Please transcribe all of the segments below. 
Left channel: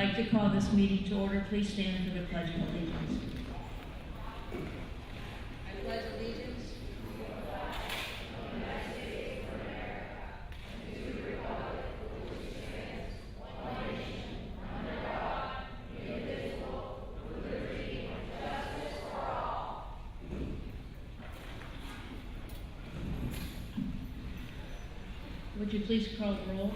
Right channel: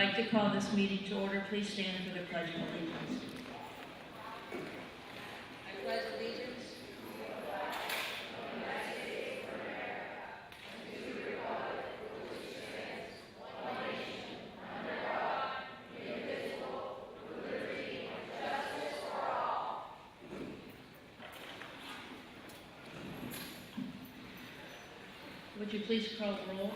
I'd like to call this meeting to order. Please stand for the Pledge of Allegiance. I pledge allegiance to the flag of the United States of America and to the republic for which it stands, one nation, under God, indivisible, with liberty and justice for all. Would you please call the roll?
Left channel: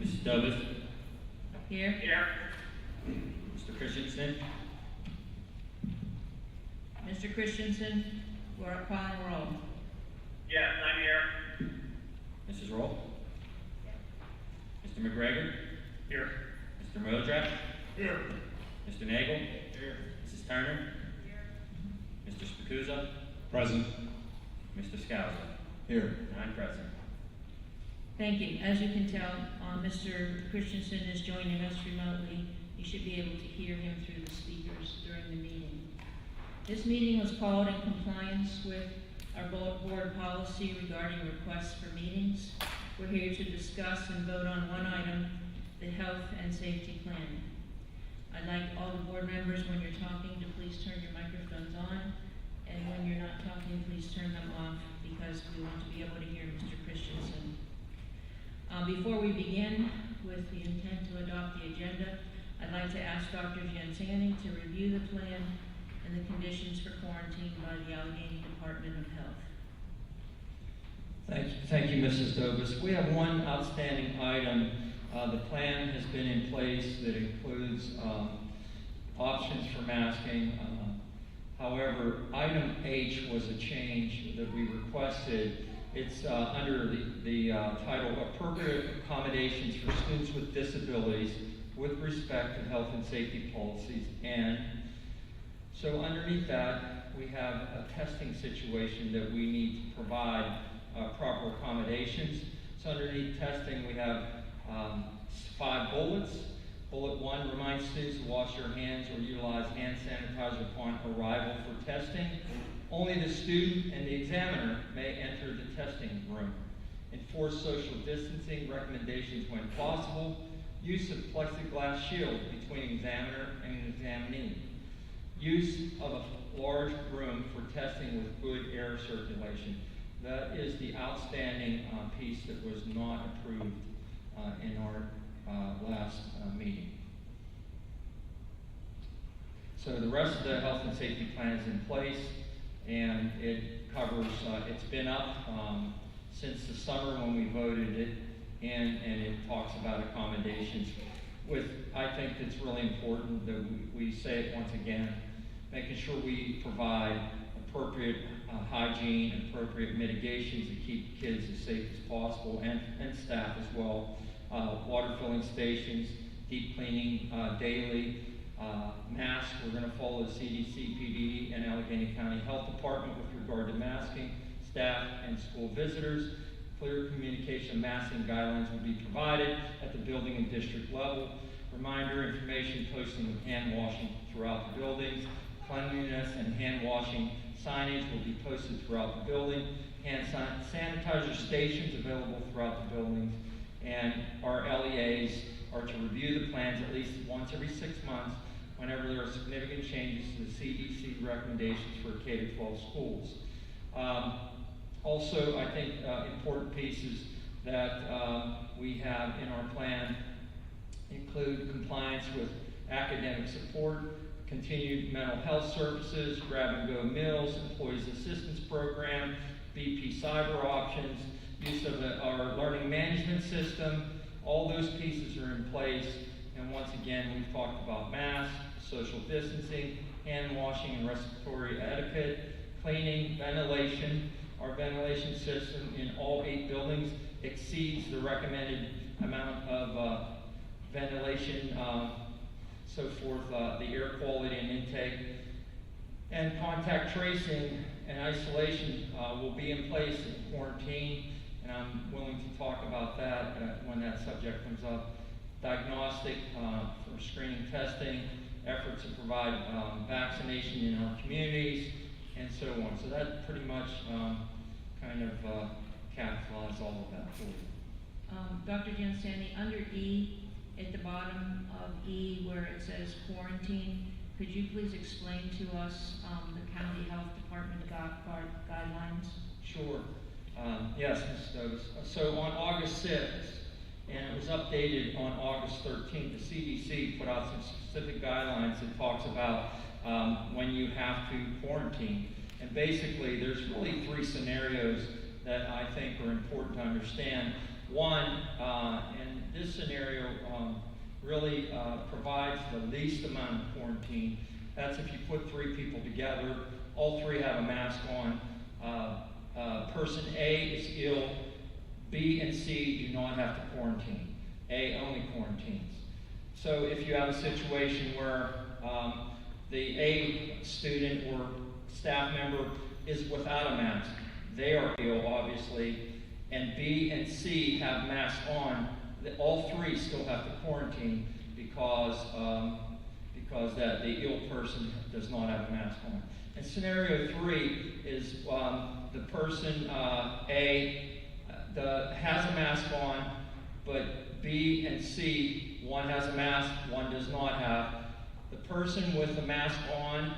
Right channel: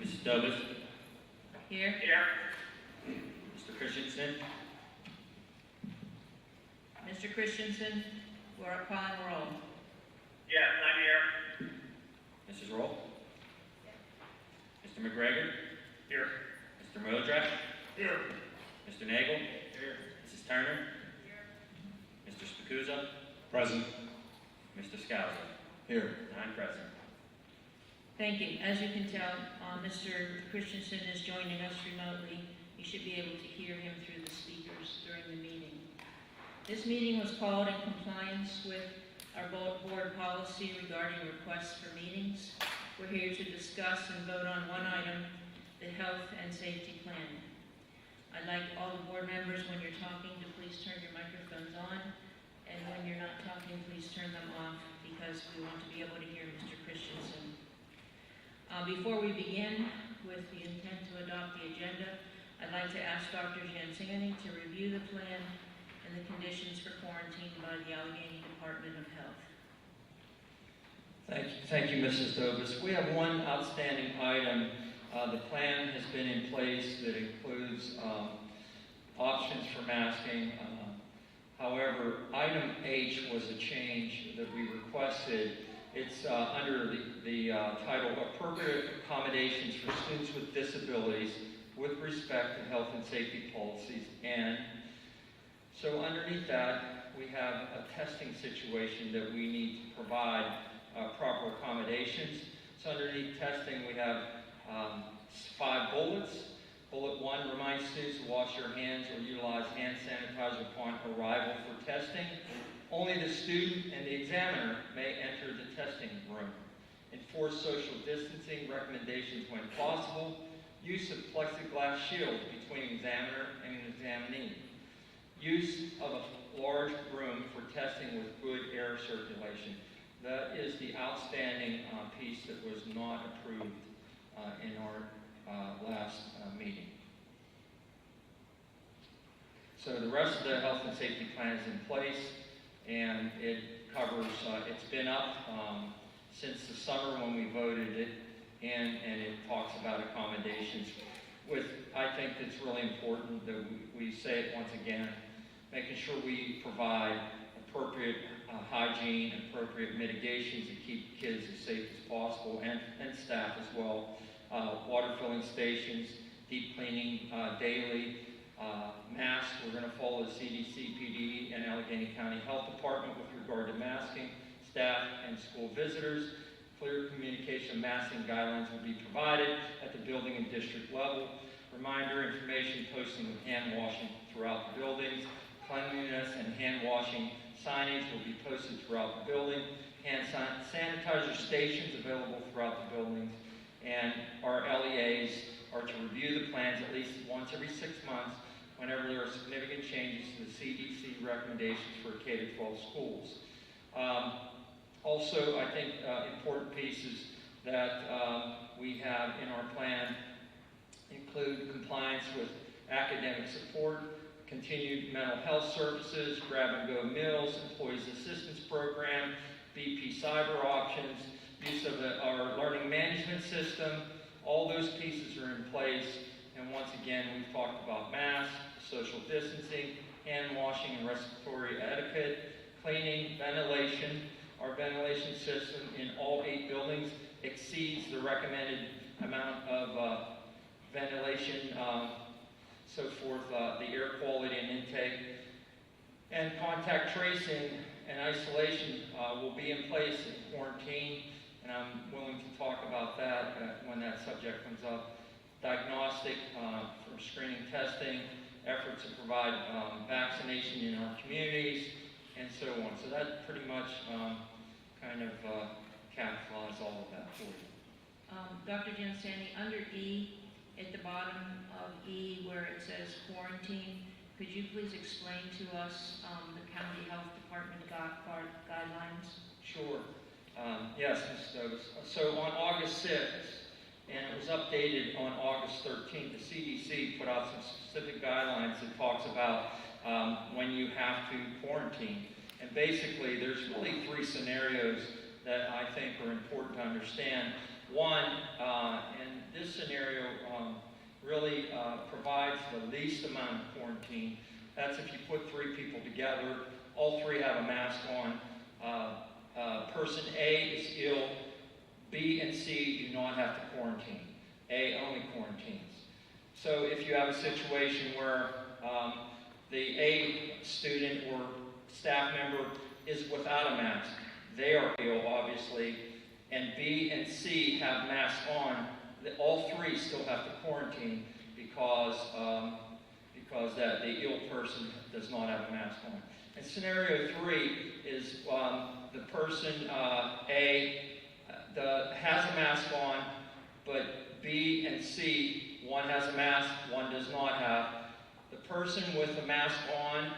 Mrs. Dovis. Here. Mr. Christensen. Mr. Christensen, we're calling roll. Yes, I'm here. Mrs. Roll. Mr. McGregor. Here. Mr. Modrak. Here. Mr. Nagel. Here. Mrs. Turner. Mr. Spacuzza. Present. Mr. Scouser. Here. 9 present. Thank you. As you can tell, Mr. Christensen is joining us remotely. You should be able to hear him through the speakers during the meeting. This meeting was called in compliance with our board policy regarding requests for meetings. We're here to discuss and vote on one item, the health and safety plan. I'd like all the board members, when you're talking, to please turn your microphones on, and when you're not talking, please turn them off, because we want to be able to hear Mr. Christensen. Before we begin with the intent to adopt the agenda, I'd like to ask Dr. Jennison to review the plan and the conditions for quarantine by the Allegheny Department of Health. Thank you, Mrs. Dovis. We have one outstanding item. The plan has been in place that includes options for masking. However, item H was a change that we requested. It's under the title Appropriate Accommodations for Students with Disabilities with Respect to Health and Safety Policies. And so underneath that, we have a testing situation that we need to provide proper accommodations. So underneath testing, we have 5 bullets. Bullet 1 reminds students to wash their hands or utilize hand sanitizer upon arrival for testing. Only the student and the examiner may enter the testing room. Enforce social distancing recommendations when possible. Use of plexiglass shield between examiner and examinee. Use of a large room for testing with good air circulation. That is the outstanding piece that was not approved in our last meeting. So the rest of the health and safety plan is in place, and it covers, it's been up since the summer when we voted it, and it talks about accommodations. I think it's really important that we say it once again, making sure we provide appropriate hygiene, appropriate mitigations to keep kids as safe as possible, and staff as well. Water filling stations, deep cleaning daily, masks. We're going to follow the CDC, PD, and Allegheny County Health Department with regard to masking. Staff and school visitors. Clear communication of masking guidelines will be provided at the building and district level. Reminder information posting of hand washing throughout the buildings. Cleanliness and hand washing signage will be posted throughout the building. Hand sanitizer stations available throughout the buildings. And our LEAs are to review the plans at least once every 6 months whenever there are significant changes to the CDC recommendations for K-12 schools. Also, I think important pieces that we have in our plan include compliance with academic support, continued mental health services, grab-and-go meals, employees assistance program, BP cyber options, use of our learning management system. All those pieces are in place. And once again, we've talked about masks, social distancing, hand washing and respiratory etiquette, cleaning, ventilation. Our ventilation system in all 8 buildings exceeds the recommended amount of ventilation, so forth, the air quality and intake. And contact tracing and isolation will be in place in quarantine, and I'm willing to talk about that when that subject comes up. Diagnostic for screening testing, efforts to provide vaccination in our communities, and so on. So that pretty much kind of capitalize all of that for you. Dr. Giansanti, under E, at the bottom of E where it says quarantine, could you please explain to us the county health department guidelines? Sure. Yes, Ms. Stokes. So on August 6th, and it was updated on August 13th, the CDC put out some specific guidelines that talks about when you have to quarantine. And basically, there's really three scenarios that I think are important to understand. One, and this scenario really provides the least amount of quarantine. That's if you put three people together, all three have a mask on. Person A is ill, B and C do not have to quarantine. A only quarantines. So if you have a situation where the A student or staff member is without a mask, they are ill, obviously, and B and C have masks on, all three still have to quarantine because that the ill person does not have a mask on. And scenario 3 is the person A has a mask on, but B and C, one has a mask, one does not have. The person with the mask on,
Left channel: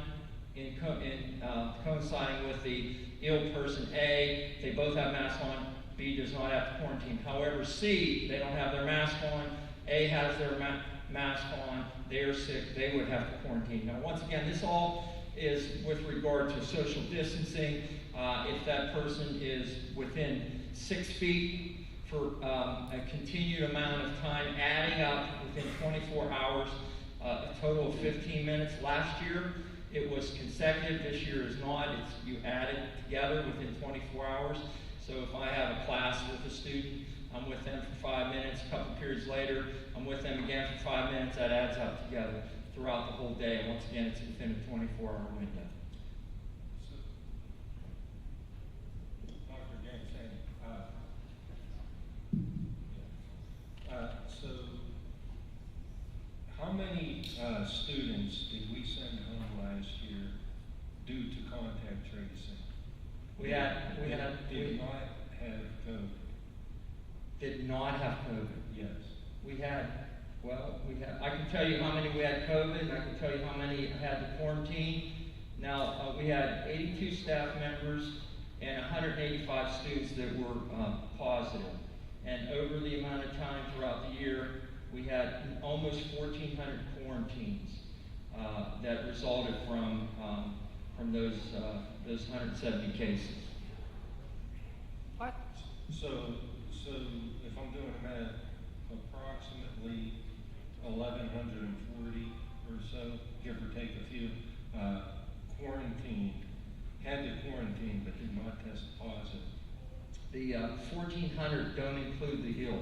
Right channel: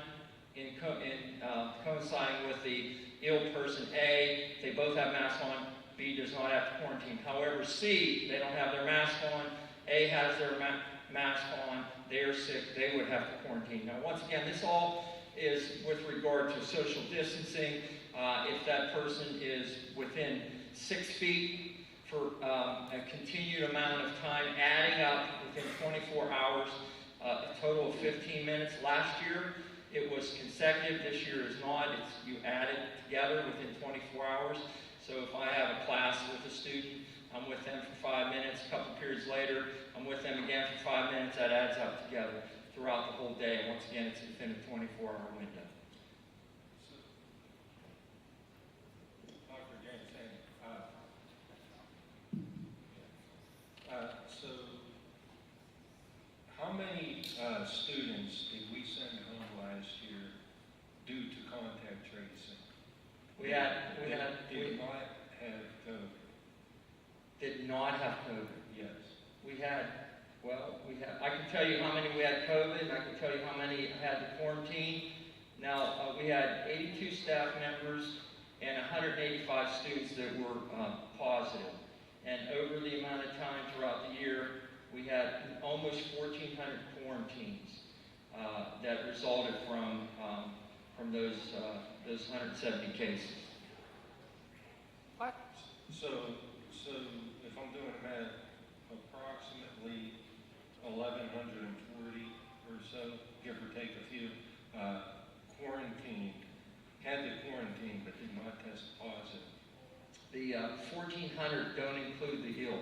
coinciding with the ill person A, they both have masks on, B does not have to quarantine. However, C, they don't have their mask on, A has their mask on, they are sick, they would have to quarantine. Now, once again, this all is with regard to social distancing. If that person is within 6 feet for a continued amount of time, adding up within 24 hours, a total of 15 minutes. Last year, it was consecutive. This year is not. You add it together within 24 hours. So if I have a class with a student, I'm with them for 5 minutes. A couple periods later, I'm with them again for 5 minutes. That adds up together throughout the whole day. And once again, it's within a 24-hour window. Dr. Jennison, so how many students did we send home last year due to contact tracing? Did not have COVID. Did not have COVID. Yes. I can tell you how many we had COVID. I can tell you how many had to quarantine. Now, we had 82 staff members and 185 students that were positive. And over the amount of time throughout the year, we had almost 1,400 quarantines that resulted from those 170 cases. What? So if I'm doing the math, approximately 1,140 or so, give or take a few, had to quarantine but did not test positive. The 1,400 don't include the ill.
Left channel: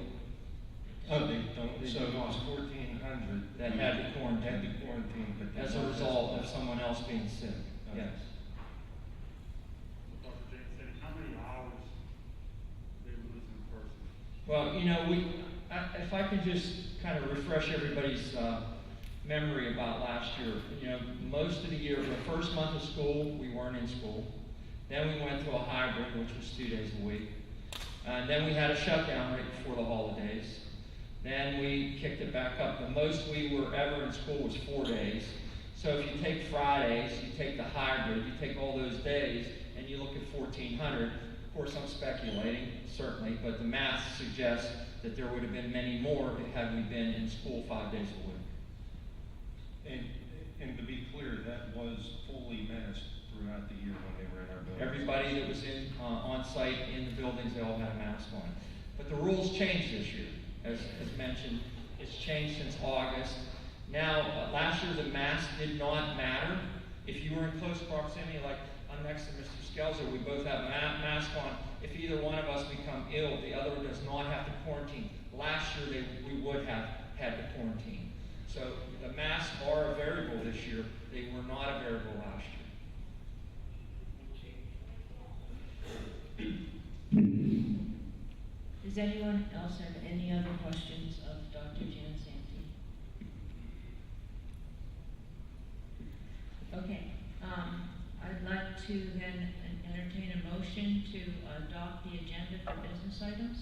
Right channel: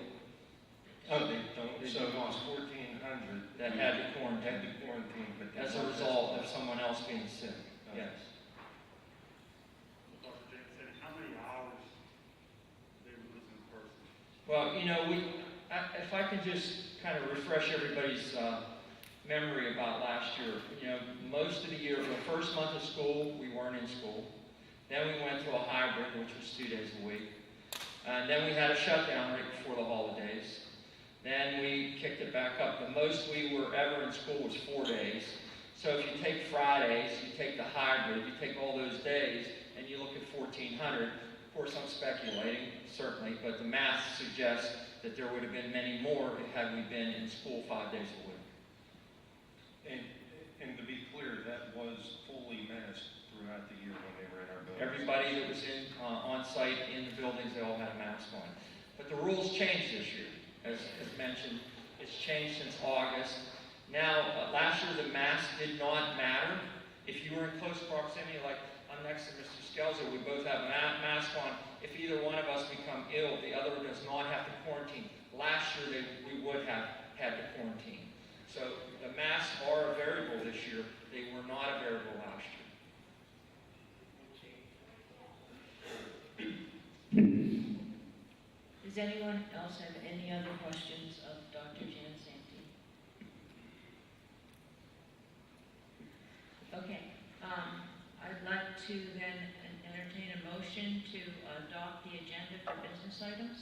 Oh, they don't? They So do it was not. 1,400 That had to quarantine. but did As a not result of test someone else being sick. Okay. Yes. So Dr. Jennison, how many hours they were losing person? Well, if I can just kind of refresh everybody's memory about last year. Most of the year, the first month of school, we weren't in school. Then we went to a hybrid, which was 2 days a week. And then we had a shutdown right before the holidays. Then we kicked it back up. The most we were ever in school was 4 days. So if you take Fridays, you take the hybrid, you take all those days, and you look at 1,400. Of course, I'm speculating, certainly, but the math suggests that there would have been many more had we been in school 5 days a week. And to be clear, that was fully masked throughout the year when they were in our buildings. Everybody that was on site in the buildings, they all had a mask on. But the rules changed this year, as mentioned. It's changed since August. Now, last year the mask did not matter. If you were in close proximity, like I'm next to Mr. Skelzer, we both have a mask on. If either one of us become ill, the other does not have to quarantine. Last year we would have had to quarantine. So the masks are a variable this year. They were not a variable last year. Does anyone else have any other questions of Dr. Giansanti? Okay, I'd like to then entertain a motion to adopt the agenda for business items.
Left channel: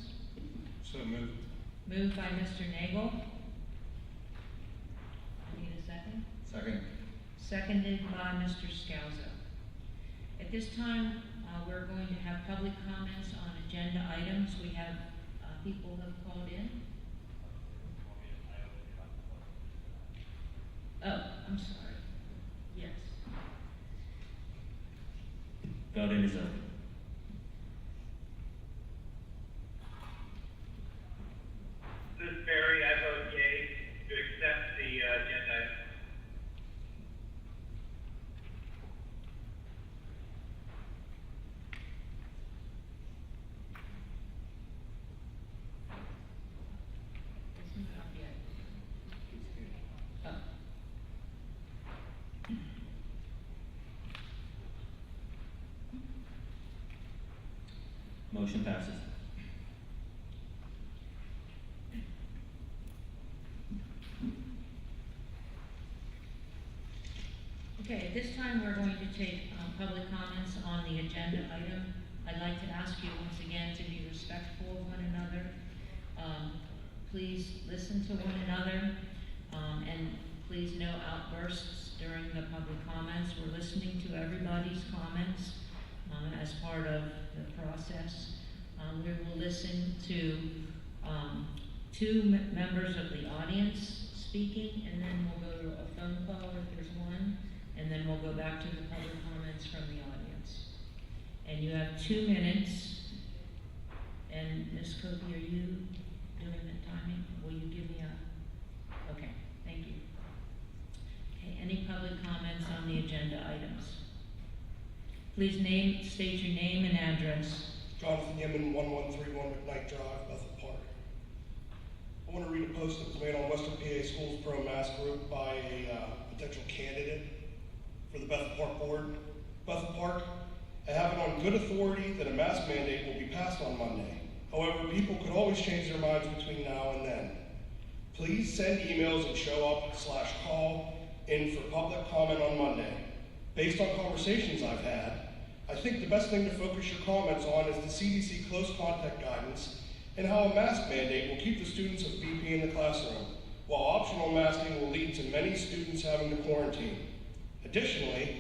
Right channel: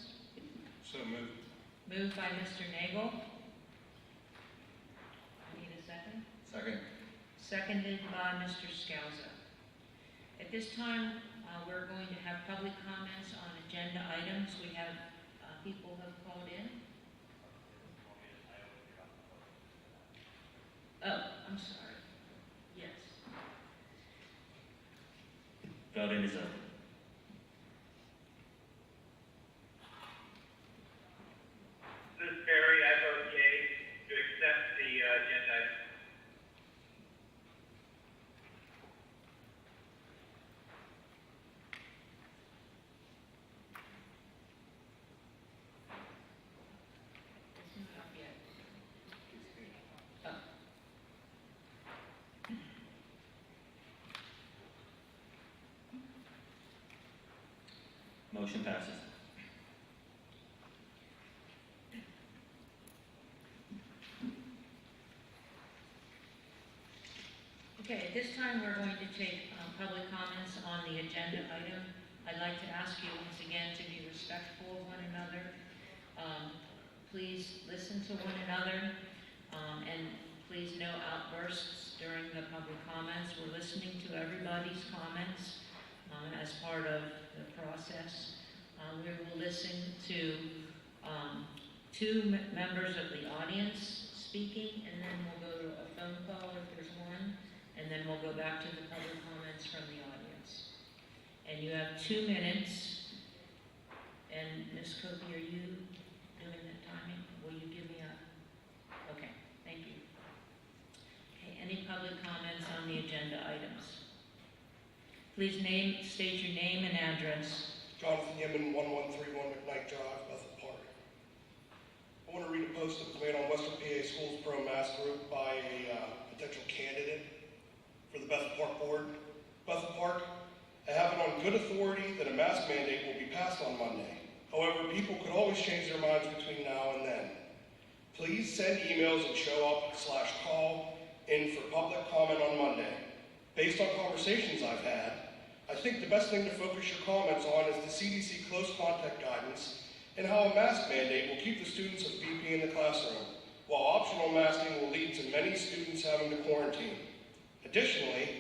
So moved. Moved by Mr. Nagel. I need a second. Second. Seconded by Mr. Scalzo. At this time, we're going to have public comments on agenda items. We have people who have called in. Oh, I'm sorry. Yes. Voting is open. This is Barry. I vote yea to accept the agenda item. It's not up yet. Oh. Motion passes. Okay, at this time, we're going to take public comments on the agenda item. I'd like to ask you once again to be respectful of one another. Please listen to one another, and please no outbursts during the public comments. We're listening to everybody's comments as part of the process. We will listen to two members of the audience speaking, and then we'll go to a phone call if there's one, and then we'll go back to the public comments from the audience. And you have 2 minutes. And Ms. Kobe, are you doing the timing? Will you give me a? Okay, thank you. Okay, any public comments on the agenda items? Please state your name and address. Jonathan Yemen, 1131 McKnight Drive, Bethel Park. I want to read a post that was made on Western PA Schools Pro Mask Group by a potential candidate for the Bethel Park Board. Bethel Park, I have it on good authority that a mask mandate will be passed on Monday. However, people could always change their minds between now and then. Please send emails and show up/call in for public comment on Monday. Based on conversations I've had, I think the best thing to focus your comments on is the CDC close contact guidance and how a mask mandate will keep the students of BP in the classroom, while optional masking will lead to many students having to quarantine. Additionally,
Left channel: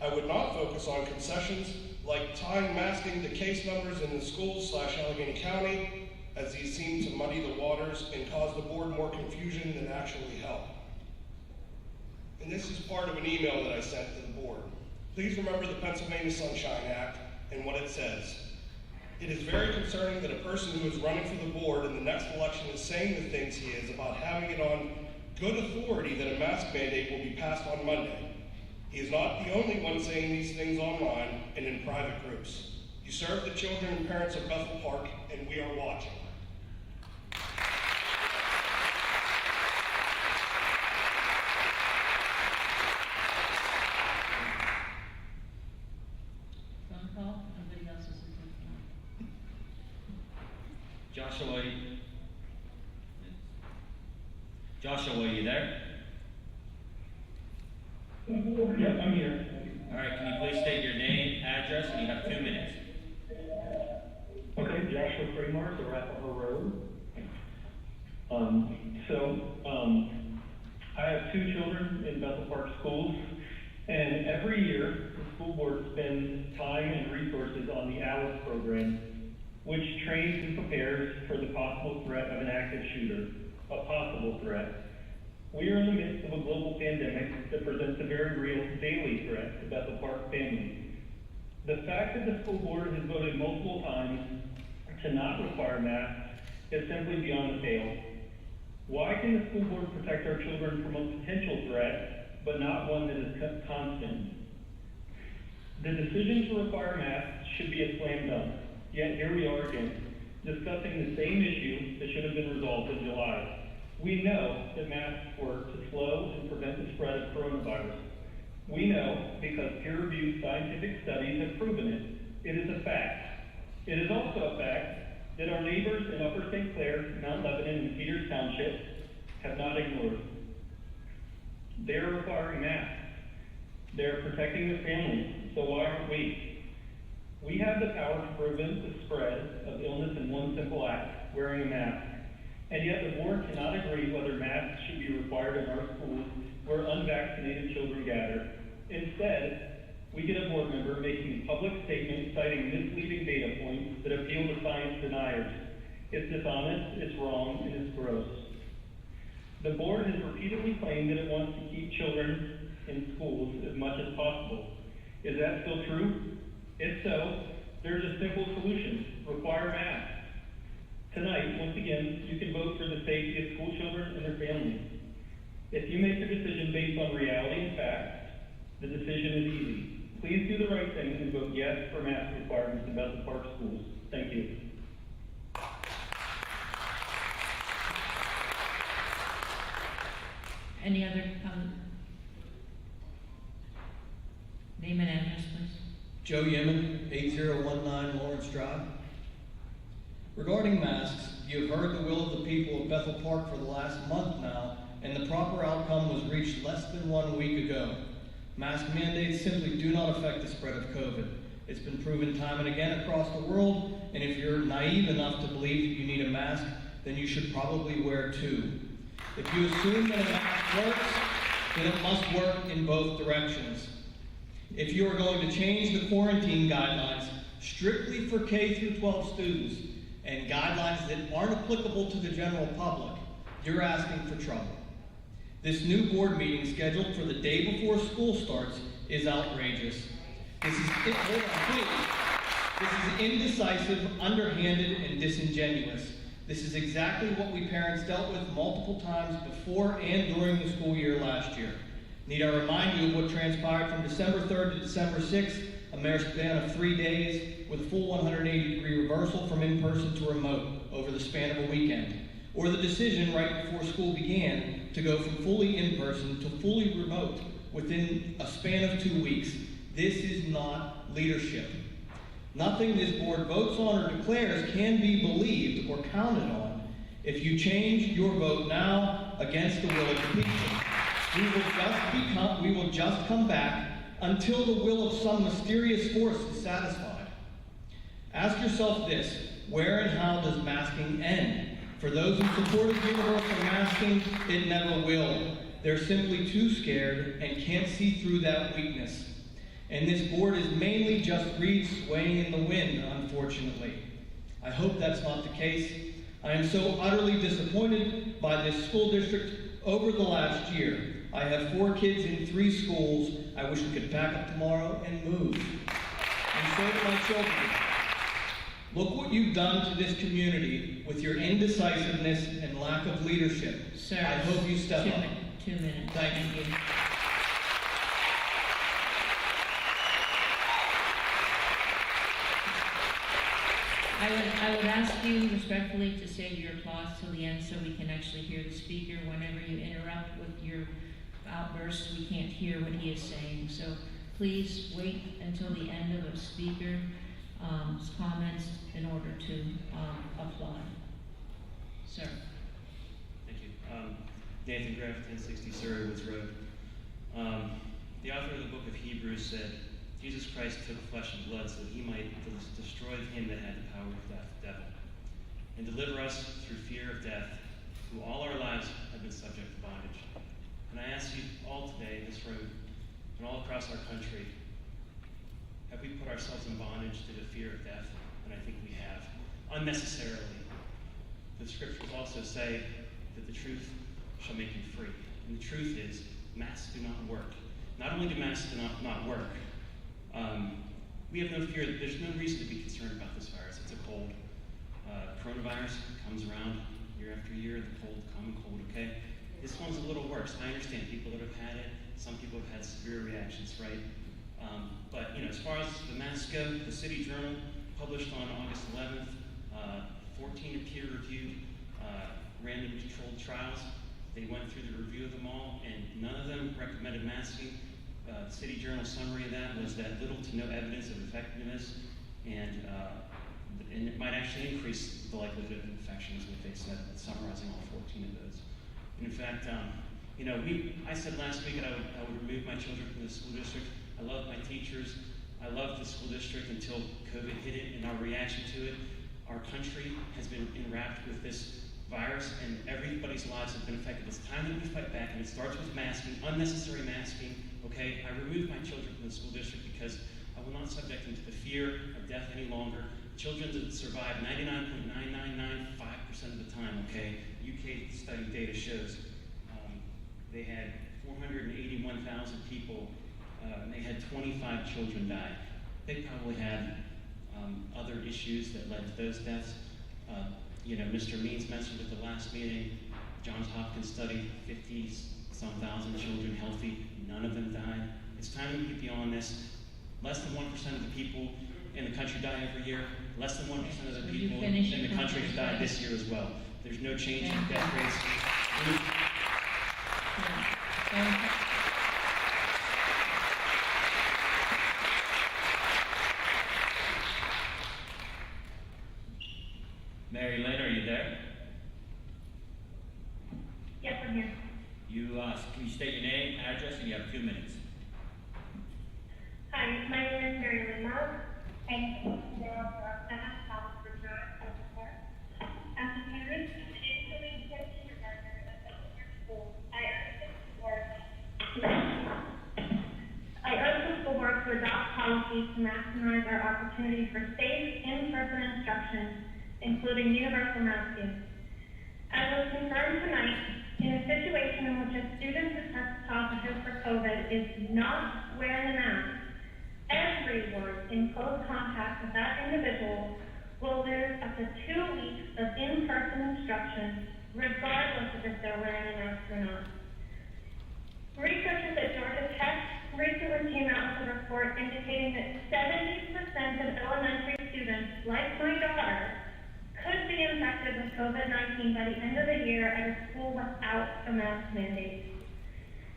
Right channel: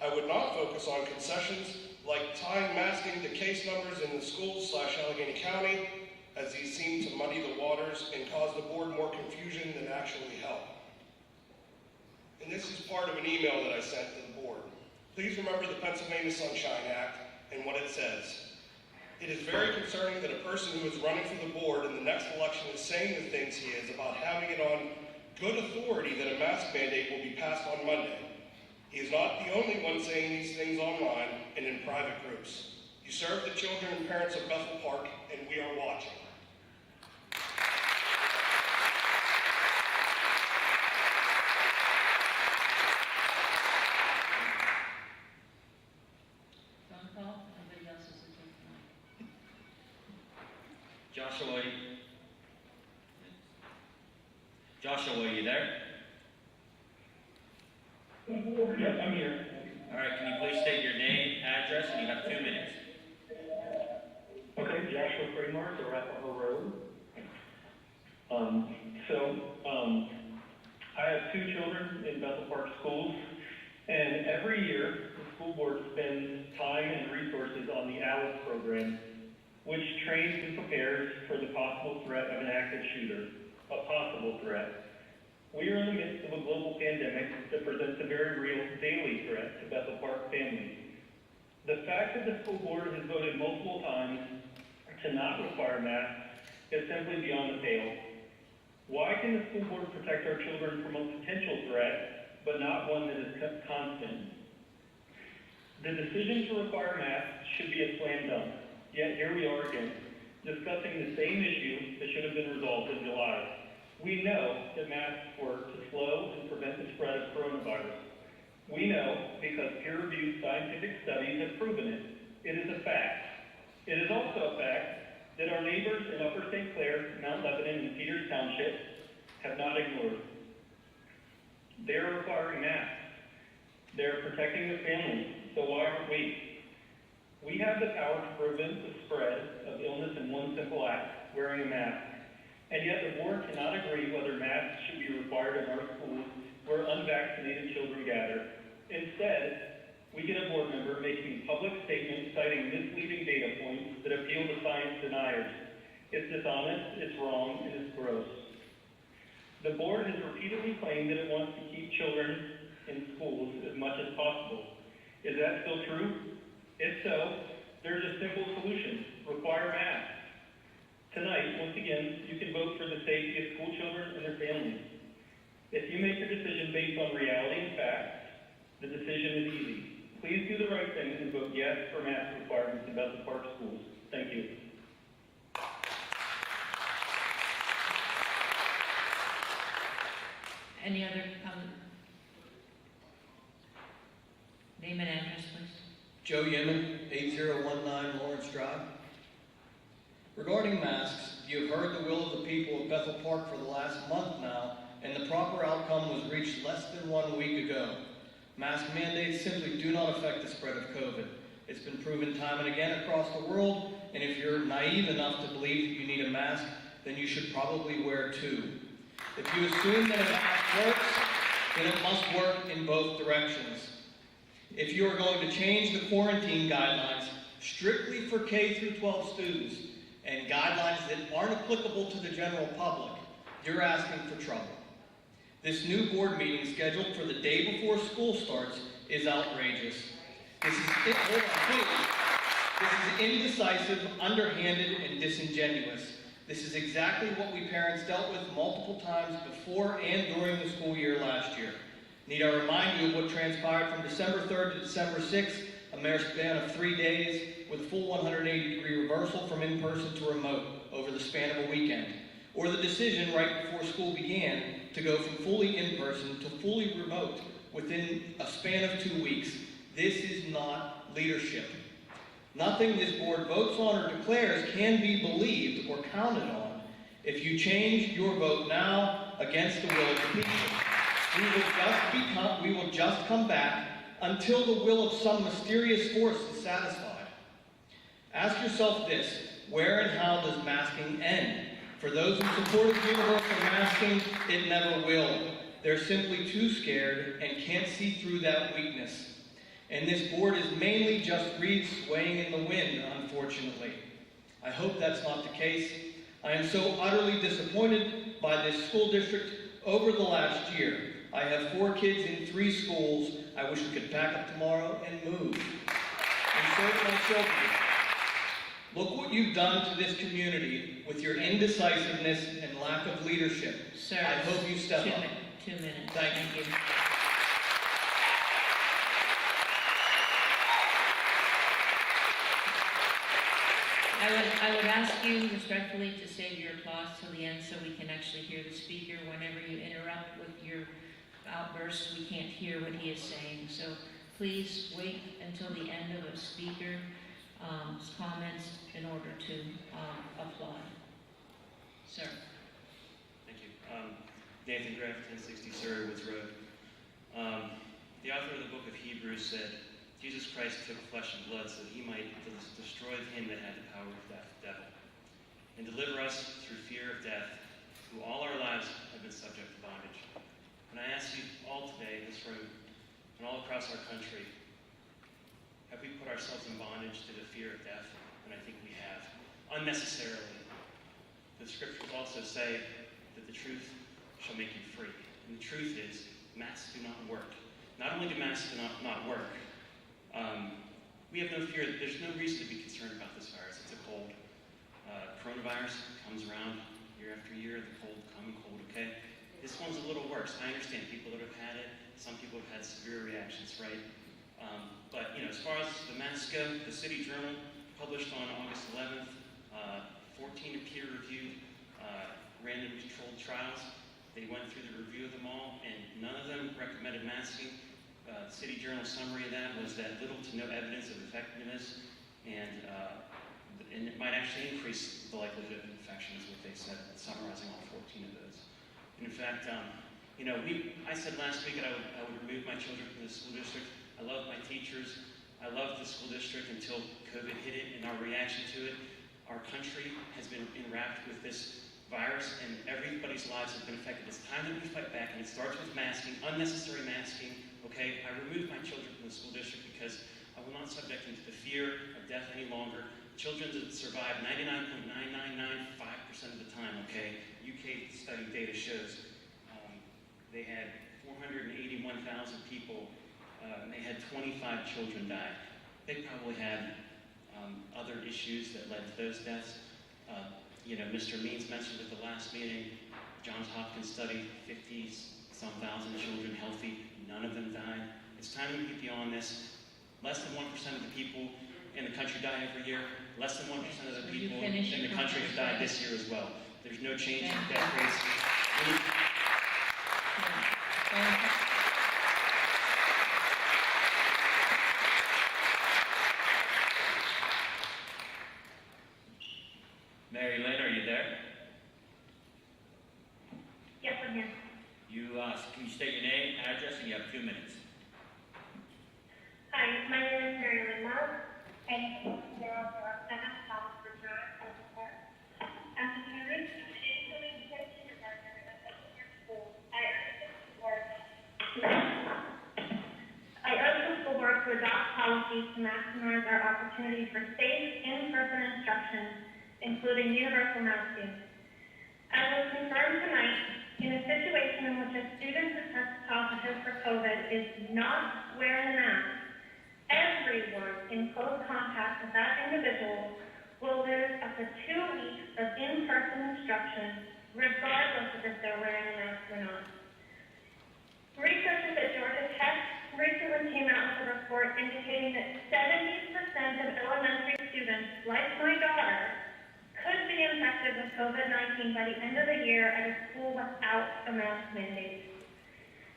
I would not focus on concessions like tying masking to case numbers in the schools/Allegheny County, as these seem to muddy the waters and cause the board more confusion than actually help. And this is part of an email that I sent to the board. Please remember the Pennsylvania Sunshine Act and what it says. It is very concerning that a person who is running for the board in the next election is saying the things he is about having it on good authority that a mask mandate will be passed on Monday. He is not the only one saying these things online and in private groups. You serve the children and parents of Bethel Park, and we are watching. Phone call? Nobody else is looking for one. Joshua, are you there? Yep, I'm here. All right, can you please state your name, address, and you have 2 minutes. Okay, Joshua Kramer, so Arapahoe Road. I have 2 children in Bethel Park schools, and every year the school board spends time and resources on the ALICE program, which trains and prepares for the possible threat of an active shooter, a possible threat. We are in the midst of a global pandemic that presents a very real daily threat to Bethel Park families. The fact that the school board has voted multiple times to not require masks is simply beyond the pale. Why can the school board protect our children from a potential threat, but not one that is constant? The decision to require masks should be a slam dunk, yet here we are again, discussing the same issue that should have been resolved in July. We know that masks work to slow and prevent the spread of coronavirus. We know because peer-reviewed scientific studies have proven it. It is a fact. It is also a fact that our neighbors in Upper St. Clair, Mount Lebanon, and Peters Township have not ignored. They are requiring masks. They are protecting their families, so why aren't we? We have the power to prevent the spread of illness in one simple act, wearing a mask. And yet the board cannot agree whether masks should be required in our schools where unvaccinated children gather. Instead, we get a board member making public statements citing misleading data points that appeal to science deniers. It's dishonest, it's wrong, and it's gross. The board has repeatedly claimed that it wants to keep children in schools as much as possible. Is that still true? If so, there's a simple solution: require masks. Tonight, once again, you can vote for the safety of school children and their families. If you make your decision based on reality and facts, the decision is easy. Please do the right thing and vote yes for mask requirements in Bethel Park schools. Thank you. Any other name and address, please? Joe Yemen, 8019 Lawrence Drive. Regarding masks, you have heard the will of the people of Bethel Park for the last month now, and the proper outcome was reached less than 1 week ago. Mask mandates simply do not affect the spread of COVID. It's been proven time and again across the world, and if you're naive enough to believe that you need a mask, then you should probably wear two. If you assume that a mask works, then it must work in both directions. If you are going to change the quarantine guidelines strictly for K through 12 students and guidelines that aren't applicable to the general public, you're asking for trouble. This new board meeting scheduled for the day before school starts is outrageous. This is indecisive, underhanded, and disingenuous. This is exactly what we parents dealt with multiple times before and during the school year last year. Need I remind you of what transpired from December 3rd to December 6th, a mere span of 3 days with a full 180-degree reversal from in-person to remote over the span of a weekend, or the decision right before school began to go from fully in-person to fully remote within a span of 2 weeks. This is not leadership. Nothing this board votes on or declares can be believed or counted on. If you change your vote now against the will of the people, we will just come back until the will of some mysterious force is satisfied. Ask yourself this: where and how does masking end? For those who supported universal masking, it never will. They're simply too scared and can't see through that weakness. And this board is mainly just reeds swaying in the wind, unfortunately. I hope that's not the case. I am so utterly disappointed by this school district over the last year. I have 4 kids in 3 schools. I wish we could pack up tomorrow and move. And so do my children. Look what you've done to this community with your indecisiveness and lack of leadership. Sir, I hope you step up. 2 minutes. Thank you. I would ask you respectfully to save your applause till the end so we can actually hear the speaker. Whenever you interrupt with your outbursts, we can't hear what he is saying. So please wait until the end of a speaker's comments in order to applaud. Sir. Thank you. Nathan Graff, 1060 Surrey Woods Road. The author of the book of Hebrews said, Jesus Christ took flesh and blood so that he might destroy him that had the power of death, the devil, and deliver us through fear of death, who all our lives have been subject to bondage. And I ask you all today in this room and all across our country, have we put ourselves in bondage to the fear of death? And I think we have, unnecessarily. The scriptures also say that the truth shall make you free. And the truth is, masks do not work. Not only do masks not work, we have no fear. There's no reason to be concerned about this virus. It's a cold. Coronavirus comes around year after year. The cold, common cold, okay? This one's a little worse. I understand people that have had it. Some people have had severe reactions, right? But, as far as the masks go, the City Journal published on August 11th 14 peer-reviewed random controlled trials. They went through the review of them all, and none of them recommended masking. The City Journal summary of that was that little to no evidence of effectiveness, and it might actually increase the likelihood of infection, is what they said, summarizing all 14 of those. And in fact, I said last week that I would remove my children from the school district. I love my teachers. I love the school district until COVID hit it, and our reaction to it. Our country has been enwrapped with this virus, and everybody's lives have been affected. It's time that we fight back, and it starts with masking, unnecessary masking, okay? I removed my children from the school district because I will not subject them to the fear of death any longer. Children that survive 99.9995% of the time, okay? UK study data shows they had 481,000 people, and they had 25 children die. They probably had other issues that led to those deaths. Mr. Means mentioned at the last meeting, Johns Hopkins study, 50-some thousand children healthy, none of them died. It's time to get beyond this. Less than 1% of the people in the country die every year. Less than 1% of the people in the country have died this year as well. There's no change in death rates. Mary Lynn, are you there? Yes, I'm here. Can you state your name, address, and you have 2 minutes. Hi, my name is Mary Lynn Roth. I'm 007 Southford Drive, Central Park. As a parent of an incoming kindergartner at Bethlehem School, I urge the school board to adopt policies to maximize our opportunity for safe, in-person instruction, including universal masking. As was confirmed tonight, in a situation in which a student who tests positive for COVID is not wearing a mask, everyone in close contact with that individual will lose up to 2 weeks of in-person instruction, regardless of if they're wearing a mask or not. Researchers at Georgia Tech recently came out with a report indicating that 70% of elementary students, like my daughter, could be infected with COVID-19 by the end of the year at a school without a mask mandate.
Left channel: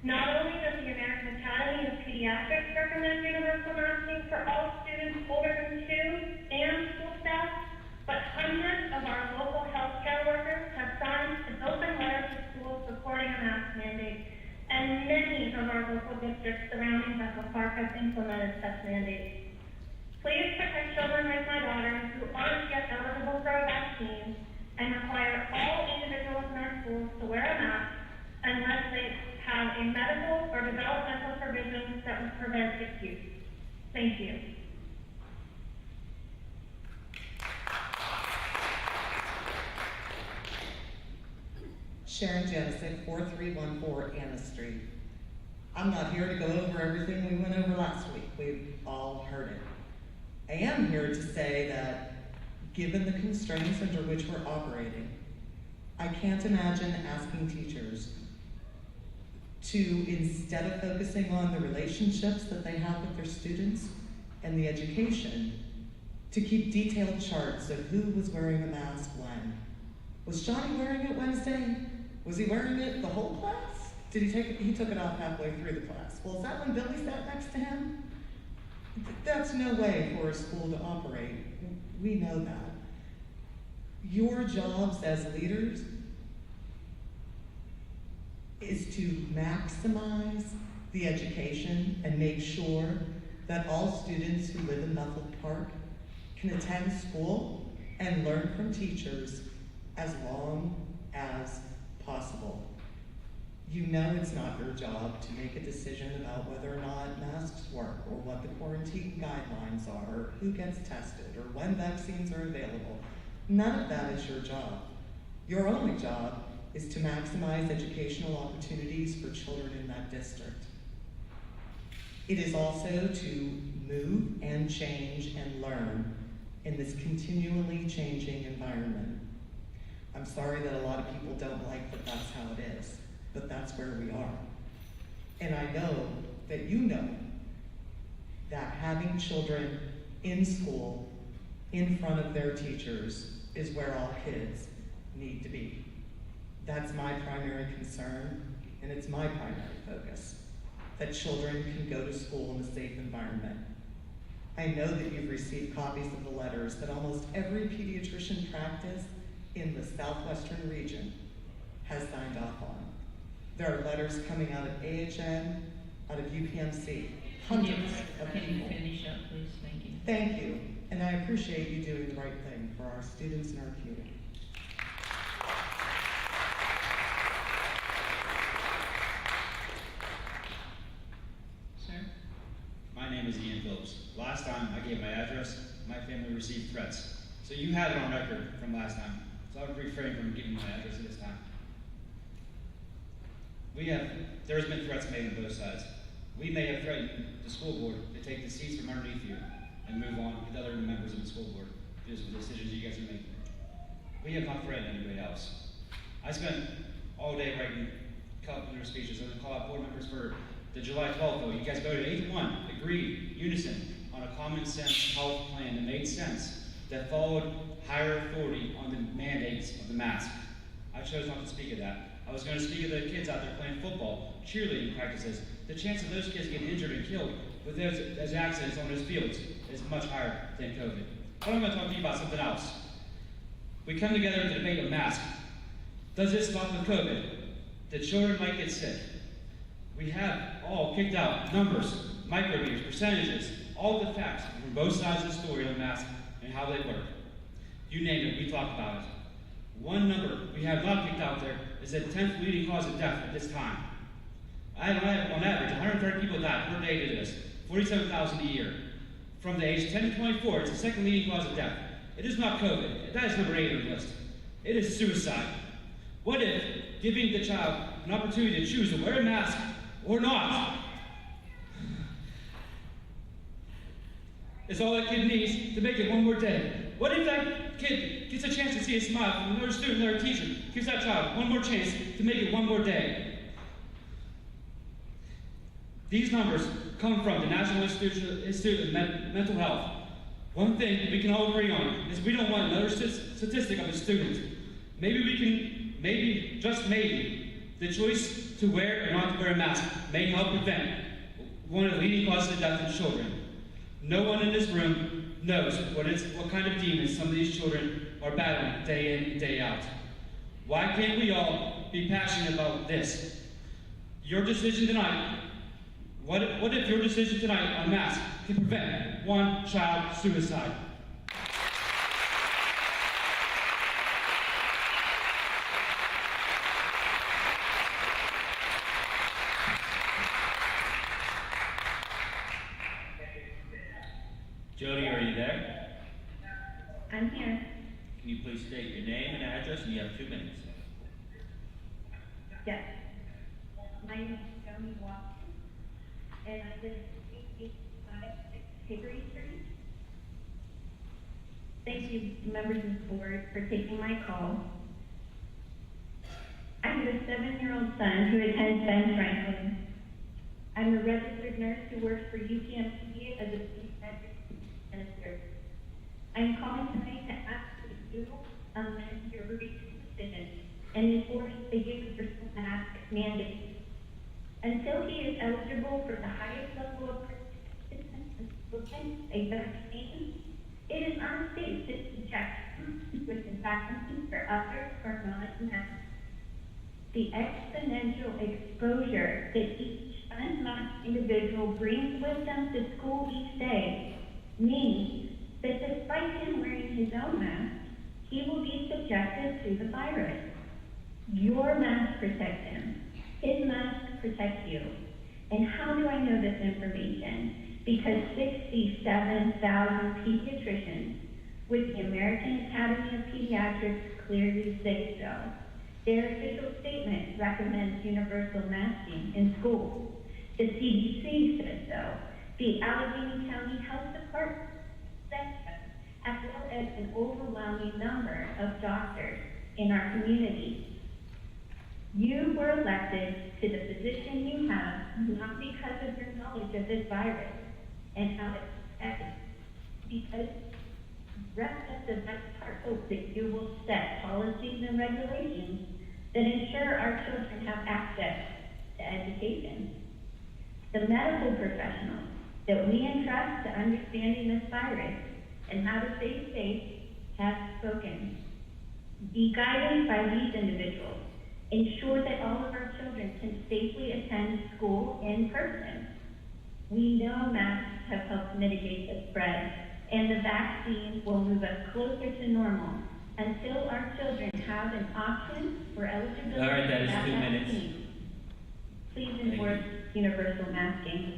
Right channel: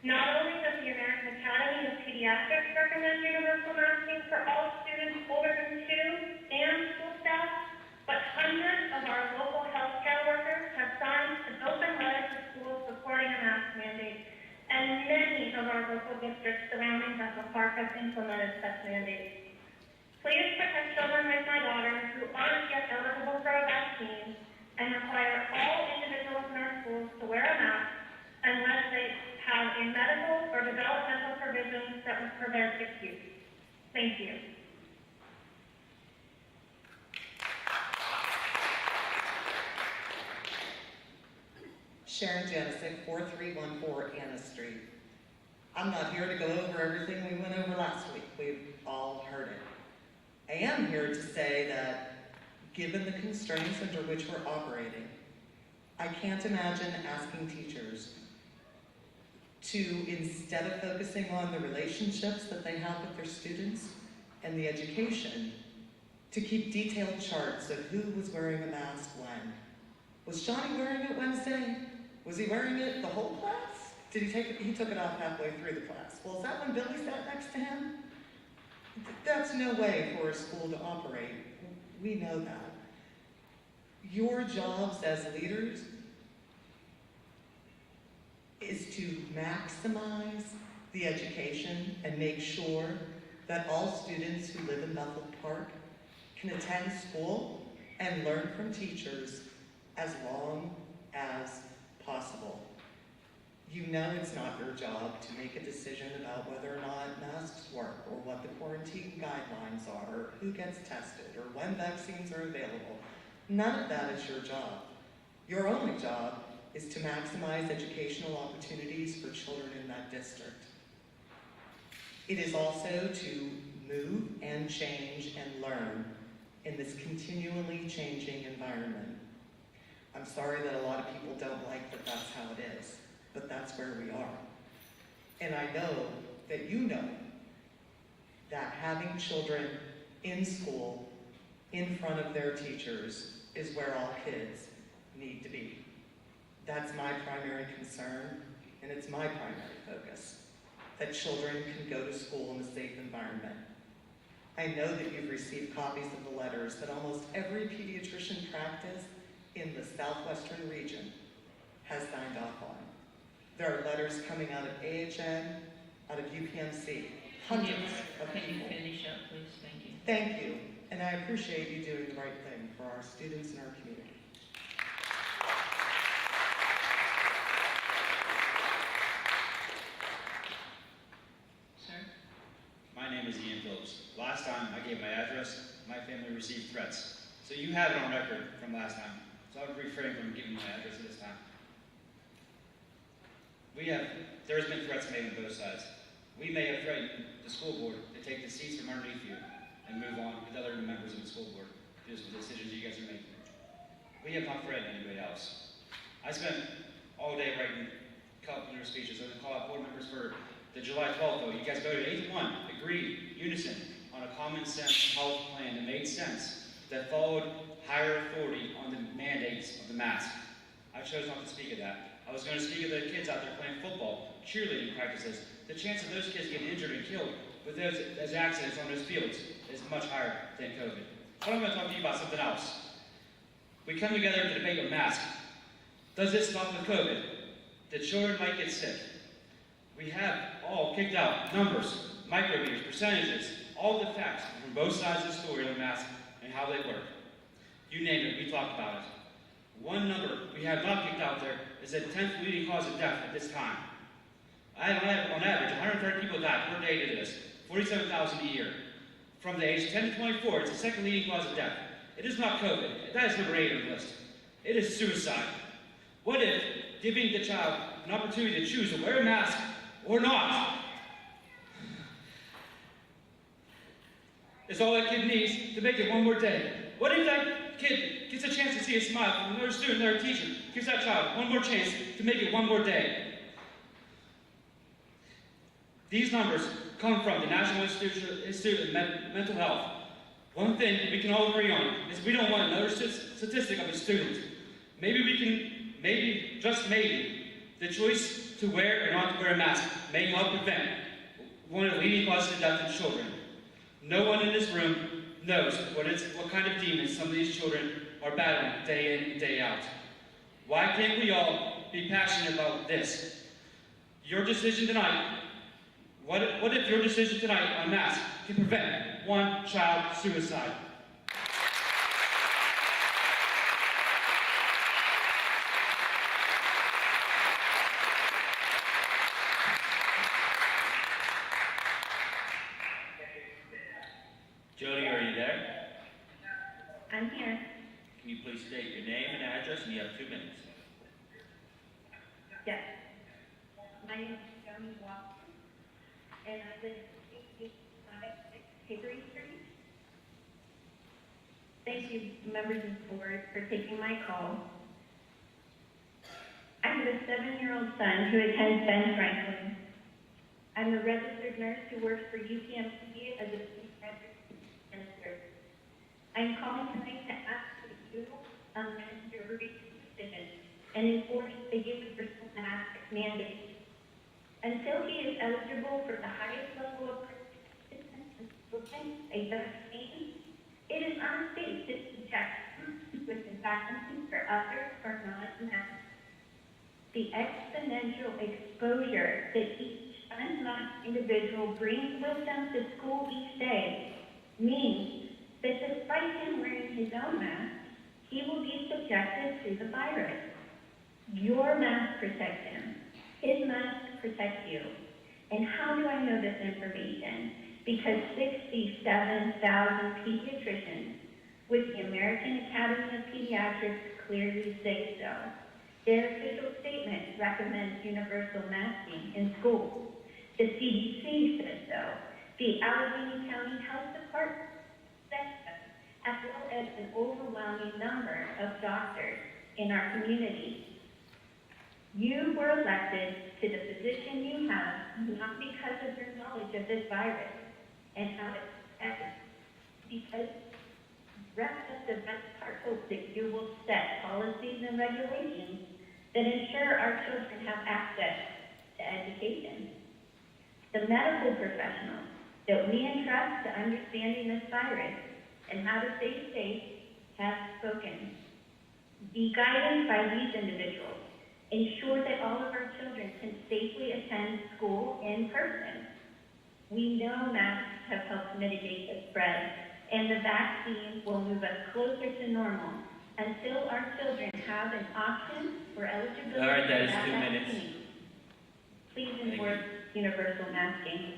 Not only does the American Academy of Pediatrics recommend universal masking for all students older than 2 and school staff, but hundreds of our local healthcare workers have signed an open letter to schools supporting a mask mandate, and many of our local districts surrounding Bethel Park have implemented such mandates. Please protect children like my daughter who aren't yet eligible for a vaccine and require all individuals in our schools to wear a mask unless they have a medical or developmental provision that would prevent its use. Thank you. Sharon Jennison, 4314 Anna Street. I'm not here to go over everything we went over last week. We've all heard it. I am here to say that, given the constraints under which we're operating, I can't imagine asking teachers to, instead of focusing on the relationships that they have with their students and the education, to keep detailed charts of who was wearing a mask when. Was Johnny wearing it Wednesday? Was he wearing it the whole class? Did he take it? He took it off halfway through the class. Well, is that when Billy sat next to him? That's no way for a school to operate. We know that. Your jobs as leaders is to maximize the education and make sure that all students who live in Bethel Park can attend school and learn from teachers as long as possible. You know it's not your job to make a decision about whether or not masks work, or what the quarantine guidelines are, or who gets tested, or when vaccines are available. None of that is your job. Your only job is to maximize educational opportunities for children in that district. It is also to move and change and learn in this continually changing environment. I'm sorry that a lot of people don't like that that's how it is, but that's where we are. And I know that you know that having children in school, in front of their teachers, is where all kids need to be. That's my primary concern, and it's my primary focus, that children can go to school in a safe environment. I know that you've received copies of the letters that almost every pediatrician practice in the southwestern region has signed off on. There are letters coming out of AHN, out of UPMC, hundreds of people. Can you finish up, please? Thank you. Thank you, and I appreciate you doing the right thing for our students and our community. received threats. So you have it on record from last time. So I would refrain from giving my address at this time. There's been threats made on both sides. We may have threatened the school board to take the seats from underneath you and move on with other members of the school board. Those are the decisions you guys are making. We have not threatened anybody else. I spent all day writing complimentary speeches. I'm going to call out board members for the July 12th vote. You guys voted 8-1, agreed, unison, on a common sense health plan that made sense, that followed higher authority on the mandates of the mask. I chose not to speak of that. I was going to speak of the kids out there playing football, cheerleading practices. The chance of those kids getting injured and killed with those accidents on those fields is much higher than COVID. But I'm going to talk to you about something else. We come together to debate a mask. Does this stop with COVID? The children might get sick. We have all kicked out numbers, micrometers, percentages, all the facts from both sides of the story on the mask and how they work. You name it, we talk about it. One number we have not kicked out there is the 10th leading cause of death at this time. I have, on average, 130 people die per day to this, 47,000 a year. From the age 10 to 24, it's the second leading cause of death. It is not COVID. That is number 8 on the list. It is suicide. What if giving the child an opportunity to choose to wear a mask or not is all that kid needs to make it one more day? What if that kid gets a chance to see a smile from another student, another teacher, gives that child one more chance to make it one more day? These numbers come from the National Institute of Mental Health. One thing we can all agree on is we don't want another statistic of a student. Maybe, just maybe, the choice to wear or not to wear a mask may help prevent one of the leading causes of death in children. No one in this room knows what kind of demons some of these children are battling day in and day out. Why can't we all be passionate about this? Your decision tonight, what if your decision tonight on masks can prevent one child suicide? Jody, are you there? I'm here. Can you please state your name and address, and you have 2 minutes. Yes. My name is Lynn Roth, and I live at 885 Hickory Street. Thank you, members of the board, for taking my call. I have a 7-year-old son who attends Ben Franklin. I'm a registered nurse who works for UPMC as a pediatric minister. I'm calling tonight to ask you to amend your recent decision and enforce the universal mask mandate. Until he is eligible for the highest level of protection, a vaccine, it is unsafe to subject with infections for others who are not masked. The exponential exposure that each unmasked individual brings with them to school each day means that despite him wearing his own mask, he will be subjected to the virus. Your mask protects him. His mask protects you. And how do I know this information? Because 67,000 pediatricians with the American Academy of Pediatrics clearly say so. Their official statement recommends universal masking in schools. The CDC says so. The Allegheny County Health Department says so, as well as an overwhelming number of doctors in our community. You were elected to the position you have not because of your knowledge of this virus and how it's affected, because the rest of the best part hope that you will set policies and regulations that ensure our children have access to education. The medical professionals that we entrust to understanding this virus and how to stay safe have spoken. Be guided by these individuals. Ensure that all of our children can safely attend school in person. We know masks have helped mitigate the spread, and the vaccine will move us closer to normal until our children have an option for eligibility. All right, that is for 2 minutes. vaccine. Please enforce universal masking.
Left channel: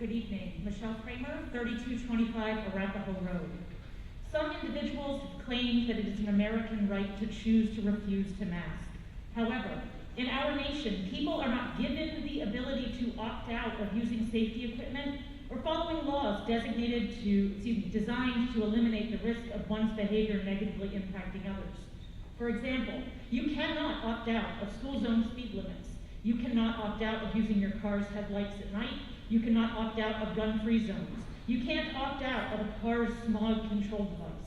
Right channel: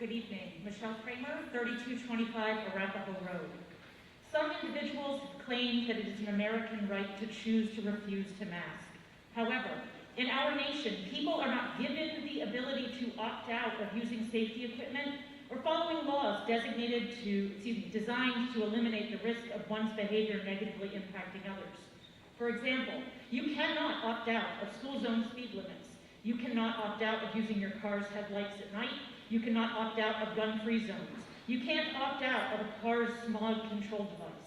Good evening. Michelle Kramer, 3225 Arapahoe Road. Some individuals have claimed that it is an American right to choose to refuse to mask. However, in our nation, people are not given the ability to opt out of using safety equipment or following laws designed to eliminate the risk of one's behavior negatively impacting others. For example, you cannot opt out of school zone speed limits. You cannot opt out of using your car's headlights at night. You cannot opt out of gun-free zones. You can't opt out of a car's smog control device.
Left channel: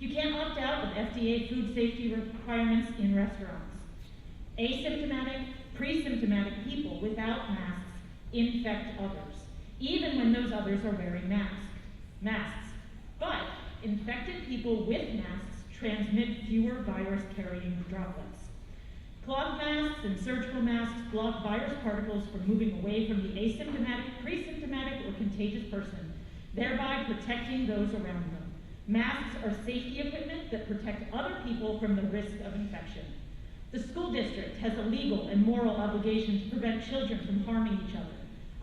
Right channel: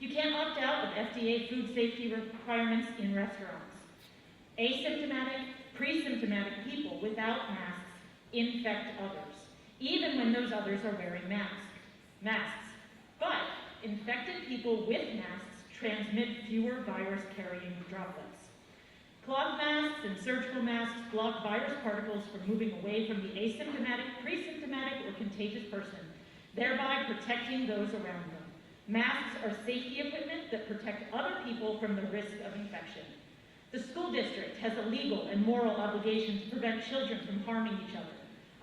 You can't opt out of FDA food safety requirements in restaurants. Asymptomatic, pre-symptomatic people without masks infect others, even when those others are wearing masks. But infected people with masks transmit fewer virus-carrying droplets. Cloth masks and surgical masks block virus particles from moving away from the asymptomatic, pre-symptomatic, or contagious person, thereby protecting those around them. Masks are safety equipment that protect other people from the risk of infection. The school district has a legal and moral obligation to prevent children from harming each other.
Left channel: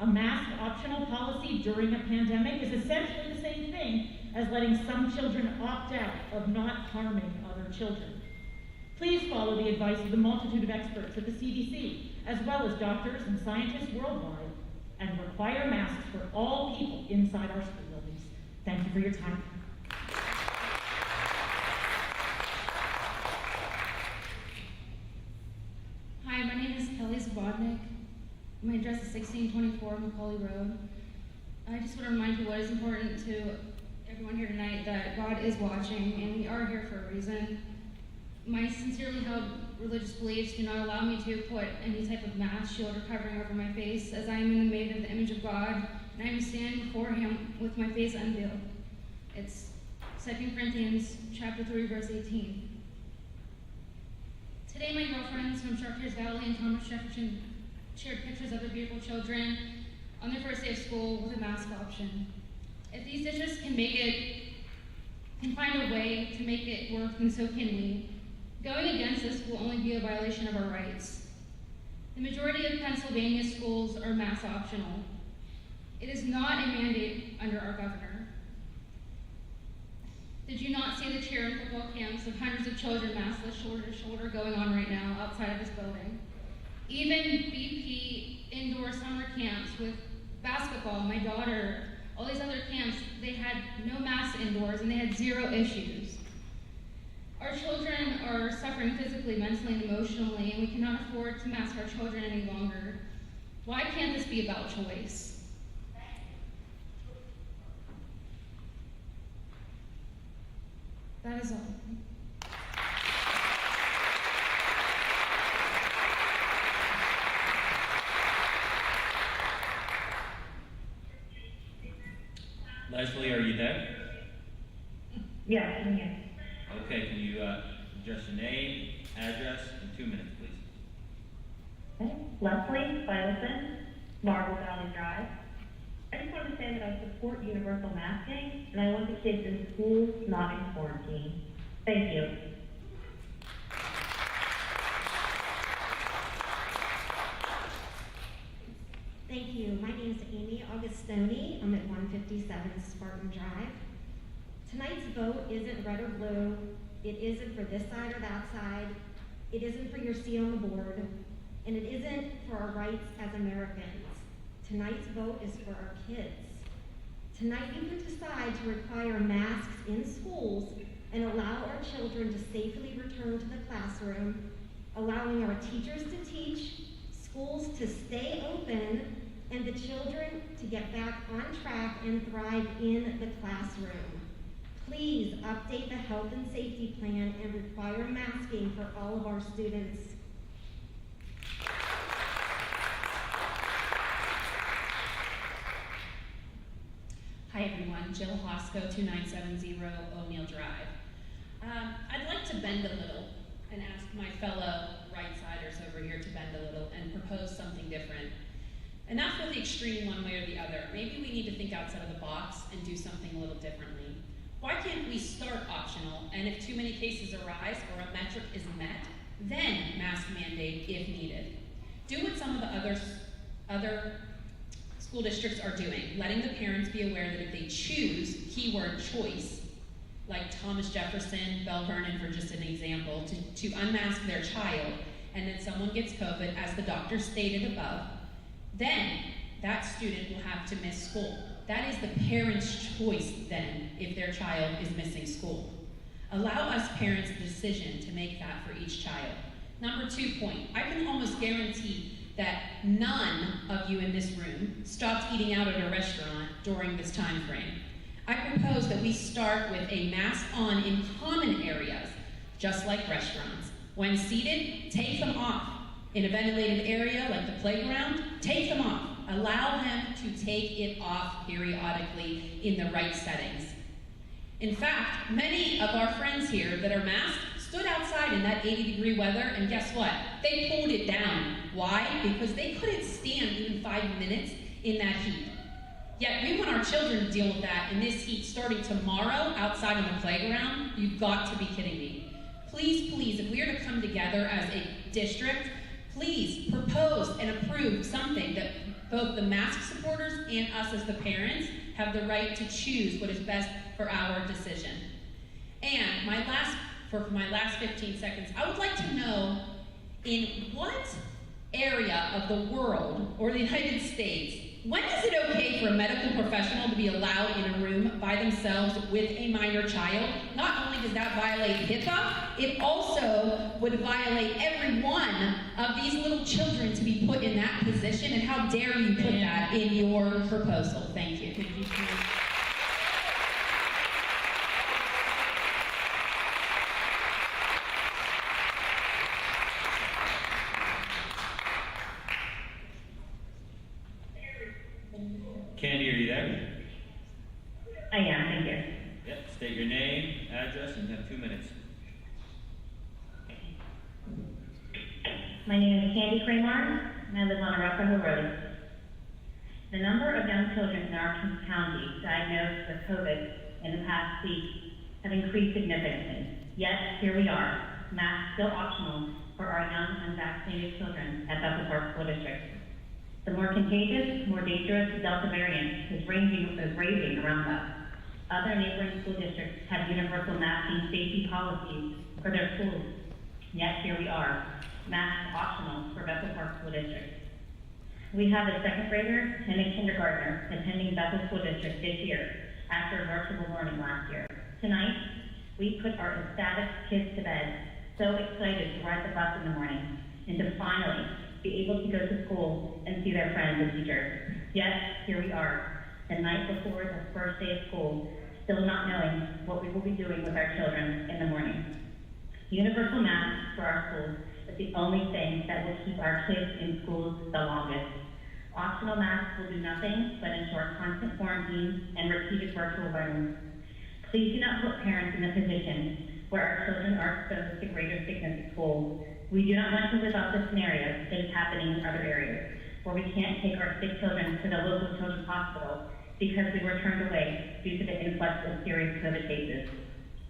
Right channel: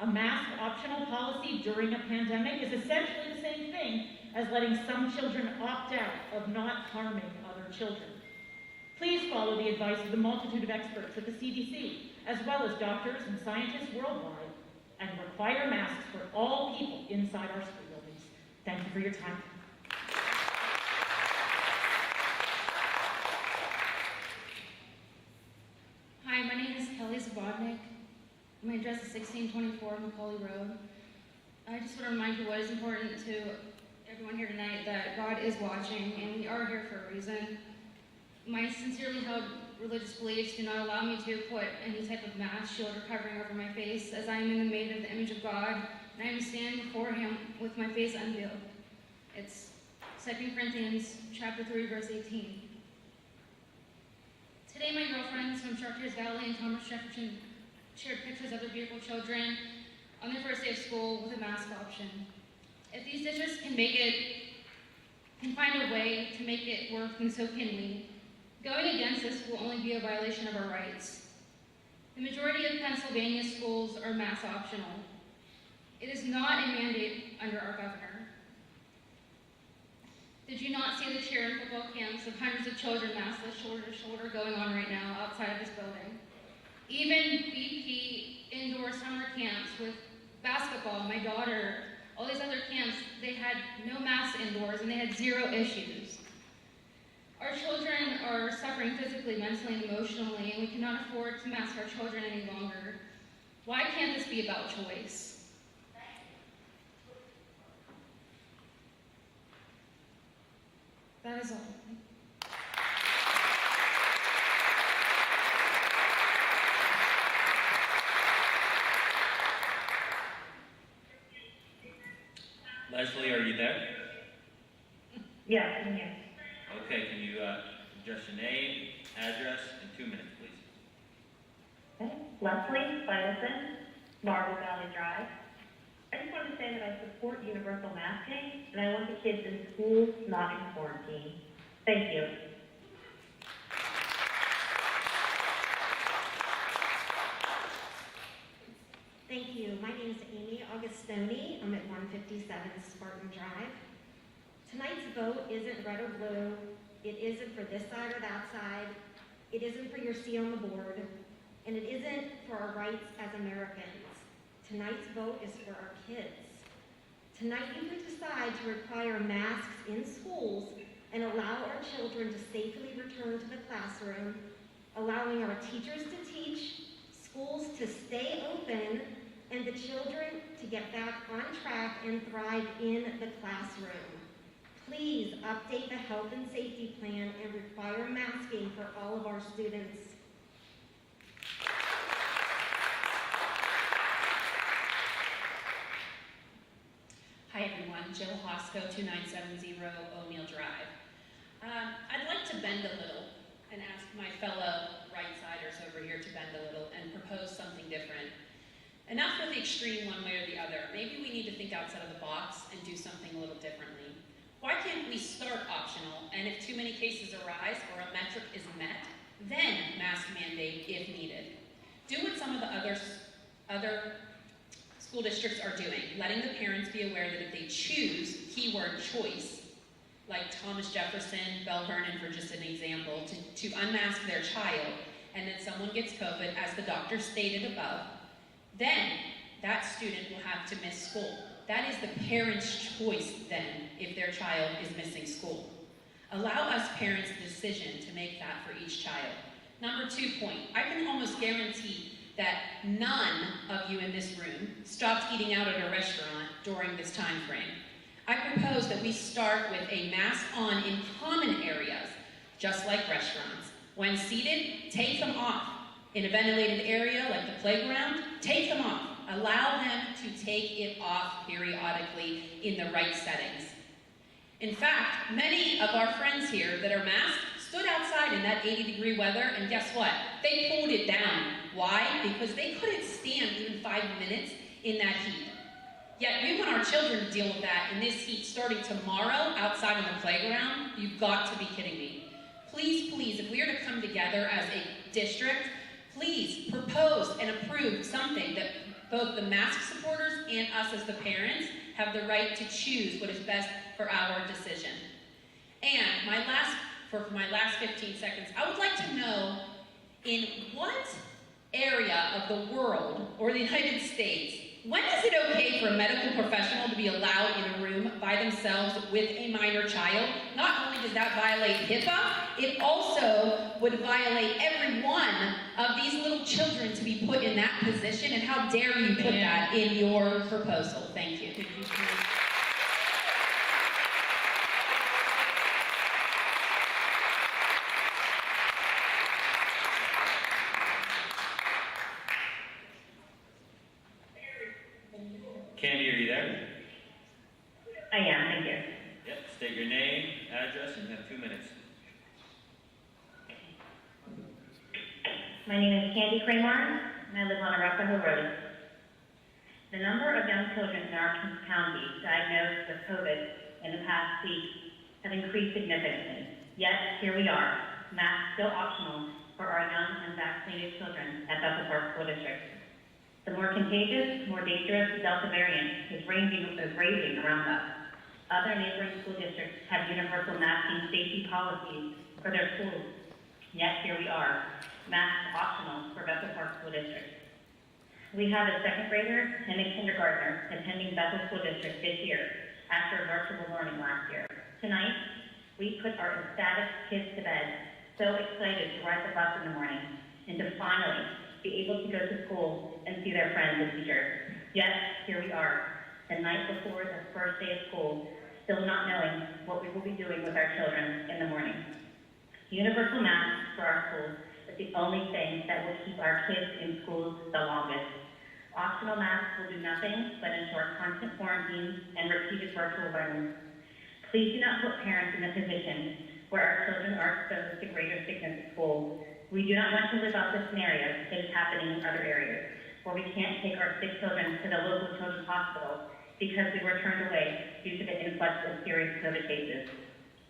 A mask optional policy during a pandemic is essentially the same thing as letting some children opt out of not harming other children. Please follow the advice of the multitude of experts at the CDC, as well as doctors and scientists worldwide, and require masks for all people inside our school buildings. Thank you for your time. Hi, my name is Kelly Zubotnick. My address is 1624 Macaulay Road. I just want to remind you what is important to everyone here tonight, that God is watching and we are here for a reason. My sincerely held religious beliefs do not allow me to put any type of mask, shield, or covering over my face, as I am in the made in the image of God, and I am standing before Him with my face unveiled. It's 2 Corinthians chapter 3, verse 18. Today, my girlfriends from Chartiers Valley and Thomas Jefferson shared pictures of their beautiful children on their first day of school with a mask option. If these dishes can find a way to make it work, then so can we. Going against this will only be a violation of our rights. The majority of Pennsylvania schools are mask optional. It is not a mandate under our governor. Did you not see the cheer and football camps of hundreds of children maskless shoulder to shoulder going on right now outside of this building? Even BP indoor summer camps with basketball, my daughter, all these other camps, they had no masks indoors and they had zero issues. Our children are suffering physically, mentally, and emotionally, and we cannot afford to mask our children any longer. Why can't this be about choice? That is all. Leslie, are you there? Yes, I'm here. Okay, can you address your name, address, in 2 minutes, please? Okay. Leslie Phillips, Marble Valley Drive. I just wanted to say that I support universal masking, and I want the kids in school, not in quarantine. Thank you. Thank you. My name is Amy Augustoni. I'm at 157 Spartan Drive. Tonight's vote isn't red or blue. It isn't for this side or that side. It isn't for your seat on the board. And it isn't for our rights as Americans. Tonight's vote is for our kids. Tonight you can decide to require masks in schools and allow our children to safely return to the classroom, allowing our teachers to teach, schools to stay open, and the children to get back on track and thrive in the classroom. Please update the health and safety plan and require masking for all of our students. Hi everyone, Jill Haacko, 2970 O'Neill Drive. I'd like to bend a little and ask my fellow right-siders over here to bend a little and propose something different. Enough with the extreme one way or the other. Maybe we need to think outside of the box and do something a little differently. Why can't we start optional, and if too many cases arise or a metric is met, then mask mandate if needed? Do what some of the other school districts are doing, letting the parents be aware that if they choose, keyword choice, like Thomas Jefferson, Bell Vernon for just an example, to unmask their child, and then someone gets COVID, as the doctor stated above, then that student will have to miss school. That is the parent's choice then, if their child is missing school. Allow us parents the decision to make that for each child. Number 2 point, I can almost guarantee that none of you in this room stopped eating out at a restaurant during this time frame. I propose that we start with a mask on in common areas, just like restaurants. When seated, take them off. In a ventilated area like the playground, take them off. Allow them to take it off periodically in the right settings. In fact, many of our friends here that are masked stood outside in that 80-degree weather, and guess what? They pulled it down. Why? Because they couldn't stand even 5 minutes in that heat. Yet we want our children to deal with that in this heat starting tomorrow outside on the playground. You've got to be kidding me. Please, please, if we are to come together as a district, please propose and approve something that both the mask supporters and us as the parents have the right to choose what is best for our decision. And for my last 15 seconds, I would like to know, in what area of the world or the United States, when is it okay for a medical professional to be allowed in a room by themselves with a minor child? Not only does that violate HIPAA, it also would violate every one of these little children to be put in that position, and how dare you put that in your proposal? Thank you. Candy, are you there? I am, thank you. Yep, state your name, address, and you have 2 minutes. My name is Candy Kramer, and I live on Arapahoe Road. The number of young children in our county diagnosed with COVID in the past week have increased significantly. Yet, here we are, masks still optional for our young unvaccinated children at Bethel Park School District. The more contagious, more dangerous Delta variant is raging around us. Other neighboring school districts have universal masking safety policies for their schools. Yet here we are, masks optional for Bethel Park School District. We have a second grader and a kindergartner attending Bethel School District this year after virtual learning last year. Tonight, we put our ecstatic kids to bed, so excited to ride the bus in the morning and to finally be able to go to school and see their friends and teachers. Yet, here we are, the night before the first day of school, still not knowing what we will be doing with our children in the morning. Universal masks for our schools is the only thing that will keep our kids in schools the longest. Optional masks will do nothing but ensure constant quarantine and repeated virtual learning. Please do not put parents in a position where our children are exposed to greater sickness at school. We do not want to live out the scenario that is happening in other areas, where we can't take our sick children to the local children's hospital because we were turned away due to the influx of serious COVID cases.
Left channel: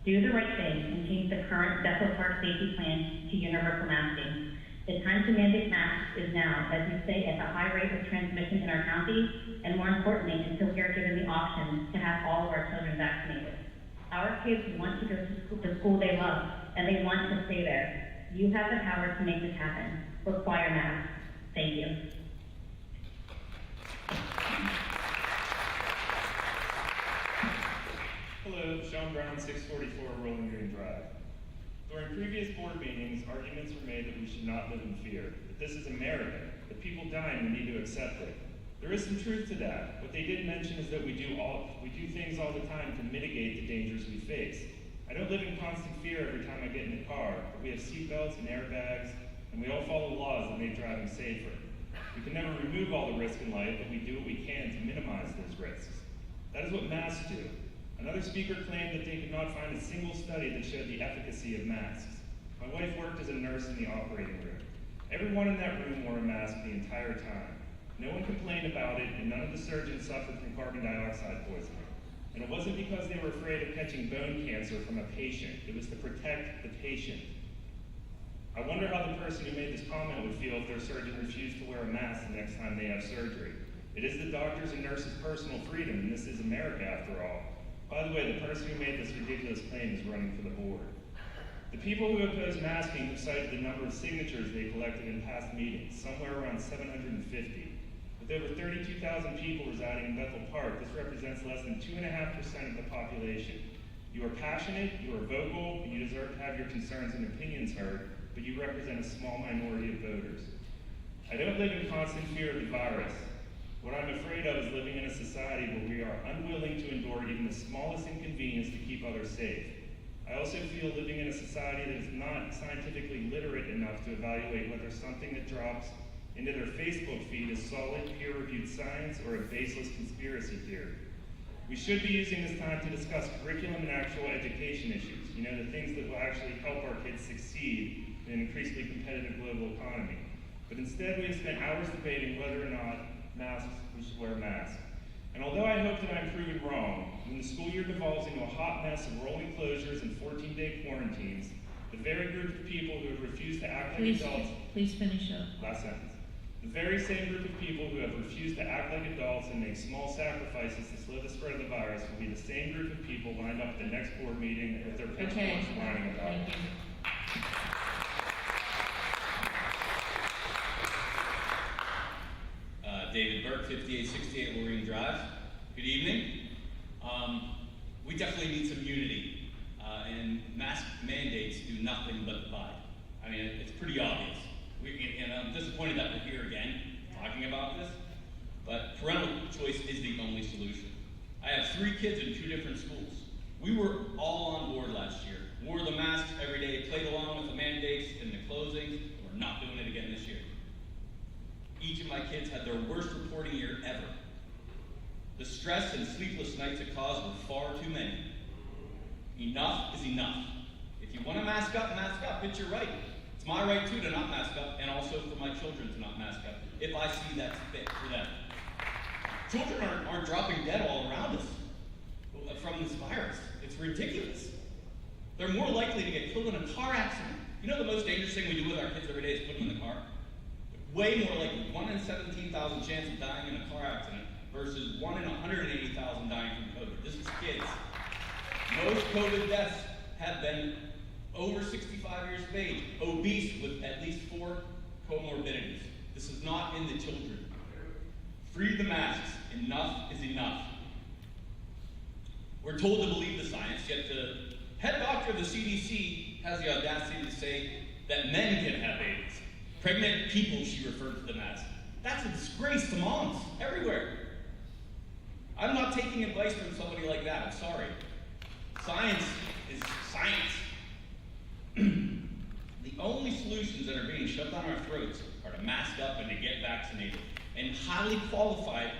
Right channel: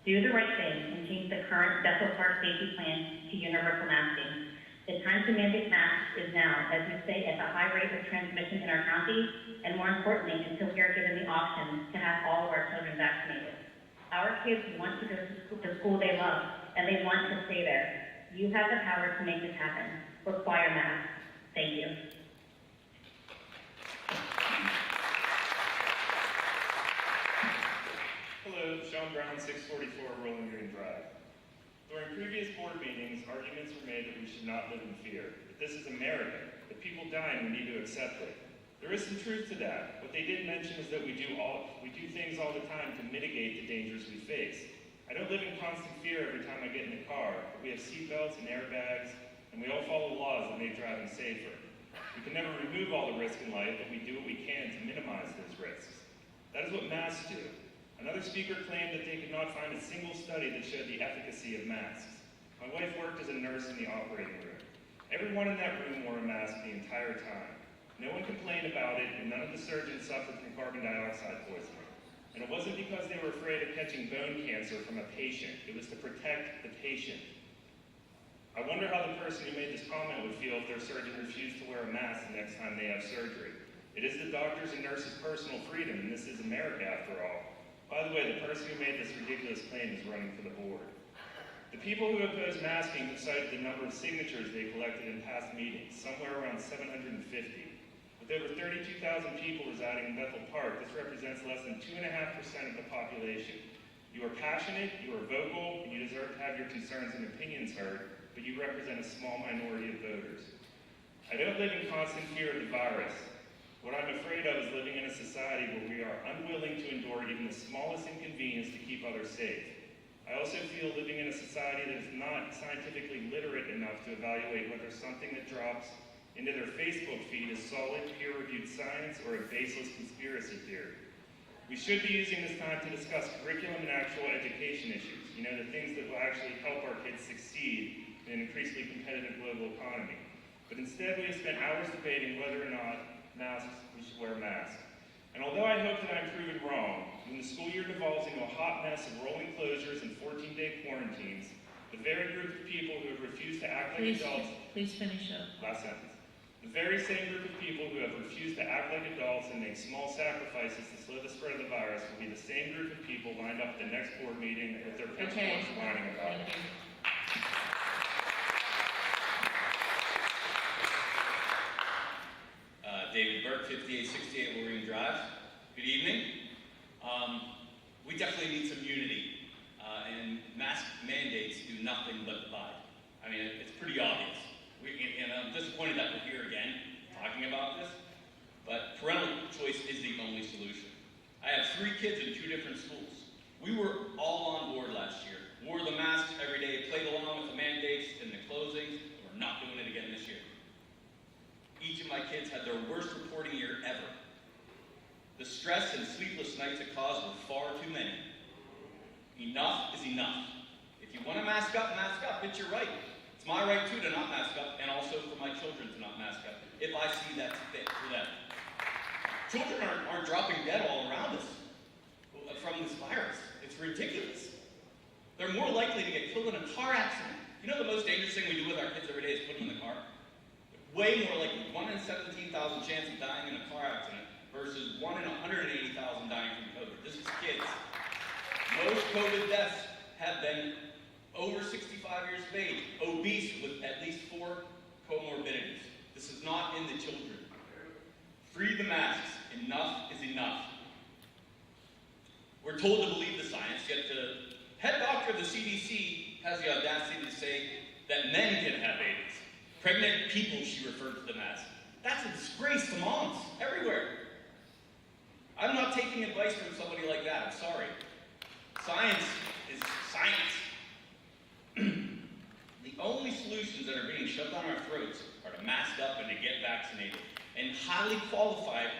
Do the right thing and change the current Bethel Park safety plan to universal masking. The time to mandate masks is now, as we stay at the high rate of transmission in our county, and more importantly, until we are given the option to have all of our children vaccinated. Our kids want to go to the school they love, and they want to stay there. You have the power to make this happen. Require masks. Thank you. Hello, Sean Brown, 644 Rolling Green Drive. During previous board meetings, arguments were made that we should not live in fear, that this is America, that people die and we need to accept it. There is some truth to that. What they didn't mention is that we do things all the time to mitigate the dangers we face. I don't live in constant fear every time I get in the car, but we have seatbelts and airbags, and we all follow laws that make driving safer. We can never remove all the risk in life, but we do what we can to minimize those risks. That is what masks do. Another speaker claimed that they could not find a single study that showed the efficacy of masks. My wife worked as a nurse in the operating room. Everyone in that room wore a mask the entire time. No one complained about it, and none of the surgeons suffered from carbon dioxide poisoning. And it wasn't because they were afraid of catching bone cancer from a patient. It was to protect the patient. I wonder how the person who made this comment would feel if their surgeon refused to wear a mask the next time they have surgery. It is the doctor's and nurse's personal freedom, and this is America after all. By the way, the person who made this ridiculous claim is running for the board. The people who oppose masking have cited the number of signatures they collected in past meetings, somewhere around 750. With over 32,000 people residing in Bethel Park, this represents less than 2.5% of the population. You are passionate, you are vocal, and you deserve to have your concerns and opinions heard, but you represent a small minority of voters. I don't live in constant fear of the virus. What I'm afraid of is living in a society where we are unwilling to endure even the smallest inconvenience to keep others safe. I also feel living in a society that is not scientifically literate enough to evaluate whether something that drops into their Facebook feed is solid, peer-reviewed science or a baseless conspiracy theory. We should be using this time to discuss curriculum and actual education issues, the things that will actually help our kids succeed in an increasingly competitive global economy. But instead, we have spent hours debating whether or not we should wear masks. And although I hope that I'm proven wrong, when the school year devolves into a hot mess of rolling closures and 14-day quarantines, the very group of people who have refused to act like adults... Please finish up. Last sentence. The very same group of people who have refused to act like adults and make small sacrifices to slow the spread of the virus will be the same group of people lined up at the next board meeting with their pitchforks whining about it. David Burke, 5868 Lorraine Drive. Good evening. We definitely need some unity, and mask mandates do nothing but divide. I mean, it's pretty obvious. And I'm disappointed that we're here again talking about this, but parental choice is the only solution. I have 3 kids in 2 different schools. We were all on board last year, wore the masks every day, played along with the mandates and the closings, and we're not doing it again this year. Each of my kids had their worst reporting year ever. The stress and sleepless nights it caused were far too many. Enough is enough. If you want to mask up, it's your right. It's my right too to not mask up, and also for my children to not mask up, if I see that's fit for them. Children aren't dropping dead all around us from this virus. It's ridiculous. They're more likely to get killed in a car accident. You know the most dangerous thing we do with our kids every day is put them in the car? Way more likely, 1 in 17,000 chance of dying in a car accident versus 1 in 180,000 dying from COVID. This is kids. Most COVID deaths have been over 65 years of age, obese with at least 4 comorbidities. This is not in the children. Free the masks. Enough is enough. We're told to believe the science, yet the head doctor of the CDC has the audacity to say that men can have babies. Pregnant people, she referred to them as. That's a disgrace to moms everywhere. I'm not taking advice from somebody like that. I'm sorry. Science is science. The only solutions that are being shoved down our throats are to mask up and to get vaccinated. And highly qualified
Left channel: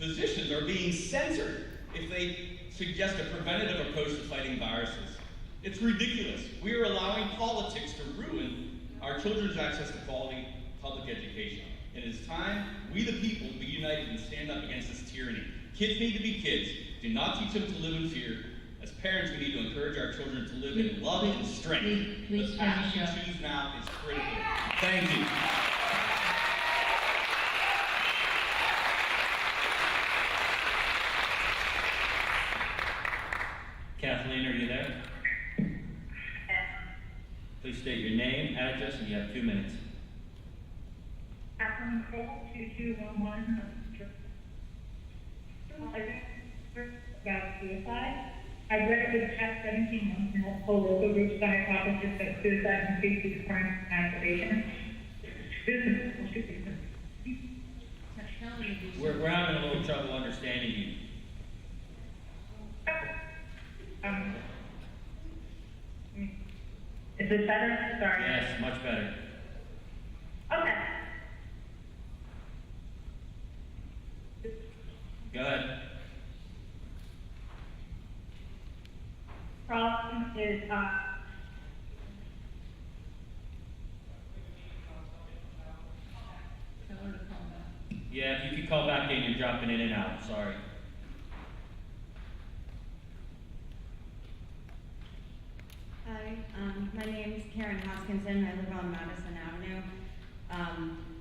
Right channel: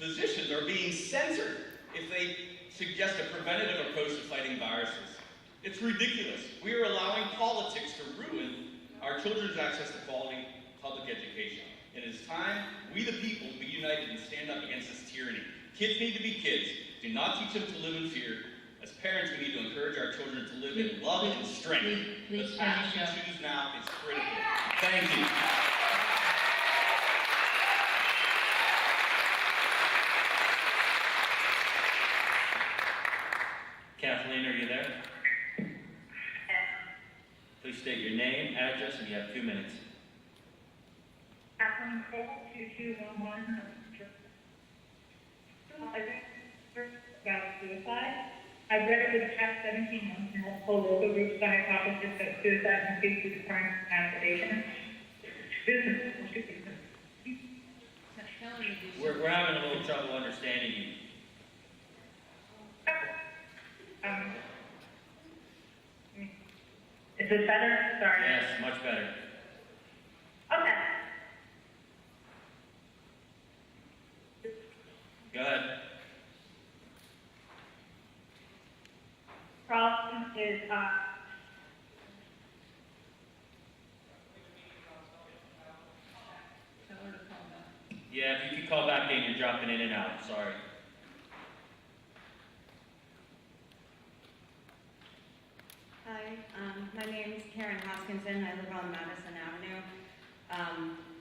physicians are being censored if they suggest a preventative approach to fighting viruses. It's ridiculous. We are allowing politics to ruin our children's access to quality public education. It is time we the people be united and stand up against this tyranny. Kids need to be kids. Do not teach them to live in fear. As parents, we need to encourage our children to live in love and strength. Please the path we choose now is critical. Thank you. Kathleen, are you there? Please state your name, address, and you have 2 minutes. Kathleen Cole, 2211. I think about suicide. I've read over the past 17 months in multiple local groups the hypothesis that suicide increases crime and masturbation. We're having a little trouble understanding you. Is this better? Sorry. Yes, much better. Okay. Go ahead. Problem is, Yeah, if you could call back in, you're dropping in and out. Sorry. Hi, my name is Karen Hoskinson. I live on Madison Avenue.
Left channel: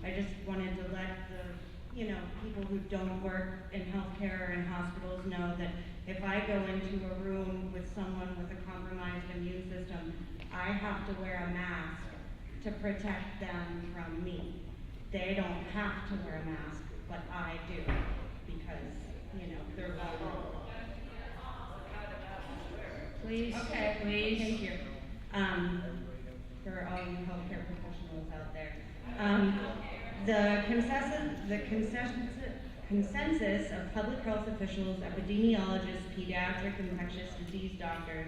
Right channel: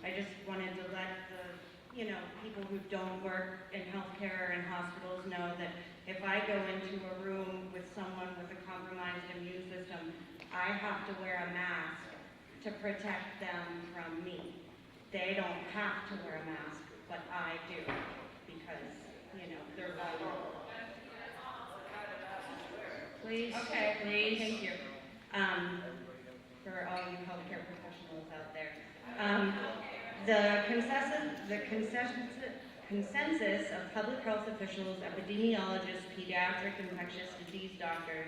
I just wanted to let the you know, people who don't work in healthcare or in hospitals know that if I go into a room with someone with a compromised immune system, I have to wear a mask to protect them from me. They don't have to wear a mask, but I do, because, you know, they're vulnerable. Please. Okay, please. Thank you. For all you healthcare professionals out there. The consensus of public health officials, epidemiologists, pediatric infectious disease doctors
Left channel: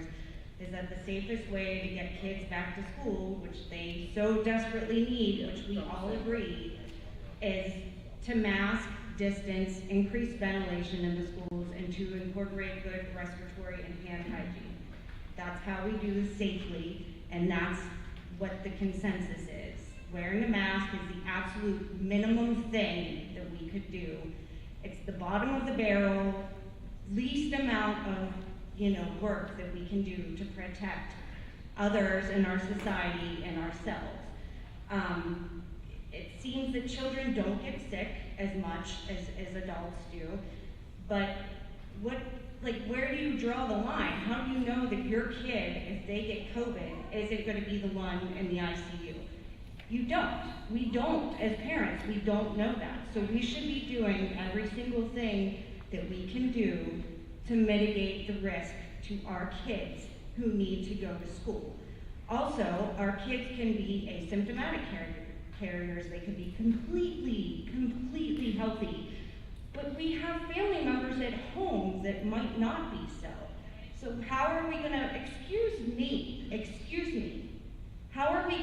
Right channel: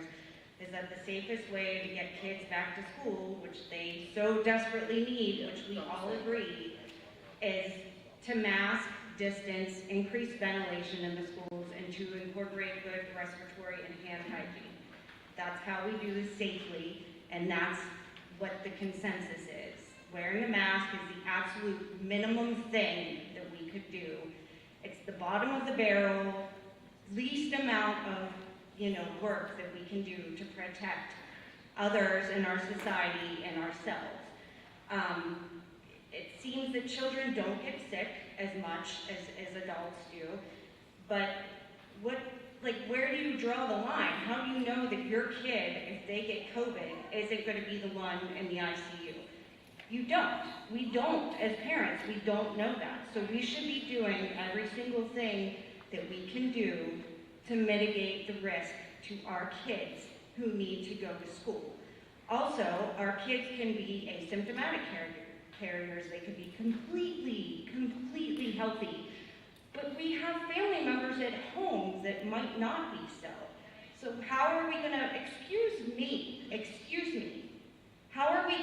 is that the safest way to get kids back to school, which they so desperately need, which we all agree, is to mask, distance, increase ventilation in the schools, and to incorporate good respiratory and hand hygiene. That's how we do this safely, and that's what the consensus is. Wearing a mask is the absolute minimum thing that we could do. It's the bottom of the barrel, least amount of, you know, work that we can do to protect others in our society and ourselves. It seems that children don't get sick as much as adults do, but where do you draw the line? How do you know that your kid, if they get COVID, isn't going to be the one in the ICU? You don't. We don't, as parents, we don't know that. So we should be doing every single thing that we can do to mitigate the risk to our kids who need to go to school. Also, our kids can be asymptomatic carriers. They can be completely healthy. But we have family members at home that might not be so. So how are we gonna, excuse me, how are we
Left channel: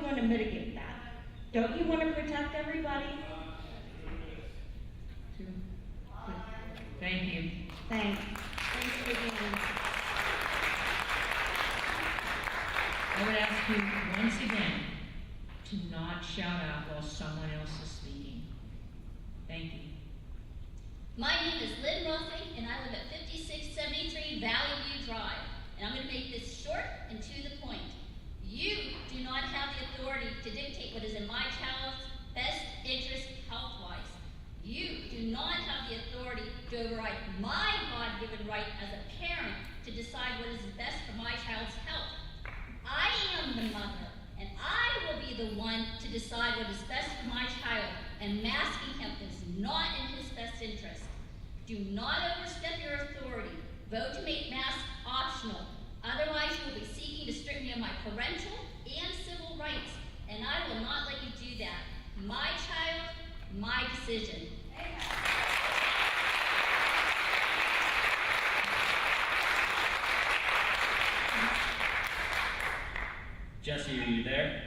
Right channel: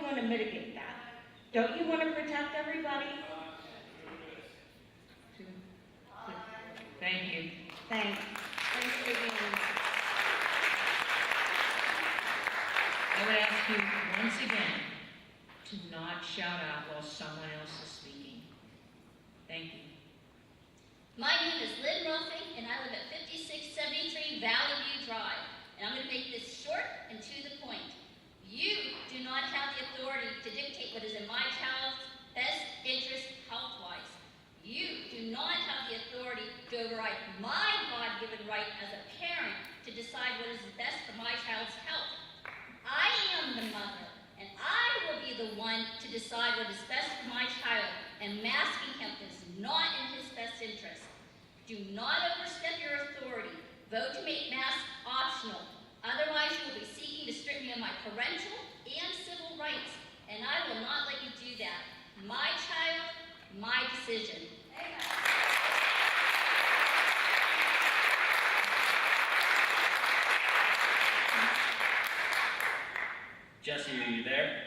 going to mitigate that? Don't you want to protect everybody? Thank you. Thanks. Thanks again. I would ask you once again to not shout out while someone else is speaking. Thank you. My name is Lynn Roth, and I live at 5673 Valley View Drive. And I'm going to make this short and to the point. You do not have the authority to dictate what is in my child's best interest health-wise. You do not have the authority to override my God-given right as a parent to decide what is best for my child's health. I am the mother, and I will be the one to decide what is best for my child, and masking him is not in his best interest. Do not overstep your authority. Vote to make masks optional. Otherwise, you will be seeking to strip me of my parental and civil rights, and I will not let you do that. My child, my decision. Jesse, are you there?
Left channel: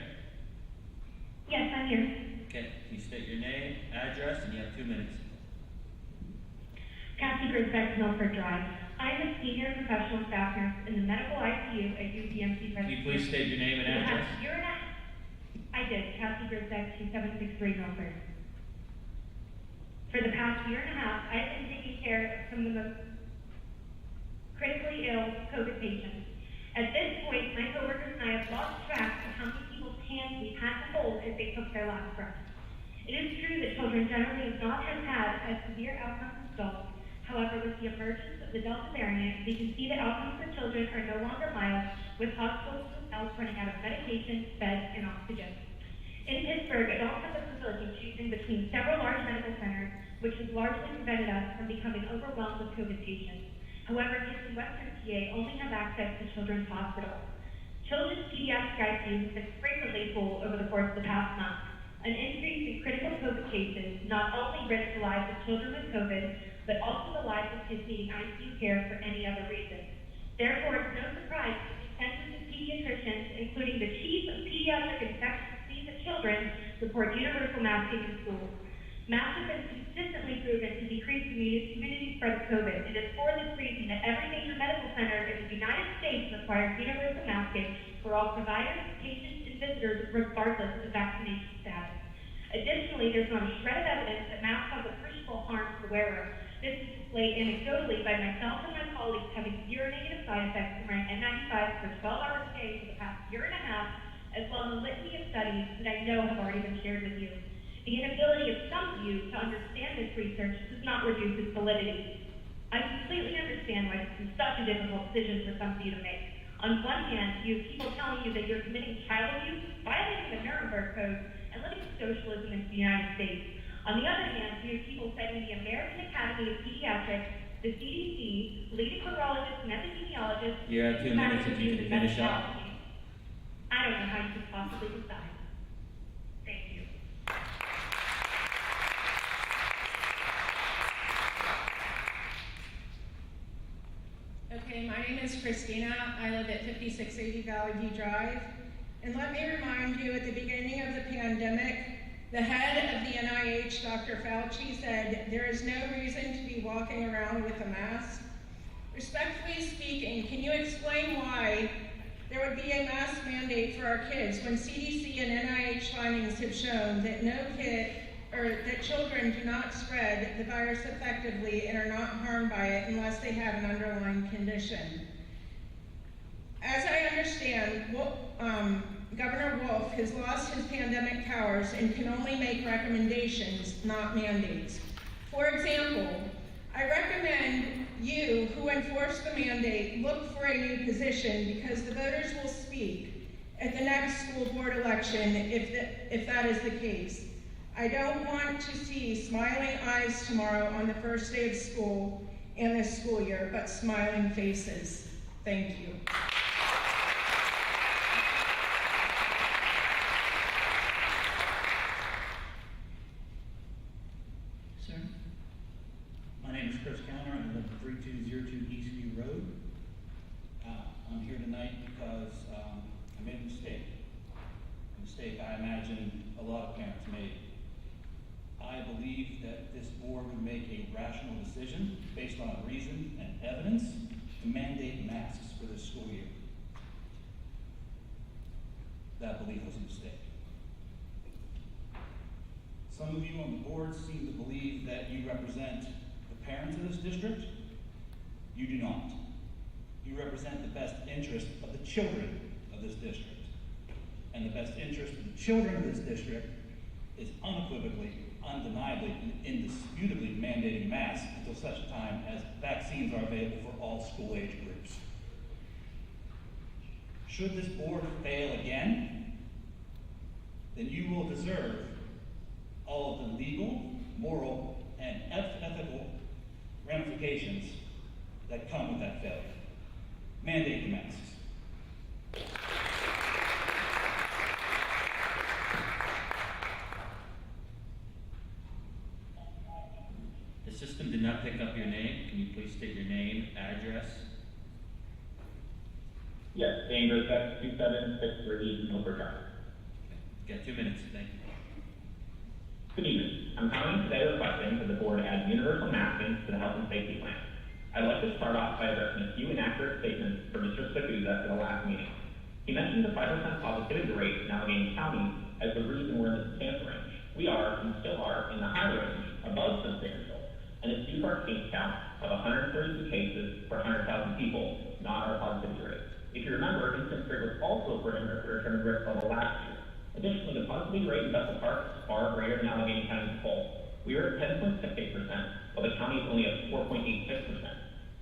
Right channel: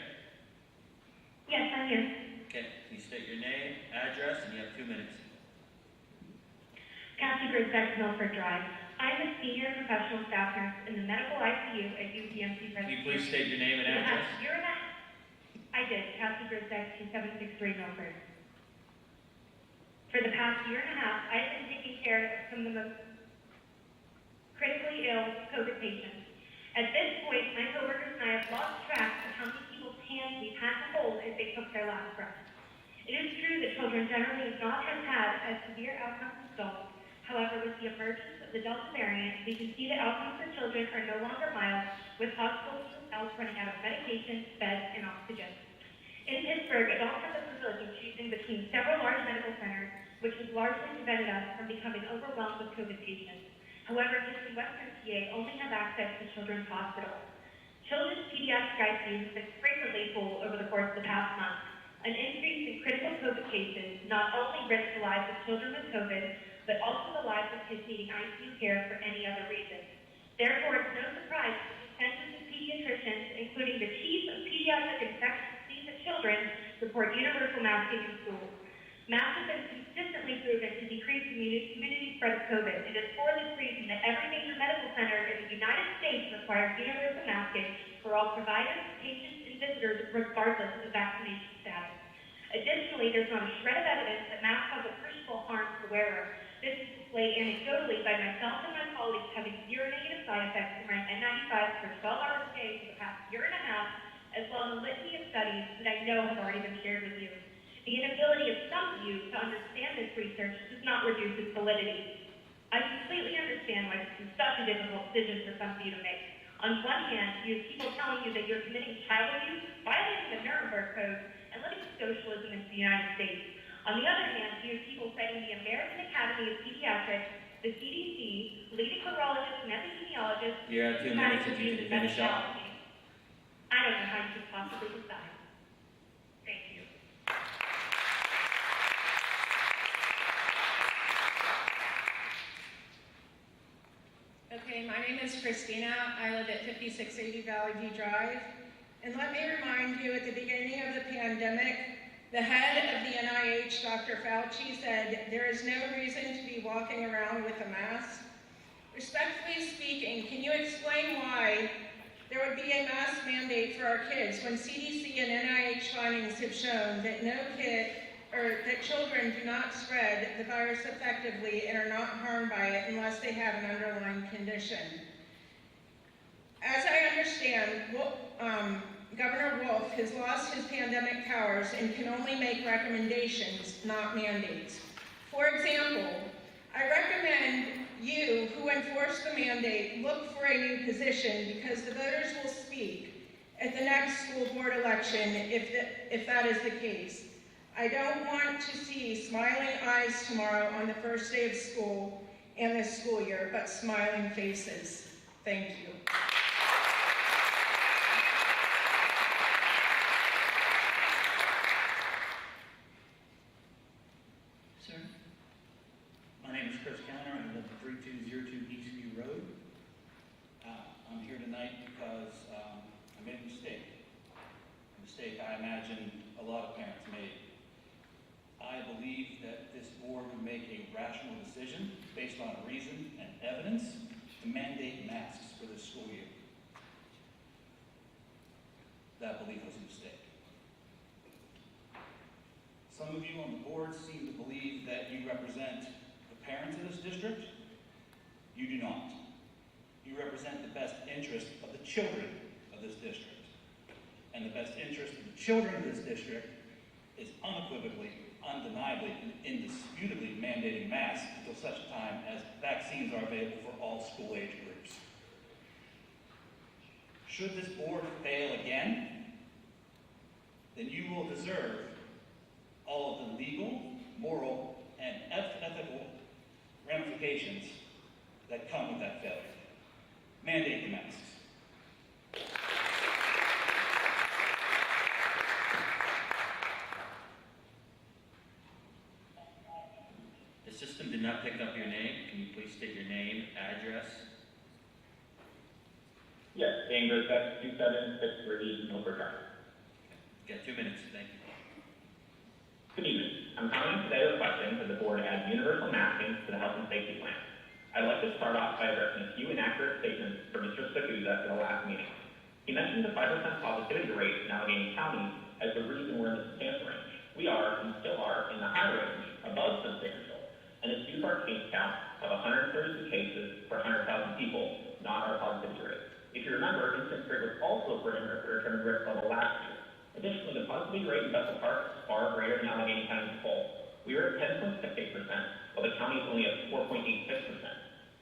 Yes, I'm here. Okay, can you state your name, address, and you have 2 minutes. Kathy Grisbeck, Milford Drive. I'm a senior professional staff nurse in the medical ICU at UPMC. Can you please state your name and address? I did. Kathy Grisbeck, 2763 Milford. For the past year and a half, I've been taking care of some of the most critically ill COVID patients. At this point, my coworkers and I have lost track of how many people's hands we've had to hold as they took their last breath. It is true that children generally do not have had as severe outcomes as adults. However, with the emergence of the Delta variant, we can see that outcomes for children are no longer mild, with hospitals themselves running out of medication, beds, and oxygen. In Pittsburgh, adults have the privilege of choosing between several large medical centers, which has largely prevented us from becoming overwhelmed with COVID patients. However, kids in Western PA only have access to children's hospitals. Children's pediatric ICUs have been frequently full over the course of the past month. An increase in critical COVID cases not only risks the lives of children with COVID, but also the lives of kids needing ICU care for any other reason. Therefore, it's no surprise that the consensus of pediatricians, including the chief of pediatric infectious disease at children, report universal masking in schools. Masks have been consistently proven to decrease community spread of COVID. It is for this reason that every major medical center in the United States requires universal masking for all providers, patients, and visitors, regardless of vaccination status. Additionally, there's not a shred of evidence that masks cause appreciable harm to the wearer. This is displayed anecdotally by myself and my colleagues having severe negative side effects from wearing N95 for 12 hours a day for the past year and a half, as well as a litany of studies that I know have already been shared with you. The reduce its validity. I completely understand why this is such a difficult decision for some of you to make. On one hand, you have people telling you that you're committing child abuse, violating the Nuremberg Code, and living socialism in the United States. On the other hand, you have people citing the American Academy of Pediatrics, the CDC, leading virologists and epidemiologists, You have 2 minutes if you can finish up. I don't know how you could possibly decide. Thank you. Okay, my name is Christina. I live at 5680 Valley View Drive. And let me remind you, at the beginning of the pandemic, the head of the NIH, Dr. Fauci, said there is no reason to be walking around with a mask. Respectfully speaking, can you explain why there would be a mask mandate for our kids when CDC and NIH findings have shown that that children do not spread the virus effectively and are not harmed by it unless they have an underlying condition? As I understand, Governor Wolf has lost his pandemic powers and can only make recommendations, not mandates. For example, I recommend you, who enforce the mandate, look for a new position because the voters will speak at the next school board election if that is the case. I don't want to see smiling eyes tomorrow on the first day of school and this school year, but smiling faces. Thank you. Sir? My name is Chris Counter. I live at 3202 Eastview Road. I'm here tonight because I made a mistake. A mistake I imagine a lot of parents made. I believe that this board would make a rational decision based on reason and evidence to mandate masks for this school year. That belief was a mistake. Some of you on the board seem to believe that you represent the parents of this district. You do not. You represent the best interest of the children of this district. And the best interest of the children of this district is unequivocally, undeniably, and indisputably mandating masks until such a time as vaccines are available for all school age groups. Should this board fail again, then you will deserve all of the legal, moral, and ethical ramifications that come with that failure. Mandate the masks. The system did not pick up your name. Can you please state your name, address? Yes, Andrew, that's 2763 Milford Drive. Okay. Got 2 minutes. Thank you. Good evening. I'm coming today requesting that the board add universal masking to the health and safety plan. I'd like to start off by addressing a few inaccurate statements from Mr. Spikuza at the last meeting. He mentioned the 5% positivity rate in Allegheny County as the reason we're in the substantial range. We are, and still are, in the high range, above substantial, and it's due to our case count of 132 cases per 100,000 people, not our positivity rate. If you remember, incidence rate was also a parameter for return risk level last year. Additionally, the positivity rate in Bethel Park is far greater than Allegheny County as a whole. We are at 10.68%, while the county is only at 4.86%.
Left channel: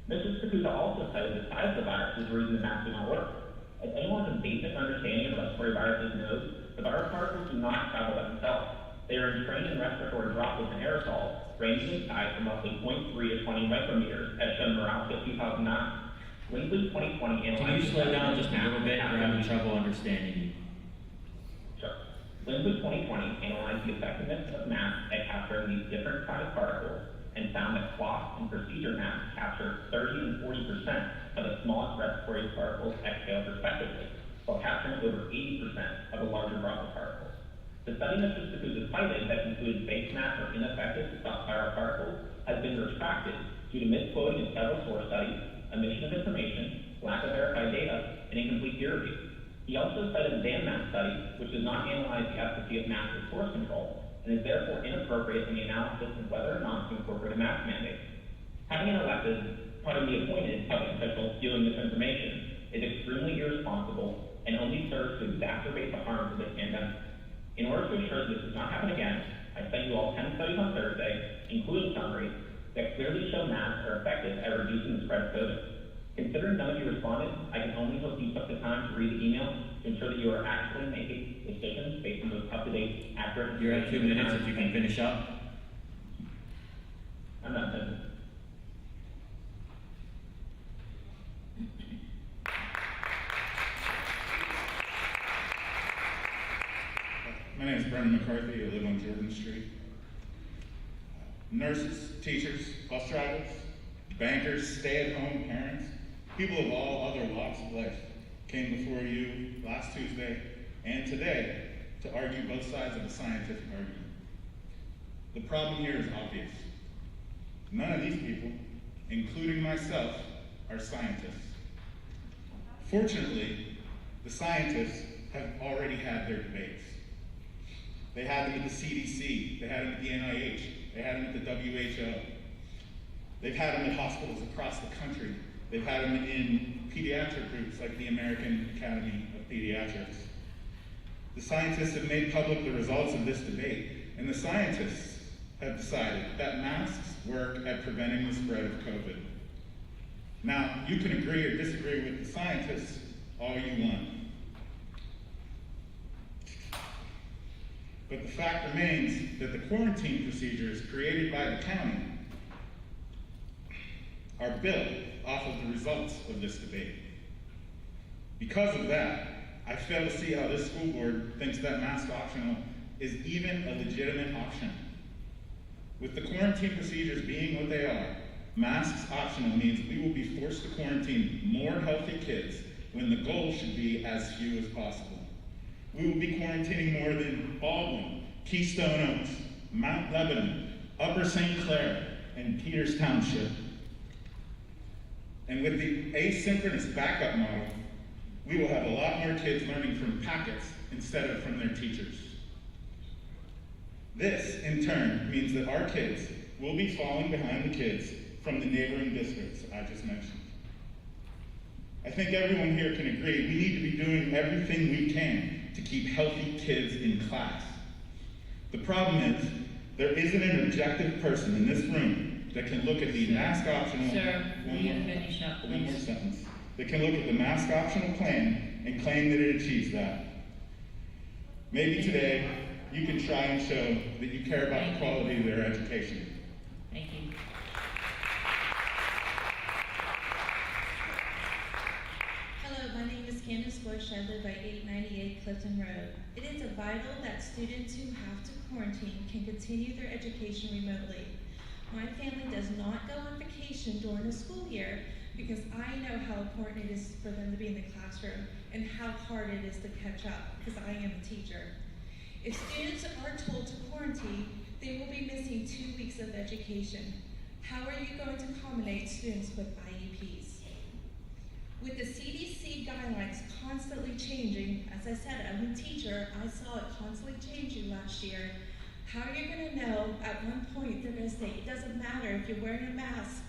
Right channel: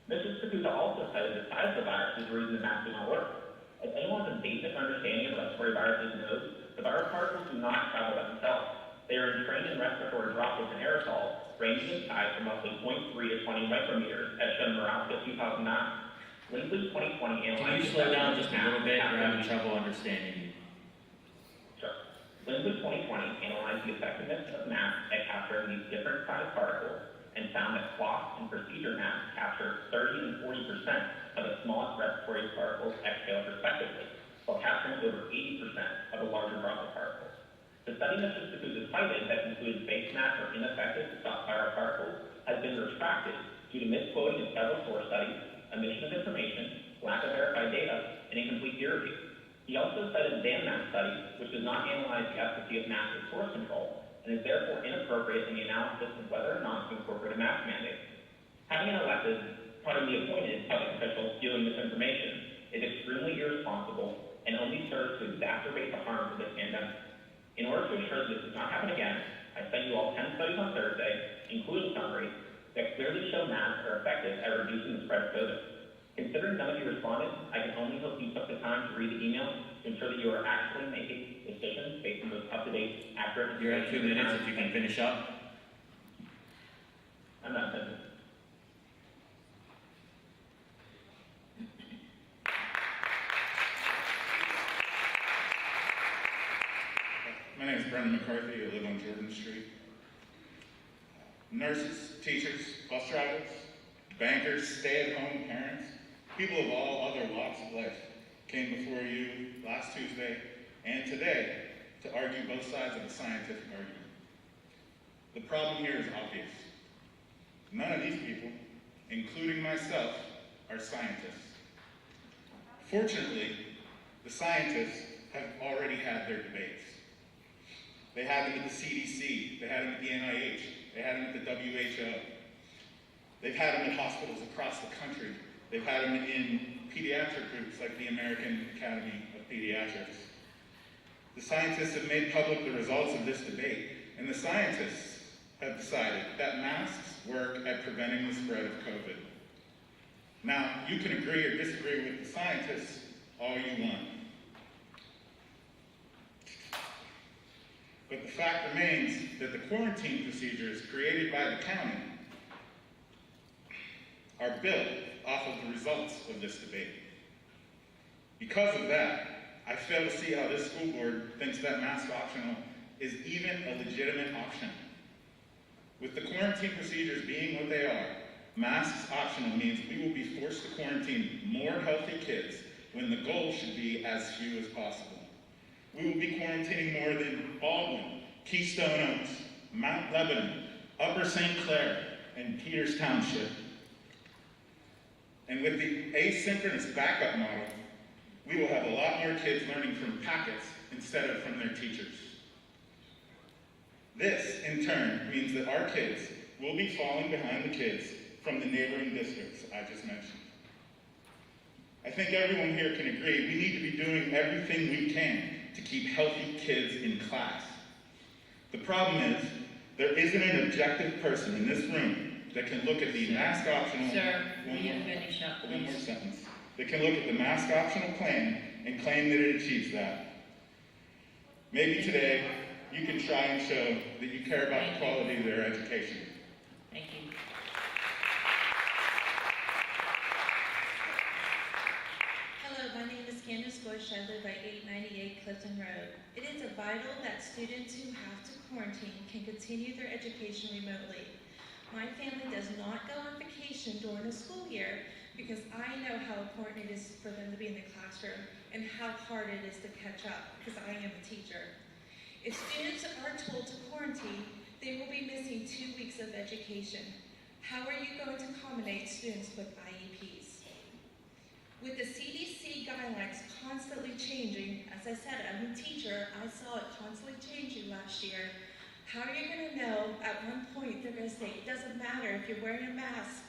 Mr. Spikuza also cited the size of the virus as the reason the mask did not work. As anyone with a basic understanding of respiratory viruses knows, the virus particles do not travel by themselves. They are entrained in respiratory droplets and aerosols, ranging in size from roughly 0.3 to 20 micrometers, as shown in Morocco 2009. Lindley 2020 analyzed... Can you slow down just a little bit? We're having trouble understanding you. Sure. Lindley 2020 analyzed the effectiveness of masks at capturing these different size particles and found that cloth and procedure masks capture 30 and 40% of the smallest respiratory particles exhaled respectively, while capturing over 80% of the larger droplet particles. The study Mr. Spikuza cited that concluded face masks are ineffective to stop viral particles has been retracted due to misquoting in several source studies, omission of information, lack of verified data, and incomplete peer review. He also cited the Dan mask study, which does not analyze the efficacy of masks as source control, and is therefore inappropriate in the analysis of whether or not to incorporate a mask mandate. Having an appointed public official spewing misinformation is extremely irresponsible and only serves to exacerbate the harms of this pandemic. In order to ensure that this does not happen again, I sent you all 10 studies on Thursday, including summaries, that clearly show masks are effective at reducing the spread of COVID. Considering none of you responded, I can only hope you took the time to read the email to ensure that you are actually making decisions based on those up-to-date, accurate. You're at 2 minutes if you can finish up. I'm not finished. My name is Brendan McCarthy. I live on Jordan Street. Nurses, teachers, bus drivers, bankers, stay-at-home parents, people of all other walks of life came before you last Tuesday and today to argue both sides of a scientific argument. The problem here is obvious. None of these people, including myself, are scientists. Fortunately, the scientists have already had their debates. They had them at the CDC, they had them at the NIH, they had them at the WHO. They've had them at hospitals across the country. They've had them in pediatric groups like the American Academy of Pediatrics. The scientists have made public the results of this debate, and the scientists have decided that masks work at preventing the spread of COVID. Now, you can agree or disagree with the scientists all you want. But the fact remains that the quarantine procedures created by the county are built off of the results of this debate. Because of that, I fail to see how this school board thinks that mask optional is even a legitimate option. With the quarantine procedures being what they are, masks optional means we will be forced to quarantine more healthy kids when the goal should be as few as possible. We will be quarantining more than Baldwin, Keystone Oaks, Mount Lebanon, Upper St. Clair, and Peters Township. And with the asynchronous backup model, we will have a lot more kids learning from packets instead of from their teachers. This, in turn, means that our kids will be falling behind the kids from the neighboring districts I just mentioned. I think everyone here can agree we need to be doing everything we can to keep healthy kids in class. The problem is, there isn't an objective person in this room that can look at the mask optional... Sir, will you finish up, please? One more sentence. That can look at the mask optional plan and claim that it achieves that. Maybe today, you can try and show that you care about the quality of their education. Thank you. Hello, my name is Candace Bush. I live at 898 Clifton Road. It is vital that students who have to quarantine can continue their education remotely. My family does not go on vacation during the school year because I know how important it is for them to be in the classroom and how hard it is to catch up because I am a teacher. If students are told to quarantine, they will be missing 2 weeks of education. How are you going to accommodate students with IEPs? With the CDC guidelines constantly changing, as I said, I'm a teacher, I saw it constantly changing last year. How are you going to know at one point they're going to say, it doesn't matter if you're wearing a mask,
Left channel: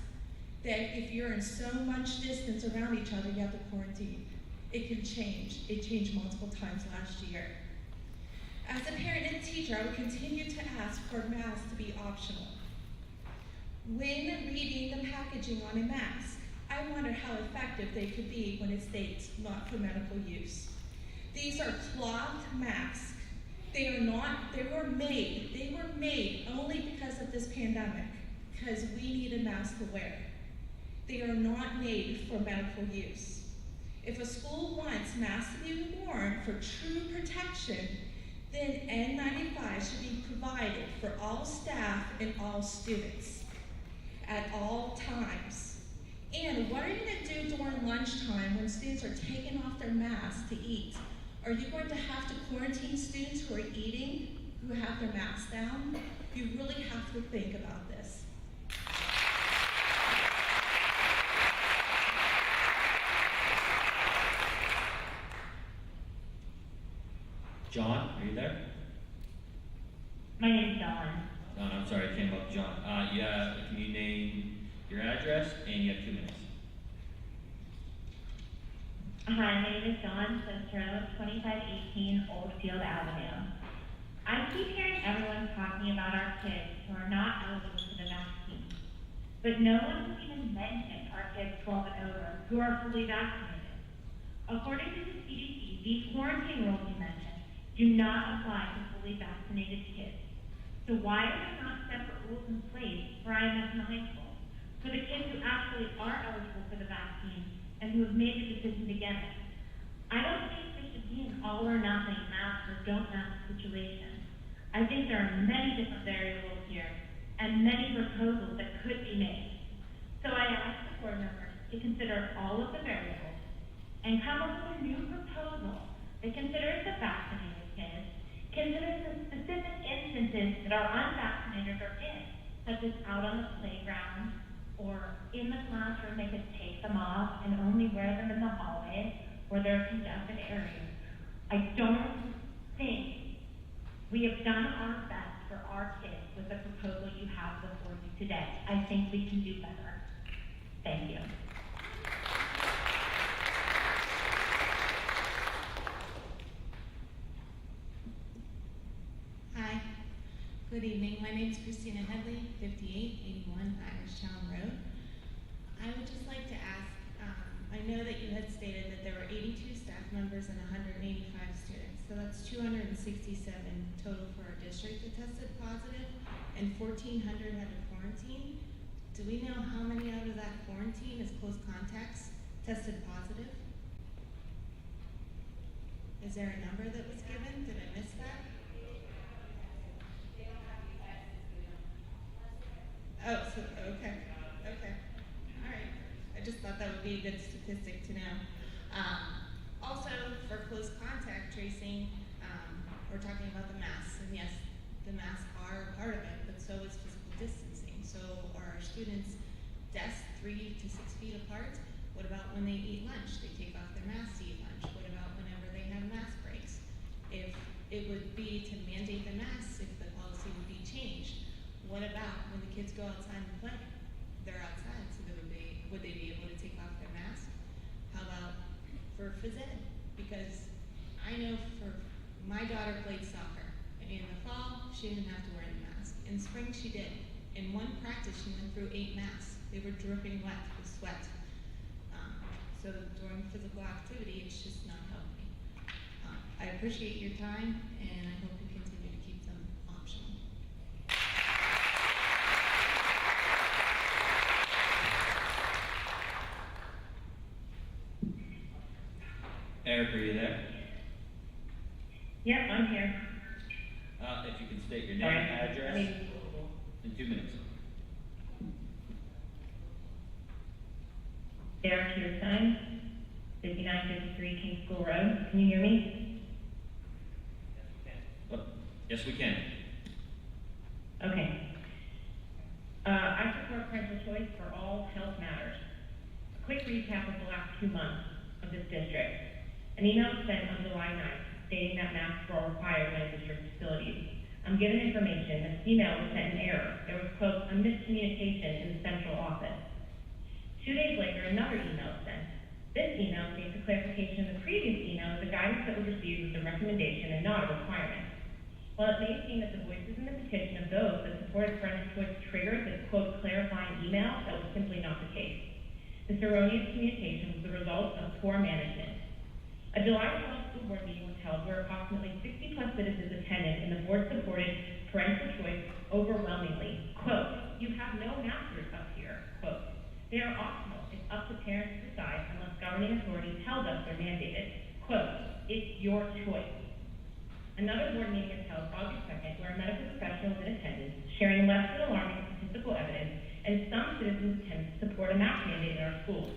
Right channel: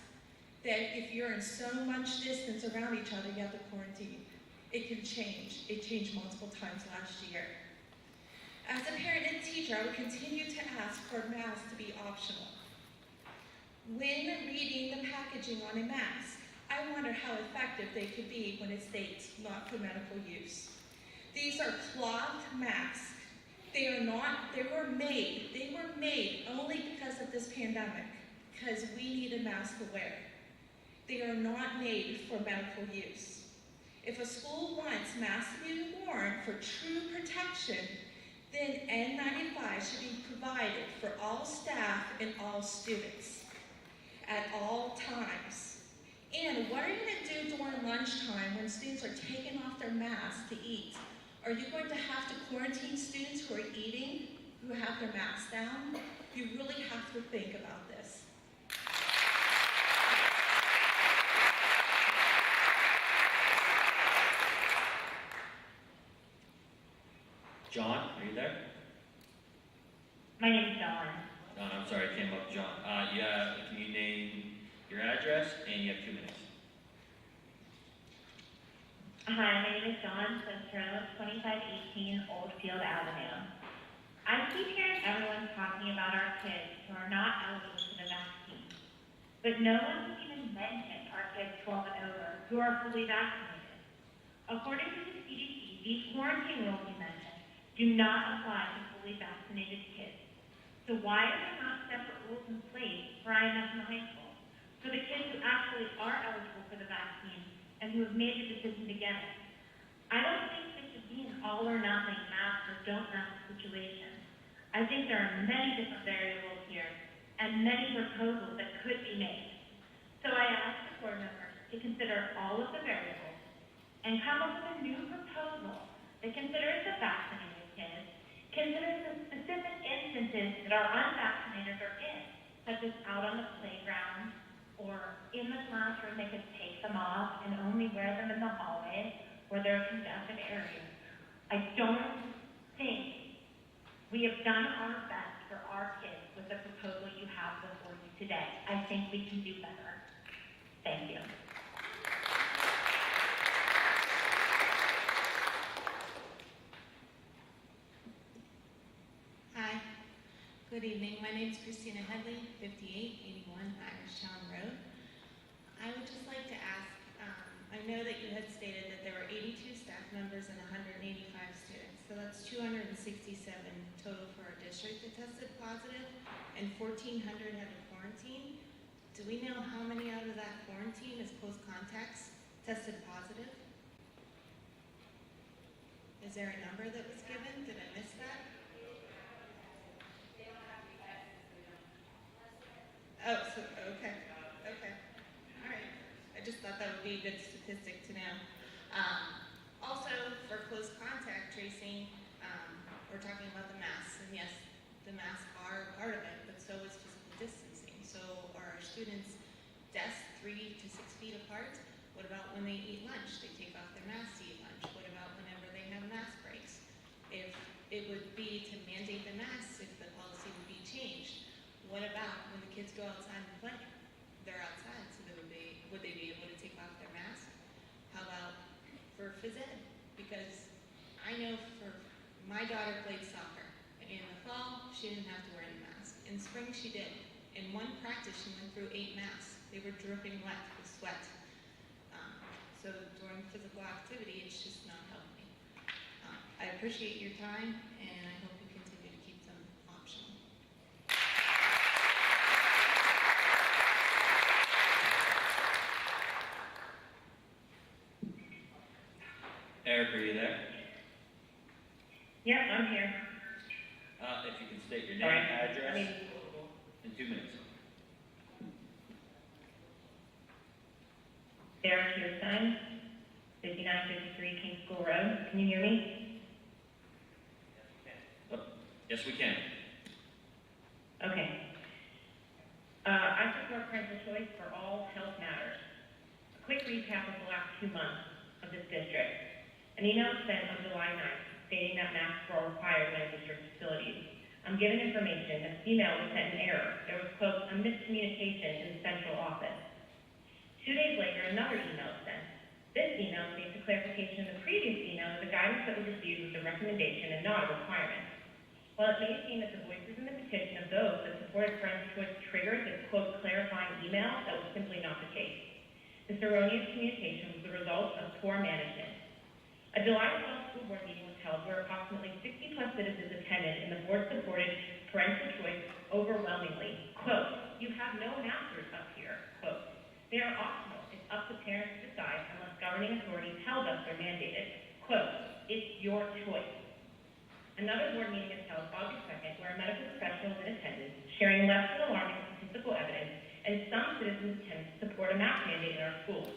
that if you're in so much distance around each other, you have to quarantine. It can change. It changed multiple times last year. As a parent and teacher, I would continue to ask for masks to be optional. When reading the packaging on a mask, I wonder how effective they could be when it states not for medical use. These are cloth masks. They were made only because of this pandemic, because we need a mask to wear. They are not made for medical use. If a school wants masks to be worn for true protection, then N95 should be provided for all staff and all students at all times. And what are you going to do during lunchtime when students are taking off their masks to eat? Are you going to have to quarantine students who are eating, who have their masks down? You really have to think about this. John, are you there? My name's Dawn. John, I'm sorry, it came up, John. Yeah, can you name your address? And you have 2 minutes. Hi, my name is Dawn Centro, 2518 Oldfield Avenue. I keep hearing everyone talking about our kids who are not eligible for the vaccine. but no one even mentioned our kids 12 and over who are fully vaccinated. According to the CDC, these quarantine rules you mentioned do not apply to fully vaccinated kids. So why are there not separate rules in place for IMS and high school, for the kids who actually are eligible for the vaccine and who have made the decision to get it? I don't think this should be an all or nothing mask or don't mask situation. I think there are many different variables here and many proposals that could be made. So I ask the board members to consider all of the variables and come up with a new proposal that considers the vaccinated kids, considers the specific instances that our unvaccinated are in, such as out on the playground or in the classroom. They could take them off and only wear them in the hallway where there are congested areas. I don't think we have done our best for our kids with the proposal you have before you today. I think we can do better. Thank you. Hi, good evening. My name is Christina Headley, 5881 Irishtown Road. I would just like to ask, I know that you had stated that there were 82 staff members and 185 students, so that's 267 total for our district that tested positive, and 1,400 had to quarantine. Do we know how many out of that quarantine as close contacts tested positive? Is there a number that was given? Did I miss that? Oh, so, okay. All right. I just thought that would be a good statistic to know. Also, for close contact tracing, we're talking about the masks, and yes, the masks are part of it, but so is physical distancing. So are our students desks 3 to 6 feet apart? What about when they eat lunch? They take off their masks to eat lunch. What about whenever they have mask breaks? If it would be to mandate the masks, if the policy would be changed, what about when the kids go outside and play? They're outside, so would they be able to take off their mask? How about for phys ed? Because I know for my daughter played soccer. In the fall, she didn't have to wear any mask. In spring, she did. In one practice, she went through 8 masks. They were dripping wet with sweat. So during physical activity, it's just not healthy. I appreciate your time, and I hope you continue to keep them optional. Eric, are you there? Yep, I'm here. If you can state your name, Sorry. address, in 2 minutes. Derek Kierstein, 5953 King School Road. Can you hear me? Yes, we can. Okay. I support parental choice for all health matters. A quick recap of the last 2 months of this district. An email was sent on July 9th stating that masks were required in district facilities. I'm given information that the email was sent in error. There was, quote, a miscommunication in the central office. 2 days later, another email was sent. This email states a clarification in the previous email that the guidance that was received was a recommendation and not a requirement. While it may seem that the voices in the petition of those that supported parental choice triggered this, quote, clarifying email, that was simply not the case. This erroneous communication was the result of poor management. A July 12th school board meeting was held where approximately 60 plus citizens attended, and the board supported parental choice overwhelmingly. Quote, you have no masters up here, quote. They are optional. It's up to parents to decide unless governing authority tells us they're mandated. Quote, it's your choice. Another board meeting is held August 2nd where a medical professional is in attendance, sharing less than alarming statistical evidence, and some citizens attend to support a mask mandate in our schools.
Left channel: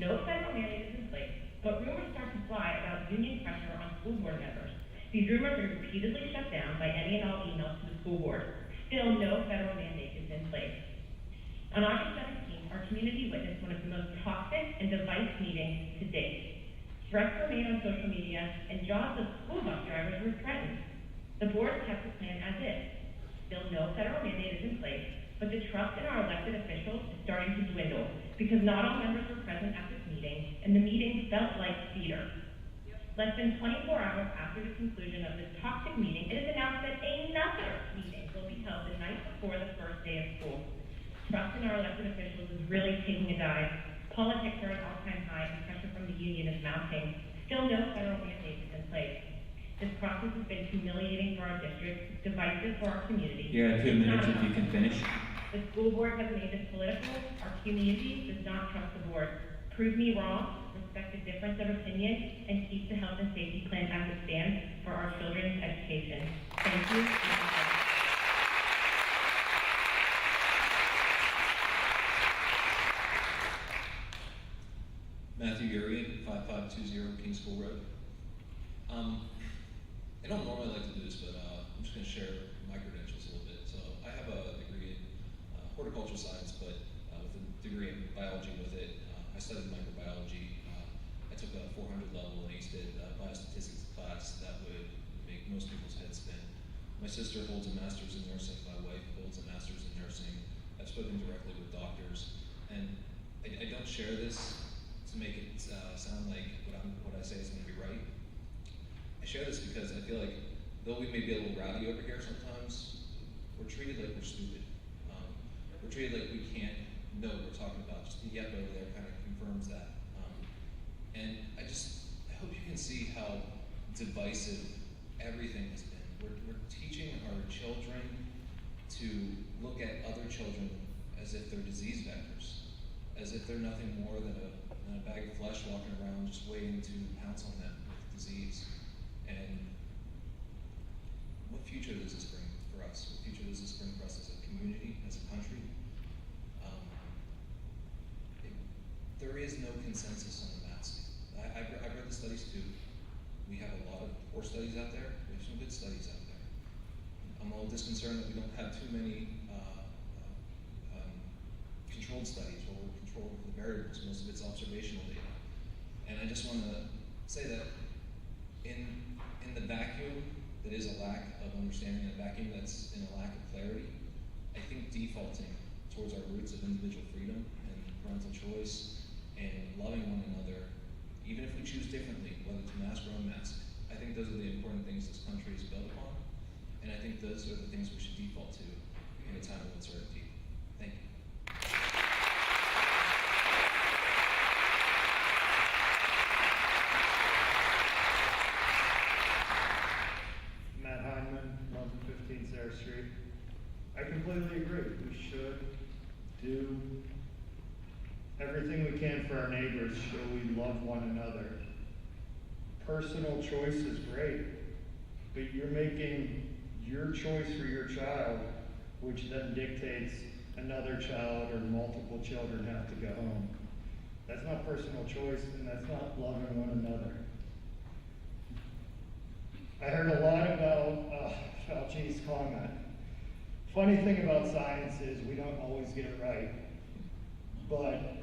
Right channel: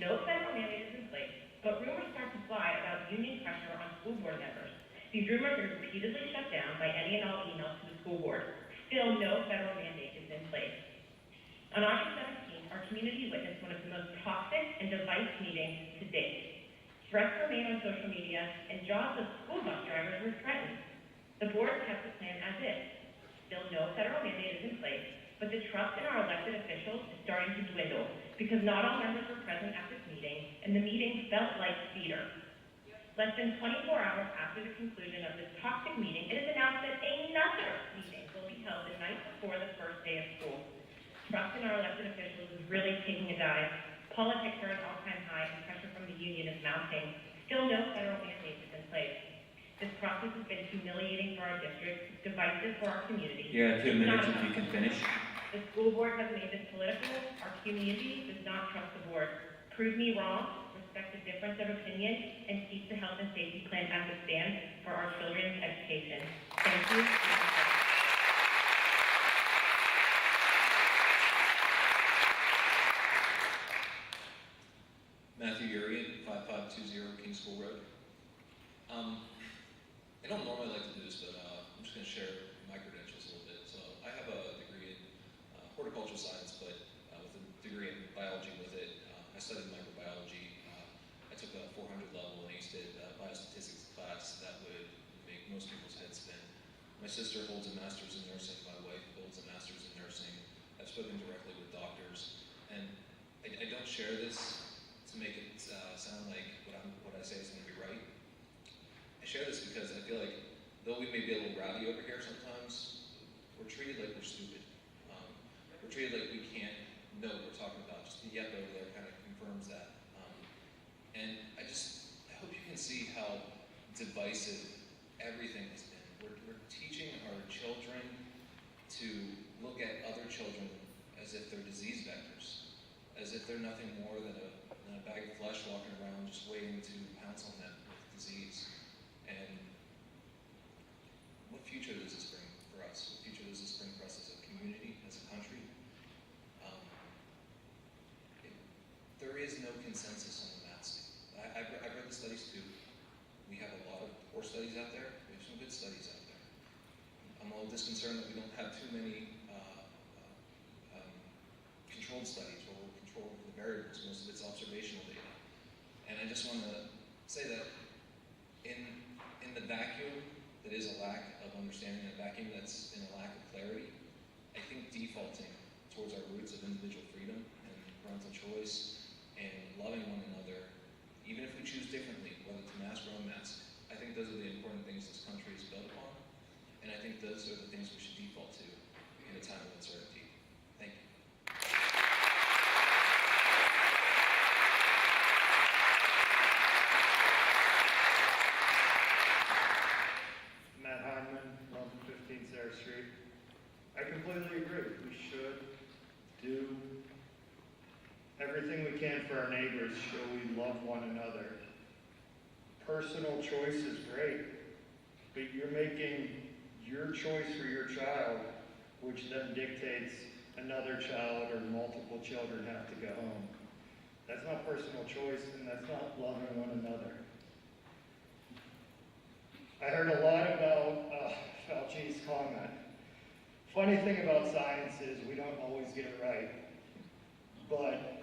No federal mandate is in place, but rumors start to fly about union pressure on school board members. These rumors are repeatedly shut down by any and all emails to the school board. Still, no federal mandate is in place. On August 17th, our community witnessed one of the most toxic and divisive meetings to date. Threats were made on social media, and jobs of school bus drivers were threatened. The board kept the plan as is. Still, no federal mandate is in place, but the trust in our elected officials is starting to dwindle because not all members were present at this meeting, and the meeting felt like theater. Less than 24 hours after the conclusion of this toxic meeting, it is announced that another meeting will be held the night before the first day of school. trust in our elected officials is really taking a dive. Politics are at an all-time high, and pressure from the union is mounting. Still no federal mandate is in place. This process has been humiliating for our district, divisive for our community. Yeah, 2 minutes if you can finish. The school board has made this political. Our community does not trust the board. Prove me wrong, respect the difference of opinion, and keep the health and safety plan as it stands for our children's education. Thank you. Matthew Urian, 5520 King School Road. I don't normally like to do this, but I'm just going to share my credentials a little bit. So I have a degree in horticultural science, but with a degree in biology with it. I studied microbiology. I took a 400 level and aced it, biostatistics class that would make most people's heads spin. My sister holds a master's in nursing. My wife holds a master's in nursing. I've spoken directly with doctors, and I don't share this to make it sound like what I say is going to be right. I share this because I feel like, though we may be a little rowdy over here sometimes, we're treated like we're stupid. We're treated like we can't know what we're talking about. Just the yep over there kind of confirms that. And I hope you can see how divisive everything has been. We're teaching our children to look at other children as if they're disease vectors, as if they're nothing more than a bag of flesh walking around just waiting to pounce on them with disease. And what future does this bring for us? What future does this bring for us as a community, as a country? There is no consensus on the masking. I've read the studies too. We have a lot of poor studies out there. We have some good studies out there. I'm a little disconcerted that we don't have too many controlled studies where we're controlling for the variables. Most of it's observational data. And I just want to say that in the vacuum that is a lack of understanding, a vacuum that's in a lack of clarity, I think defaulting towards our roots of individual freedom and parental choice and loving one another, even if we choose differently, whether to mask or unmask, I think those are the important things this country is built upon. And I think those are the things we should default to in a time of uncertainty. Thank you. Matt Heinman, 1115 Sarah Street. I completely agree. We should do everything we can for our neighbors, show we love one another. Personal choice is great, but you're making your choice for your child, which then dictates another child or multiple children have to go home. That's not personal choice, and that's not loving one another. I heard a lot about Fauci's comment. Funny thing about science is we don't always get it right, but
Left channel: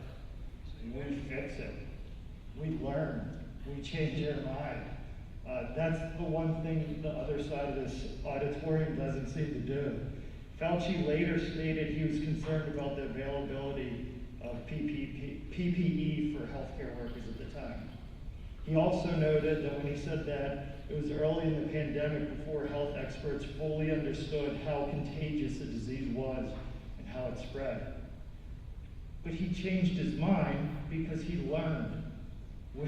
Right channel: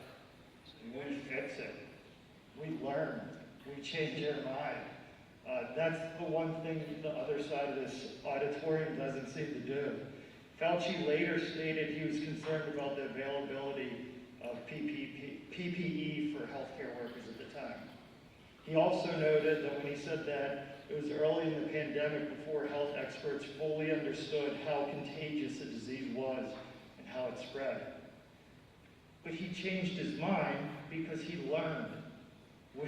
we fix it. We learn. We change our mind. That's the one thing the other side of this auditorium doesn't seem to do. Fauci later stated he was concerned about the availability of PPE for healthcare workers at the time. He also noted that when he said that, it was early in the pandemic before health experts fully understood how contagious the disease was and how it spread. But he changed his mind because he learned. We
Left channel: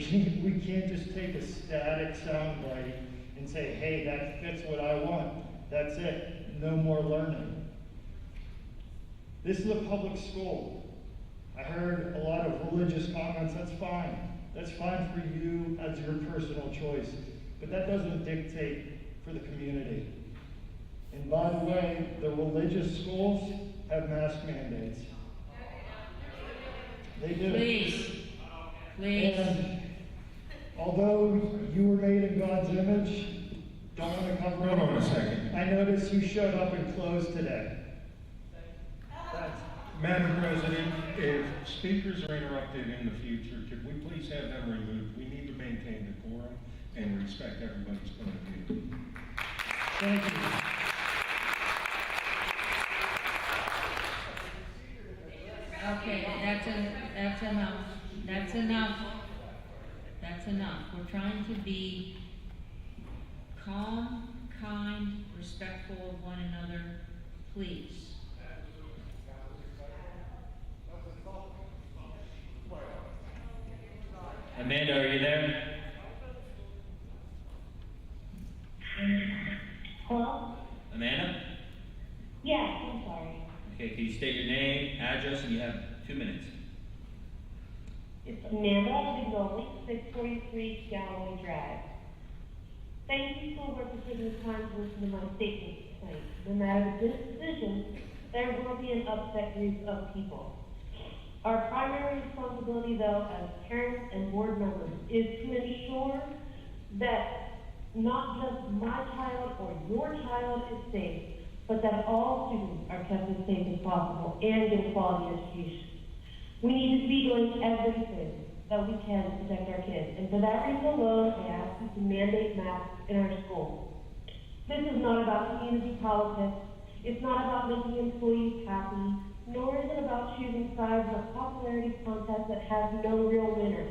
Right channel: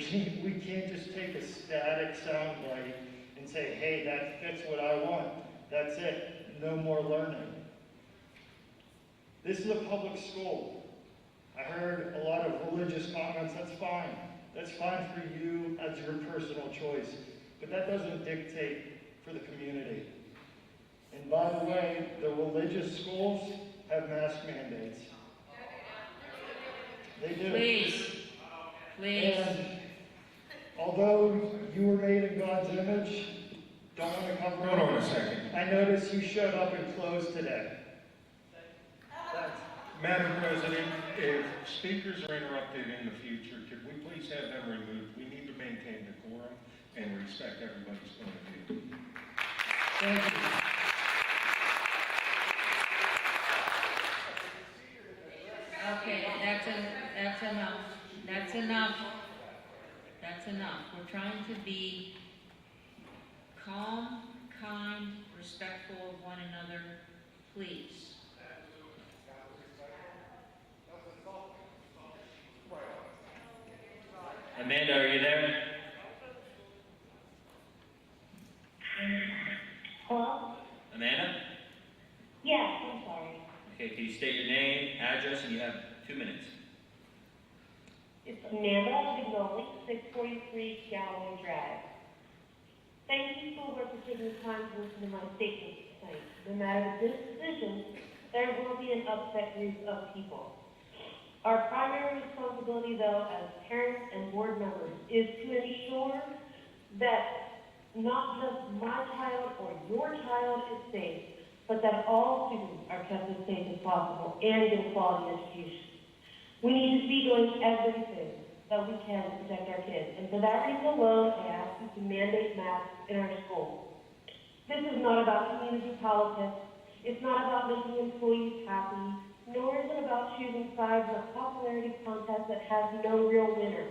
can't just take a static soundbite and say, hey, that fits what I want. That's it. No more learning. This is a public school. I heard a lot of religious comments. That's fine. That's fine for you as your personal choice. But that doesn't dictate for the community. And by the way, the religious schools have mask mandates. They do. Please. And although you were made in God's image, don't want to cover Hold on a second. I noticed you showed up in clothes today. Madam President, if speakers are interrupted in the future, could we please have them removed? We need to maintain decorum and respect everybody's point of view. Thank you. Okay, that's enough. That's enough. That's enough. We're trying to be calm, kind, respectful of one another. Please. Amanda, are you there? Hello? Amanda? Yes, I'm sorry. Okay, can you state your name, address, and you have 2 minutes. It's Amanda Augoni, 643 Galloway Drive. Thank you, school board, for taking the time to listen to my statements tonight. No matter the decision, there will be an upset group of people. Our primary responsibility, though, as parents and board members, is to ensure that not just my child or your child is safe, but that all students are kept as safe as possible and get a quality education. We need to be doing everything that we can to protect our kids, and for that reason alone, I ask you to mandate masks in our schools. This is not about community politics. It's not about making employees happy, nor is it about choosing sides in a popularity contest that has no real winner.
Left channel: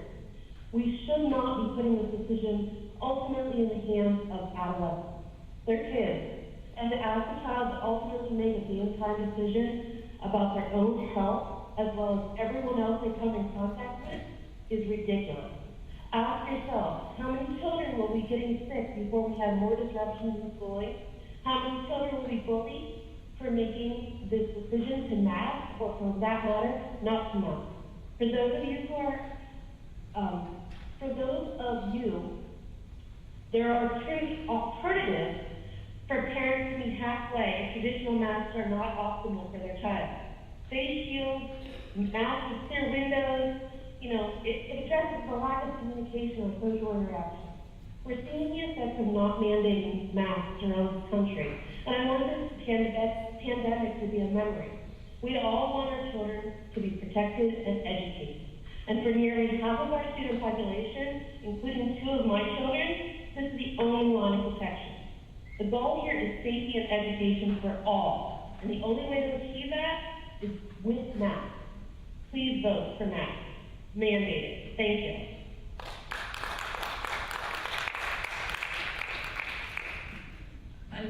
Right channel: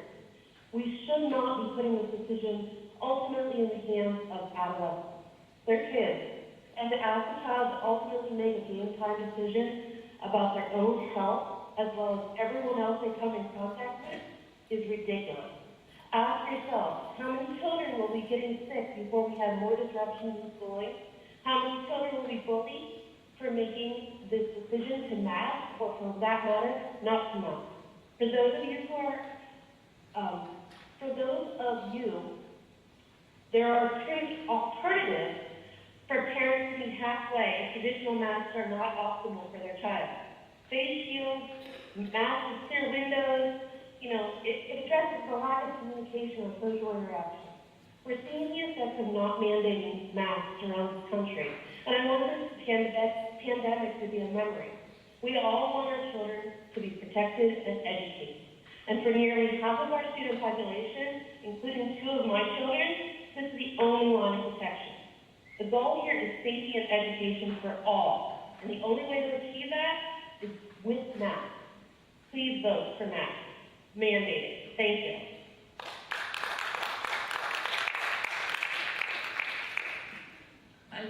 We should not be putting this decision ultimately in the hands of adolescents. They're kids, and to ask a child to ultimately make a game-time decision about their own health, as well as everyone else they come in contact with, is ridiculous. Ask yourself, how many children will be getting sick before we have more disruptions in schooling? How many children will be bullied for making this decision to mask, or for that matter, not to mask? For those of you who are, there are alternatives for parents to be halfway if traditional masks are not optimal for their child. Face shields, masks with clear windows, it addresses the lack of communication or social interaction. We're seeing the effects of not mandating masks around this country, and I want this pandemic to be a memory. We all want our children to be protected and educated. And for nearly half of our student population, including 2 of my children, this is the only line of protection. The goal here is safety and education for all, and the only way to achieve that is with masks. Please vote for masks. Mandated. Thank you.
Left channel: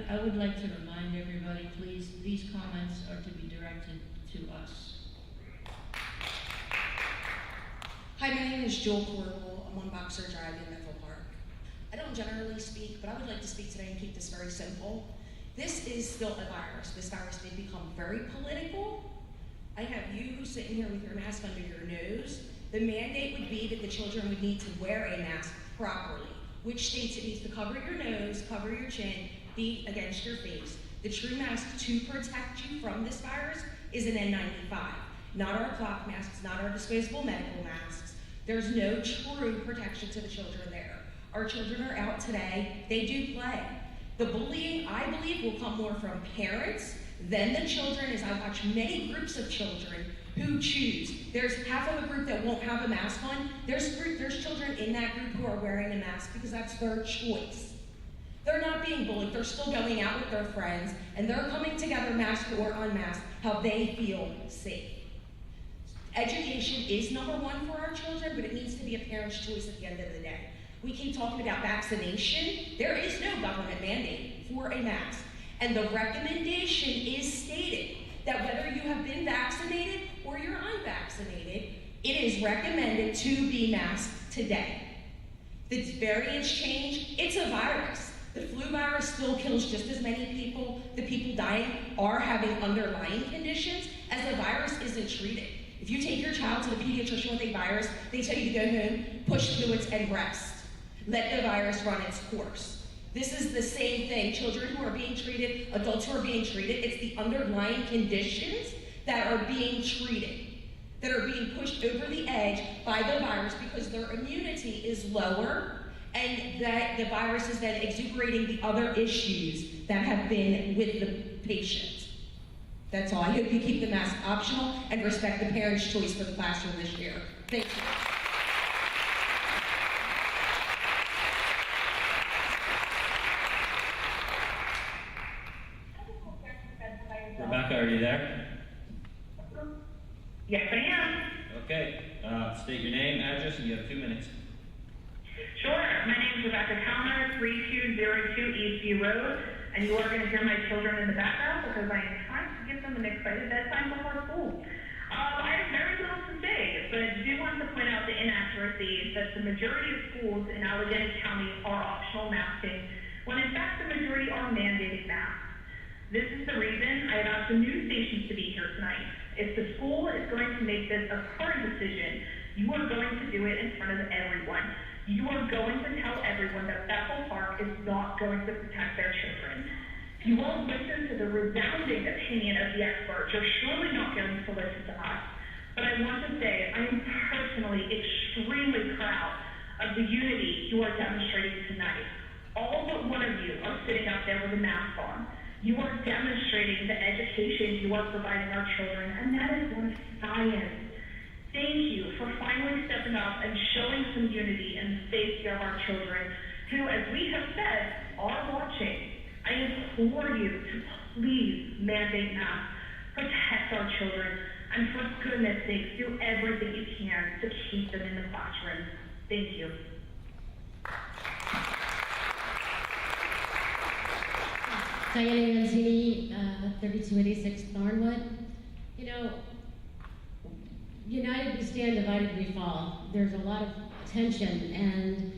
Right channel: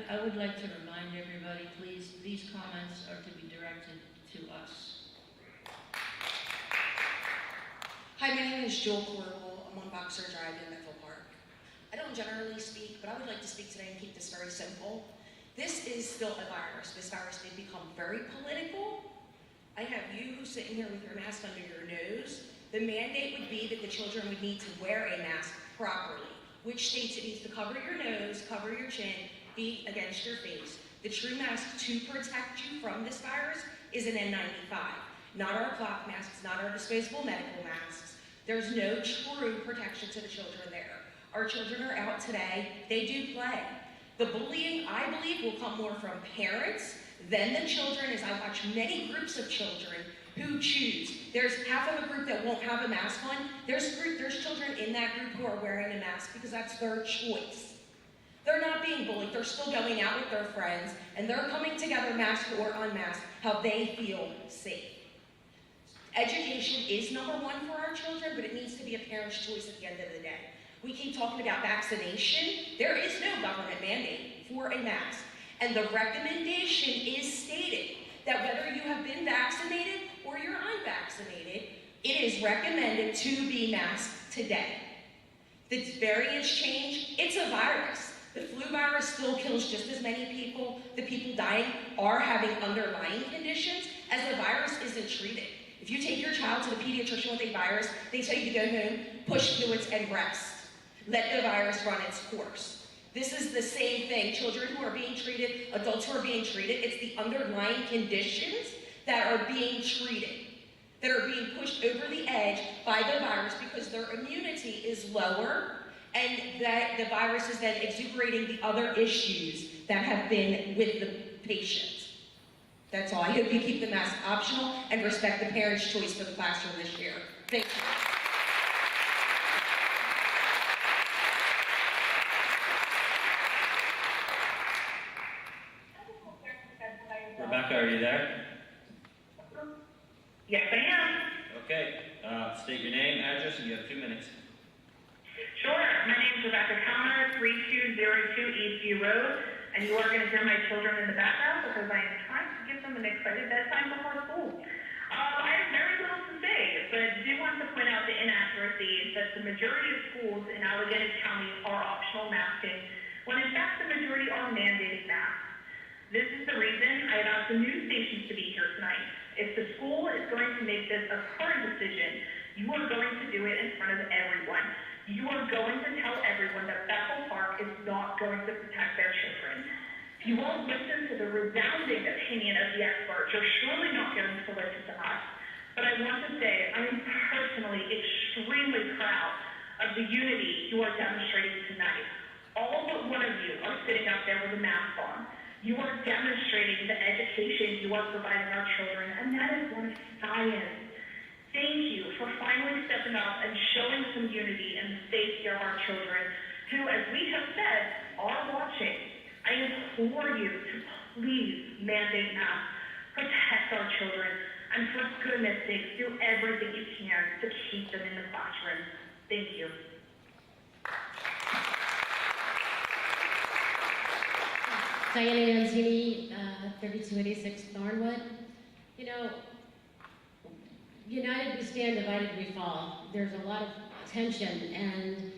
I would like to remind everybody, please, these comments are to be directed to us. Hi, my name is Joel Corbel. I'm on Boxer Drive in Metro Park. I don't generally speak, but I would like to speak today and keep this very simple. This is still a virus. This virus did become very political. I have you who's sitting here with your mask under your nose. The mandate would be that the children would need to wear a mask properly, which states it needs to cover your nose, cover your chin, be against your face. The true mask to protect you from this virus is an N95, not our cloth masks, not our disposable medical masks. There's no true protection to the children there. Our children are out today, they do play. The bullying, I believe, will come more from parents than the children, as I watch many groups of children who choose. There's half of a group that won't have a mask on. There's children in that group who are wearing a mask because that's their choice. They're not being bullied. They're still going out with their friends, and they're coming together, masked or unmasked, how they feel safe. Education is number 1 for our children, but it needs to be a parent's choice at the end of the day. We keep talking about vaccination. There is no government mandate for a mask, and the recommendation is stated that whether you have been vaccinated or you're unvaccinated, it is recommended to be masked today. The variants change. It's a virus. The flu virus still kills just as many people. The people dying are having underlying conditions, as the virus isn't treated. If you take your child to the pediatrician with a virus, they tell you to go home, push fluids, and rest. Let the virus run its course. This is the same thing. Children who are being treated, adults who are being treated, it's the underlying conditions that are being treated, that are being pushed over the edge by the virus because their immunity is lower, and that the virus is then exuberating the other issues that have been with the patient. That's all. I hope you keep the mask optional and respect the parents' choice for the classroom this year. Thank you. Rebecca, are you there? Yes, I am. Okay. State your name, address, and you have 2 minutes. Sure. My name is Rebecca Kellner, 3202 Eastview Road, and you are going to hear my children in the background because I am trying to give them an excited bedtime before school. I have very little to say, but I do want to point out the inaccuracies that the majority majority of schools in Allegheny County are optional masking, when in fact the majority are mandating masks. This is the reason I have asked the news stations to be here tonight. If the school is going to make this a hard decision, you are going to do it in front of everyone. You are going to tell everyone that Bethel Park is not going to protect their children. If you won't listen to the resounding opinion of the experts, you're surely not going to listen to us. But I want to say, I am personally extremely proud of the unity you are demonstrating tonight. All but one of you are sitting out there with a mask on. You are demonstrating the education you are providing our children, and that is one of science. Thank you for finally stepping up and showing some unity in the safety of our children, who, as we have said, are watching. I implore you to please mandate masks, protect our children, and for goodness sakes, do everything you can to keep them in the classroom. Thank you. Diana Anzini, 3286 Thornwood. You know, united we stand, divided we fall. There's a lot of tension, and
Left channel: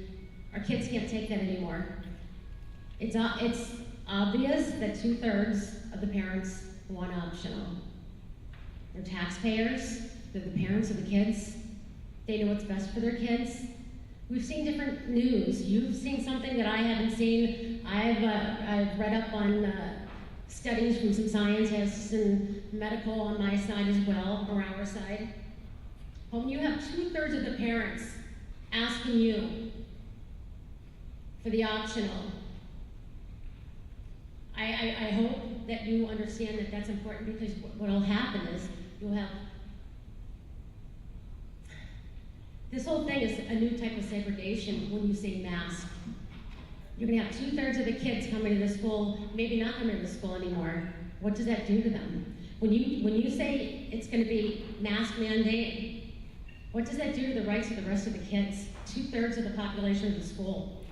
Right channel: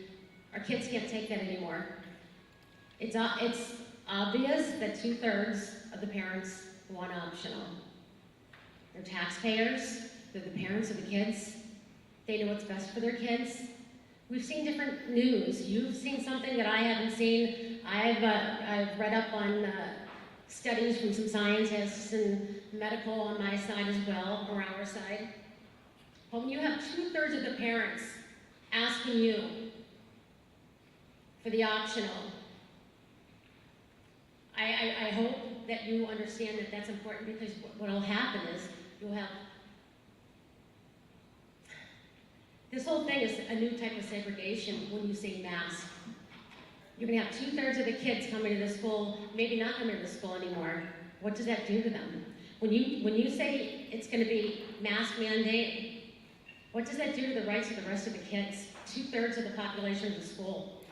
our kids can't take that anymore. It's obvious that 2/3 of the parents want optional. They're taxpayers, they're the parents of the kids, they know what's best for their kids. We've seen different news. You've seen something that I haven't seen. I've read up on studies from some scientists and medical on my side as well, or our side. But when you have 2/3 of the parents asking you for the optional, I hope that you understand that that's important, because what will happen is you'll have this whole thing is a new type of segregation when you say mask. You're going to have 2/3 of the kids coming to the school, maybe not coming to the school anymore. What does that do to them? When you say it's going to be mask mandate, what does that do to the rights of the rest of the kids? 2/3 of the population of the school.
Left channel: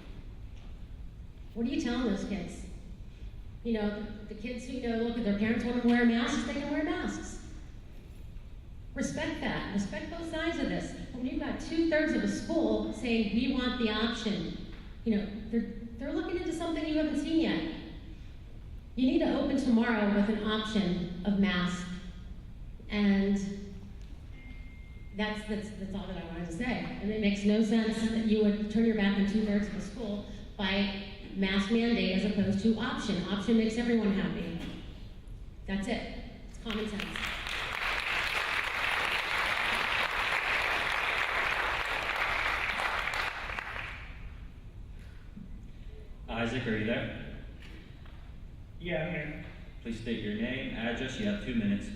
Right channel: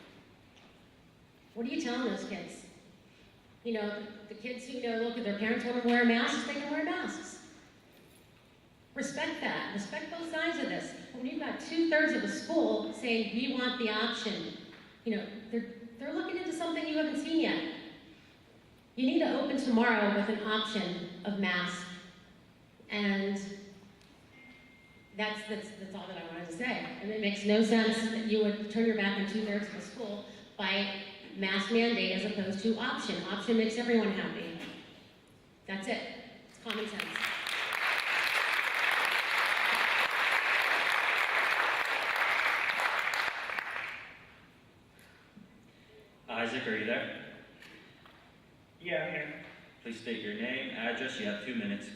What are you telling those kids? You know, the kids who, look, if their parents want to wear masks, they can wear masks. Respect that. Respect both sides of this. When you've got 2/3 of a school saying, we want the option, they're looking into something you haven't seen yet. You need to open tomorrow with an option of masks. And that's all that I wanted to say. And it makes no sense that you would turn your back on 2/3 of the school by mask mandate as opposed to option. Option makes everyone happy. That's it. It's common sense. Isaac, are you there? Yeah, I'm here. Please state your name, address. You have 2 minutes.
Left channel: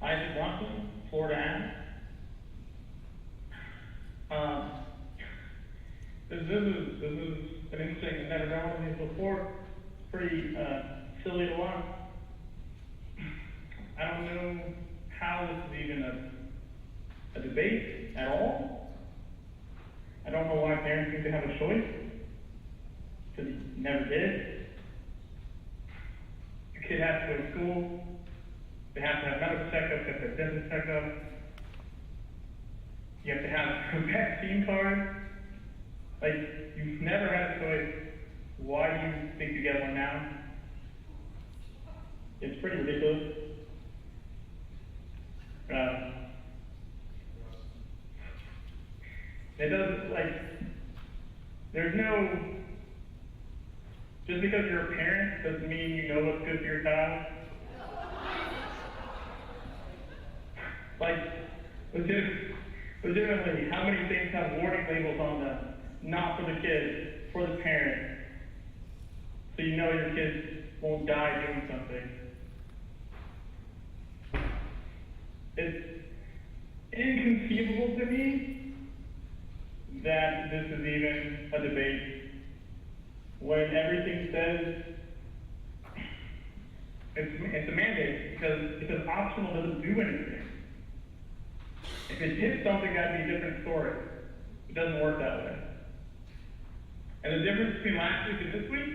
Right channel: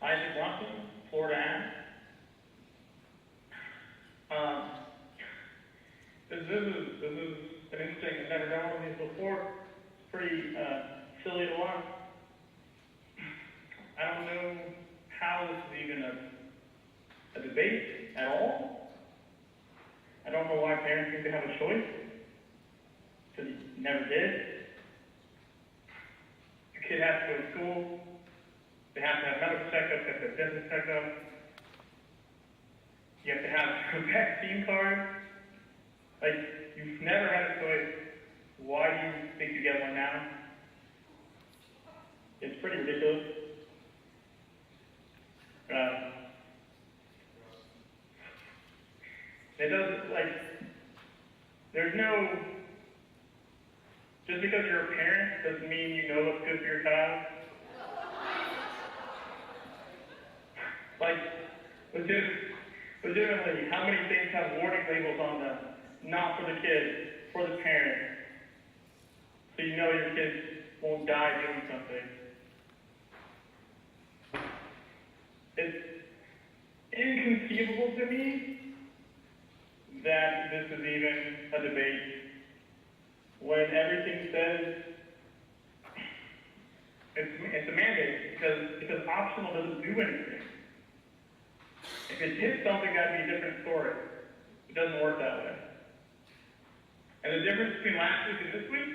Isaac Bronson, Florida Ave. This is an interesting, I've never done one of these before. It's pretty silly to watch. I don't know how this is even a debate at all. I don't know why parents need to have a choice, because you never did. Your kid has to go to school, they have to have medical checkups, they have to have dentist checkups, you have to have a vaccine card. Like, you've never had a choice. Why do you think you get one now? It's pretty ridiculous. It doesn't, there's no, just because you're a parent doesn't mean you know what's good for your child. Legitimately, how many things have warning labels on them? Not for the kid, for the parent. So you know your kid won't die doing something. It's inconceivable to me that this is even a debate when everything says it's a mandate, because optional doesn't do anything. If it did something, that'd be a different story. It doesn't work that way. And the difference between last week and this week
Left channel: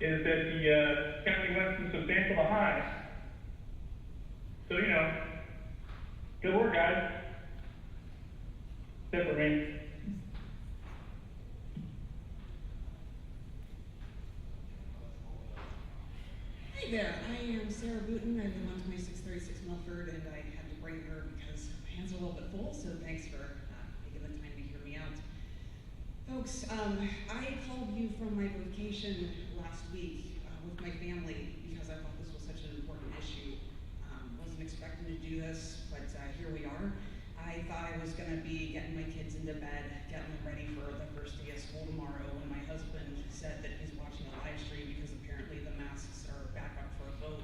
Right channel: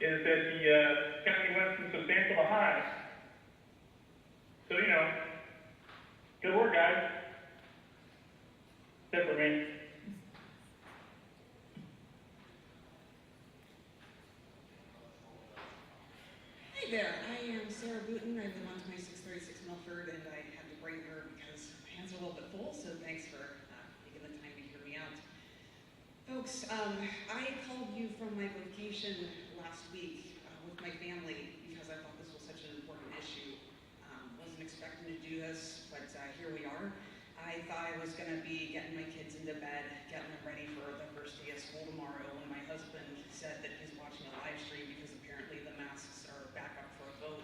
is that the county went from substantial to high. So, good work, guys. That's it for me. Hi there, I am Sarah Booten. I live on 2636 Milford, and I had to bring her because my hands are a little bit full, so thanks for taking the time to hear me out. Folks, I called you from my vacation last week with my family because I thought this was such an important issue. Wasn't expecting to do this, but here we are. I thought I was going to be getting my kids into bed, getting them ready for the first day of school tomorrow, when my husband said that he's watching a live stream because apparently the masks are back up for a vote.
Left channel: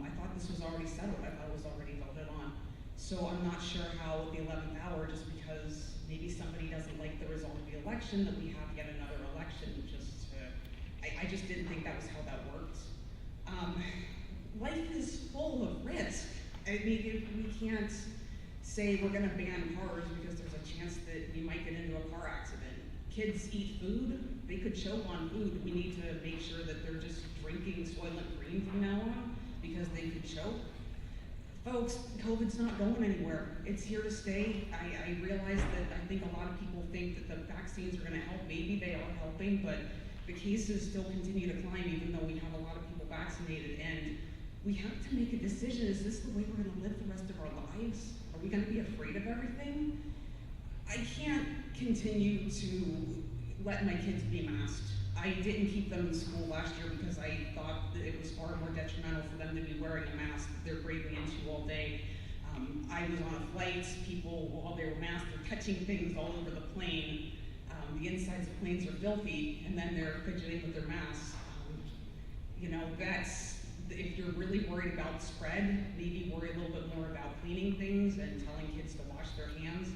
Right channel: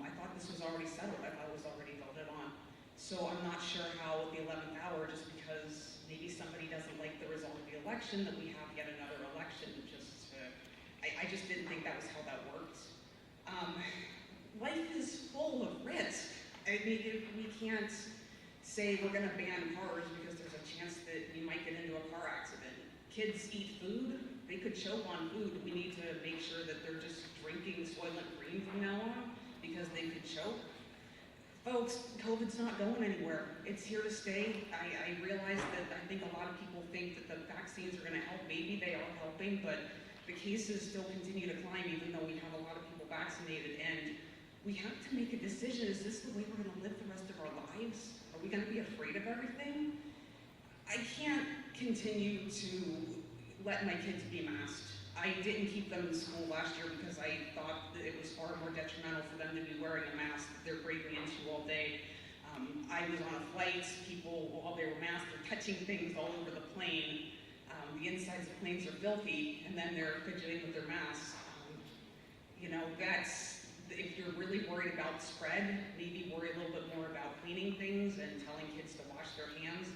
I thought this was already settled. I thought it was already voted on. So I'm not sure how at the 11th hour, just because maybe somebody doesn't like the result of the election, that we have yet another election. I just didn't think that was how that worked. Life is full of risk. I mean, we can't say we're going to ban cars because there's a chance that we might get into a car accident. Kids eat food. They could choke on food. We need to make sure that they're just drinking Soylent Green from now on because they could choke. Folks, COVID's not going anywhere. It's here to stay. I realize that I think a lot of people think that the vaccines are going to help. Maybe they are helping, but the cases still continue to climb even though we have a lot of people vaccinated. And we have to make a decision. Is this the way we're going to live the rest of our lives? Are we going to be afraid of everything? I can't continue to let my kids be masked. I didn't keep them in school last year because I thought that it was far more detrimental for them to be wearing a mask that they're breathing into all day. I was on a flight, people, while they were masked, were touching things all over the plane. The insides of planes are filthy, and then they're fidgeting with their masks. If you're really worried about spread, maybe worry a little bit more about cleaning things and telling kids to wash their hands.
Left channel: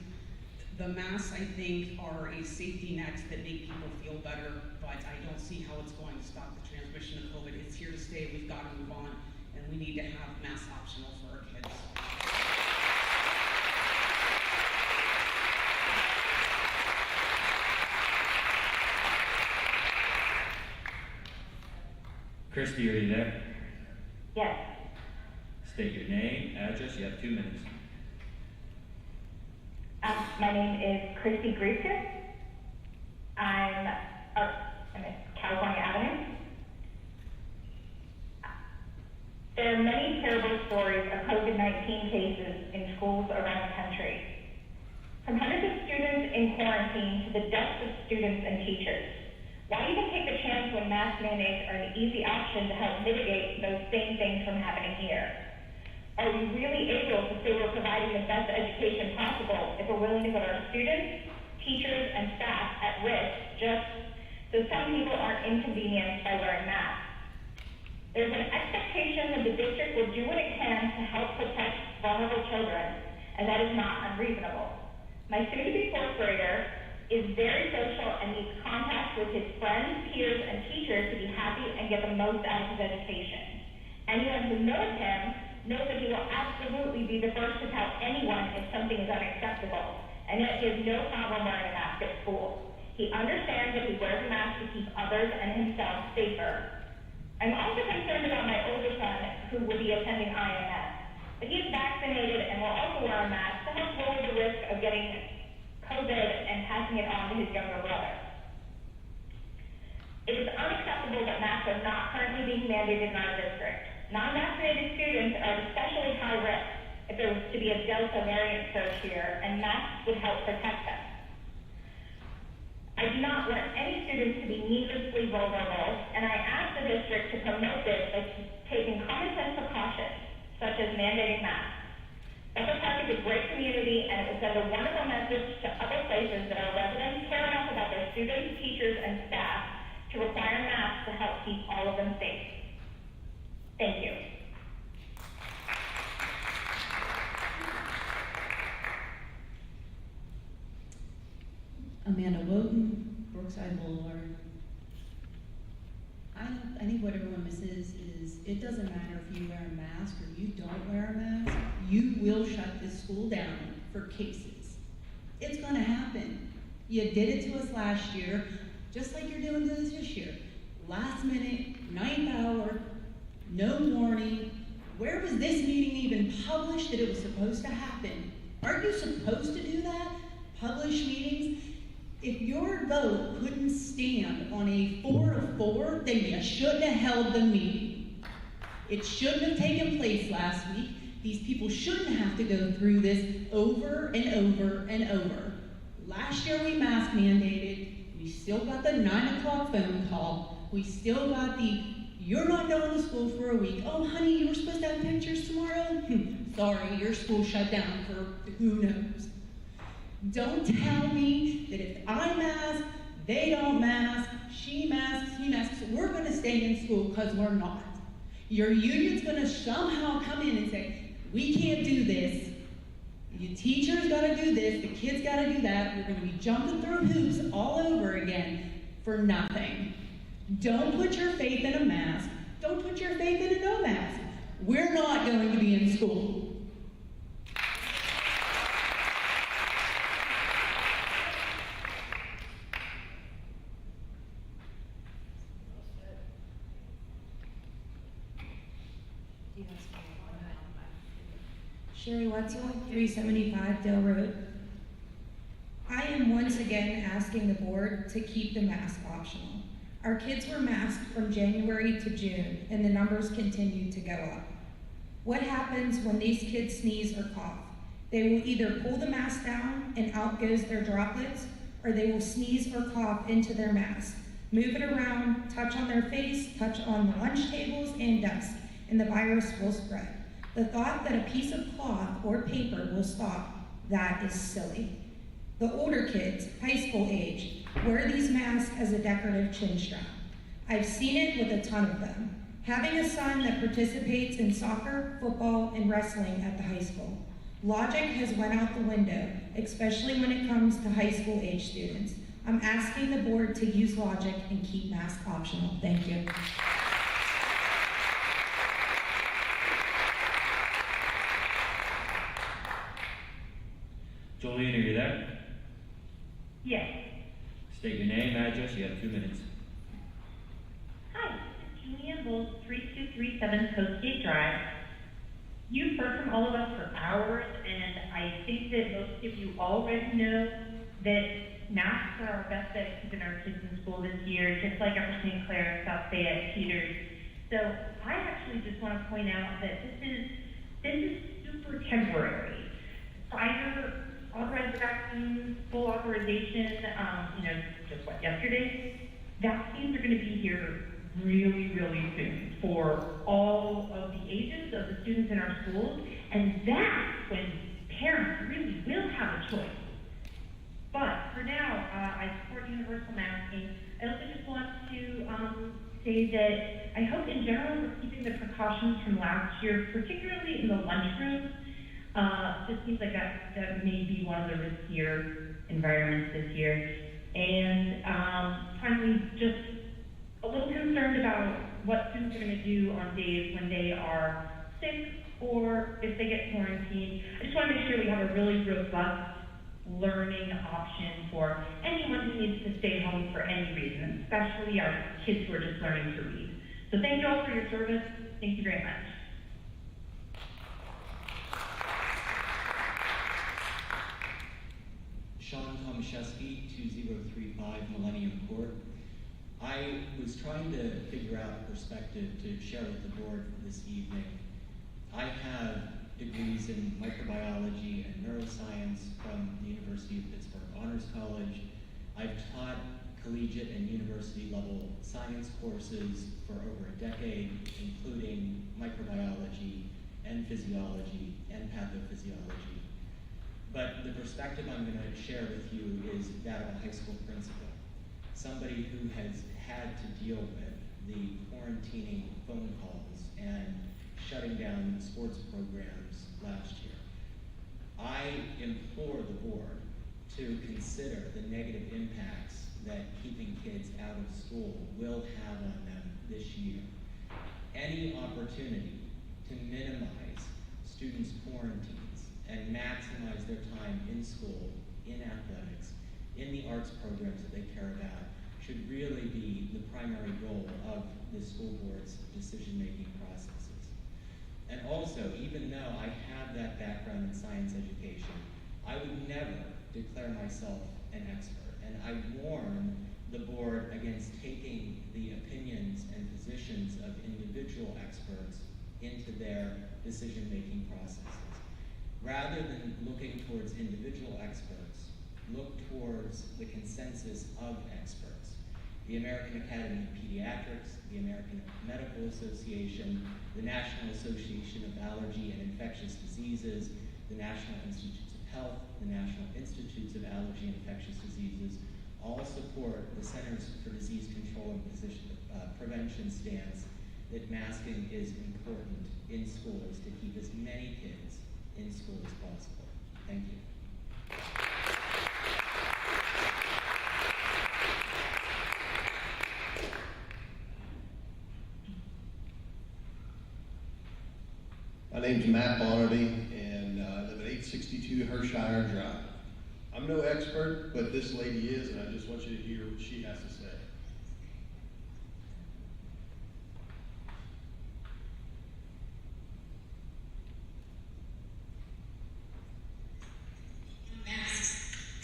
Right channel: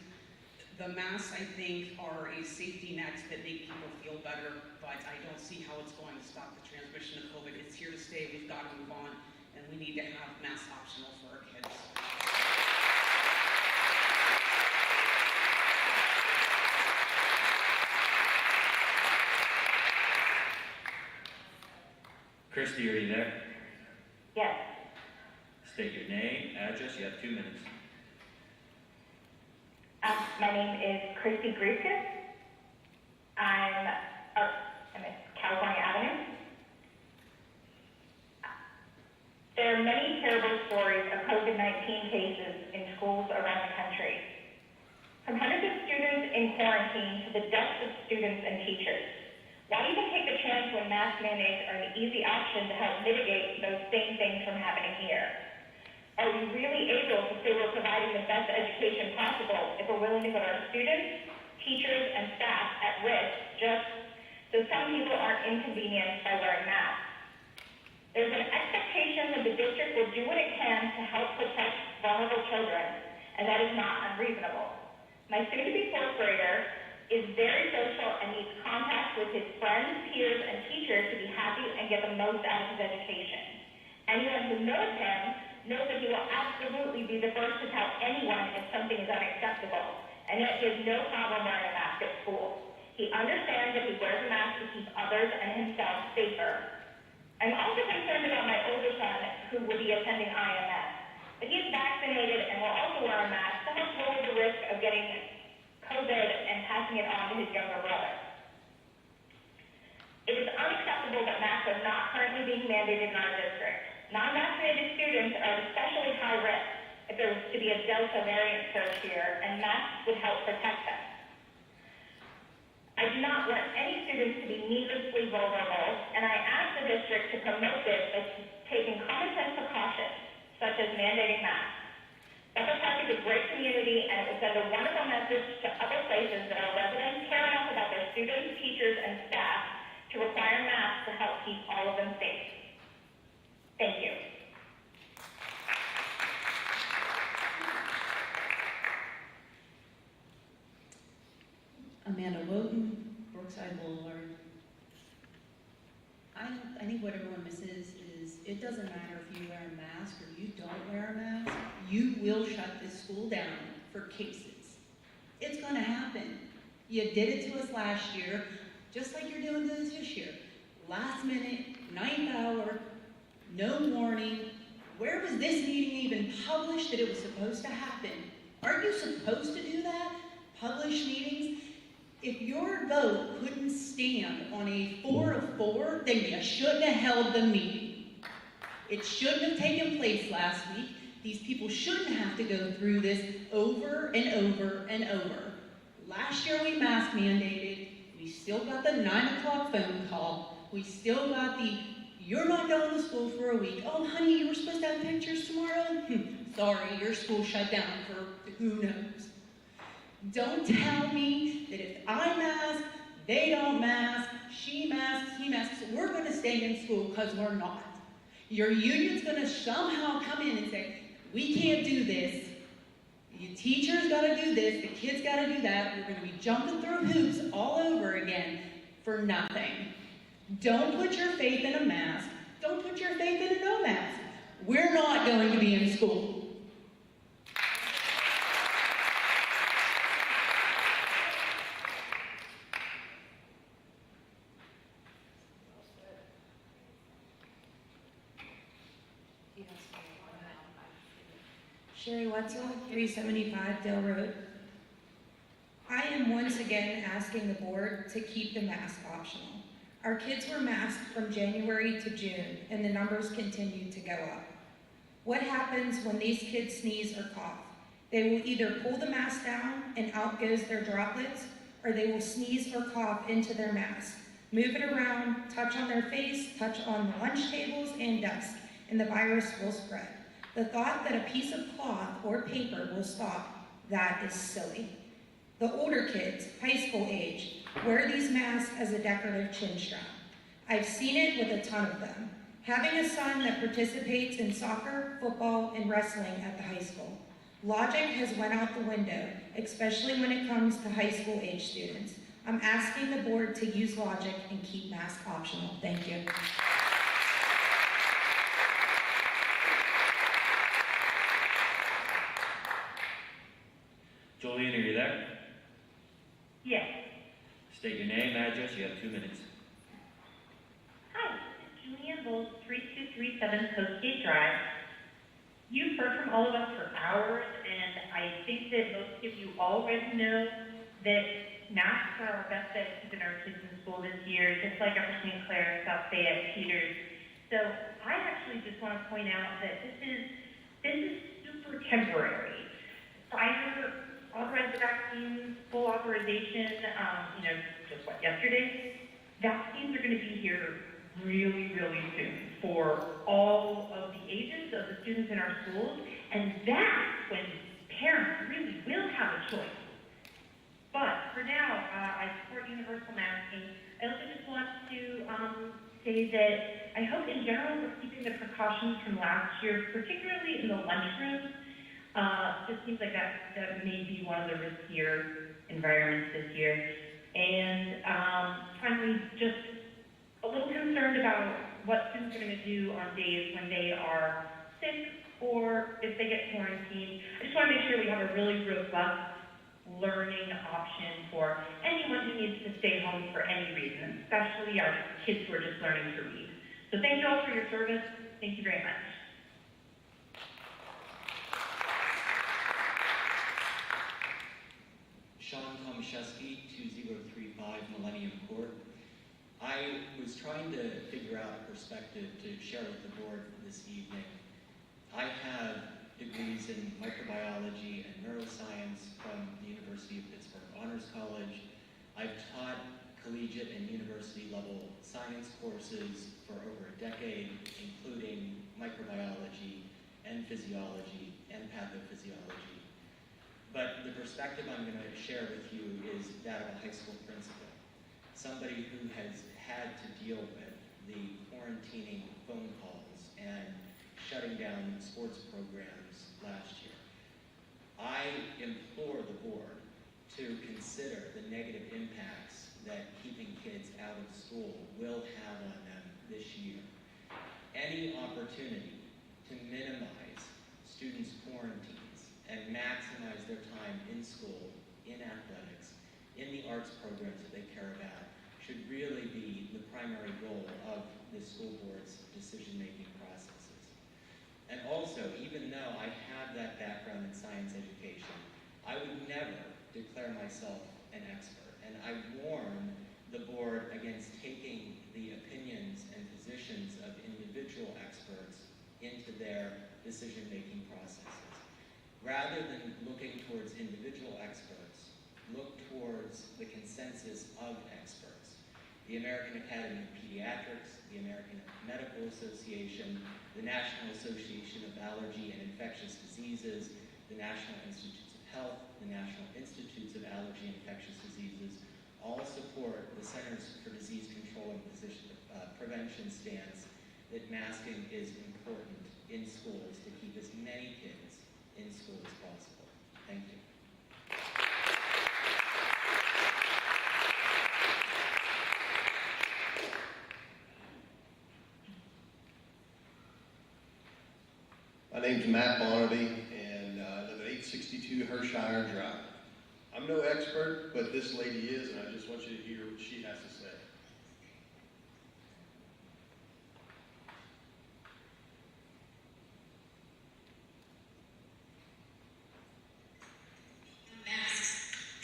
The masks, I think, are a safety net that make people feel better, but I don't see how it's going to stop the transmission of COVID. It's here to stay. We've got to move on, and we need to have masks optional for our kids. Christy, are you there? Yes. State your name, address, you have 2 minutes. My name is Christy Gruskis. I'm at California Avenue. There are many terrible stories of COVID-19 cases in schools around the country. From hundreds of students in quarantine to the deaths of students and teachers. Why even take the chance when mask mandates are an easy option to help mitigate those same things from happening here? Are we really able to say we're providing the best education possible if we're willing to put our students, teachers, and staff at risk just so some people aren't inconvenienced by wearing masks? There's an expectation that the district will do what it can to help protect vulnerable children, and that is not unreasonable. My soon-to-be fourth grader is very social and needs contact with his friends, peers, and teachers to be happy and get the most out of his education. Anyone who knows him knows that he will absolutely be the first to tell anyone if something is unacceptable, and yet he has no problem wearing a mask at school. He understands that he wears a mask to keep others and himself safer. I'm also concerned about my older son, who will be attending IMS. But he is vaccinated and will also wear a mask to help lower the risk of getting COVID and passing it on to his younger brother. It is unacceptable that masks are not currently being mandated in our district. Non-vaccinated students are especially high risk if there was to be a Delta variant surge here, and masks would help protect them. I do not want any students to be needlessly vulnerable, and I ask the district to promote this by taking common sense precautions, such as mandating masks. Bethel Park is a great community, and it would send a wonderful message to other places that our residents care enough about their students, teachers, and staff to require masks to help keep all of them safe. Thank you. Amanda Woden, Brookside Boulevard. I think what everyone misses is it doesn't matter if you wear a mask or you don't wear a mask, you will shut this school down for cases. It's going to happen. You did it to us last year, just like you're doing to us this year. Last minute, 9th hour, no warning. Where was this meeting even published that it was supposed to happen? Aren't you supposed to do that? published meetings. If your vote couldn't stand on a 4 of 4, then you shouldn't have held the meeting. It shouldn't have taken place last week. These people shouldn't have to go through this over and over and over. Last year we mask mandated. We still got the 9 o'clock phone call. We still got the, you're not going to school for a week. Oh, honey, you were supposed to have pictures tomorrow? Sorry, your school shut down for who knows. Don't tell me that if I mask, they don't mask, she masks, he masks, we're going to stay in school because we're not. Your union's going to somehow come in and say, we can't do this. You teachers got to do this, the kids got to do that. We're going to be jumping through hoops all over again for nothing. Don't put your faith in a mask. Don't put your faith in a no mask. We're not going to be in school. Sherry Wetzel, 375 Dale Road. I am once again asking the board to keep the mask optional. Our kids were masked from January to June, and the numbers continue to go up. What happens when these kids sneeze or cough? They will either pull the mask down and out goes their droplets, or they will sneeze or cough into their mask, move it around, touch on their face, touch on the lunch tables and desk, and the virus will spread. The thought that a piece of cloth or paper will stop, that is silly. The older kids, high school age, wear these masks as a decorative chin strap. I've seen it with a ton of them. Having a son that participates in soccer, football, and wrestling at the high school. Logic has went out the window, especially when it comes to high school age students. I'm asking the board to use logic and keep masks optional. Thank you. Jolene, are you there? Yes. State your name, address, you have 2 minutes. Hi, Julian Bowles, 3237 Coastgate Drive. You've heard from all of us for hours, and I think that most of you already know that masks are our best bet to keeping our kids in school this year, just like Upper St. Clair, South Fayette, Peters. So I actually just want to point out that this is super temporary. Pfizer authorized the vaccine, full authorization, just yesterday. Vaccines are going to be here really, really soon for all of the ages of the students in our schools, and that's when parents really will have a choice. But for now, I support universal masking. I also just want to say that I hope in general we're keeping the precautions from last year, particularly in the lunchroom. It seems like that may be one of the riskier environments this year. And finally, just a little concerned about what students are going to do on days when they are sick or if they get quarantined. I just want to make sure we have a really robust learning option for anyone who needs to stay home for any reason, especially our kids who are just learning to read. So thank you all for your service. Thank you very much. Sean Tomaszewski, 2035 Millennium Court. I was trying to figure out a perspective to share with the board this evening. I have degrees in microbiology and neuroscience from the University of Pittsburgh Honors College. I've taught collegiate and university level science courses for over a decade, including microbiology and physiology and pathophysiology. But the perspective I'm going to share with you is that of a high school principal, somebody who has had to deal with the quarantining phone calls and shutting down sports programs last year. I implore the board to consider the negative impacts that keeping kids out of school will have on them this year. Any opportunity to minimize students' quarantines and maximize their time in school, in athletics, in the arts programs that they care about, should really be the primary goal of the school board's decision-making processes. And also, even though I have that background in science education, I would never declare myself an expert. And I warn the board against taking the opinions and positions of individual experts into their decision-making processes. Rather than looking towards individual experts, look towards the consensus of experts. The American Academy of Pediatrics, the American Medical Association, the National Association of Allergy and Infectious Diseases, the National Institutes of Health, the National Institutes of Allergy and Infectious Diseases, all support the Centers for Disease Control and Prevention stance that masking is important in schools to keep as many kids in school as possible. Thank you. My name's Matt Bonnerty, and I live at 862 Hershire Drive. I'm no expert, but this lady is, and I just want you to hear what she has to say.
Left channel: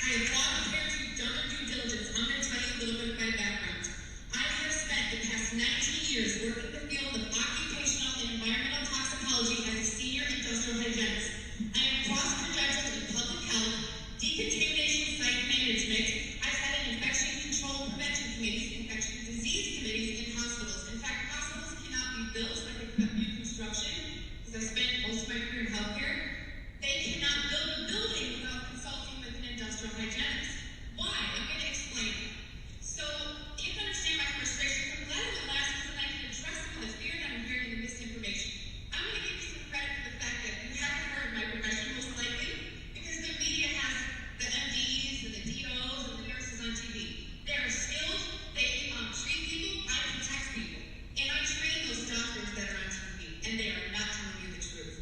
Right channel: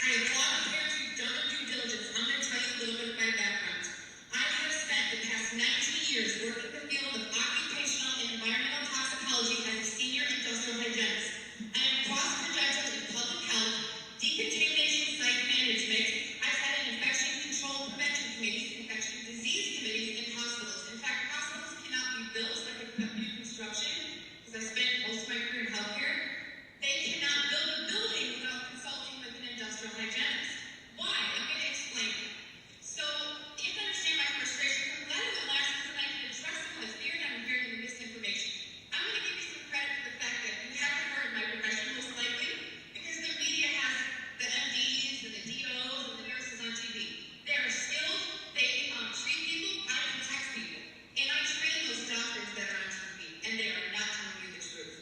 I applaud the parents who've done their due diligence. I'm going to tell you a little bit of my background. I have spent the past 19 years working in the field of occupational and environmental toxicology as a senior industrial hygienist. I am cross-credentialed in public health, decontamination site management. I've had an infection control prevention committees, infection disease committees in hospitals. In fact, hospitals cannot be built like a new construction, because I spent most of my career in healthcare. They cannot build a building without consulting with an industrial hygienist. Why? I'm going to explain. So, you can understand my frustration. I'm glad it went last because I can address some of the fear that I'm hearing in the misinformation. I'm going to give you some credit for the fact that you haven't heard my profession most likely, because the media has the MDs and the DOs and the nurses on TV. They are skilled, they treat people, I protect people. And I train those doctors that are on TV, and they are not telling you the truth.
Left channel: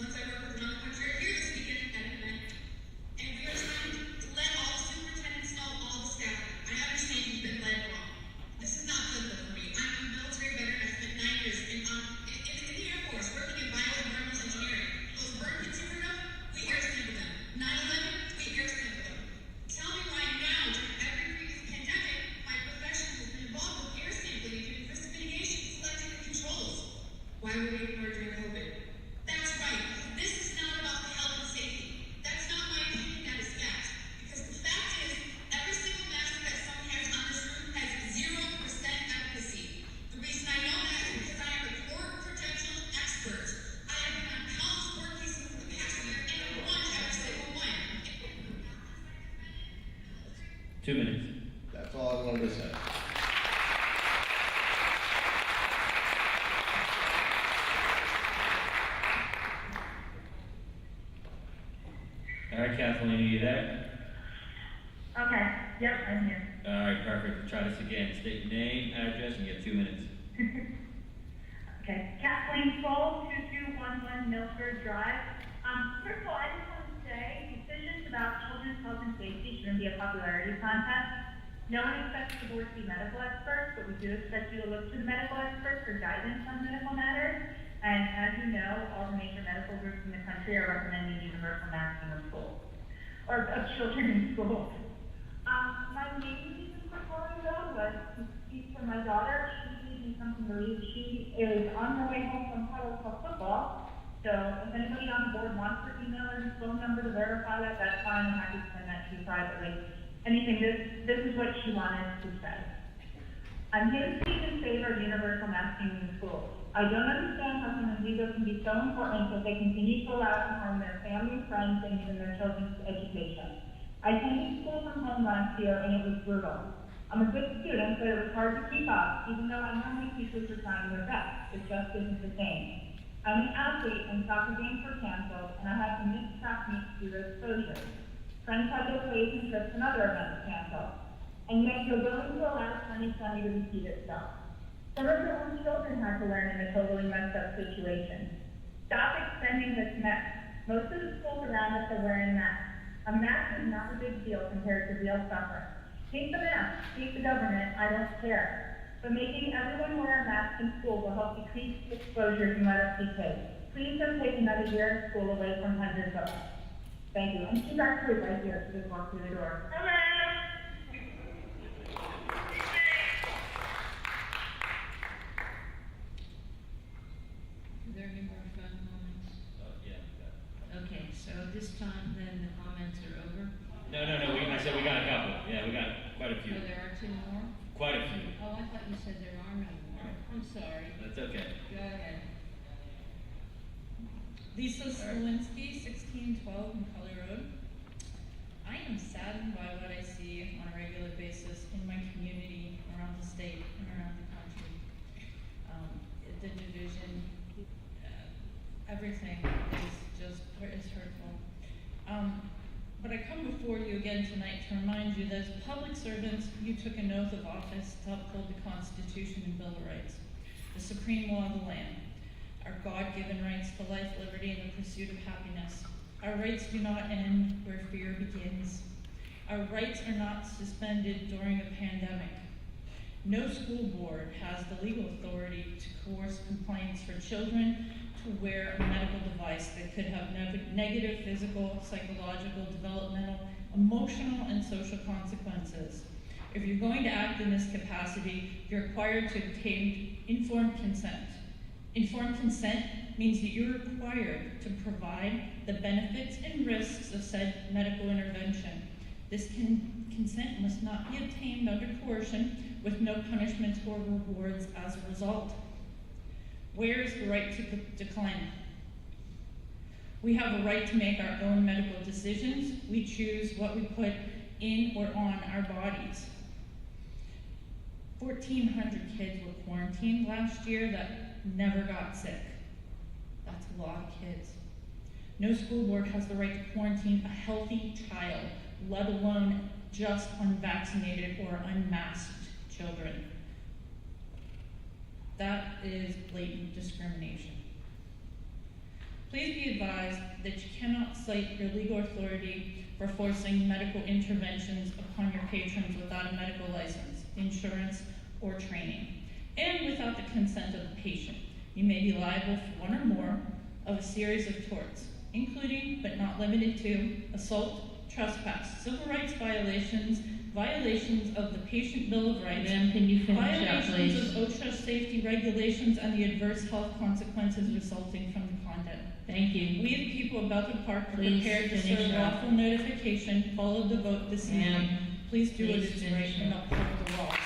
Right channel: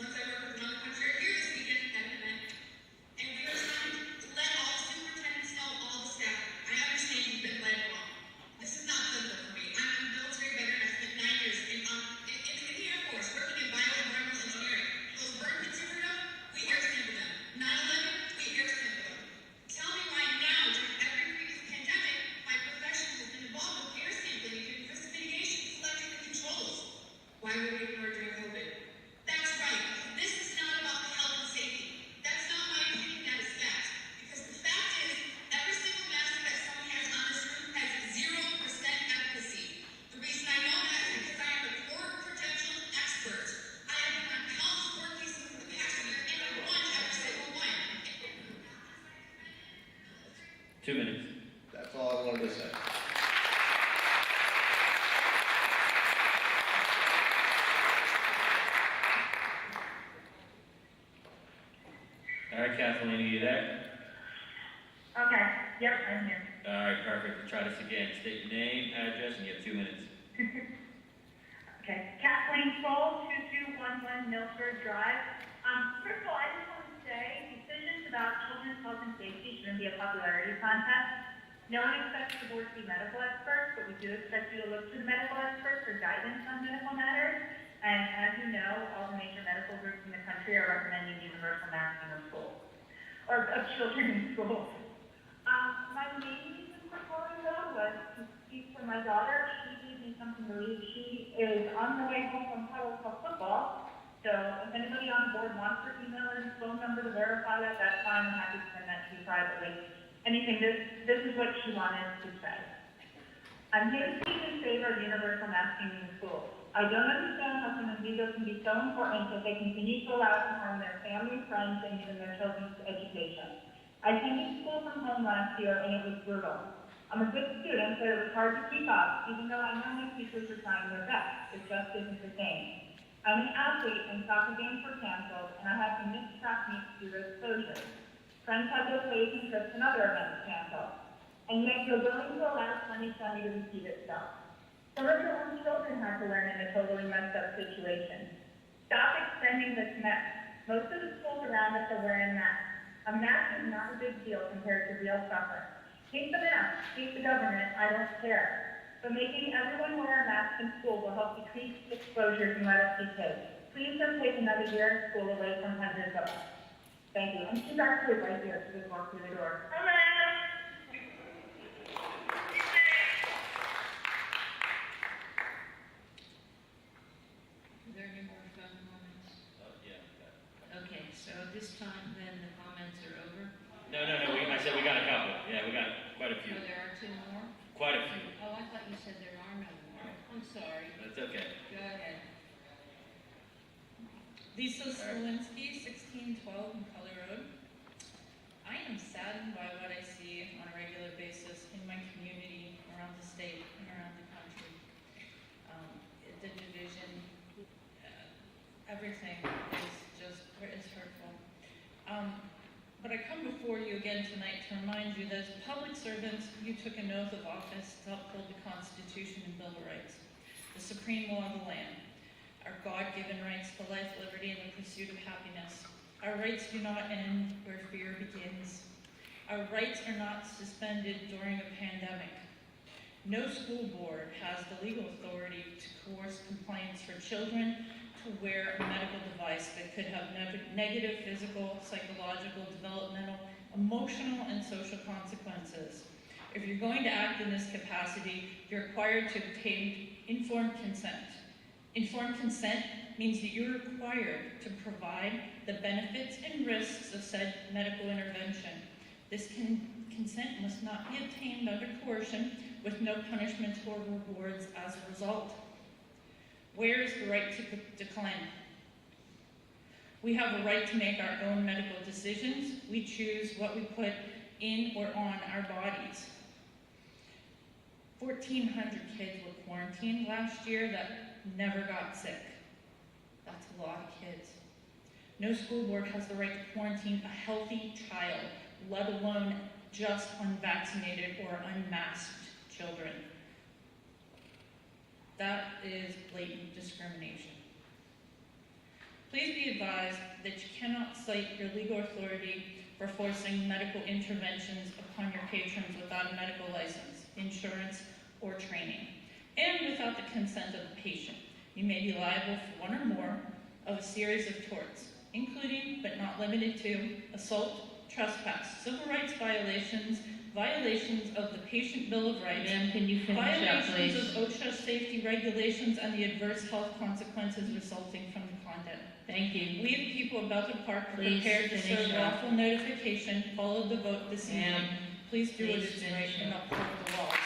Once I worked with another country here this weekend at an event, and we were trying to let all the superintendents know, all the staff. I understand you've been led wrong. This is not political for me. I'm a military veteran. I spent 9 years in the Air Force working in bioenvironmental engineering. Those burn pits you heard of, we air sample them. 9/11, we air sample them. Tell me why now, during every previous pandemic, my profession has been involved with air sampling and doing risk mitigation, selecting the controls. Why were we ignored during COVID? That's right. This is not about the health and safety. That's not my opinion, that is fact. Because the fact is, every single mask that someone has on this room has 0% efficacy. The reason I know that is because I am a court-credentialed expert. I have been on health court cases in the past year, and I won every single one. 2 minutes. That's all I wanted to say. All right, Kathleen, are you there? Okay, yep, I'm here. All right, perfect. Try this again. State your name, address, and you have 2 minutes. Okay, Kathleen Kroll, 2211 Milford Drive. First of all, I just want to say, decisions about children's health and safety shouldn't be a popularity contest. No one expects the board to be medical experts, but we do expect you to look to the medical experts for guidance on medical matters. And as you know, all the major medical groups in the country are recommending universal masking of schools, or of children in schools. My main reason for calling though was to speak for my daughter. She gave me something to read. She is on her way home from Haacko football. So if anybody on the board wants her email and phone number to verify that, that's fine. I'm happy to send that to you privately. Anything, this is what she wanted to say. I'm here to speak in favor of universal masking in the schools. I don't understand how something legal can be so important that they continue to allow to harm their family, friends, and even their children's education. I attended school from home last year, and it was brutal. I'm a good student, but it was hard to keep up, even though I know my teachers were trying their best. It just isn't the same. I'm an athlete, and soccer games were canceled, and I had to miss track meets due to exposure. Friends had their plays and trips and other events canceled. And yet you're willing to allow 2020 to repeat itself. Some of your own children had to learn in a totally messed up situation. Stop extending this mess. Most of the schools around us are wearing masks. A mask is not a big deal compared to real suffering. Take the mask, take the government, I don't care. But making everyone wear a mask in school will help decrease exposures and let us be safe. please don't take another year of school away from hundreds of us. Thank you. And she's actually right here. She just walked through the door. Hello. Are there any more fun comments? Yeah. Okay, so this time then the comments are over. No, I said we got a couple. Yeah, we got quite a few. Oh, there are two more? Quite a few. Oh, I thought you said there are no more. I'm sorry. That's okay. Go ahead. Lisa Slowinski, 1612 McCully Road. I am saddened by what I see on a regular basis in my community, around the state, and around the country. The division, everything is hurtful. But I come before you again tonight to remind you that as public servants, you took an oath of office to uphold the Constitution and Bill of Rights, the supreme law of the land, our God-given rights to life, liberty, and the pursuit of happiness. Our rights do not end where fear begins. Our rights are not suspended during a pandemic. No school board has the legal authority to coerce compliance for children to wear a medical device that could have negative physical, psychological, developmental, emotional, and social consequences. If you're going to act in this capacity, you're required to obtain informed consent. Informed consent means that you're required to provide the benefits and risks of said medical intervention. This consent must not be obtained under coercion with no punishments or rewards as a result. Where is the right to decline? We have a right to make our own medical decisions. We choose what we put in or on our bodies. 1,400 kids were quarantined last year that never got sick. That's a lot of kids. No school board has the right to quarantine a healthy child, let alone just unvaccinated or unmasked children. That is blatant discrimination. Please be advised that you cannot cite your legal authority for forcing medical interventions upon your patrons without a medical license, insurance, or training, and without the consent of the patient. You may be liable for one or more of a series of torts, including, but not limited to, assault, trespass, civil rights violations, violations of the Patient Bill of Rights, Ma'am, can you finish up, violations please? of OSHA safety regulations, and the adverse health consequences resulting from the conduct. Thank you. We, the people of Belton Park, are Please prepared to finish serve up. lawful notification, follow the vote this evening. Ma'am, Please do what please is right finish and up. uphold the laws.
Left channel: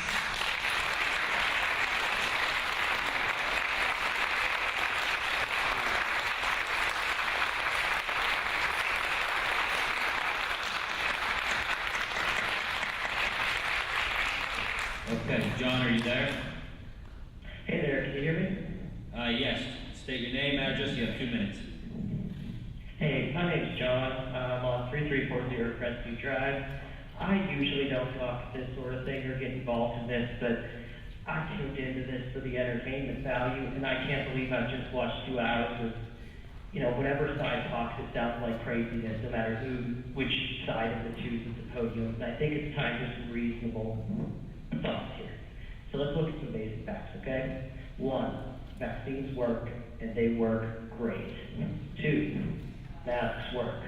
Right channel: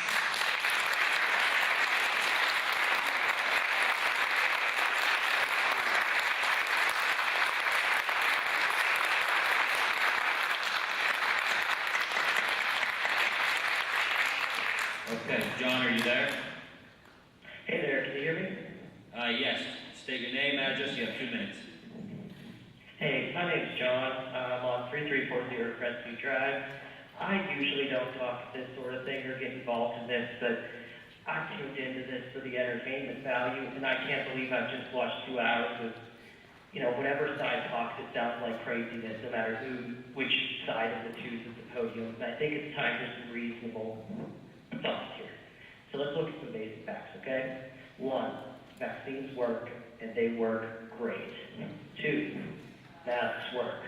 Okay, John, are you there? Hey there, can you hear me? Yes. State your name, address, you have 2 minutes. Hey, my name's John. I'm on 3340 Crestview Drive. I usually don't talk this sort of thing or get involved in this, but I tuned into this for the entertainment value, and I can't believe I've just watched 2 hours of, whatever side talks, it sounds like craziness, no matter which side of the two is at the podium. And I think it's time for some reasonable thoughts here. So let's look at some basic facts, okay? 1, vaccines work, and they work great. 2, masks work.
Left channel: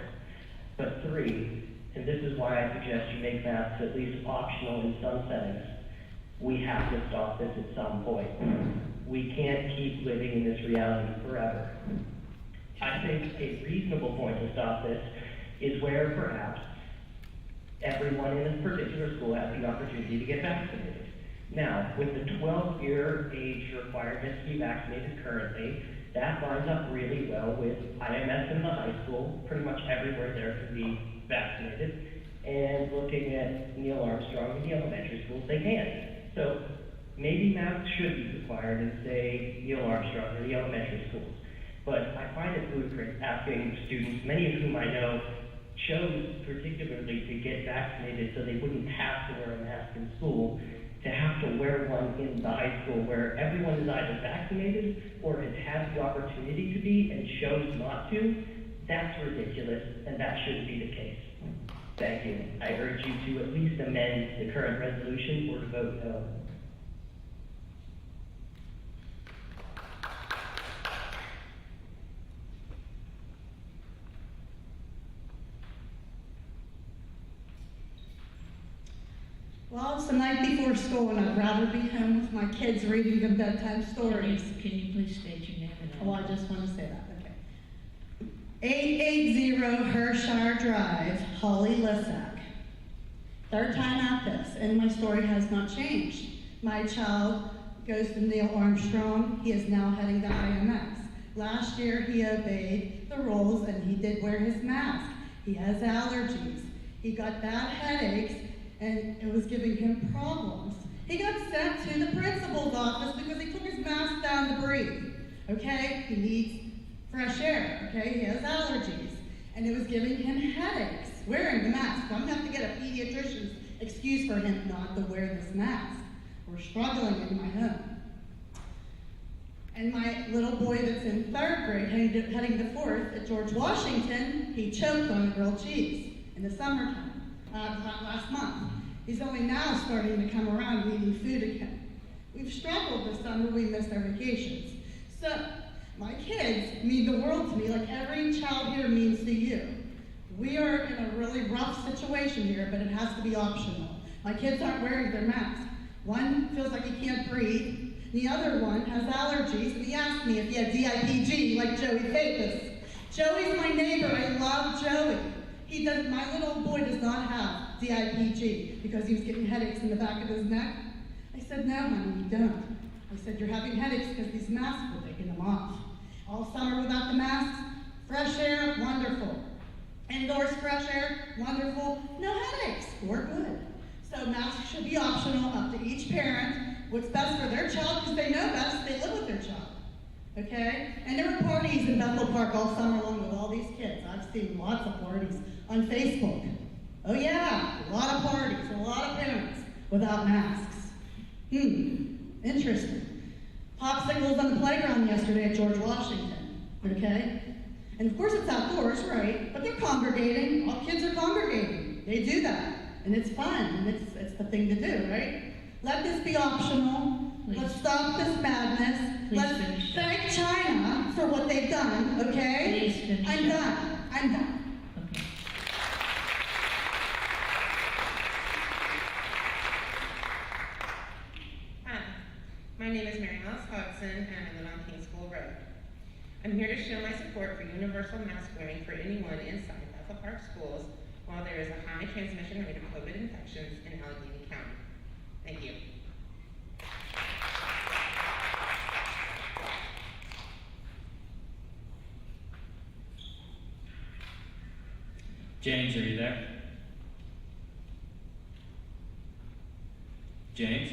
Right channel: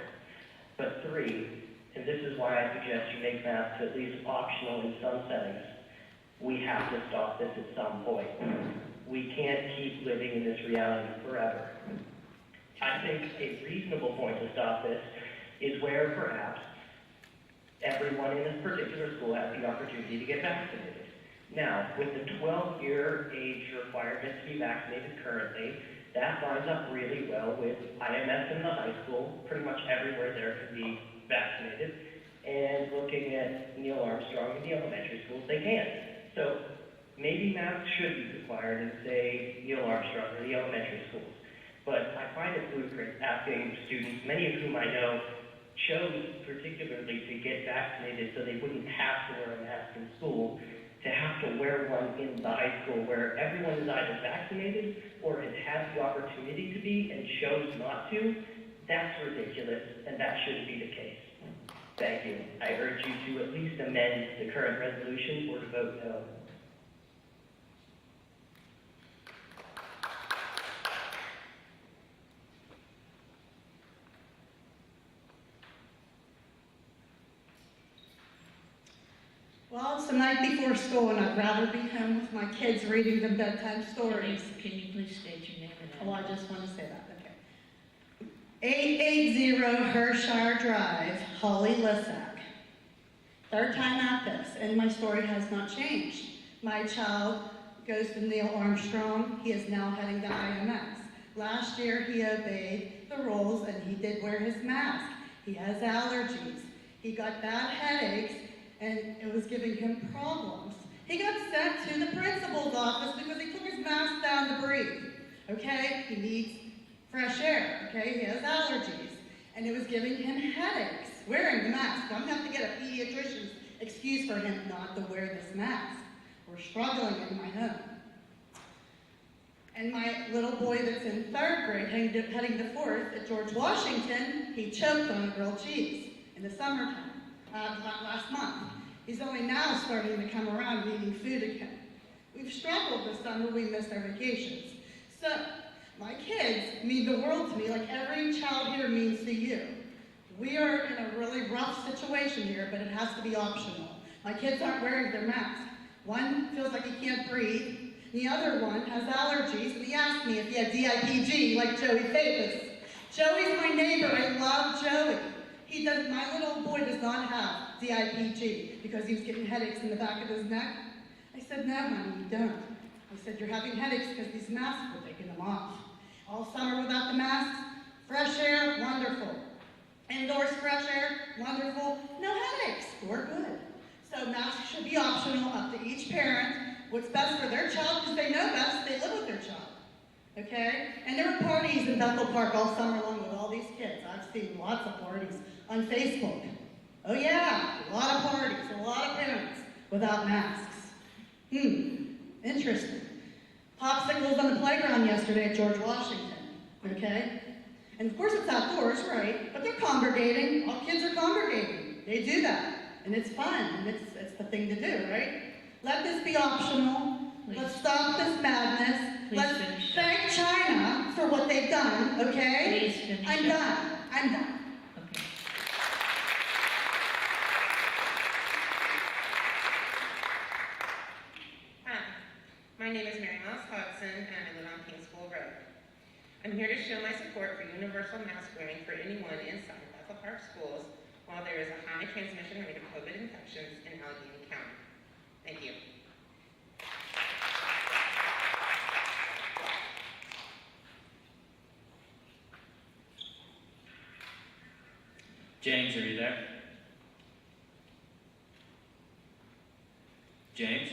But 3, and this is why I suggest you make masks at least optional in some settings, we have to stop this at some point. We can't keep living in this reality forever. I think a reasonable point to stop this is where perhaps everyone in this particular school has the opportunity to get vaccinated. Now, with the 12-year age requirement to be vaccinated currently, that lines up really well with IMS in the high school. Pretty much everywhere there can be vaccinated. And looking at Neil Armstrong in the elementary schools, they can. So maybe masks should be required in, say, Neil Armstrong or the elementary schools. But I find it ludicrous asking students, many of whom I know chose particularly to get vaccinated so they wouldn't have to wear a mask in school, to have to wear one in the high school where everyone is either vaccinated or has had the opportunity to be and chose not to. That's ridiculous, and that shouldn't be the case. Thank you. I urge you to at least amend the current resolution or to vote no. it's the night before school and I'd rather be home with my kids reading them bedtime stories. Can you please state your name and address? Oh, I just want to say that, okay. 880 Hershire Drive, Holly Lissack. Third time at this, and my story has not changed. My child goes to Neil Armstrong. He is now heading to IMS. Last year, he obeyed the rules and he did wear his mask. He has allergies. He got bad headaches, and it was giving him problems. He got sent to the principal's office because he took his mask down to breathe. Okay? He needs fresh air. Okay? He has allergies. And it was giving him headaches wearing the mask. I'm going to have to get a pediatrician's excuse for him not to wear this mask. We're struggling in my home. And my little boy that's in 3rd grade, heading to 4th at George Washington, he choked on grilled cheese in the summertime, last month. He's only now starting to come around and eating food again. We've struggled this summer, we missed our vacations. So, my kids mean the world to me like every child here means to you. We are in a really rough situation here, but it has to be optional. My kids aren't wearing their masks. One feels like he can't breathe. The other one has allergies, and he asked me if he had DIPG, like Joey Phillips. Joey's my neighbor. I love Joey. My little boy does not have DIPG because he was getting headaches in the back of his neck. I said, no, honey, you don't. I said, you're having headaches because these masks were taking them off. All summer without the masks, fresh air, wonderful. Indoors, fresh air, wonderful. No headaches, we're good. So masks should be optional, up to each parent. What's best for their child, because they know best, they live with their child. Okay? And there were parties in Bethel Park all summer long with all these kids. I've seen lots of parties on Facebook. Oh yeah, a lot of parties, a lot of parents without masks. Interesting. Popsicles on the playground yesterday at George Washington. Okay? And of course it's outdoors, right? But they're congregating. All kids are congregating. They do that. And it's fun. And it's the thing to do, right? Let this be optional. Please. Let's stop this madness. Let's thank China for what they've done, okay? Please finish I'm done. I'm done. Okay. Hi, my name is Mary Alice Hodgson, and I live on King School Road. I'm here to show my support for universal mask wearing for anyone inside Bethel Park schools while there is a high transmission rate of COVID infections in Allegheny County. Thank you. James, are you there? James?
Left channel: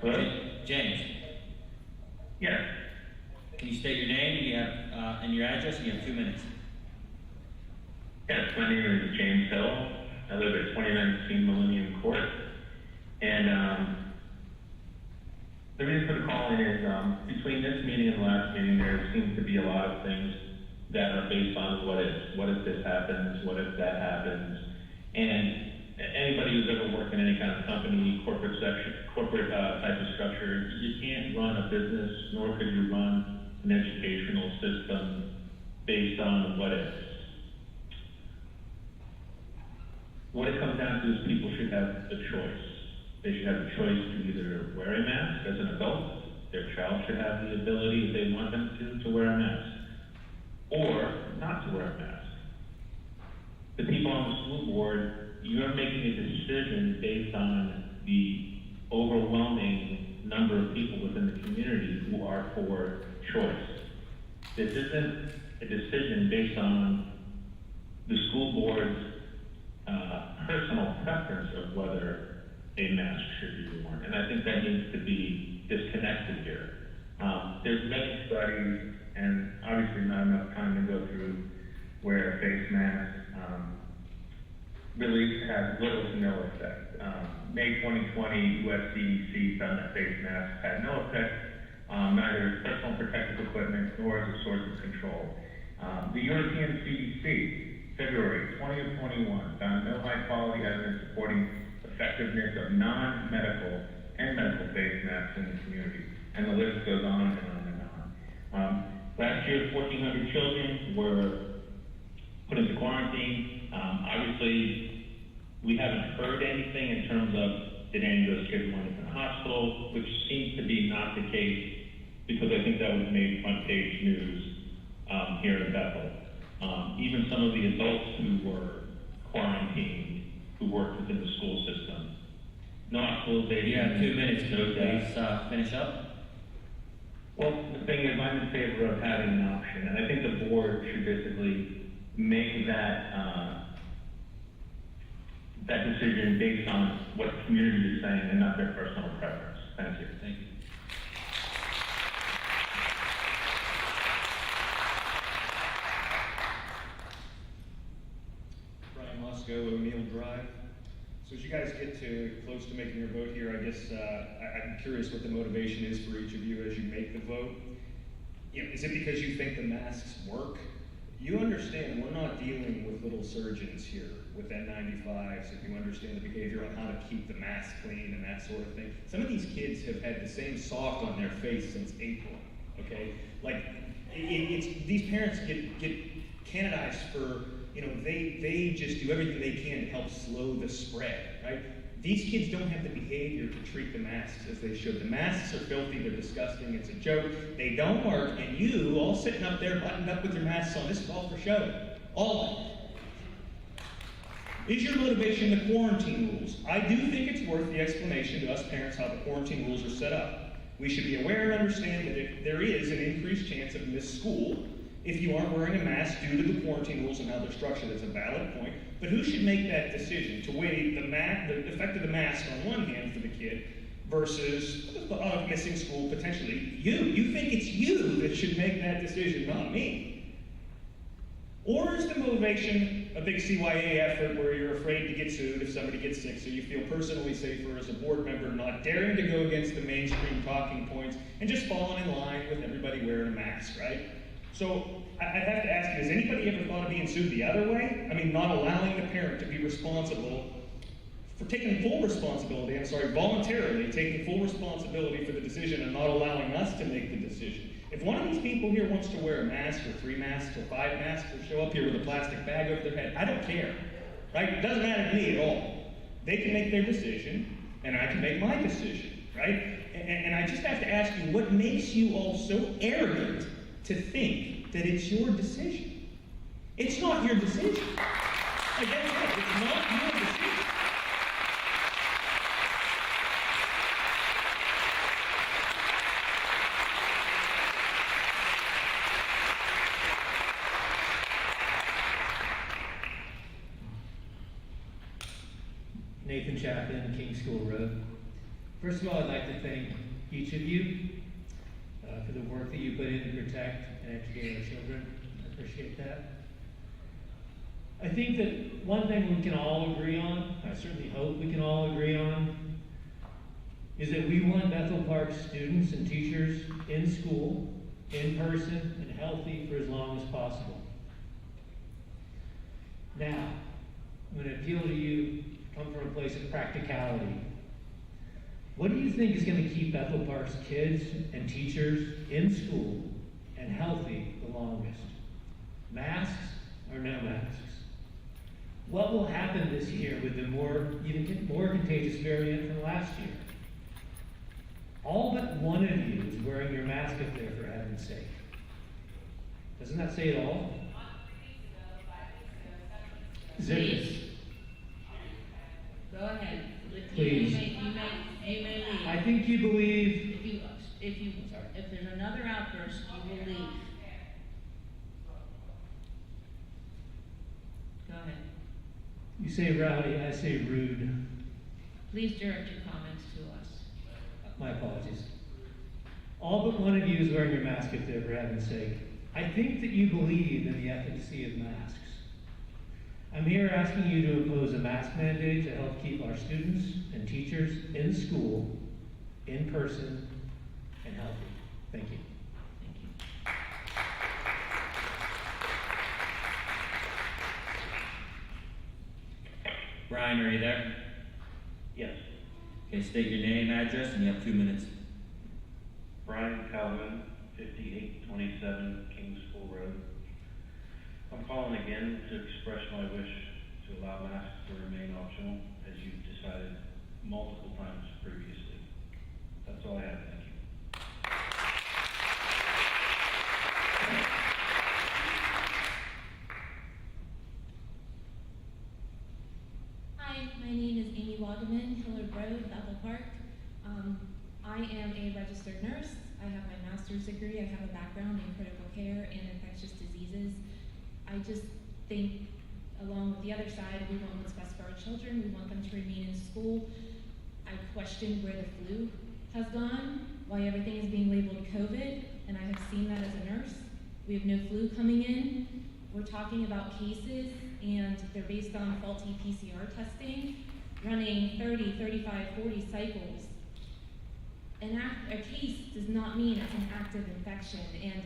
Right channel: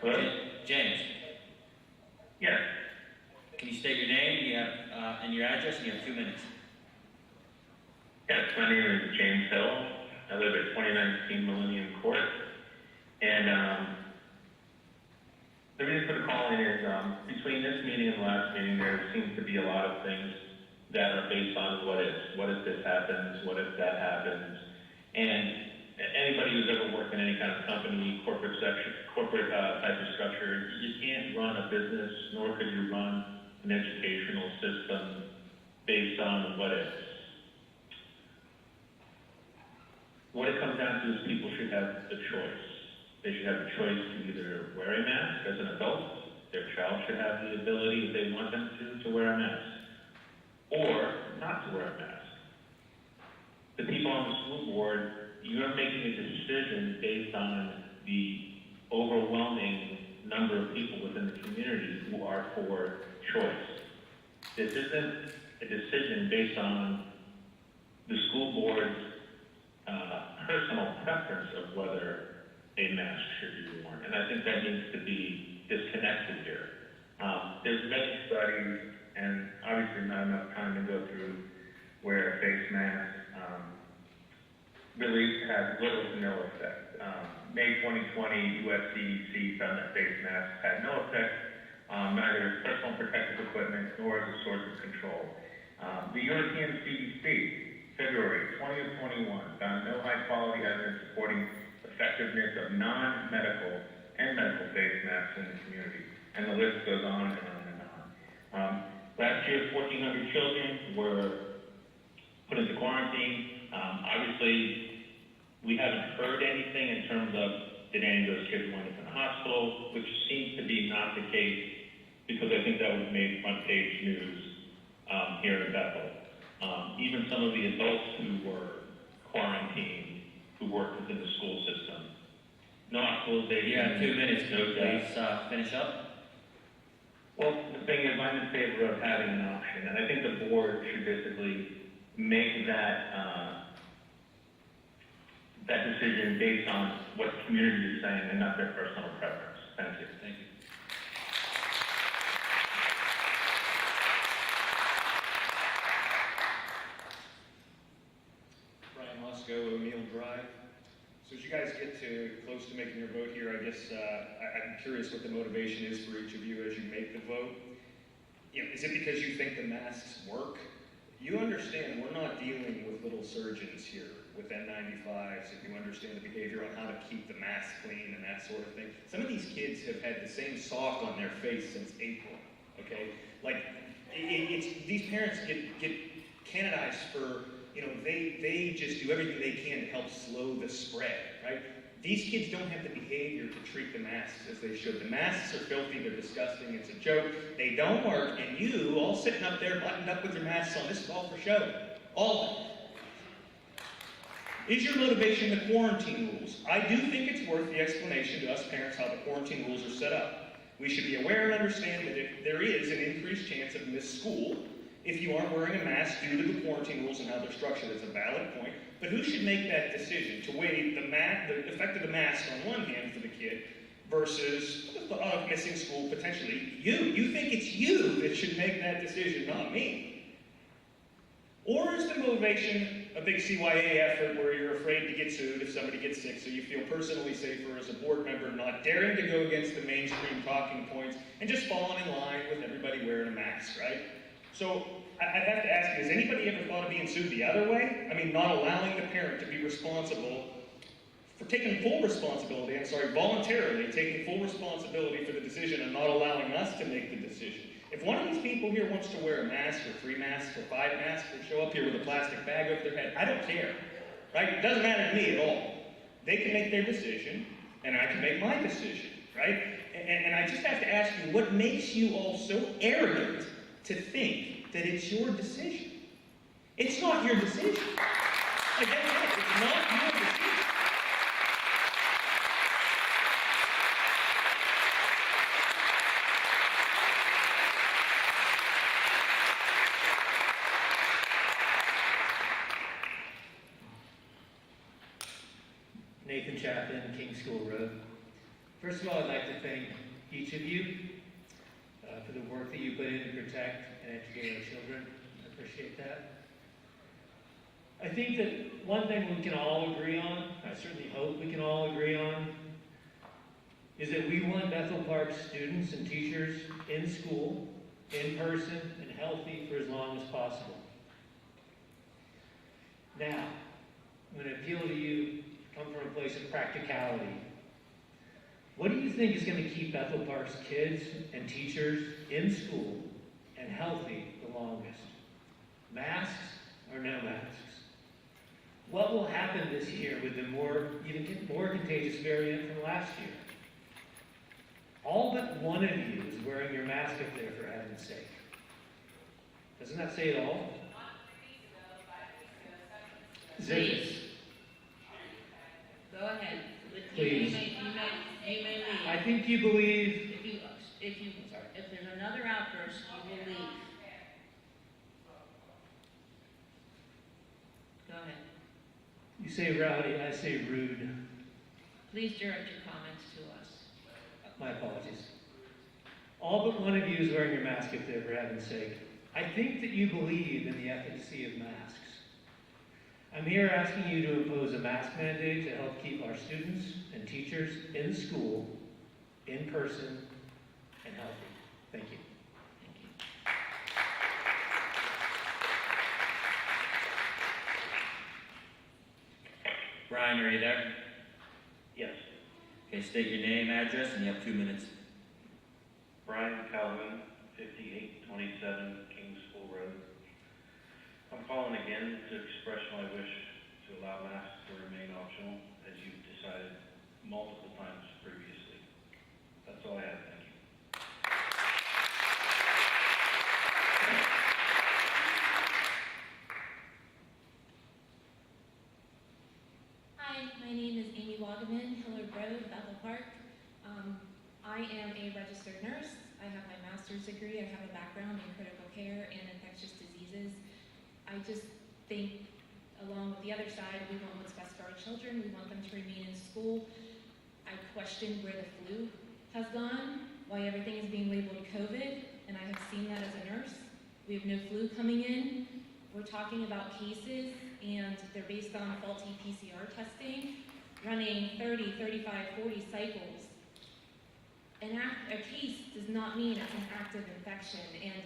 Hello? James? Yes. Can you state your name and your address, and you have 2 minutes. Yes, my name is James Hill. I live at 2019 Millennium Court. And the reason for the call in is between this meeting and the last meeting, there seems to be a lot of things that are based on what if. What if this happens? What if that happens? And anybody who's ever worked in any kind of company, corporate type of structure, you can't run a business, nor could you run an educational system based on what ifs. What it comes down to is people should have the choice. They should have the choice to either wear a mask as an adult, their child should have the ability, if they want them to wear a mask, or not to wear a mask. The people on the school board, you're making a decision based on the overwhelming number of people within the community who are for choice. This isn't a decision based on the school board's personal preference of whether a mask should be worn. And I think that needs to be disconnected here. There's many studies, and obviously not enough time to go through, where a face mask really has little to no effect. May 2020, US CDC found that face masks had no effect, neither as personal protective equipment nor as a source of control. The European CDC, February 2021, found no high-quality evidence supporting effectiveness of non-medical and medical face masks in the community. And the list goes on and on and on. Last year, 1,400 children were put into quarantine. Obviously, we haven't heard anything in terms of did any of those kids wind up in the hospital, which seems to be not the case, because I think that was made front page news here in Bethel. Even some of the adults who were quarantined, who worked within the school system. No hospitalization. You have 2 minutes, so please finish up. Well, the thing is, I'm in favor of having an option, and I think the board should basically make that that decision based on what the community is saying and not their personal preference. Thank you. Thank you. Brian Moscow, O'Neill Drive. So as you guys get close to making your vote here, I guess I'm curious what the motivation is for each of you as you make the vote. You know, is it because you think the masks work? You understand we're not dealing with little surgeons here with N95s, if you understand the behavior on how to keep the mask clean and that sort of thing. Some of these kids have had the same sock on their face since April, okay? Like, these parents get canonized for, you know, they just do everything they can to help slow the spread, right? These kids don't have the behavior to treat the masks as they should. The masks are filthy, they're disgusting, it's a joke, they don't work, and you, all sitting up there buttoned up with your masks on, this is all for show. All of it. Is your motivation the quarantine rules? I do think it's worth the explanation to us parents how the quarantine rules are set up. We should be aware and understand that if there is an increased chance of missed school, if you aren't wearing a mask due to the quarantine rules and how they're structured, it's a valid point. But who should make that decision to weigh the effect of the mask on one hand for the kid versus missing school potentially? You think it's you that should make that decision, not me. Or is the motivation a big CYA effort where you're afraid to get sued if somebody gets sick, so you feel personally safer as a board member not daring to go against the mainstream talking points and just falling in line with everybody wearing a mask, right? So I'd have to ask you, has anybody ever thought of being sued the other way? I mean, not allowing the parent to be responsible for taking full responsibility, voluntarily taking full responsibility for the decision and not allowing us to make the decision. If one of these people here wants to wear a mask or 3 masks or 5 masks or show up here with a plastic bag over their head, I don't care, right? It doesn't matter to me at all. They can make their decision and I can make my decision, right? And I just have to ask you, what makes you all so arrogant to think that it's your decision? It's not your decision. Like, that's it. It's not your decision. Nathan Chapin, King School Road. First of all, I'd like to thank each of you for the work that you put in to protect and educate our children. I appreciate that. I think that one thing we can all agree on, I certainly hope we can all agree on, is that we want Bethel Park students and teachers in school, in person, and healthy for as long as possible. Now, I'm going to appeal to you, come from a place of practicality. What do you think is going to keep Bethel Park's kids and teachers in school and healthy the longest? Masks or no masks? What will happen this year with the even more contagious variant from last year? All but one of you is wearing your mask up there, for heaven's sake. Doesn't that say it all? Please. Go ahead. Please. You may leave. I think you believe. If there's another outburst, you will leave. Go ahead. You say rowdy, I say rude. Please direct your comments to us. My apologies. All but one of you is wearing your mask up there, for heaven's sake. I think that you believe in the efficacy of masks. I'm here asking you to impose a mask mandate to help keep our students and teachers in school, in person, and healthy. Thank you. Brian, are you there? Yes. Okay, state your name, address, and you have 2 minutes. Brian Calvin, 5827 King School Road. I'm calling again to express my wish to allow masks to remain optional, as you've decided multiple times previously. That's all I have. Thank you. Hi, my name is Amy Wagaman, Hillard Road, Bethel Park. I am a registered nurse. I have my master's degree. I have a background in critical care and infectious diseases. I just think, along with the other side, we want what's best for our children. We want them to remain in school. I question where the flu has gone, why everything is being labeled COVID, and I have seen that as a nurse. We have no flu coming in. We're talking about cases, and they're based on faulty PCR testing, running 30, 35, 40 cycles. A case does not mean it's an active infection, and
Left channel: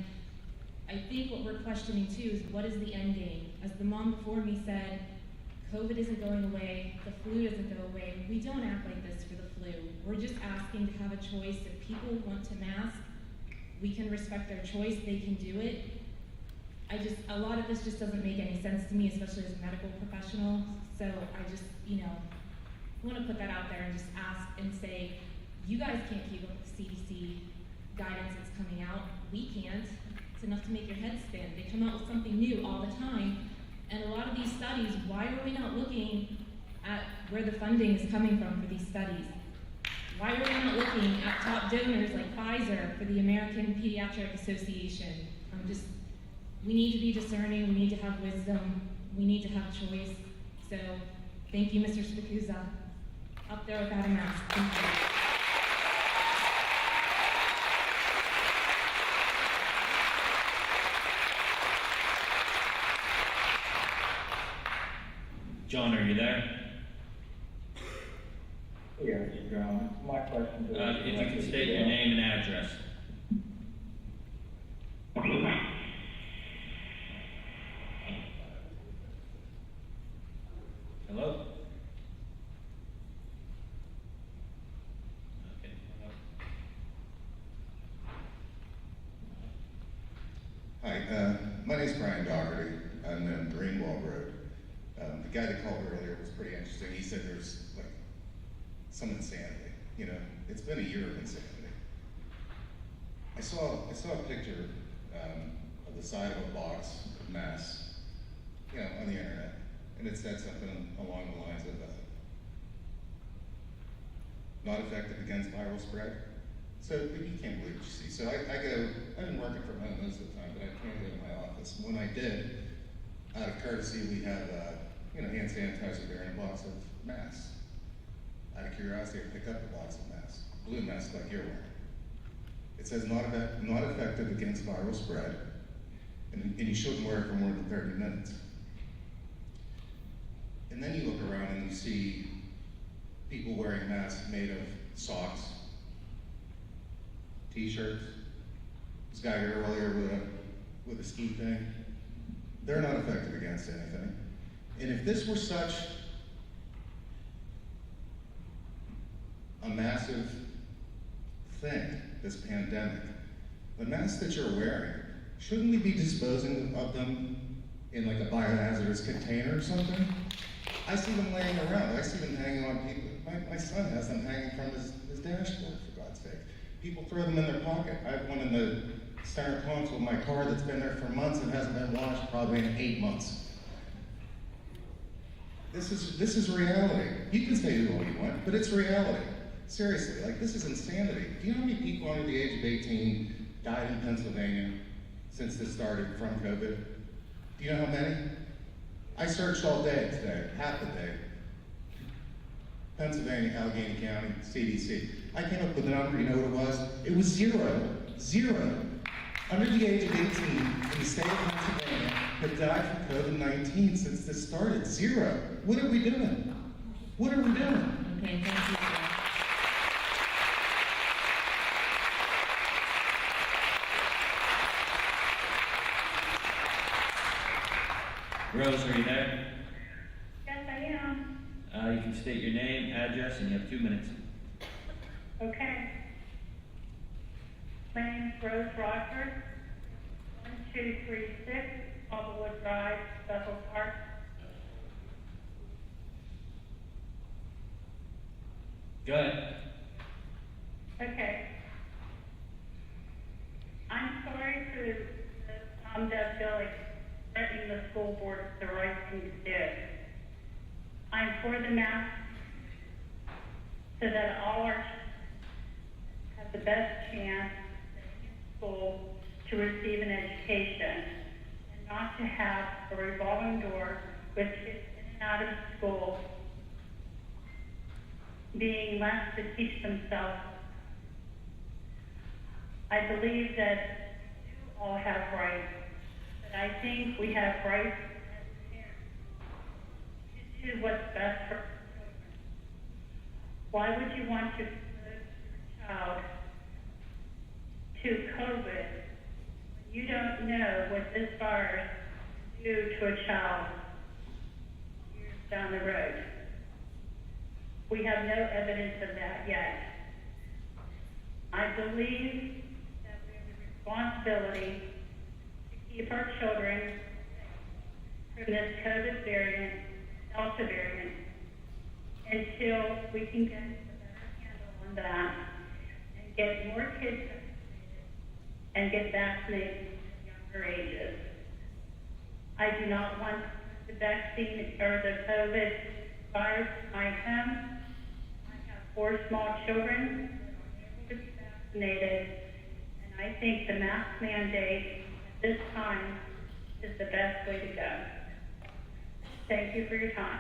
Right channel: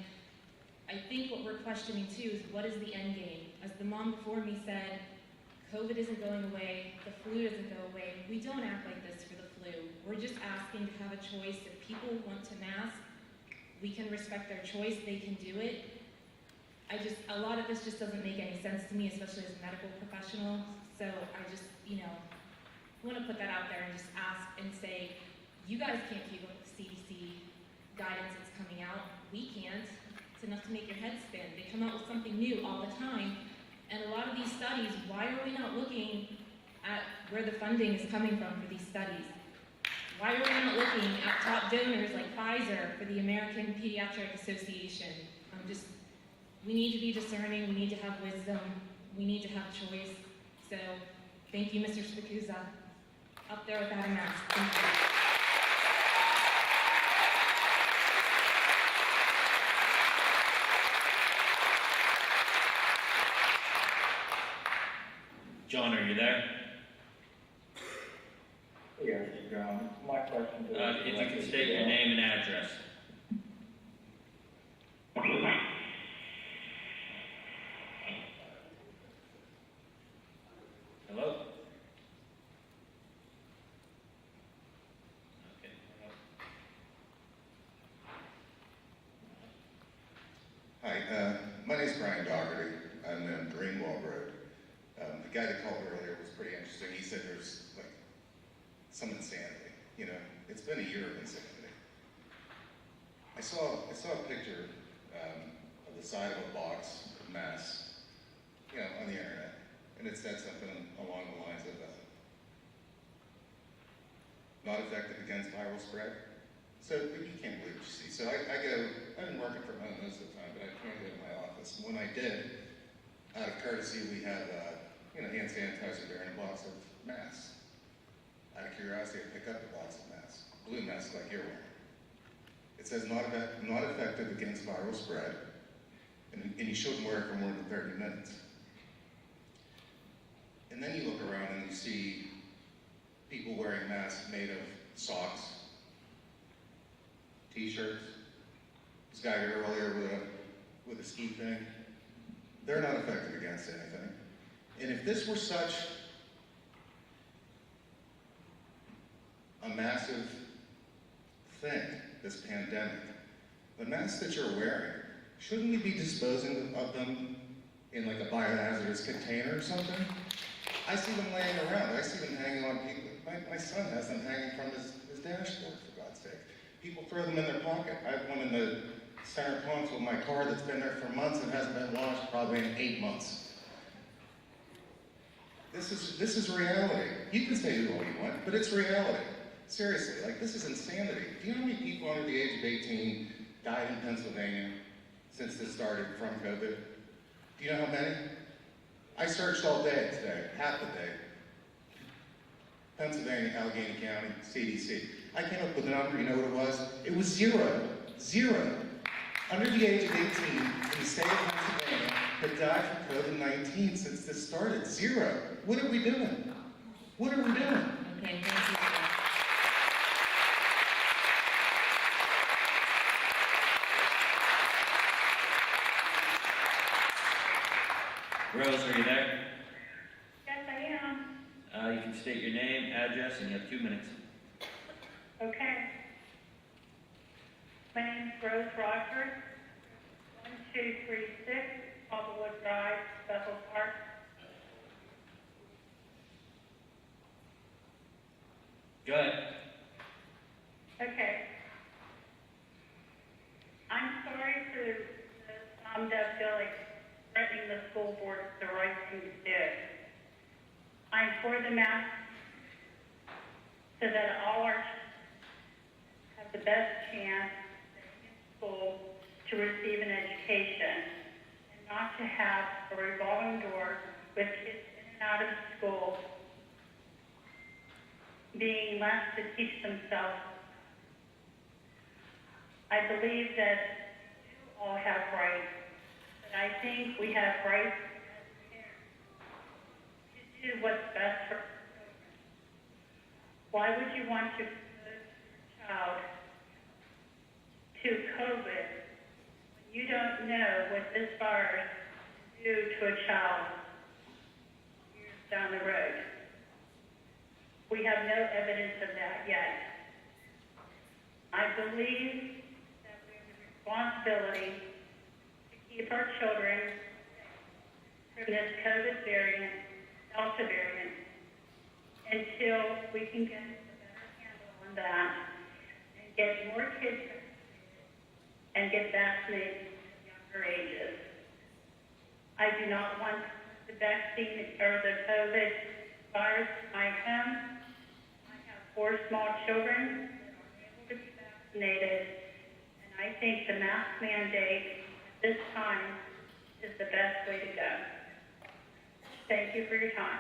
I think what we're questioning too is what is the end game? As the mom before me said, COVID isn't going away, the flu doesn't go away. We don't act like this for the flu. We're just asking to have a choice. If people want to mask, we can respect their choice, they can do it. A lot of this just doesn't make any sense to me, especially as a medical professional. So I just, want to put that out there and just ask and say, you guys can't keep up with the CDC guidance that's coming out. We can't. It's enough to make your head spin. They come out with something new all the time. And a lot of these studies, why are we not looking at where the funding is coming from for these studies? Why are we not looking at top donors like Pfizer for the American Pediatric Association? We need to be discerning, we need to have wisdom, we need to have choice. So, thank you, Mr. Spikuza. Up there without a mask. Thank you. John, are you there? Yes, John. My question is... If you could state your name and address. Hello? Okay. Hi, my name is Brian Dougherty. I'm in Greenwald Road. The guy that called earlier was pretty interesting. He said there's some insanity. It's been a year of insanity. I saw a picture of the side of a box of masks, on the internet, and it said something along the lines of not effective against viral spread. So you can't believe what you see. So I've been working from home most of the time, but I can't go to my office. And when I did, out of courtesy, we have hand sanitizer there and a box of masks. Out of curiosity, I pick up a box of masks, blue masks like you're wearing. It says not effective against viral spread, and you shouldn't wear it for more than 30 minutes. And then you look around and you see people wearing masks made of socks, t-shirts. This guy here earlier with a ski thing. They're not effective against anything. And if this were such a massive thing, this pandemic, the masks that you're wearing, shouldn't we be disposing of them in like a biohazardous container or something? I see them laying around. I see them hanging on people. My son has them hanging from his dashboard, for God's sake. People throw them in their pocket. I have one in the center console of my car that's been there for months and hasn't been washed probably in 8 months. This is reality. You can say all you want, but it's reality. Seriously, this is insanity. Do you know how many people under the age of 18 died in Pennsylvania since this started from COVID? Do you know how many? I searched all day today, half the day. Pennsylvania, Allegheny County, CDC. I came up with a number, you know what it was? It was 0. 0. Under the age of 18 in the state of Pennsylvania have died from COVID-19 since this started. 0. What are we doing? What are we doing? Okay, thank you, sir. Rose, are you there? Yes, I am. You can state your name, address, and you have 2 minutes. Okay. My name is Rose Rockford, 1236 Applewood Drive, Bethel Park. Go ahead. Okay. I'm sorry for the that feel like threatening the school board is the right thing to do. I'm for the mask so that all our children have the best chance in school to receive an education and not to have a revolving door with kids in and out of school being left to teach themselves. I believe that we all have rights, but I think we have rights as parents to do what's best for our children. Why would you want to expose your child to COVID when you don't know what this virus can do to a child years down the road? We have no evidence of that yet. I believe that we have a responsibility to keep our children safe from this COVID variant, Delta variant, until we can get a better handle on that and get more kids vaccinated and get vaccinated at younger ages. I do not want the vaccine or the COVID virus in my home. I have 4 small children that are able to be vaccinated, and I think the mask mandate at this time is the best way to go. Thank you for your time.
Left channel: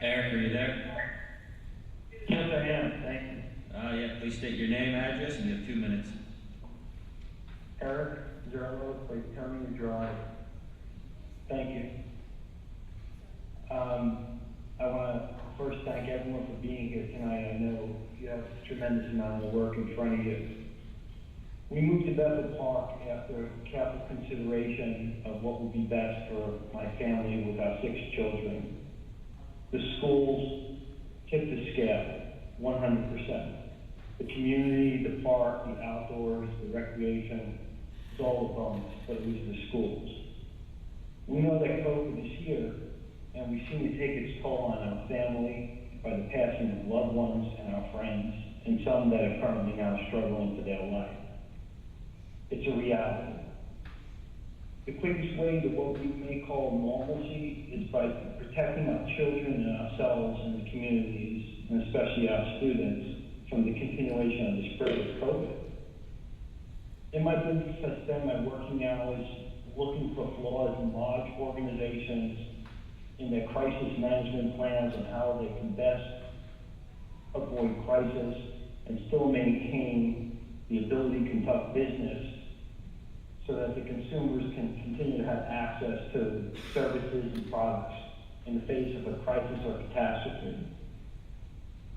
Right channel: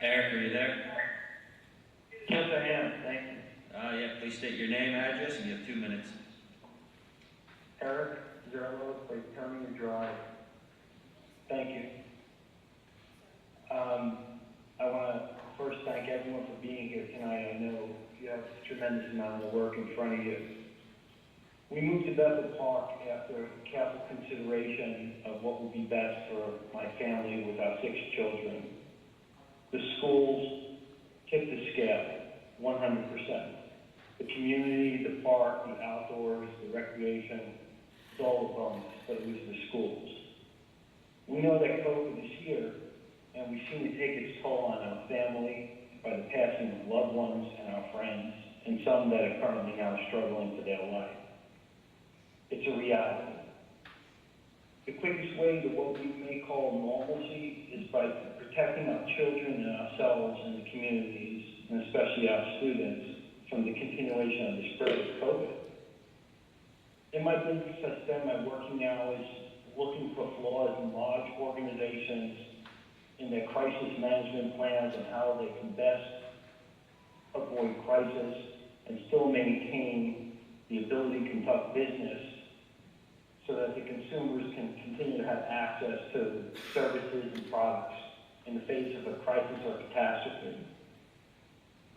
Eric, are you there? Yes, I am. Thank you. Yeah, please state your name, address, and you have 2 minutes. Eric Zerlo, Auditorium Drive. Thank you. I want to first thank everyone for being here tonight. I know you have a tremendous amount of work in front of you. We moved to Bethel Park after careful consideration of what would be best for my family with our 6 children. The schools tipped the scale, 100%. The community, the park, the outdoors, the recreation, it's all a bonus, but it was the schools. We know that COVID is here, and we've seen it take its toll on our family by the passing of loved ones and our friends, and some that are currently now struggling for their life. It's a reality. The quickest way to what we may call normalcy is by protecting our children and ourselves and the communities, and especially our students, from the continuation of the spread of COVID. In my business, I spend my working hours looking for flaws in large organizations, in their crisis management plans and how they can best avoid crisis and still maintain the ability to conduct business so that the consumers can continue to have access to services and products in the face of a crisis or catastrophe.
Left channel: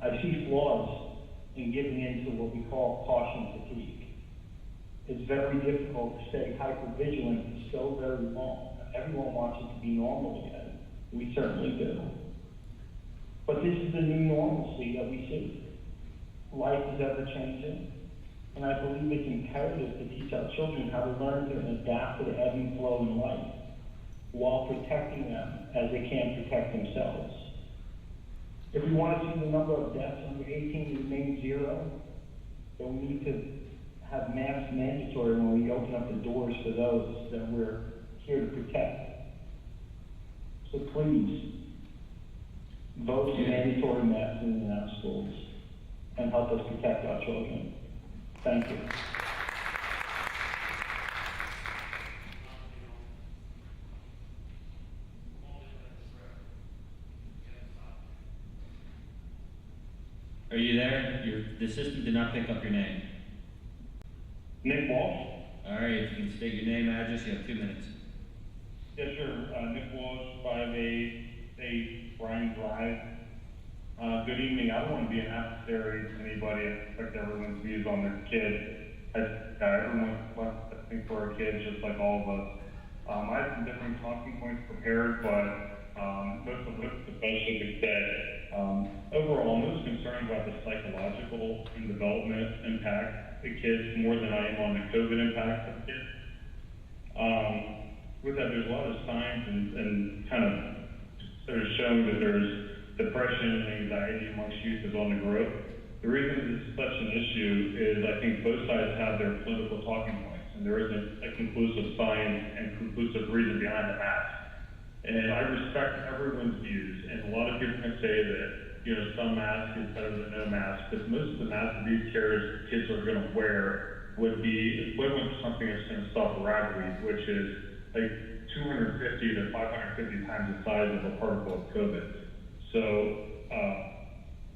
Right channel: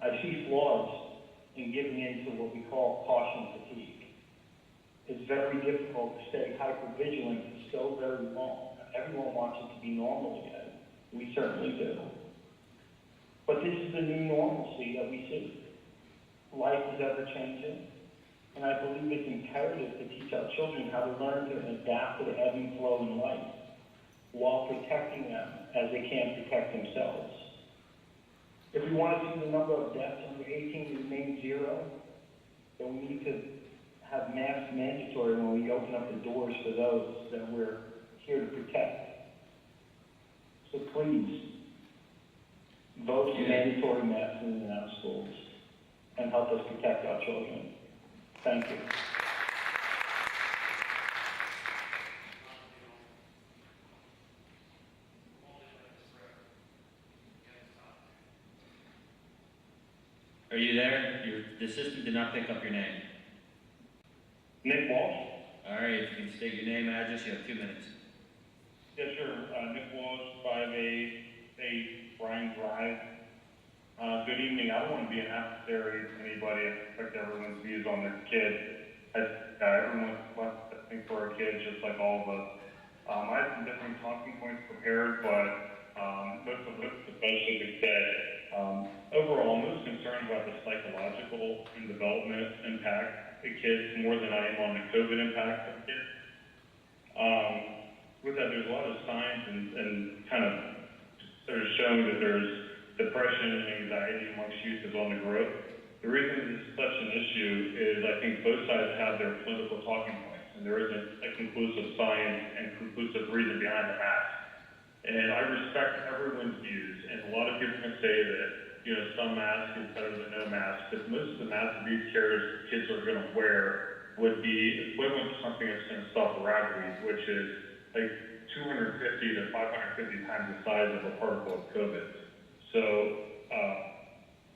I see flaws in giving in to what we call caution fatigue. It's very difficult to stay hyper-vigilant for so very long. Everyone wants it to be normal again. We certainly do. But this is the new normalcy that we see. Life is ever-changing, and I believe it's imperative to teach our children how to learn to adapt to the ebb and flow in life while protecting them as they can't protect themselves. If we want to see the number of deaths under 18 remain 0, then we need to have masks mandatory when we open up the doors for those that we're here to protect. So please, vote for mandatory masks in our schools and help us protect our children. Thank you. Are you there? The system did not pick up your name. Nick Walsh? All right, if you can state your name, address, you have 2 minutes. Yes, sure. Nick Walsh, 588 Bryan Drive. Good evening. I don't want to be an adversary to anybody. I respect everyone's views on their kids. Everyone wants to think for our kids, just like all of us. I have some different talking points prepared, but most of it has been said. Overall, most concerned talking about the psychological and development impact of kids more than I am on the COVID impact of kids. With that, there's a lot of signs and kind of sort of showing that there's depression and anxiety amongst youth is on the growth. The reason this is such an issue is I think both sides have their political talking points, and there isn't a conclusive science and conclusive reason behind the mask. And I respect everyone's views, and a lot of people can say that, you know, some mask is better than no mask, but most of the masks these kids are going to wear would be equivalent to something that's going to stop rabies, which is like 250 to 550 times the size of a particle of COVID. So,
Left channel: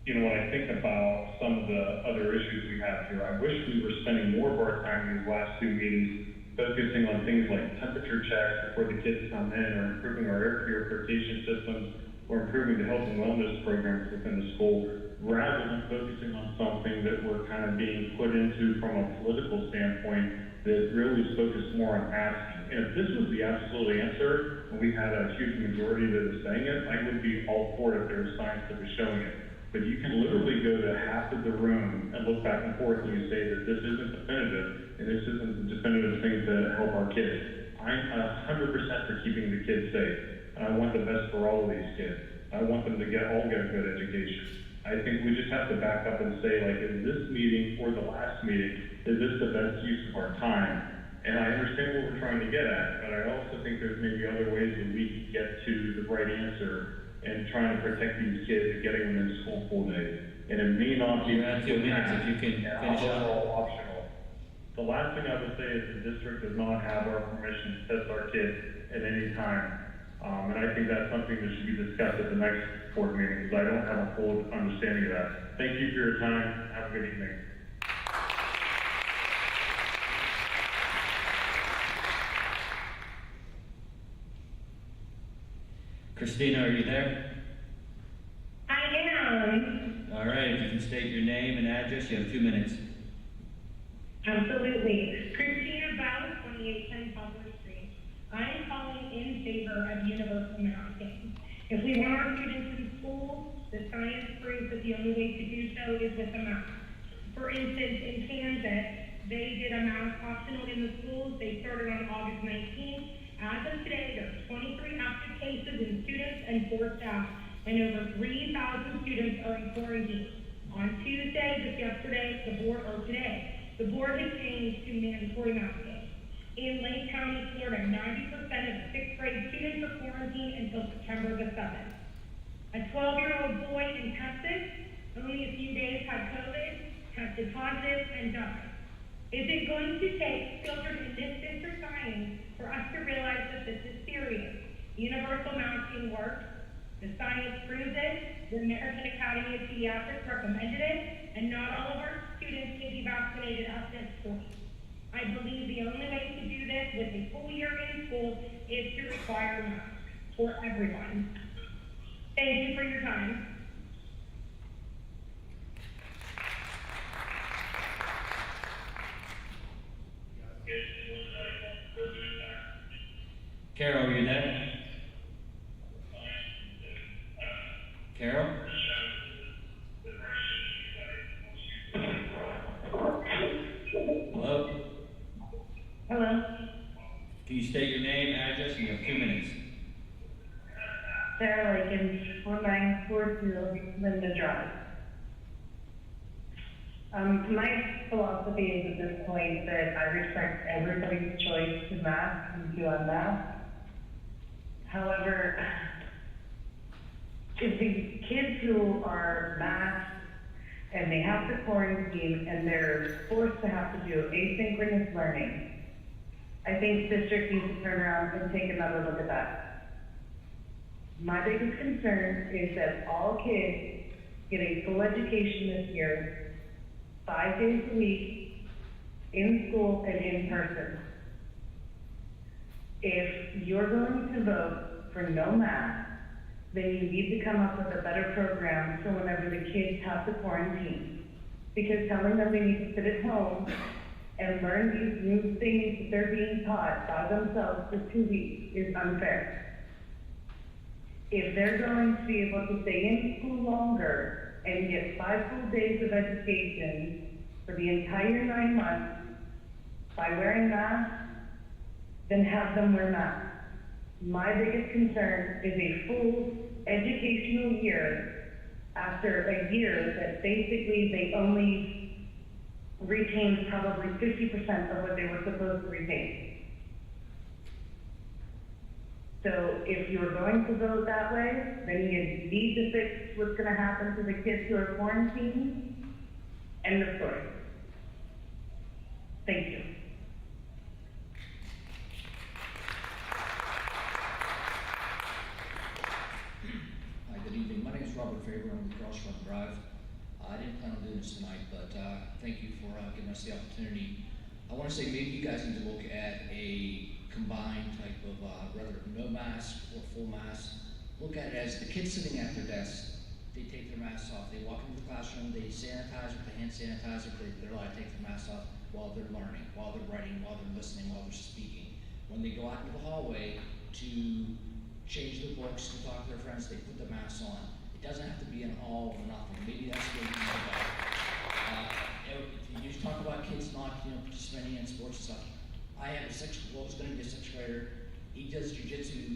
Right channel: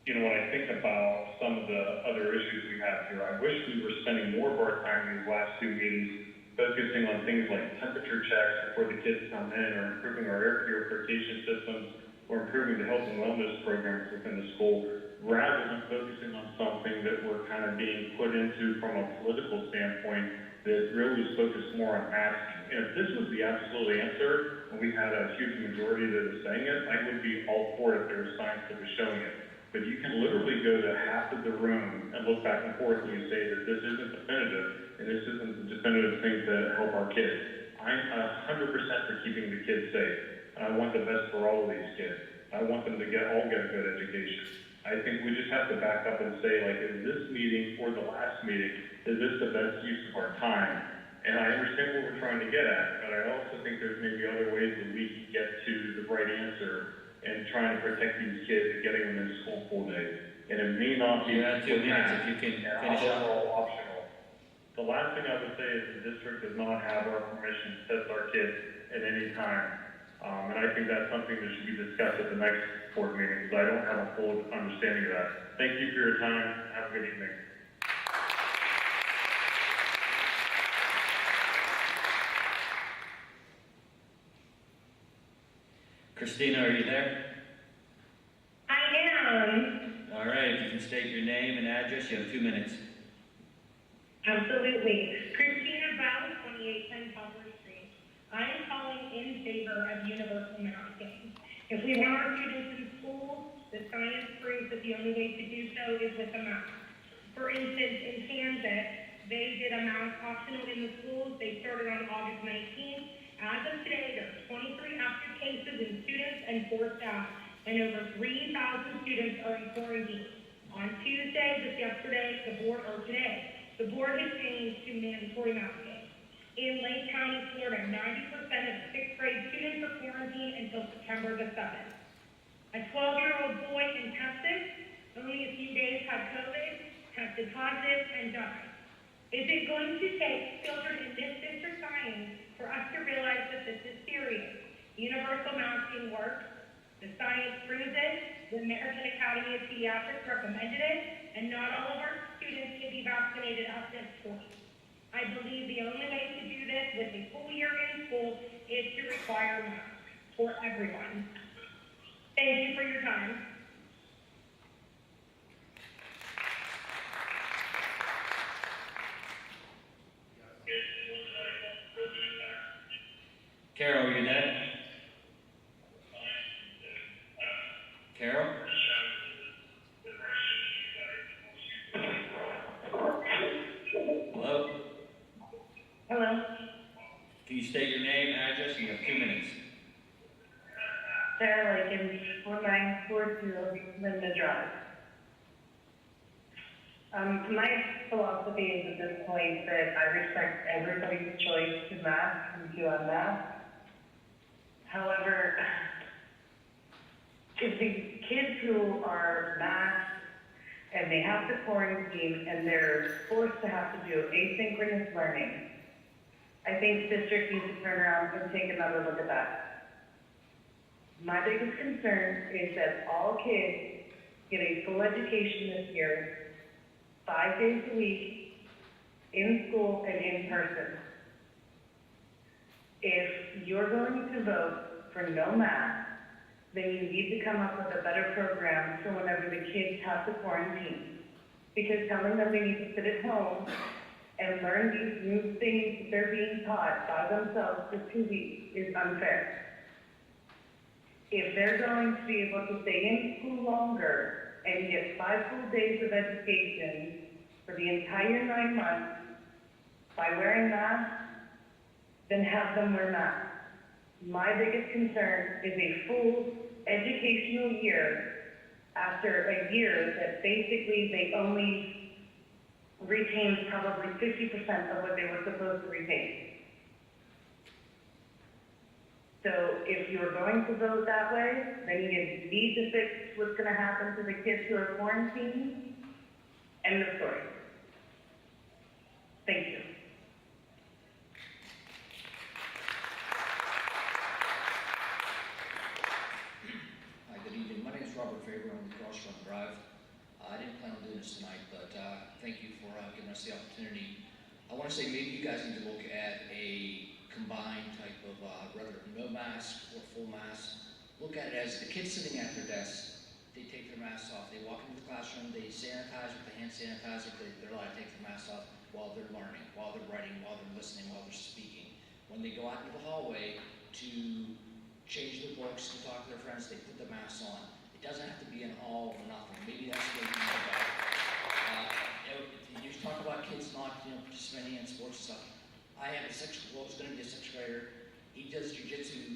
you know, when I think about some of the other issues we have here, I wish we were spending more of our time in these last two meetings focusing on things like temperature checks before the kids come in, or improving our air purification systems, or improving the health and wellness programs within the school, rather than focusing on something that we're kind of being put into from a political standpoint that really is focused more on masking. And if this was the absolute answer, and we had a huge majority that is saying it, I would be all for it if there was science that was showing it. But you can literally go to half of the room and look back and forth and you say that this isn't definitive, and this isn't the definitive thing to help our kids. I'm 100% for keeping the kids safe. I want the best for all of these kids. I want them to all get a good education. I think we just have to back up and say, like, in this meeting or the last meeting, is this the best use of our time? And I understand what we're trying to get at, but I also think there's maybe other ways that we can get to the right answer and trying to protect these kids and getting them into school full days. And it may not be. You have 2 minutes if you can finish up. Optional. The last thing I would say is the district does not have our permission to test our kids at any time. And I think that's something that should be discussed at the next board meeting, because I don't have a full understanding of that. Thank you for your time. Have a good evening. Christina, are you there? I am. All right, if you can state your name and address, you have 2 minutes. Absolutely. Christina Bell, 2810 Poplar Street. I am calling in favor of universal masking. If we want our students in school, the science proves that the only way to do so is with a mask. For instance, in Candace, they did a mask optional in the schools. They started on August 19th. As of today, there are 23 active cases in students and 4 staff, and over 3,000 students are in quarantine. On Tuesday, just yesterday, the board has changed to mandatory masking. In Lake County, Florida, 90% of 6th grade students are quarantined until September the 7th. A 12-year-old boy in Texas, only a few days had COVID, tested positive, and died. Is it going to take children in this district science for us to realize that this is serious? Universal masking works. The science proves it. The American Academy of Pediatrics recommended it, and not all of our students can be vaccinated at this point. I believe the only way to do this with a full year in school is to require masks for everyone. Thank you for your time. Carol, are you there? Carol? Hello? Hello. Can you state your name, address? You have 2 minutes. Sarah Lakin, 1942 Linda Drive. My philosophy is at this point that I respect everybody's choice to mask and to unmask. However, if the kids who are masked and they have to quarantine and they're forced to have to do asynchronous learning, I think the district needs to turn around and take another look at that. My biggest concern is that all kids get a full education this year, 5 days a week, in school and in person. If you're going to vote for no mask, then you need to come up with a better program for whenever the kids have to quarantine. Because telling them they need to sit at home and learn these new things that they're being taught by themselves for 2 weeks is unfair. If they're going to be able to stay in school longer and get 5 full days of education for the entire 9 months by wearing masks, then have them wear masks. My biggest concern is a full educational year after a year that basically they only retained probably 50% of what they were supposed to retain. So if you're going to vote that way, then you need to fix what's going to happen to the kids who are quarantined. End of story. Thank you. Hi, good evening. My name is Robert Faber. I'm with Crossfront Drive. I didn't plan on doing this tonight, but thank you for giving us the opportunity. I want to say maybe you guys need to look at a combined type of whether no mask or full mask. Look at it as the kids sitting at their desk. They take their masks off. They walk into the classroom. They sanitize with the hand sanitizer. They're allowed to take their masks off while they're learning, while they're writing, while they're listening, while they're speaking. When they go out into the hallway to change their books, to talk to their friends, they put the masks on. It doesn't have to be an all or nothing. Maybe that's what you know about. You talk about kids not, participating in sports and stuff. I have who's going to be a 6th grader. He does jujitsu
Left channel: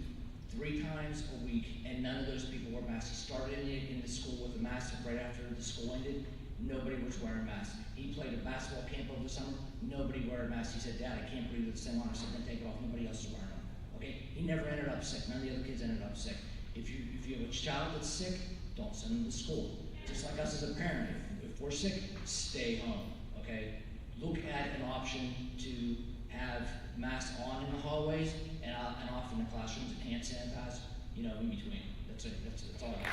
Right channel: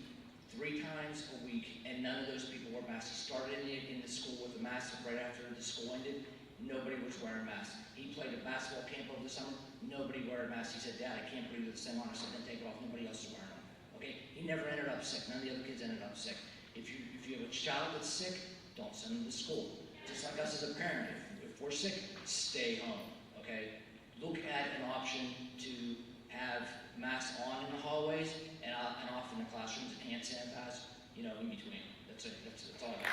3 times a week, and none of those people wear masks. He started in the school with a mask right after the school ended. Nobody was wearing masks. He played a basketball camp over the summer. Nobody wore a mask. He said, "Dad, I can't breathe with this thing on." I said, "Then take it off." Nobody else is wearing them. Okay? He never ended up sick. None of the other kids ended up sick. If you have a child that's sick, don't send them to school. Just like us as a parent, if we're sick, stay home. Okay? Look at an option to have masks on in the hallways and off in the classrooms and hand sanitize, in between. That's it. That's all I got.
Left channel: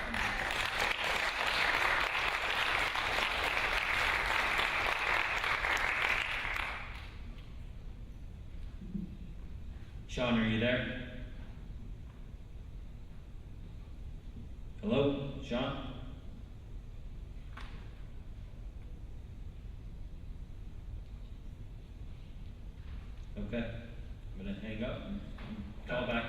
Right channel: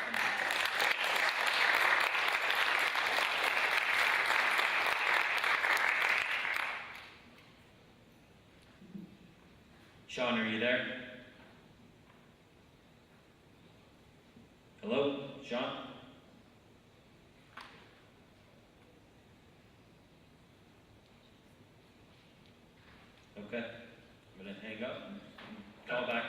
Sean, are you there? Hello, Sean? Okay, I'm gonna hang up and call back.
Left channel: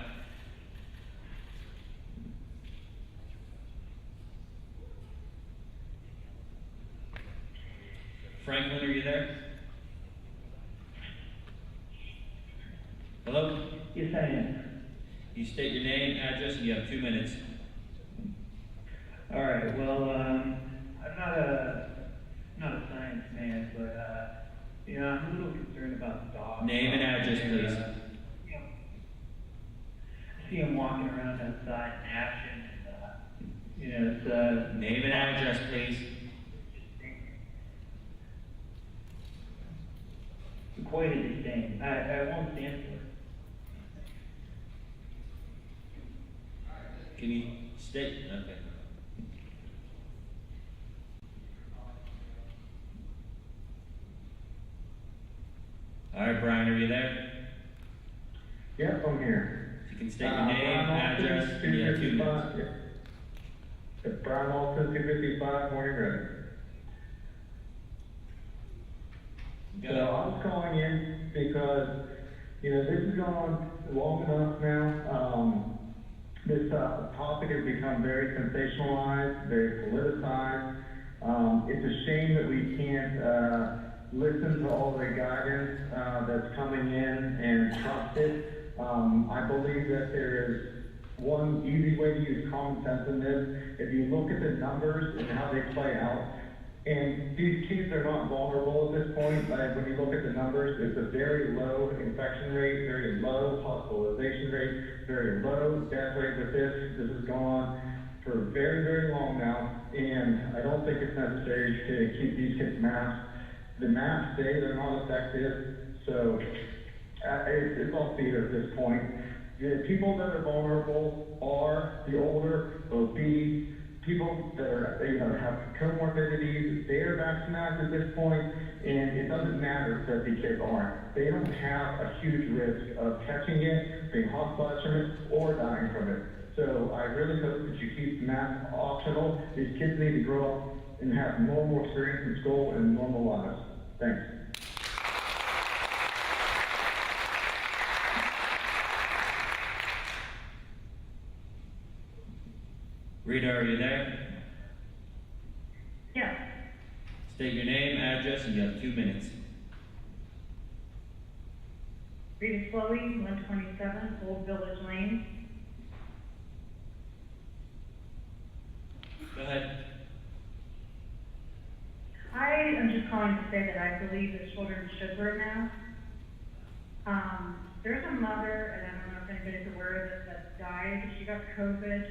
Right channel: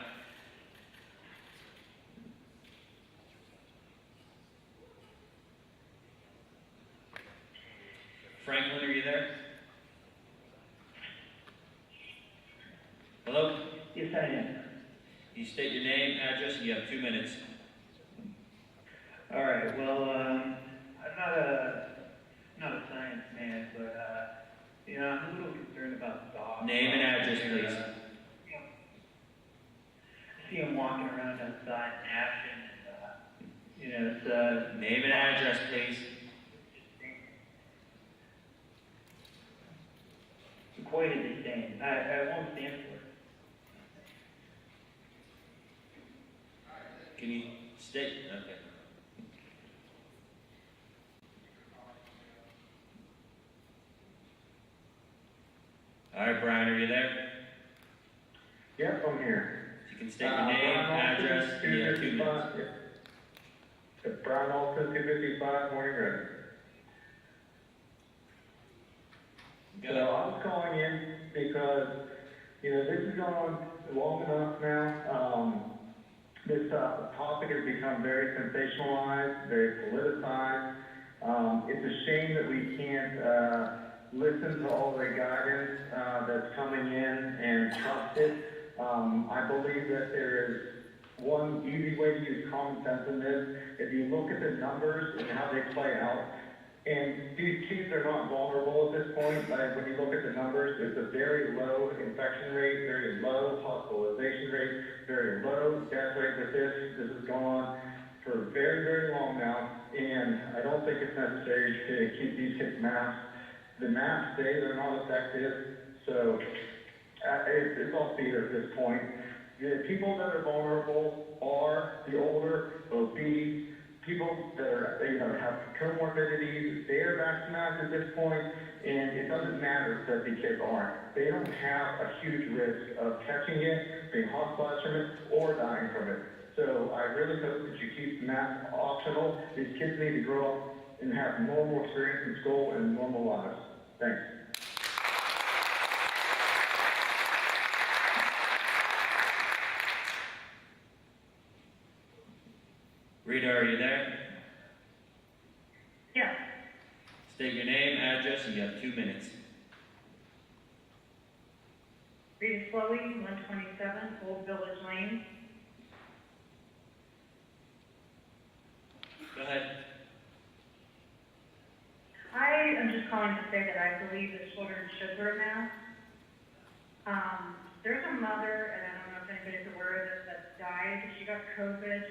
Franklin, are you there? Hello? Yes, I am. You state your name, address, and you have 2 minutes. All right. Well, I'm not a science man, but I'm a little concerned about dogs. Name and address, please. I see them walking around outside in action, and it's Name and address, please. It's quite a disdain. I won't stand for it. Can you state? Okay. All right, Brian, are you there? Yep, I'm here. You can state your name, address, and you have 2 minutes. Brian Olson, 255 Morning Road. So I was calling in because, this has gone on long enough now. This topic has become very sensationalized, very politicized. It's a shame that we can't listen to all the guidance that's coming in and trust it. I believe that there is one easy way to use common sense in this. If you look at the numbers and how they play out, and these kids are not vulnerable at this point. When you look at the numbers, it's a very low infection rate, very low hospitalization rate, very low death rate with this. This has gone on for very, very long now, and I don't think it's necessary to keep these kids masked. The masks say they're not effective, so it's all theater at this point. The people that are vulnerable are the older, obese, people that are, have comorbidities. They are vaccinated at this point, and it doesn't matter that the kids aren't. They don't have a huge risk of catching it, being hospitalized from it, or dying from it. So I really hope that you keep masks optional. These kids need to grow up and have normal experience in school and normal lives. Thanks. Rita, are you there? State your name, address, and you have 2 minutes. Rita Slowey, 127 Old Village Lane. Go ahead. I am just calling to say that I believe that children should wear masks. There's a mother, and I don't know if anybody's aware of this, that died. She got COVID.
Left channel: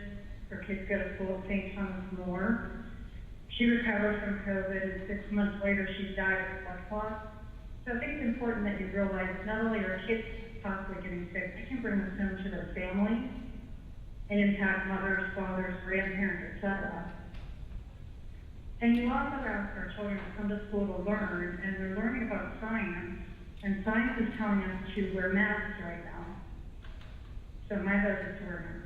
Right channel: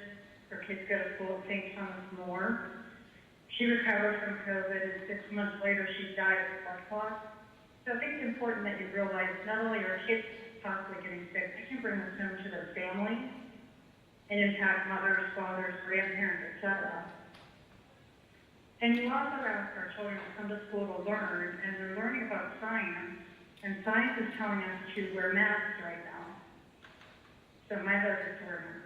Her kids go to school at St. Thomas More. She recovered from COVID, and 6 months later, she died of blood clots. So I think it's important that you realize not only are kids possibly getting sick, they can bring this home to their family and impact mothers, fathers, grandparents, etc. And you also ask our children to come to school to learn, and they're learning about science, and science is telling us to wear masks right now. So my vote is to wear masks.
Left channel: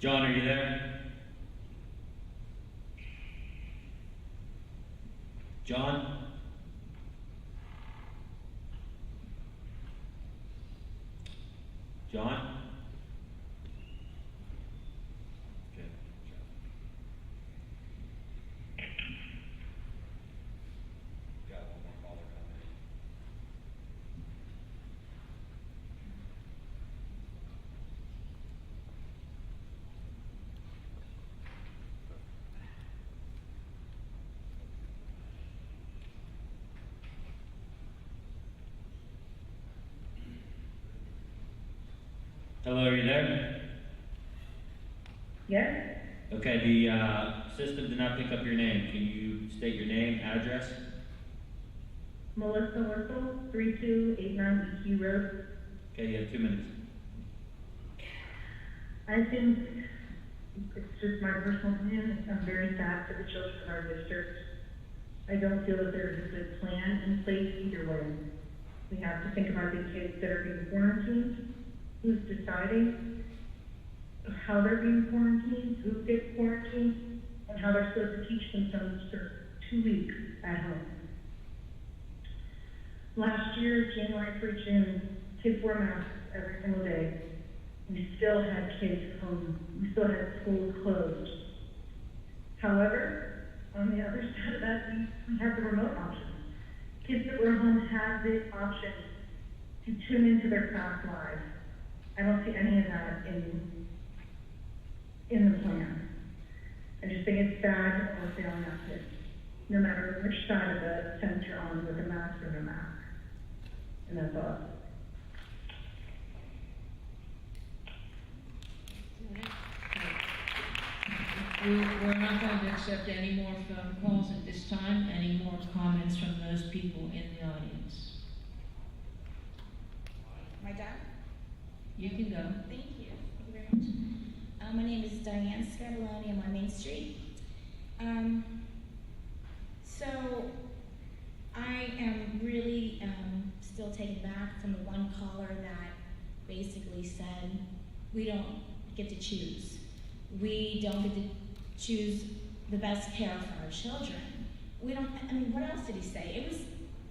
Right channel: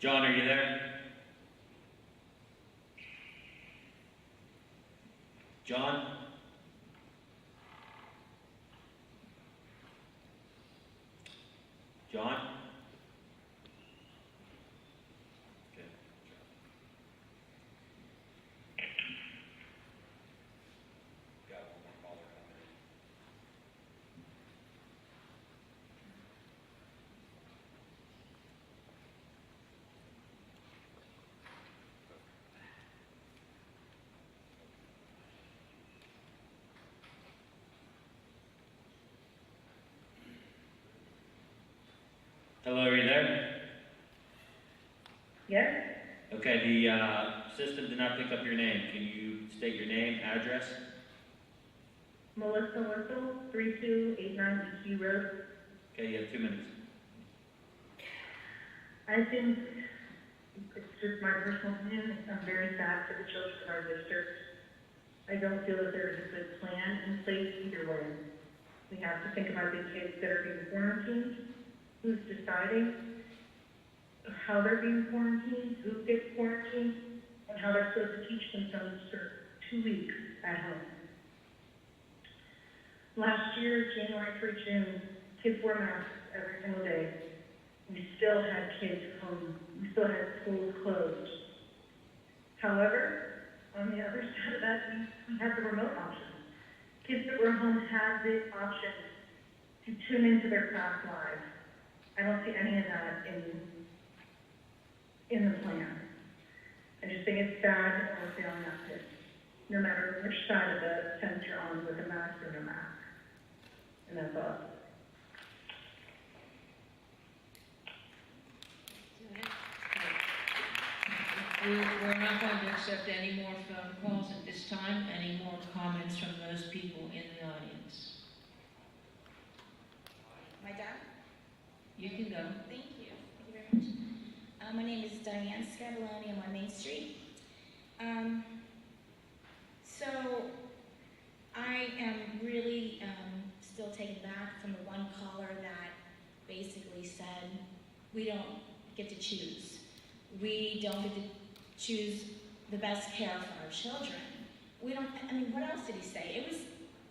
John, are you there? John? John? Okay. Got one more caller coming in. Hello, are you there? Yes? Okay, the system did not pick up your name. Can you state your name, address? Melissa Whistle, 3289 EQ Road. Okay, you have 2 minutes. I think it's just my personal opinion. I'm very sad for the children of our district. I don't feel that there's a good plan in place either way. We have to think about the kids that are being quarantined, who's deciding how they're being quarantined, who gets quarantined, and how they're supposed to teach themselves for 2 weeks at home. Last year, January through June, kids wore masks every single day. We still had kids home. We still had schools closed. However, on the other side of that, we have the remote option. Kids that were home had the option to tune into their class live. I don't see any of that in the plan. I just think it's sad that we're failing our kids, no matter which side of the fence you're on, with a mask or no mask. And that's all. We're not going to accept any more phone calls at this time. Any more comments from those people in the audience? Am I done? You can go. Thank you. Thank you very much. My name is Diane Scavoloni. I'm on Main Street. So I am really still taken back from the one caller that basically said we don't get to choose. We don't get to choose the best care for our children. We don't, I mean, what else did he say? It was,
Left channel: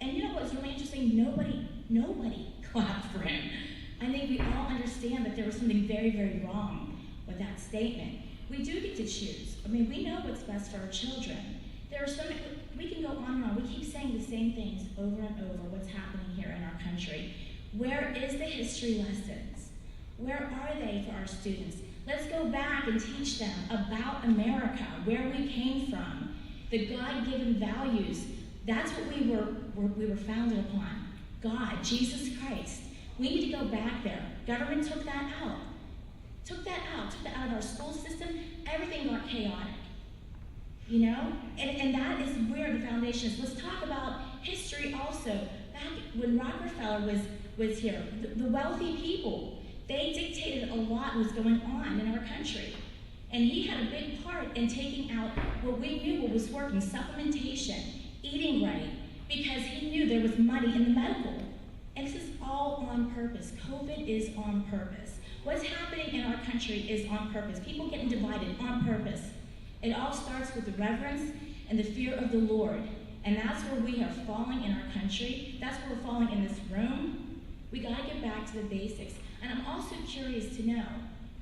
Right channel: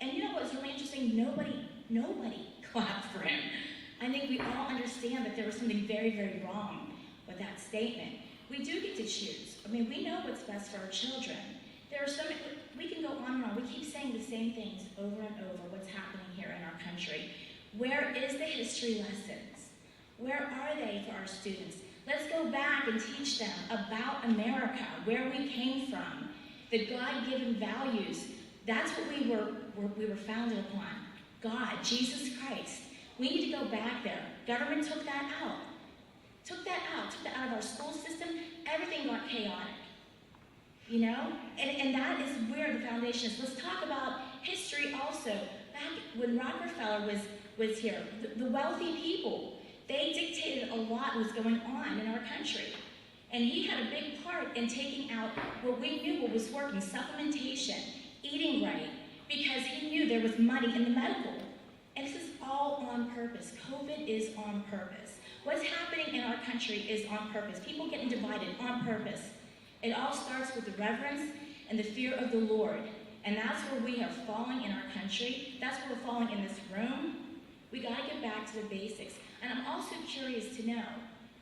and you know what was really interesting? Nobody clapped for him. I think we all understand that there was something very, very wrong with that statement. We do get to choose. I mean, we know what's best for our children. There are so many, we can go on and on. We keep saying the same things over and over, what's happening here in our country. Where is the history lessons? Where are they for our students? Let's go back and teach them about America, where we came from, the God-given values. That's what we were founded upon. God, Jesus Christ. We need to go back there. Government took that out. Took that out of our school system. Everything got chaotic. You know? And that is where the foundation is. Let's talk about history also. Back when Rockefeller was here, the wealthy people, they dictated a lot was going on in our country. And he had a big part in taking out what we knew what was working, supplementation, eating right, because he knew there was money in the medical. And this is all on purpose. COVID is on purpose. What's happening in our country is on purpose. People getting divided on purpose. It all starts with the reverence and the fear of the Lord. And that's where we are falling in our country. That's where we're falling in this room. We gotta get back to the basics. And I'm also curious to know,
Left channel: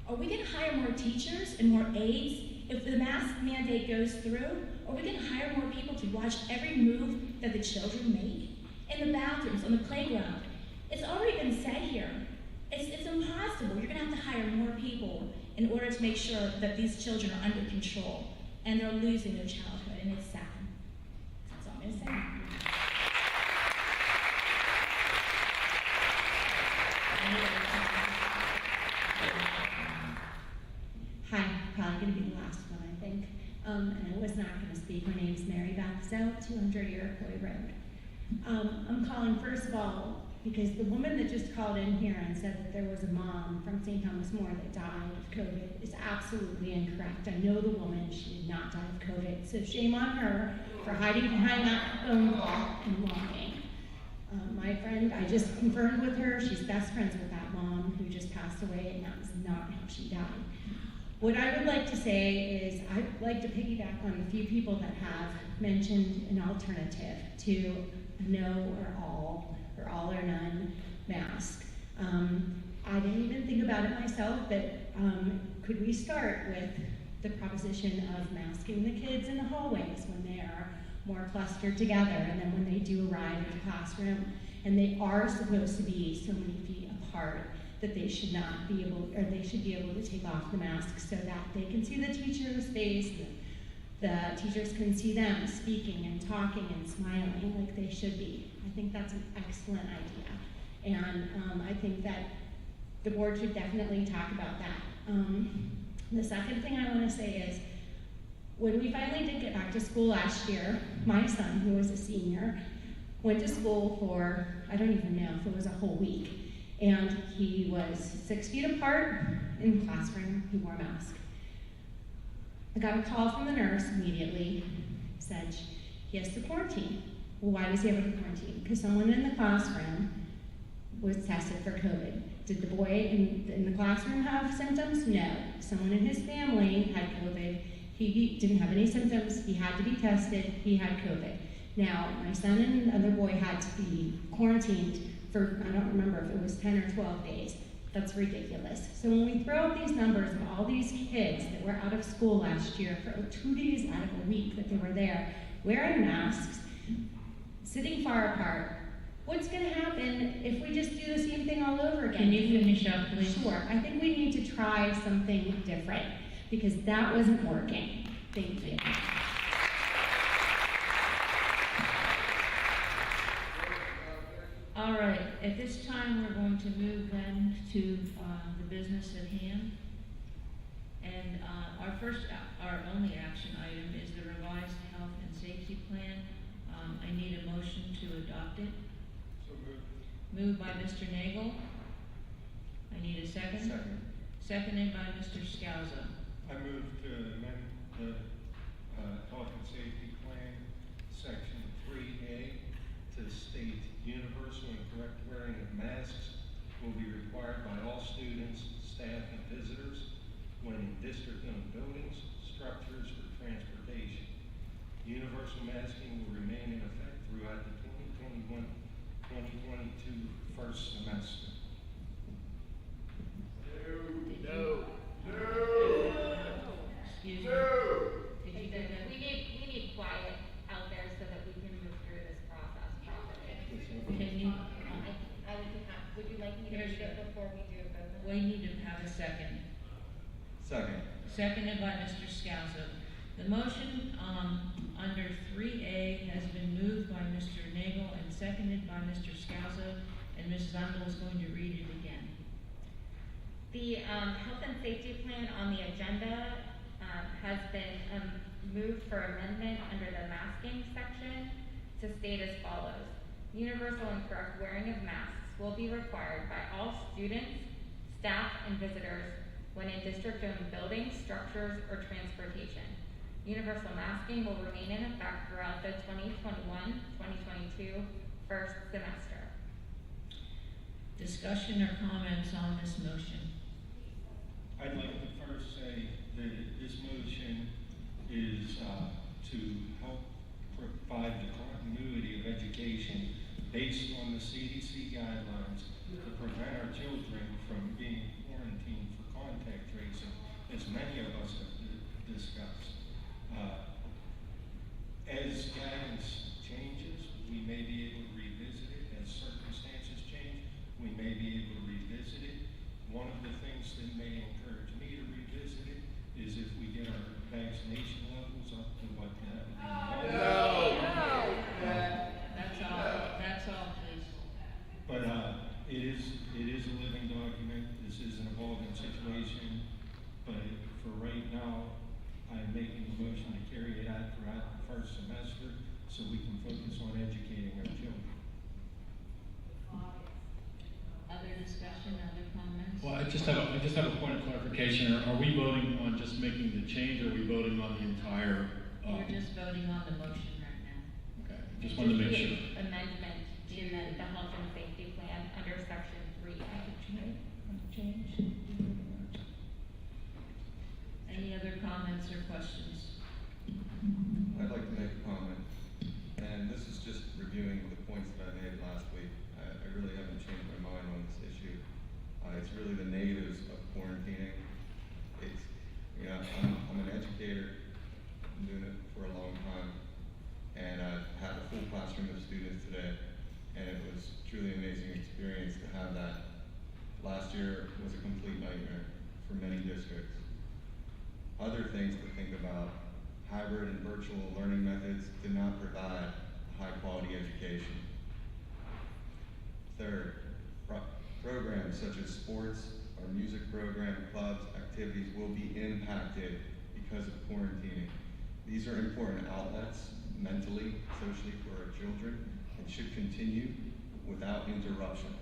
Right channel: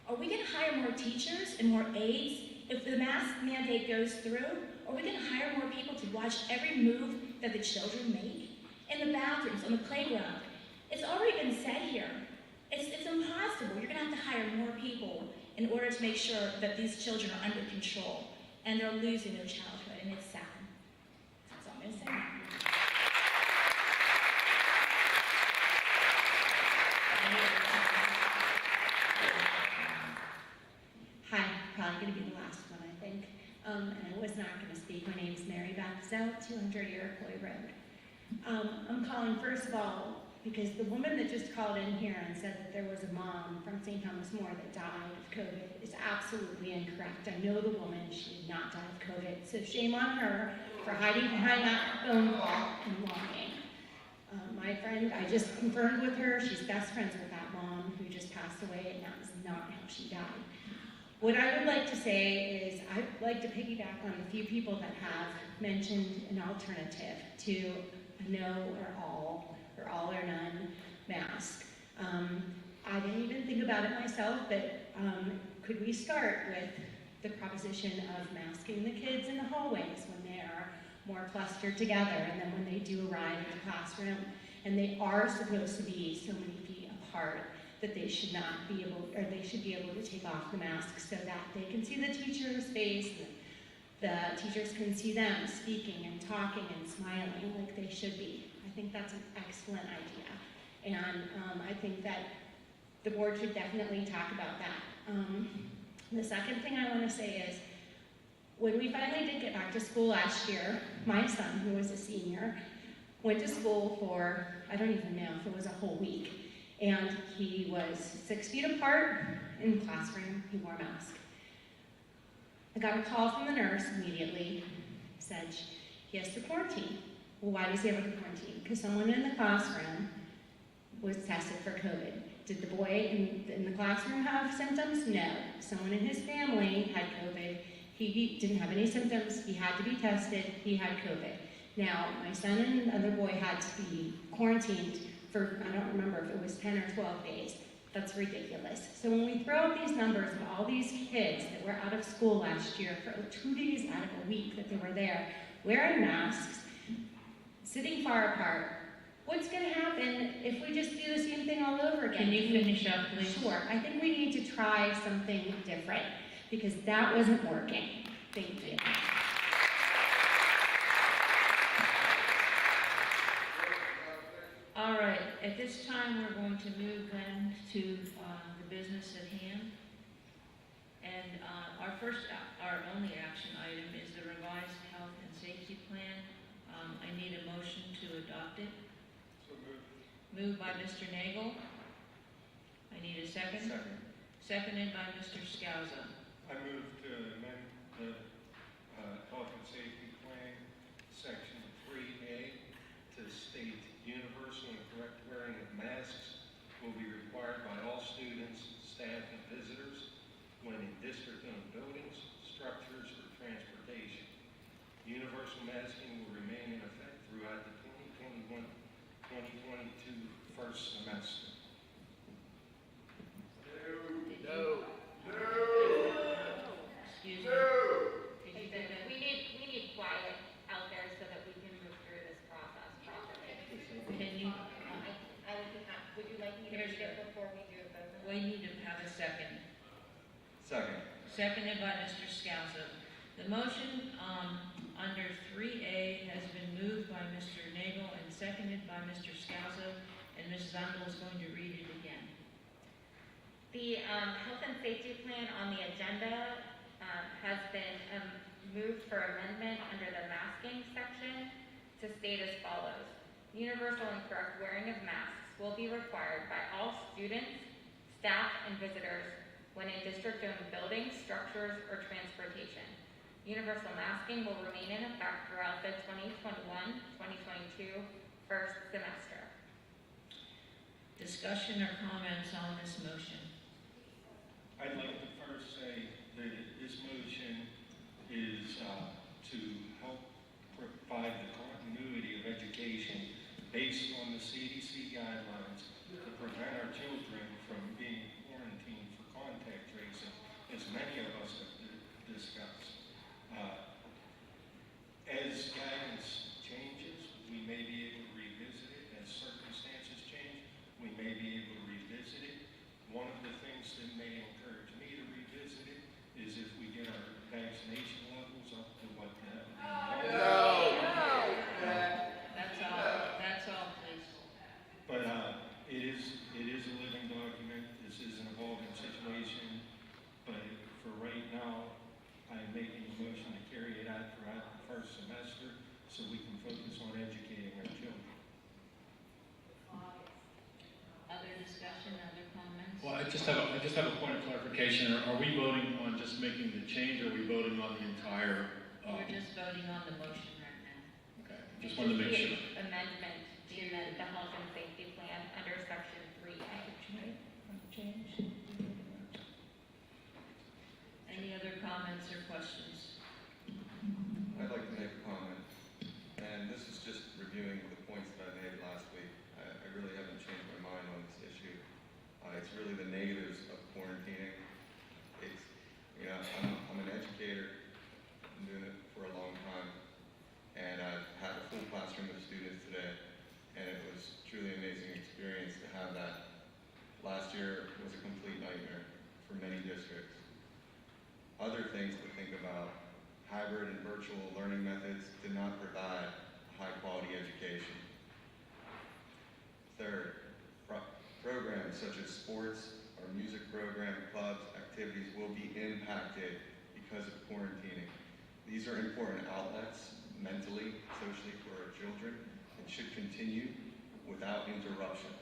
are we gonna hire more teachers and more aides if the mask mandate goes through? Or are we gonna hire more people to watch every move that the children make? In the bathrooms, on the playground. It's already been said here. It's impossible. You're gonna have to hire more people in order to make sure that these children are under control and they're losing their childhood, and it's sad. That's all I'm gonna say. Hi, probably going to be the last one, I think. And I was not going to speak. My name is Mary Beth Zout, 200 Iroquois Road. I'm calling, first of all, because the woman that just called in here and said that there was a mom from St. Thomas More that died of COVID is absolutely incorrect. I know the woman, she did not die of COVID. So shame on her for hiding behind that phone call and lying. My friend, I just confirmed with her, she's best friends with that mom who just passed away, and that was not how she died. What I would like to say is I'd like to piggyback on a few people that have mentioned an alternative to a no or all or none mask. I didn't even think about it myself, but could we start with the proposition of masking the kids in the hallways when they are more clustered together, and then when they do arrive in the classroom, and they are supposed to be so many feet apart, that they should not be able, or they should be able to take off the mask so that they can see the teacher's face, and the teachers can see them speaking and talking and smiling like they should be. I think that's an excellent idea. And I think that the board should definitely talk about that. The second thing I want to say is, when we finally did get back to school last year, my son, who was a senior, went to school for, I don't even know if it was a whole week. And he was 6 feet apart in the classroom. He wore a mask. I got a call from the nurse immediately, said he has to quarantine. Well, why does he have to quarantine? Because someone in the classroom was tested for COVID. Did the boy in the classroom have symptoms? No. Someone in his family had COVID. He didn't have any symptoms. He had to be tested. He had COVID. Now, my son and the other boy had to be quarantined for, I don't remember if it was 10 or 12 days. That's ridiculous. So when we throw up these numbers of all these kids that were out of school last year for 2 days out of a week that they were there, wearing masks, sitting far apart, what's going to happen if we just do the same thing all over again? Can you finish up, please? Sure. I think we need to try something different because that wasn't working. Thank you. All right, at this time, we're going to move then to the business at hand. And our only action item is the revised health and safety plan. I need a motion to adopt it. So moved. Moved by Mr. Nagel. I need a second. Second. Seconded by Mr. Scalzo. I move to amend the health and safety plan, section 3A, to state universal and correct wearing of masks will be required by all students, staff, and visitors when in district-owned buildings, structures, or transportation. Universal masking will remain in effect throughout the 2021-2022 first semester. No. Excuse me. We need quiet out there so that we can move through this process properly. Can you? Would you like me to read it before we do the vote? We need to have a second. Second. Seconded by Mr. Scalzo. The motion under 3A has been moved by Mr. Nagel and seconded by Mr. Scalzo, and Ms. Zundel is going to read it again. The health and safety plan on the agenda has been moved for amendment under the masking section to state as follows. Universal and correct wearing of masks will be required by all students, staff, and visitors when in district-owned buildings, structures, or transportation. Universal masking will remain in effect throughout the 2021-2022 first semester. Discussion or comments on this motion? I'd like to first say that this motion is to help provide the the CDC guidelines to prevent our children from being quarantined for contact tracing, as many of us have discussed. As guidance changes, we may be able to revisit it. As circumstances change, we may be able to revisit it. One of the things that may encourage me to revisit it is if we get our vaccination levels up to what that would be. That's all, please. But it is a living document. This is an evolving situation. But for right now, I'm making a motion to carry it out throughout the first semester so we can focus on educating our children. Other discussion, other comments? Well, I just have a point of clarification. Are we voting on just making the change, or are we voting on the entire? We're just voting on the motion right now. Okay, just wanted to make sure. Amendment to the health and safety plan under section 3A. Change. Any other comments or questions? I'd like to make a comment, and this is just reviewing the points that I made last week. I really haven't changed my mind on this issue. It's really the negatives of quarantining. It's, I'm an educator. I've been doing it for a long time, and I've had a full classroom of students today, and it was truly an amazing experience to have that. Last year was a complete nightmare for many districts. Other things to think about: hybrid and virtual learning methods did not provide a high-quality education. Third, programs such as sports or music program, clubs, activities will be impacted because of quarantining. These are important outlets mentally, socially for our children, and should continue without interruption.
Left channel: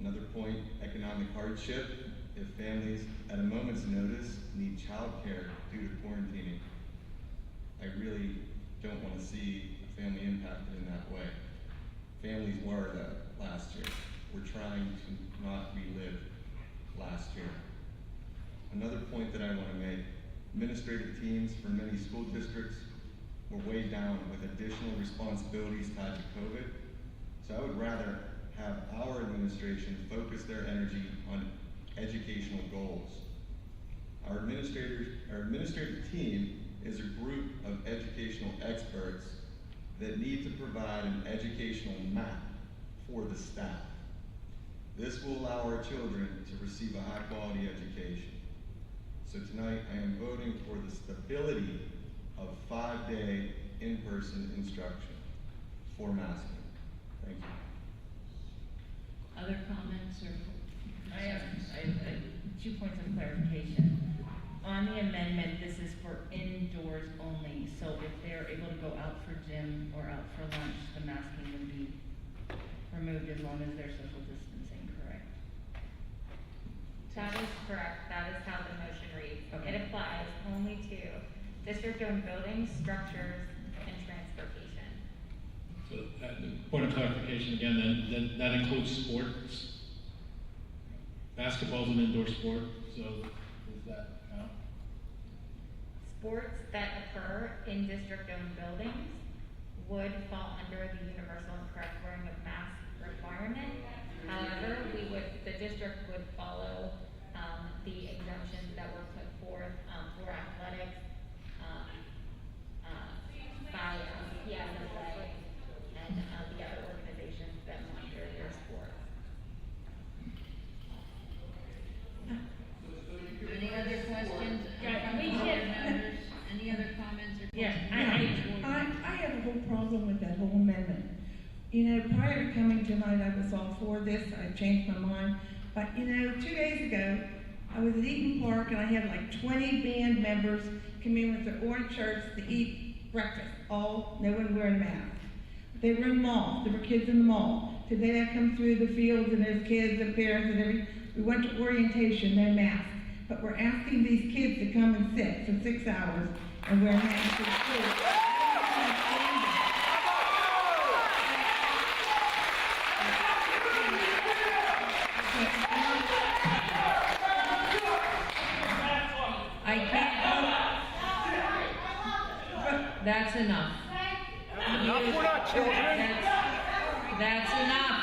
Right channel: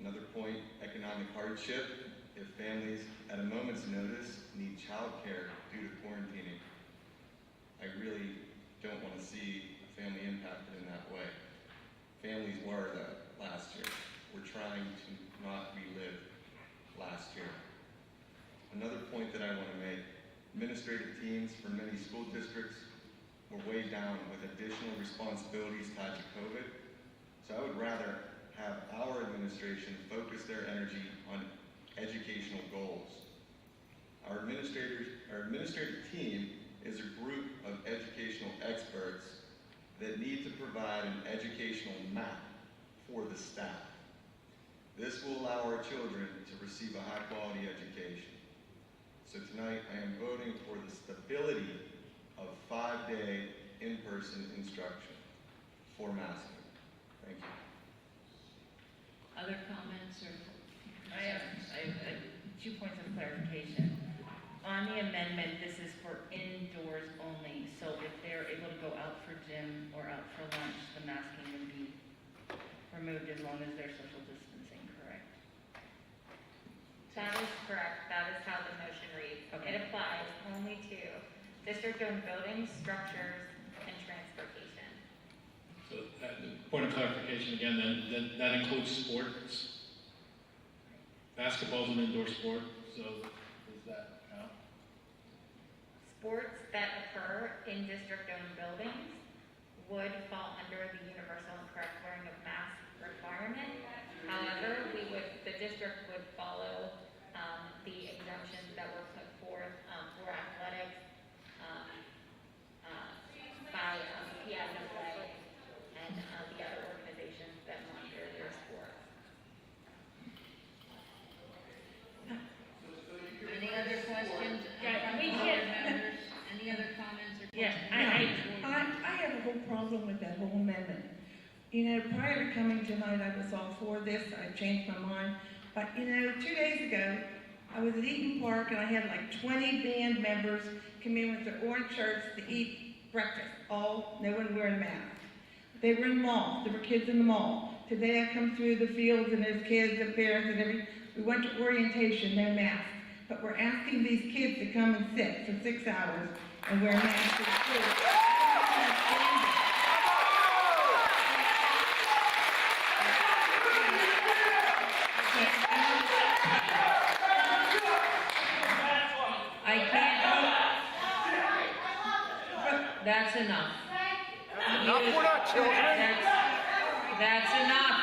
Another point, economic hardship. If families at a moment's notice need childcare due to quarantining, I really don't want to see a family impacted in that way. Families were though last year. We're trying to not relive last year. Another point that I want to make, administrative teams for many school districts were weighed down with additional responsibilities tied to COVID. So I would rather have our administration focus their energy on educational goals. Our administrative team is a group of educational experts that need to provide an educational map for the staff. This will allow our children to receive a high-quality education. So tonight, I am voting for the stability of 5-day in-person instruction for masking. Thank you. Other comments or? I have 2 points of clarification. On the amendment, this is for indoors only, so if they're able to go out for gym or out for lunch, the masking would be removed as long as they're social distancing, correct? That is correct. That is how the motion reads. Okay. It applies only to district-owned buildings, structures, and transportation. So, the point of clarification again, then that includes sports. Basketball is an indoor sport, so does that count? Sports that occur in district-owned buildings would fall under the universal and correct wearing of mask requirement. However, the district would follow the exemptions that were put forth for athletics by PSSA and the other organizations that monitor their sports. Any other questions? Any other comments or questions? Yeah, I have a whole problem with that whole amendment. You know, prior to coming tonight, I was all for this. I changed my mind. But, 2 days ago, I was at Eaton Park and I had like 20 band members come in with their orange shirts to eat breakfast. No one wearing masks. They were in the mall. There were kids in the mall. Today I come through the fields and there's kids and parents and everything. We went to orientation, no masks. But we're asking these kids to come and sit for 6 hours and wear masks in school. I can't. That's enough. Enough, we're not children. That's enough.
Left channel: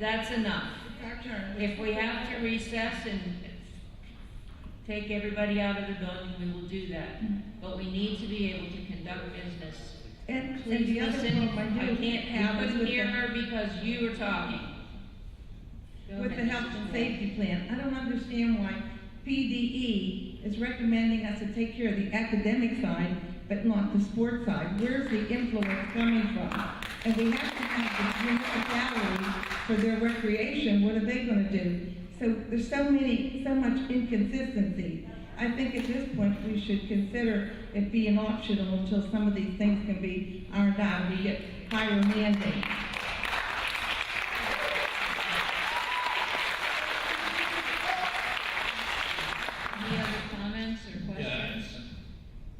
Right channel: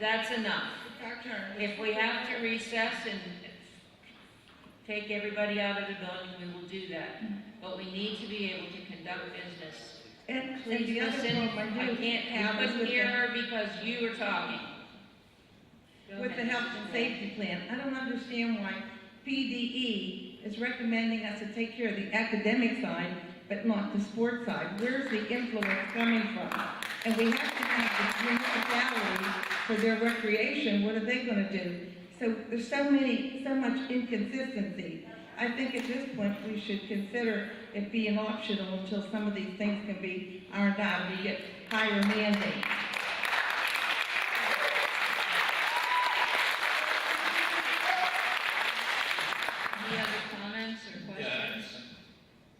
That's enough. If we have to recess and take everybody out of the building, we will do that. But we need to be able to conduct business. And Please the other listen. problem I couldn't hear her because you were talking. Go With the ahead, health Mrs. and Roth. safety plan, I don't understand why PDE is recommending us to take care of the academic side, but not the sports side. Where's the influence coming from? And we have to have the municipalities for their recreation. What are they gonna do? So there's so much inconsistency. I think at this point, we should consider it being optional until some of these things can be ironed out and we get higher mandates. Any other comments or questions?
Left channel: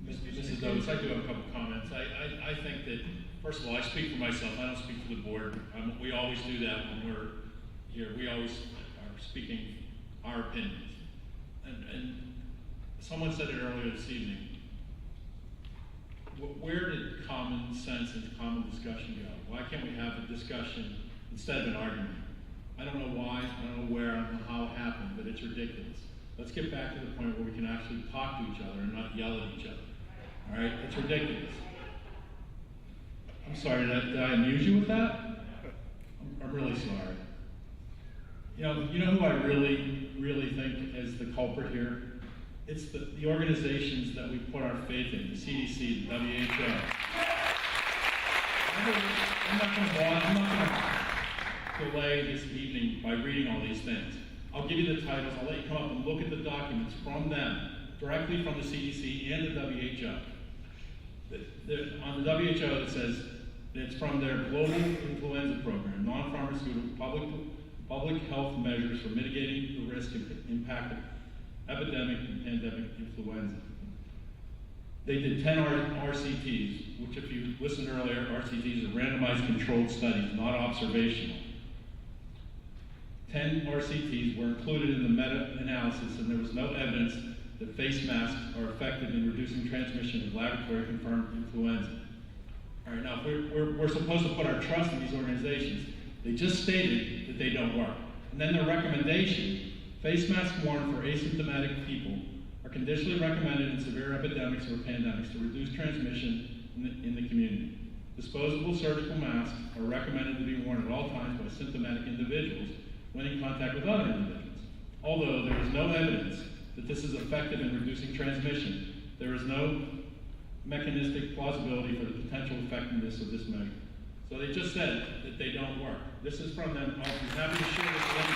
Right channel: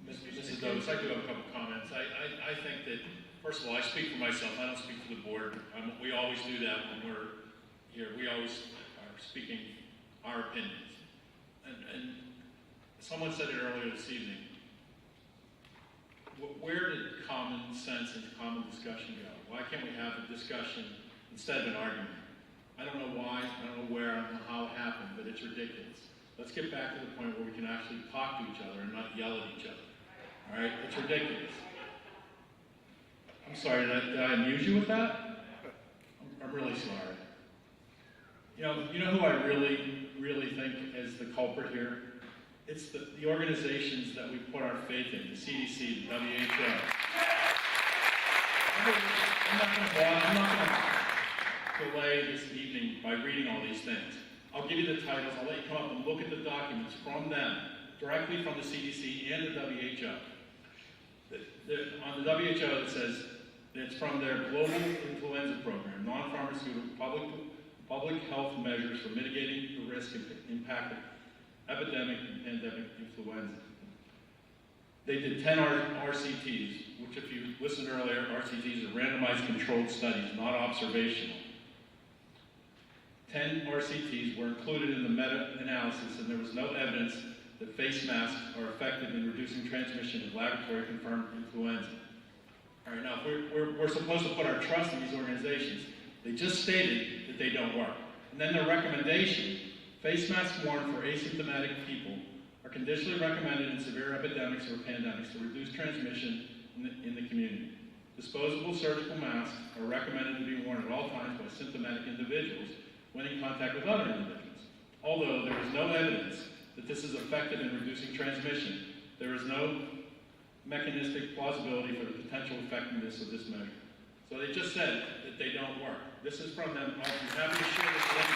Mrs. Dovis, I do have a couple comments. I think that, first of all, I speak for myself, I don't speak for the board. We always do that when we're here. We always are speaking our opinions. And someone said it earlier this evening. Where did common sense and common discussion go? Why can't we have a discussion instead of an argument? I don't know why, I don't know where, I don't know how it happened, but it's ridiculous. Let's get back to the point where we can actually talk to each other and not yell at each other. All right? It's ridiculous. I'm sorry, did I amuse you with that? I'm really sorry. You know who I really think is the culprit here? It's the organizations that we put our faith in, the CDC, the WHO. I'm not going to delay this evening by reading all these things. I'll give you the titles. I'll let you come up and look at the documents from them, directly from the CDC and the WHO. On the WHO, it says it's from their global influenza program, non-pharmaceutical public health measures for mitigating the risk and impact of epidemic and pandemic influenza. They did 10 RCTs, which if you listened earlier, RCTs are randomized controlled studies, not observational. 10 RCTs were included in the meta-analysis, and there was no evidence that face masks are effective in reducing transmission of laboratory-confirmed influenza. All right, now, we're supposed to put our trust in these organizations. They just stated that they don't work. And then their recommendation, face masks worn for asymptomatic people are conditionally recommended in severe epidemics or pandemics to reduce transmission in the community. Disposable surgical masks are recommended to be worn at all times by symptomatic individuals when in contact with other individuals. Although there is no evidence that this is effective in reducing transmission, there is no mechanistic plausibility for the potential effectiveness of this measure. So they just said that they don't work. This is from them. I'll be happy to share this with you.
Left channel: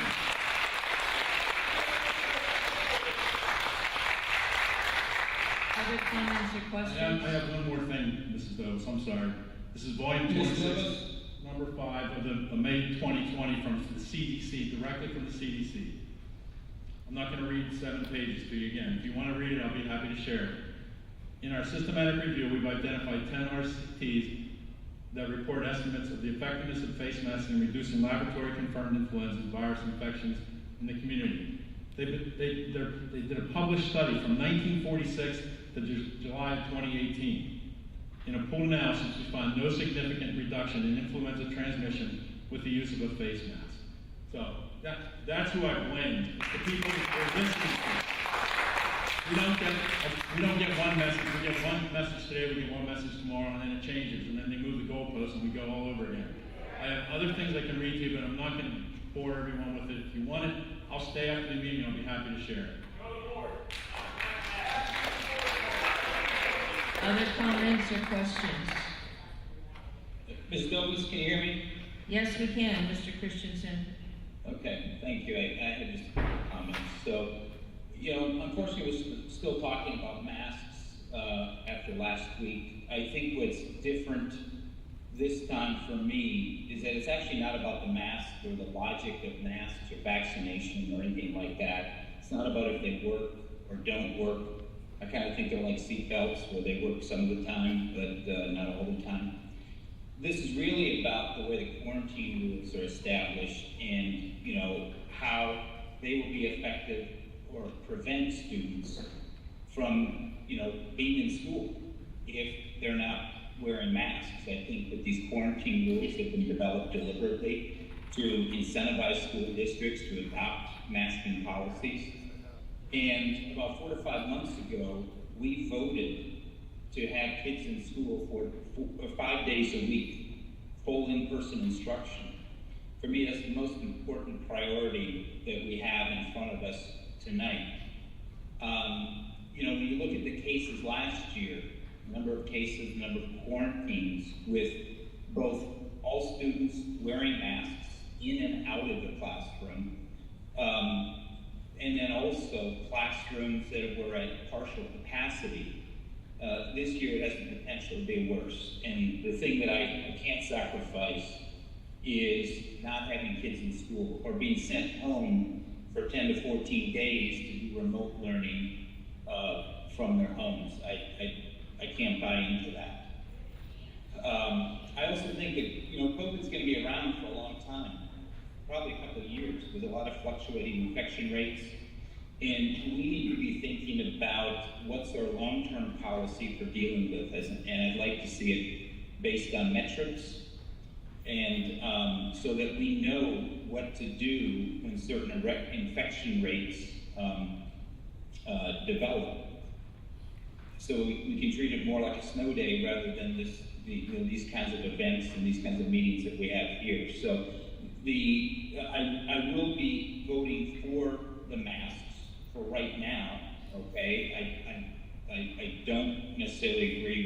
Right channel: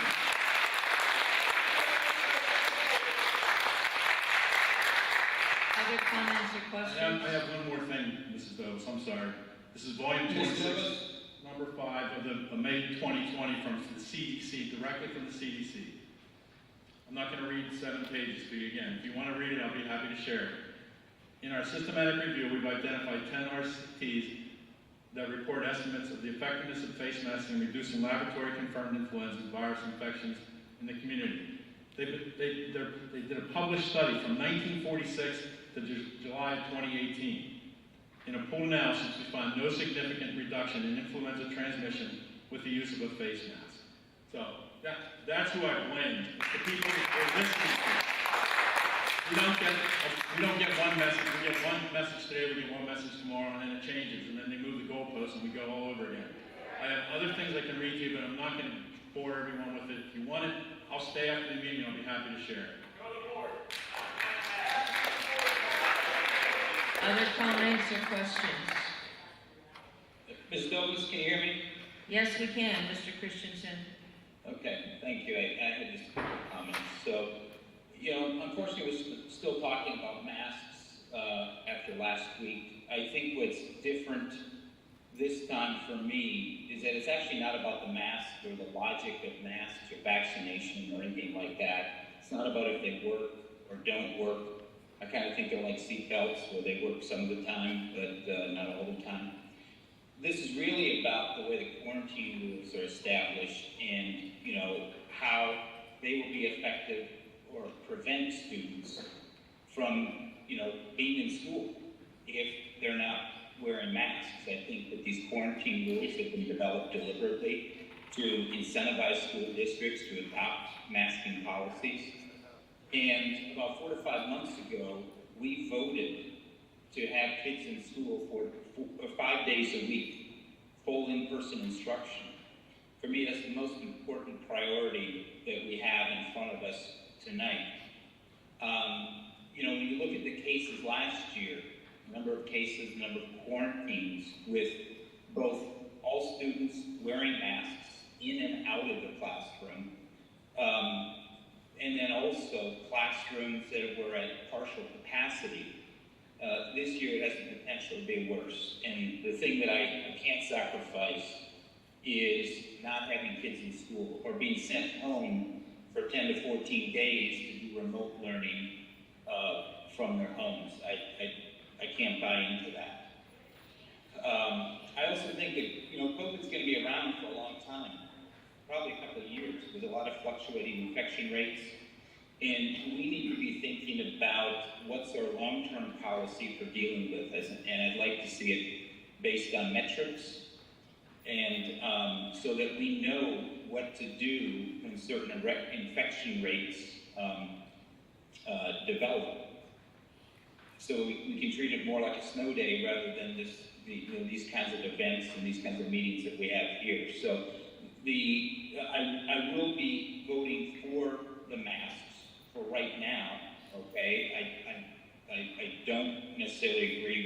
Other comments or questions? I have one more thing, Mrs. Dovis, I'm sorry. This is volume 26, number 5 of the May 2020 from the CDC, directly from the CDC. I'm not going to read 7 pages to you again. If you want to read it, I'll be happy to share it. In our systematic review, we've identified 10 RCTs that report estimates of the effectiveness of face masks in reducing laboratory-confirmed influenza and virus infections in the community. They did a published study from 1946 to July of 2018. In a pooled analysis, we found no significant reduction in influenza transmission with the use of a face mask. So that's who I blame. It's the people who are listening to. We don't get one message. We get one message today, we get one message tomorrow, and then it changes, and then they move the goalposts, and we go all over again. I have other things I can read to you, but I'm not going to bore everyone with it. If you want it, I'll stay after the meeting. I'll be happy to share it. Other comments or questions? Ms. Douglas, can you hear me? Yes, we can, Mr. Christensen. Okay, thank you. I had just comments. So, unfortunately, we're still talking about masks after last week. I think what's different this time for me is that it's actually not about the mask or the logic of masks or vaccination or anything like that. It's not about if they work or don't work. I kind of think they're like seatbelts where they work some of the time, but not all the time. This is really about the way the quarantine rules are established and, how they will be effective or prevent students from, being in school if they're not wearing masks. I think that these quarantine rules have been developed deliberately to incentivize school districts to adopt masking policies. And about 4 to 5 months ago, we voted to have kids in school for 5 days a week, full in-person instruction. For me, that's the most important priority that we have in front of us tonight. When you look at the cases last year, number of cases, number of quarantines, with both all students wearing masks in and out of the classroom, and then also classrooms that were at partial capacity. This year it has the potential to be worse. And the thing that I can't sacrifice is not having kids in school or being sent home for 10 to 14 days to do remote learning from their homes. I can't buy into that. I also think that COVID's going to be around for a long time, probably a couple of years, with a lot of fluctuating infection rates. And we need to be thinking about what's our long-term policy for dealing with this, and I'd like to see it based on metrics, and so that we know what to do when certain infection rates develop. So we can treat it more like a snow day rather than these kinds of events and these kinds of meetings that we have here. So I will be voting for the masks for right now, okay? I don't necessarily agree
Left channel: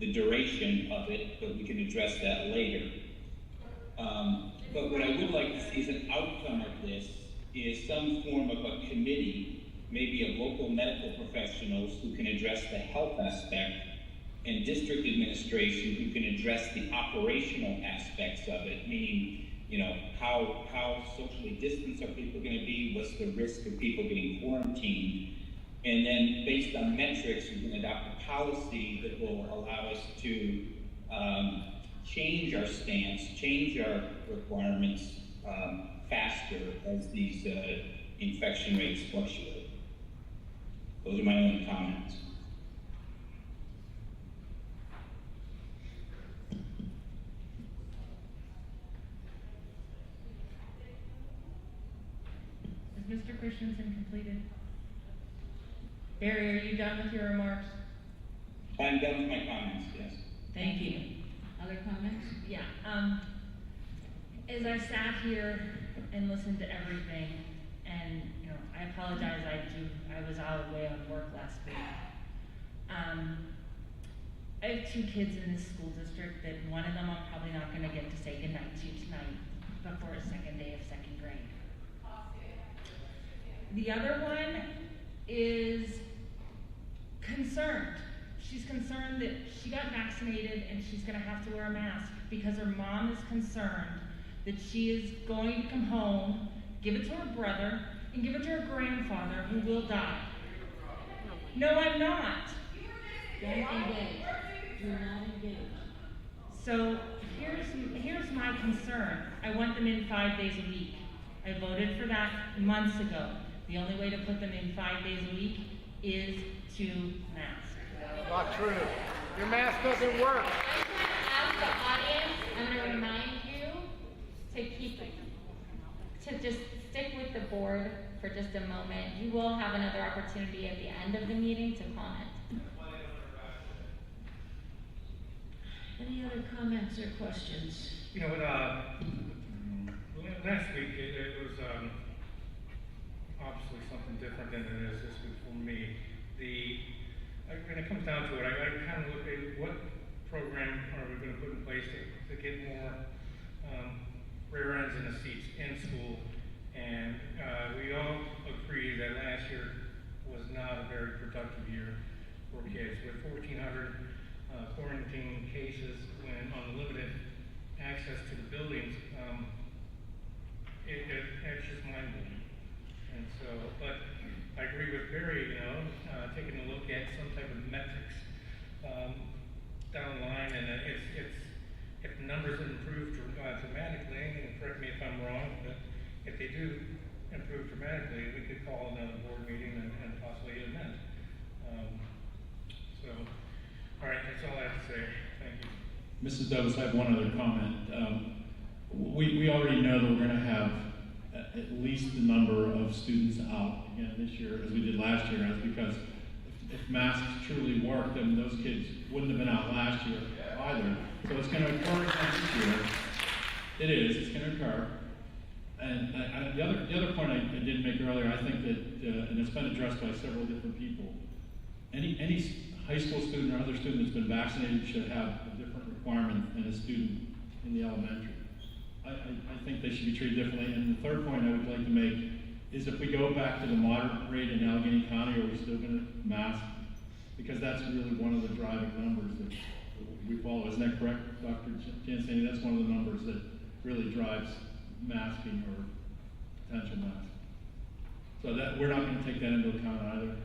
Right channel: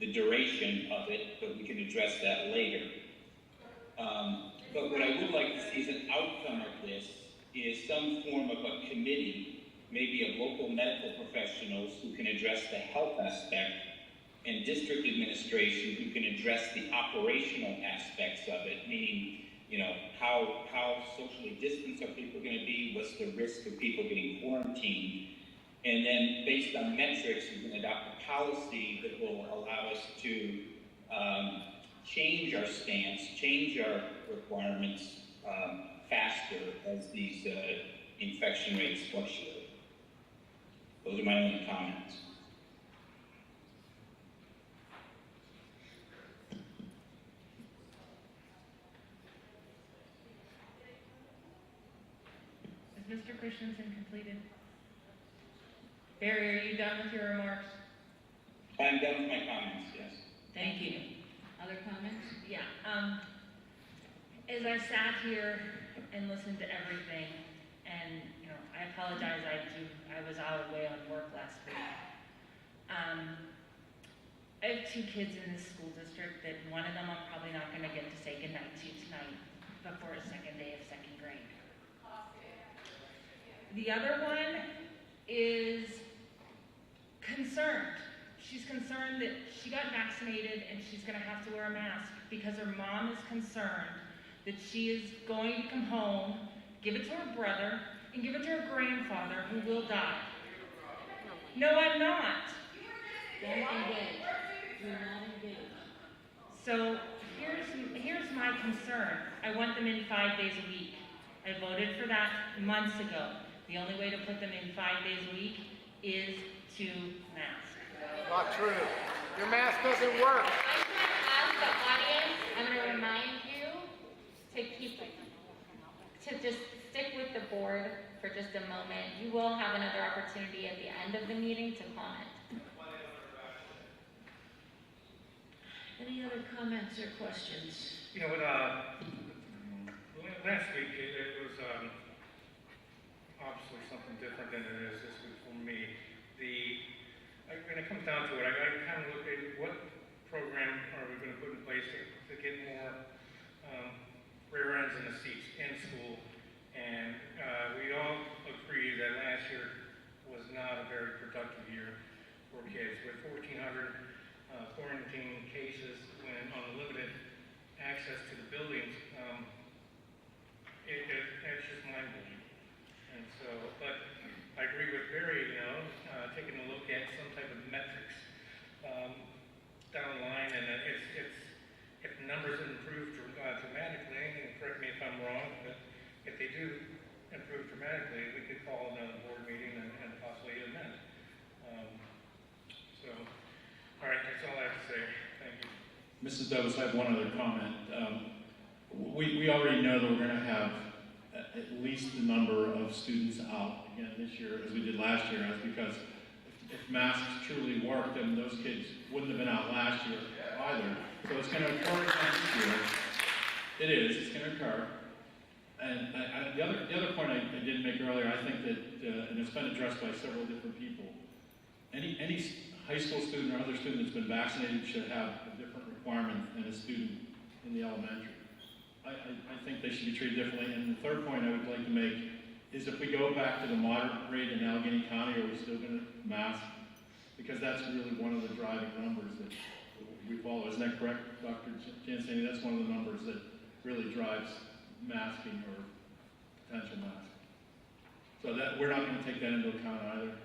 with the duration of it, but we can address that later. But what I would like to see as an outcome of this is some form of a committee, maybe of local medical professionals who can address the health aspect, and district administration who can address the operational aspects of it, meaning, how socially distanced are people going to be? What's the risk of people getting quarantined? And then, based on metrics, you can adopt a policy that will allow us to change our stance, change our requirements faster as these infection rates fluctuate. Those are my only comments. Is Mr. Christensen completed? Barry, are you done with your remarks? I'm done with my comments, yes. Thank you. Other comments? Yeah. As I sat here and listened to everything, and I apologize, I was out of the way on work last week. I have 2 kids in this school district that one of them I'm probably not going to get to say goodnight to tonight before his second day of 2nd grade. The other one is concerned. She's concerned that she got vaccinated and she's going to have to wear a mask because her mom is concerned that she is going to come home, give it to her brother, and give it to her grandfather who will die. No, I'm not. Don't engage. Do not engage. So here's my concern. I want them in 5 days a week. I voted for that months ago. The only way to put them in 5 days a week is to mask. Not true. Your mask doesn't work. As the audience, I'm going to remind you to just stick with the board for just a moment. You will have another opportunity at the end of the meeting to comment. Any other comments or questions? Last week it was obviously something different than it is this week for me. When it comes down to it, I kind of look at what program are we going to put in place to get more rear ends in the seats in school. And we all agree that last year was not a very productive year for kids. With 1,400 quarantine cases when on limited access to the buildings, it's just mind-blowing. And so, but I agree with Barry, taking a look at some type of metrics down the line, and if numbers improve dramatically, and correct me if I'm wrong, but if they do improve dramatically, we could call another board meeting and possibly amend. All right, that's all I have to say. Thank you. Mrs. Douglas, I have one other comment. We already know that we're going to have at least the number of students out again this year as we did last year. That's because if masks truly work, then those kids wouldn't have been out last year either. So it's going to occur again this year. It is. It's going to occur. And the other point I didn't make earlier, I think that, and it's been addressed by several different people, any high school student or other student that's been vaccinated should have a different requirement than a student in the elementary. I think they should be treated differently. And the third point I would like to make is if we go back to the moderate rate in Allegheny County, are we still going to mask? Because that's really one of the driving numbers that we follow. Isn't that correct, Dr. Jennison? That's one of the numbers that really drives masking or potential masking. So that we're not going to take that into account either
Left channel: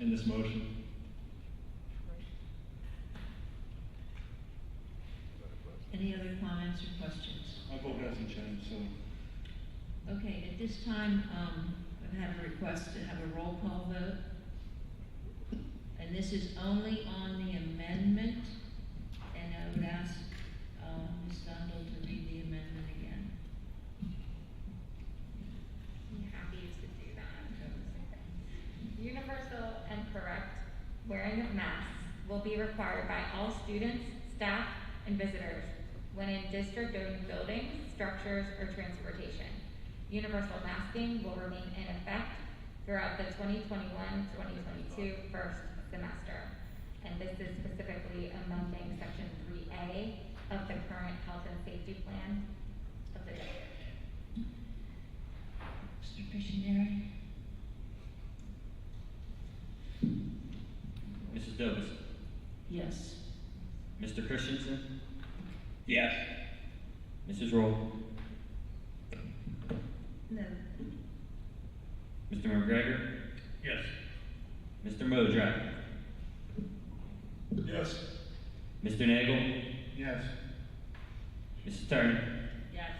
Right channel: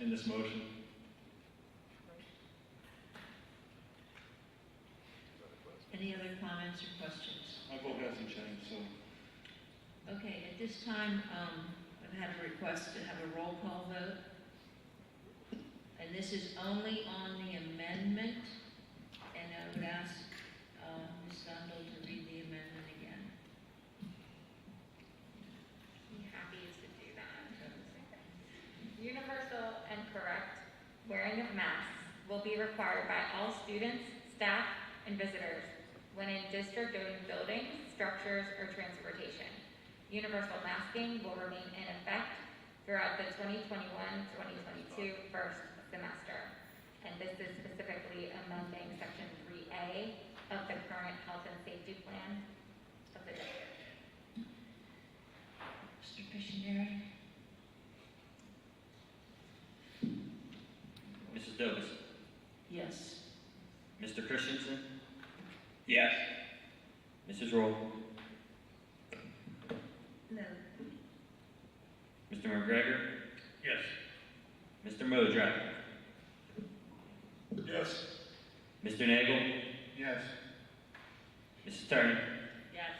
in this motion. Any other comments or questions? My vote hasn't changed, so. Okay, at this time, I've had a request to have a roll call vote. And this is only on the amendment. And I would ask Ms. Sundel to read the amendment again. I'm happy to do that. Universal and correct wearing of masks will be required by all students, staff, and visitors when in district-owned buildings, structures, or transportation. Universal masking will remain in effect throughout the 2021-2022 first semester. And this is specifically amending Section 3A of the current health and safety plan of the district. Mr. Christian. Mrs. Douglas. Yes. Mr. Christensen. Yes. Mrs. Roll. No. Mr. McGregor. Yes. Mr. Modrak. Yes. Mr. Nagel. Yes. Mrs. Turner. Yes.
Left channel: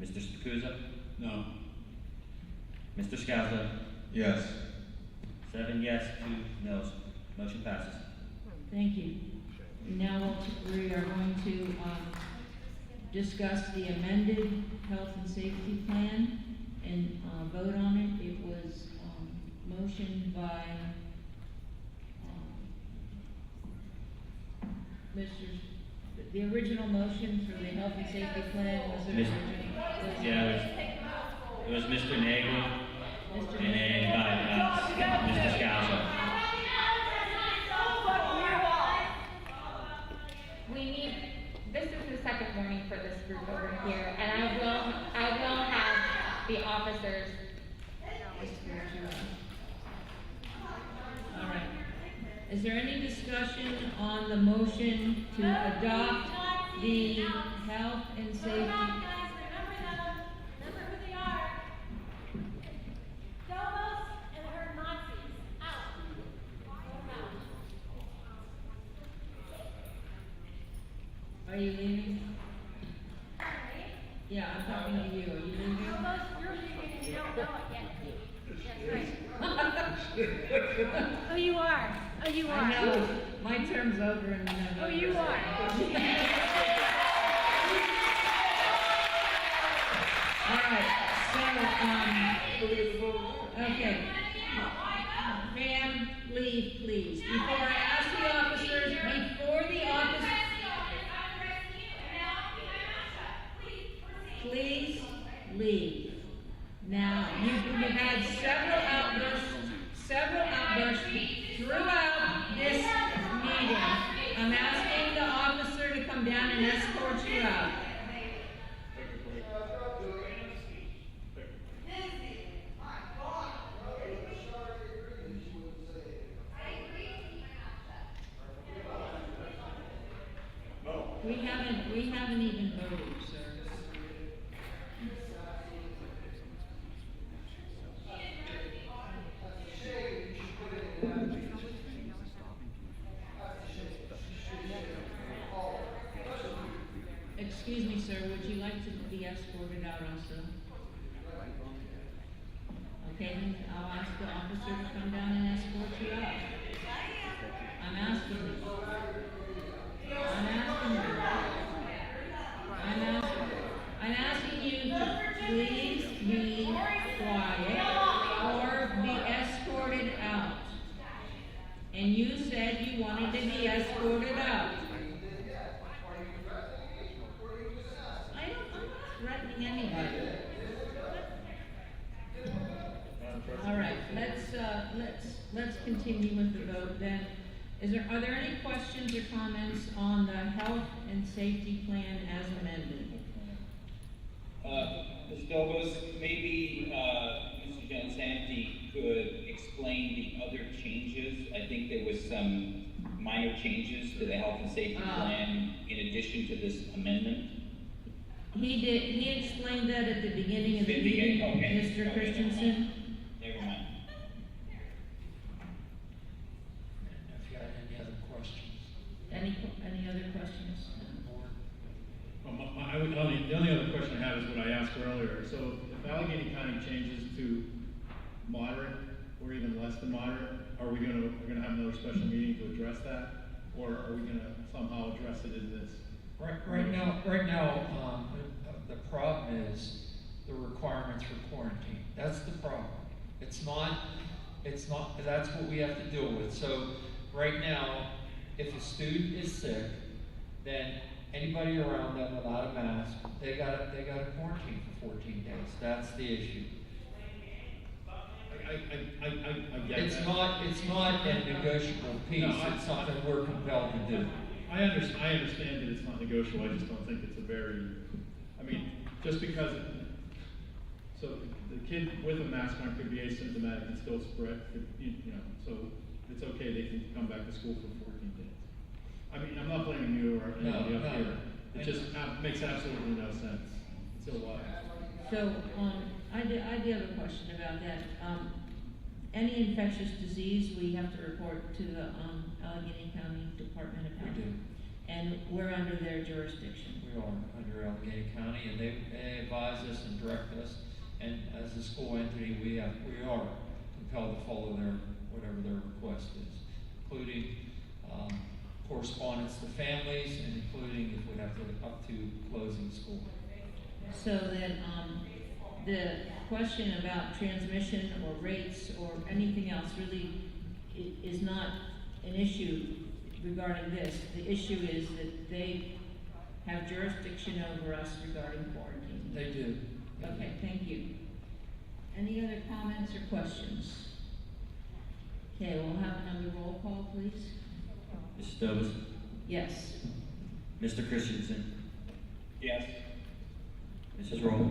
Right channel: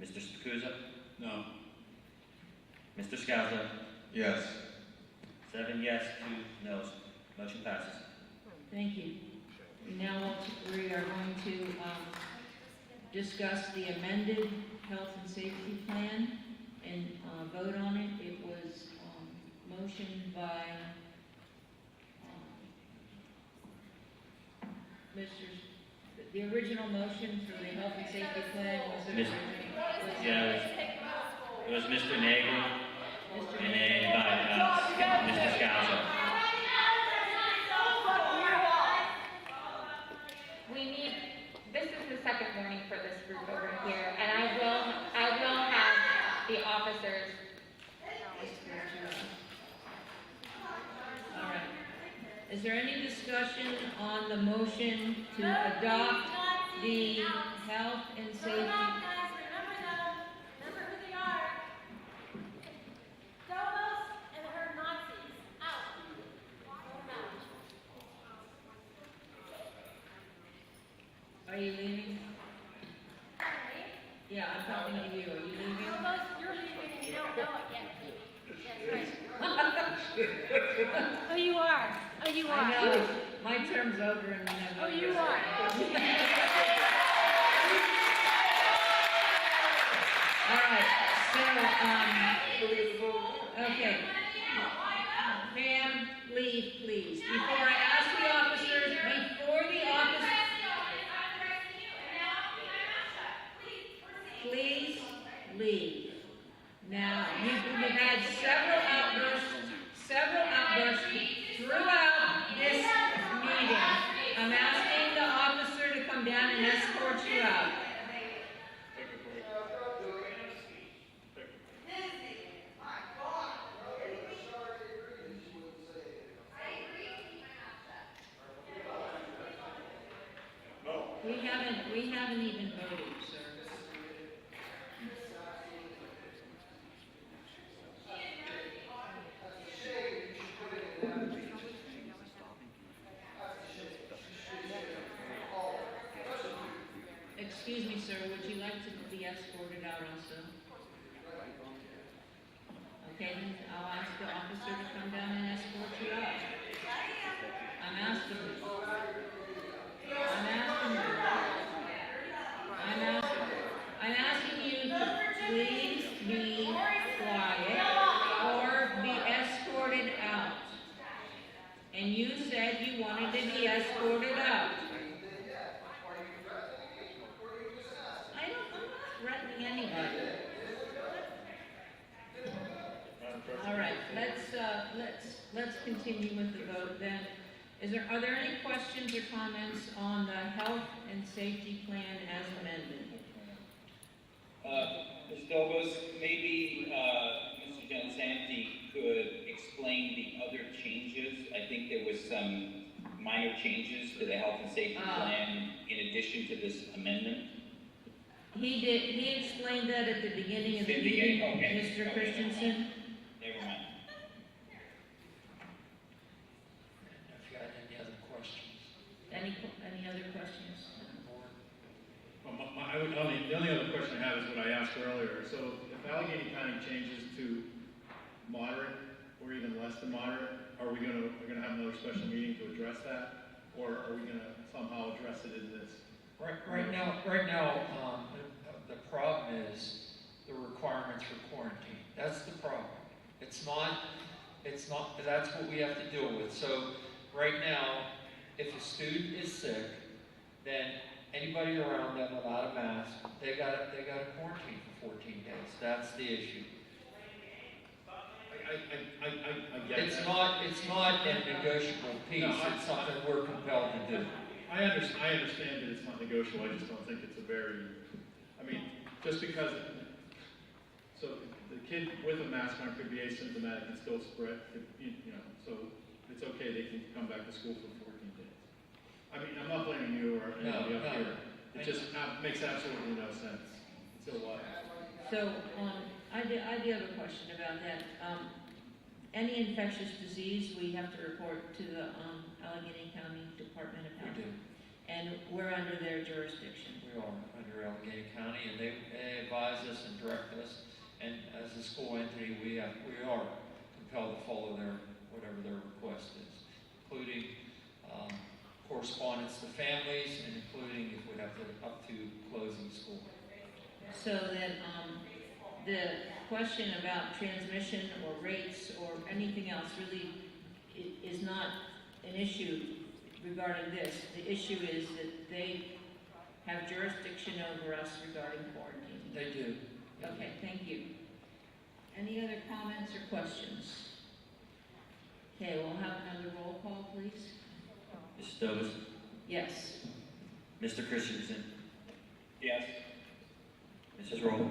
Mr. Stakuza. No. Mr. Scalzo. Yes. 7 yes, 2 no's. Motion passes. Thank you. Now we are going to discuss the amended health and safety plan and vote on it. It was motioned by the original motion for the health and safety plan was the original. It was Mr. Nagel and then by Mr. Scalzo. This is the second warning for this group over here, and I will have the officers. All right. Is there any discussion on the motion to adopt the health and safety? Are you leaving? Yeah, I'm talking to you. Are you leaving? Oh, you are. Oh, you are. I know. My term's over in November. Oh, you are. All right. So, okay. Ma'am, leave, please. Before I ask the officers, please leave. Now, you've had several outbursts throughout this meeting. I'm asking the officer to come down and escort you out. We haven't even voted, sir. Excuse me, sir, would you like to be escorted out also? Okay, then I'll ask the officer to come down and escort you out. I'm asking you. escorted out. I'm not threatening anybody. All right, let's continue with the vote then. Are there any questions or comments on the health and safety plan as amended? Ms. Dobos, maybe Mr. Jennison could explain the other changes. I think there was some minor changes to the health and safety plan in addition to this amendment. He did. He explained that at the beginning of the meeting, okay. Mr. Christensen. Never mind. If you had any other questions. Any other questions? Well, the only other question I have is what I asked earlier. So if Allegheny County changes to moderate or even less than moderate, are we gonna have another special meeting to address that, or are we gonna somehow address it in this? Right now, the problem is the requirements for quarantine. That's the problem. It's not, that's what we have to deal with. So right now, if a student is sick, then anybody around them without a mask, they got to quarantine for 14 days. That's the issue. I get It's that. not a negotiable piece. No, it's something we're compelled to do. I understand that it's not negotiable. I just don't think it's a very. I mean, just because. So the kid with a mask on could be asymptomatic and still spread. So it's okay. They can come back to school for 14 days. I mean, I'm not blaming you or anybody up here. It just makes absolutely no sense. It's illogical. So I do have a question about that. Any infectious disease we have to report to the Allegheny County Department of Health. We do. And we're under their jurisdiction. We are under Allegheny County, and they advise us and direct us. And as a school entity, we are compelled to follow whatever their request is, including correspondence to families, and including if we have to up to closing school. So then, the question about transmission or rates or anything else really is not an issue regarding this. The issue is that they have jurisdiction over us regarding quarantine. They do. Okay, thank you. Any other comments or questions? Okay, we'll have another roll call, please. Mrs. Dobos? Yes. Mr. Christensen? Yes. Mrs. Roll?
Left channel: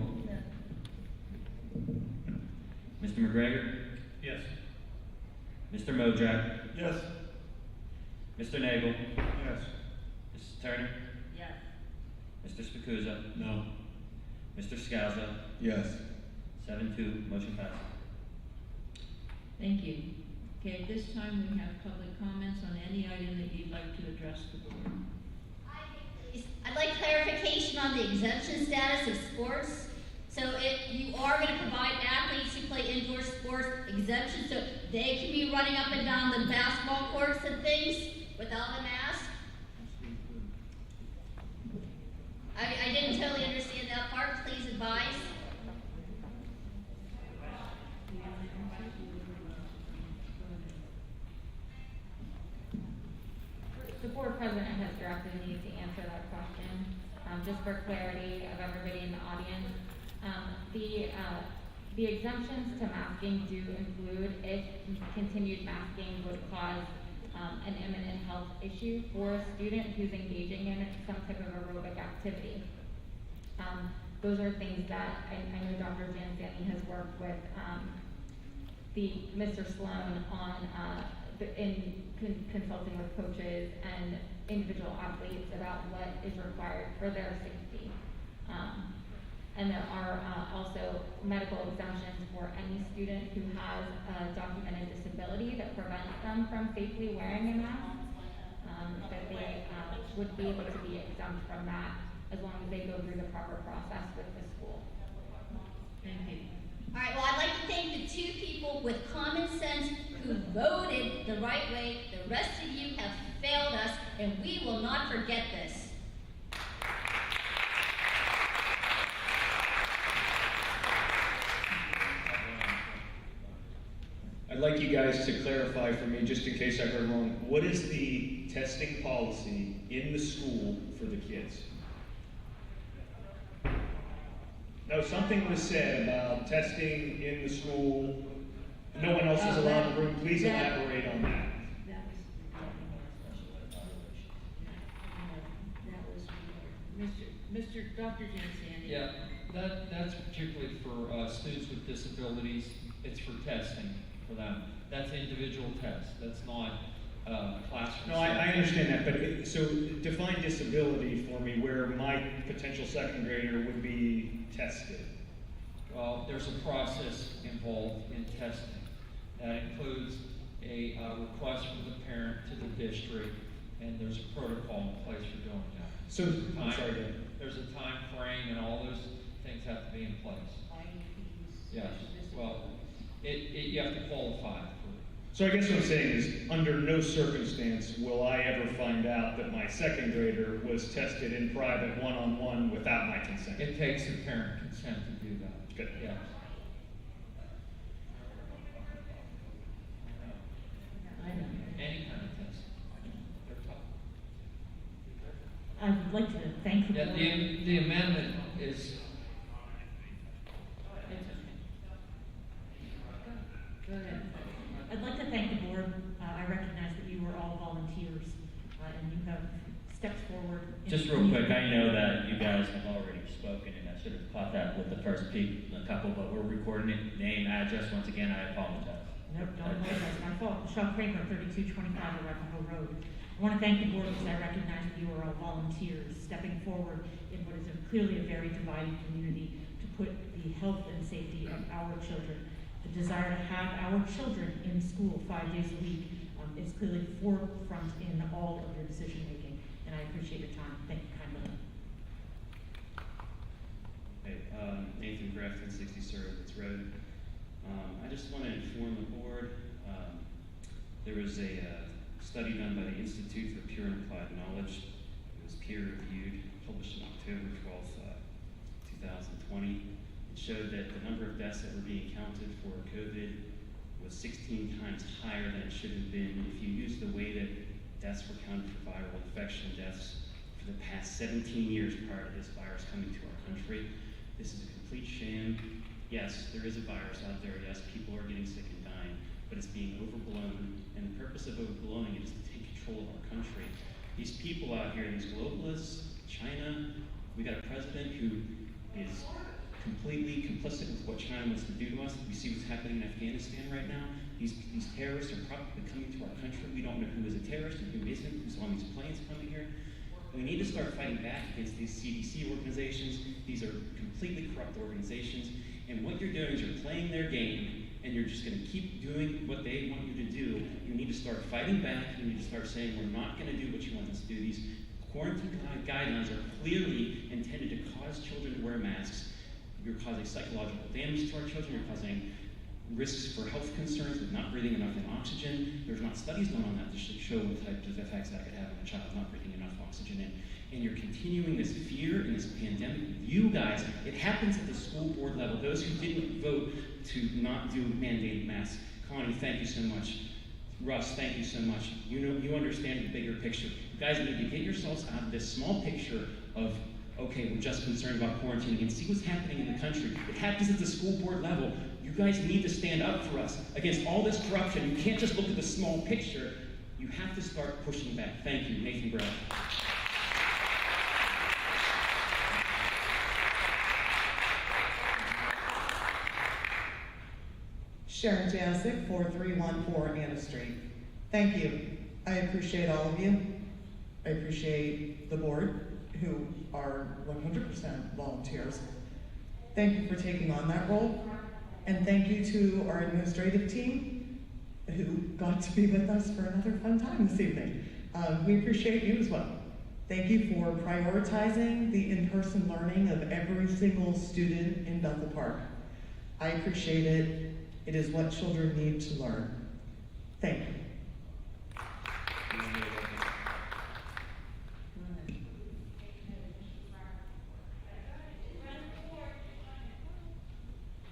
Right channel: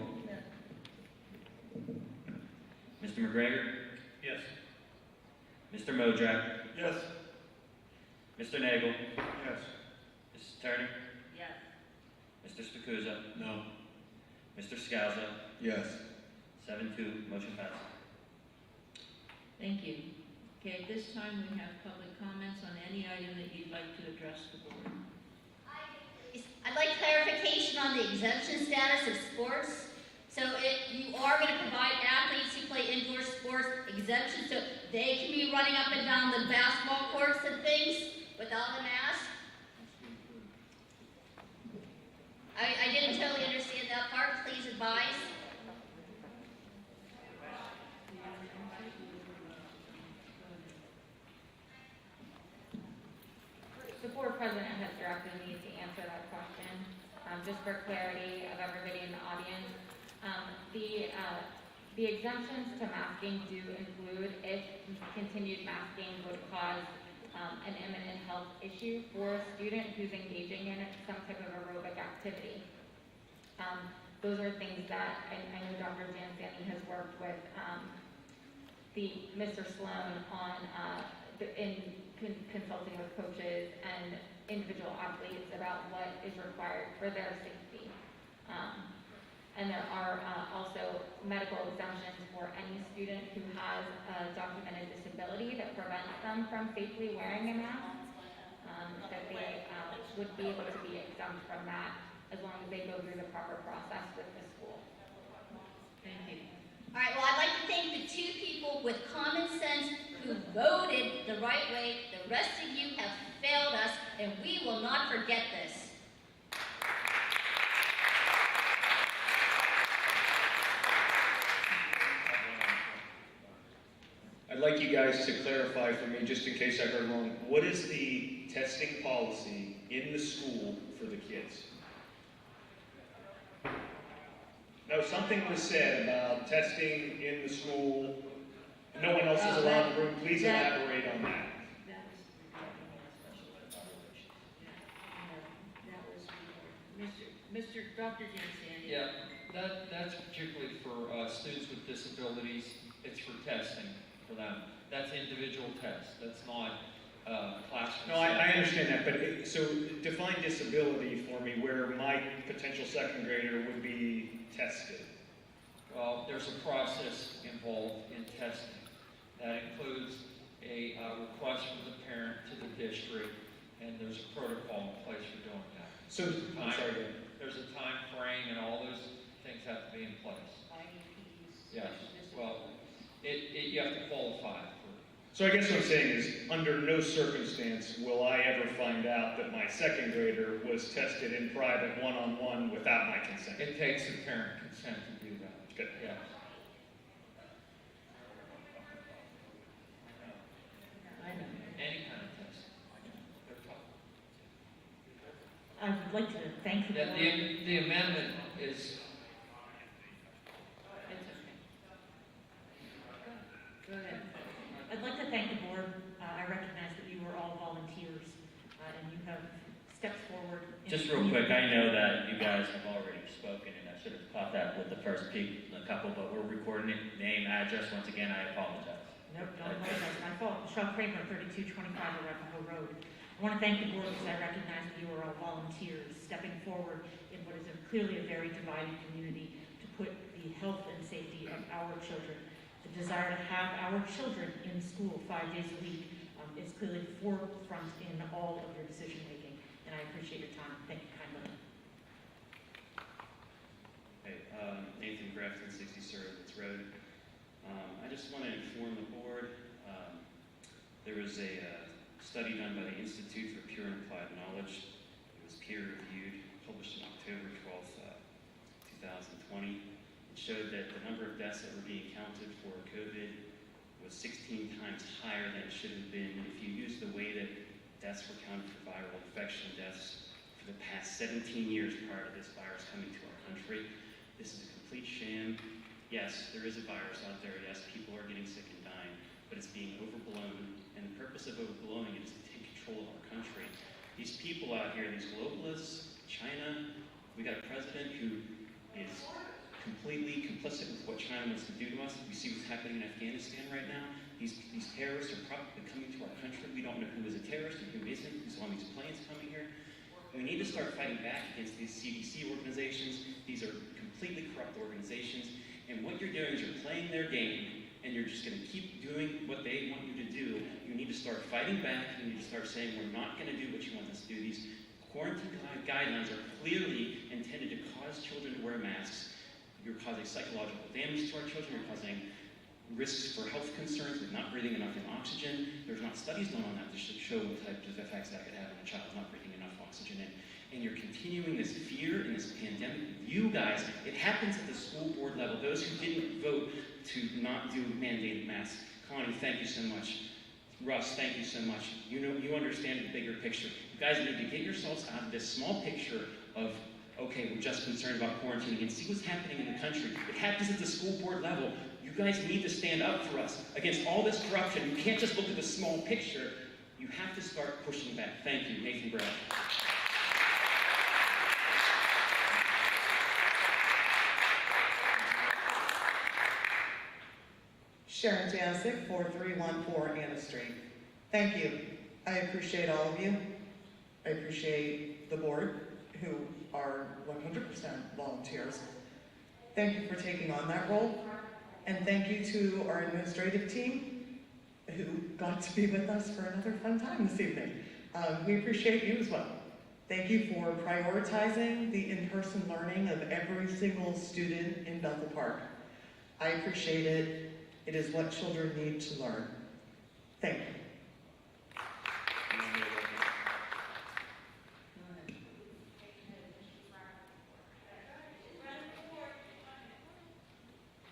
Mr. McGregor? Yes. Mr. Modrak? Yes. Mr. Nagel? Yes. Mrs. Turner? Yes. Mr. Spicuzza? No. Mr. Scalzo? Yes. 7-2, motion passes. Thank you. Okay, at this time we have public comments on any item that you'd like to address the board. I'd like clarification on the exemption status of sports. So if you are going to provide athletes who play indoor sports exemption, so they can be running up and down the basketball courts and things without a mask? I didn't totally understand that part. Please advise. The board president has directed me to answer that question, just for clarity of everybody in the audience. The exemptions to masking do include if continued masking would cause an imminent health issue for a student who's engaging in some type of aerobic activity. Those are things that I know Dr. Jennison has worked with Mr. Sloan on consulting with coaches and individual athletes about what is required for their safety. And there are also medical exemptions for any student who has a documented disability that prevents them from safely wearing a mask, that they would be able to be exempt from that as long as they go through the proper process with the school. Thank you. All right, well, I'd like to thank the two people with common sense who voted the right way. The rest of you have failed us, and we will not forget this. I'd like you guys to clarify for me, just in case I heard wrong, what is the testing policy in the school for the kids. No, something was said about testing in the school. No one else is allowed in the room. Please elaborate on that. Mr. Dr. Jennison. Yeah, that's particularly for students with disabilities. It's for testing for them. That's individual tests. That's not classroom. No, I understand that, but so define disability for me where my potential second grader would be tested. Well, there's a process involved in testing. That includes a request from the parent to the district, and there's a protocol in place for doing that. So, There's a time frame, and all those things have to be in place. Yes. Well, you have to qualify for. So I guess what I'm saying is, under no circumstance will I ever find out that my second grader was tested in private one-on-one without my consent. It takes the parent consent to do that. Good. Yes. Any kind of test. They're tough. I would like to thank the board. The amendment is. Go ahead. I'd like to thank the board. I recognize that you were all volunteers, and you have stepped forward. Just real quick, I know that you guys have already spoken, and I should have caught that with the first couple, but we're recording it, name, address. Once again, I apologize. Nope, don't apologize. My fault. Michelle Kramer, 3225 Arapahoe Road. I want to thank the board because I recognize that you are all volunteers stepping forward in what is clearly a very divided community to put the health and safety of our children. The desire to have our children in school 5 days a week is clearly forefront in all of your decision making, and I appreciate your time. Thank you kindly. Hey, Nathan Grafton, 60 Surrowitz Road. I just want to inform the board, there was a study done by the Institute for Pure and Applied Knowledge. It was peer-reviewed, published on October 12th, 2020. It showed that the number of deaths that were being counted for COVID was 16 times higher than it should have been. If you use the way that deaths were counted for viral infection deaths for the past 17 years prior to this virus coming to our country, this is a complete sham. Yes, there is a virus out there. Yes, people are getting sick and dying, but it's being overblown. And the purpose of overblowing it is to take control of our country. These people out here, these globalists, China, we got a president who is completely complicit with what China wants to do to us. We see what's happening in Afghanistan right now. These terrorists are probably coming to our country. We don't know who is a terrorist and who isn't, who's on these planes coming here. We need to start fighting back against these CDC organizations. These are completely corrupt organizations. And what you're doing is you're playing their game, and you're just going to keep doing what they want you to do. You need to start fighting back. You need to start saying, we're not going to do what you want us to do. These quarantine guidelines are clearly intended to cause children to wear masks. You're causing psychological damage to our children. You're causing risks for health concerns with not breathing enough in oxygen. There's not studies done on that to show what types of effects that could have on a child not breathing enough oxygen in. And you're continuing this fear and this pandemic. You guys, it happens at the school board level. Those who didn't vote to not do mandated masks. Connie, thank you so much. Russ, thank you so much. You know, you understand the bigger picture. You guys need to get yourselves out of this small picture of, okay, we're just concerned about quarantining, and see what's happening in the country. It happens at the school board level. You guys need to stand up for us against all this corruption. You can't just look at the small picture. You have to start pushing back. Thank you, Nathan Brown. Sharon Jasic, 4314 Anna Street. Thank you. I appreciate all of you. I appreciate the board, who are 100% volunteers. Thank you for taking on that role. And thank you to our administrative team, who got to be with us for another fun time this evening. We appreciate you as well. Thank you for prioritizing the in-person learning of every single student in Bethel Park. I appreciate it. It is what children need to learn. Thank you.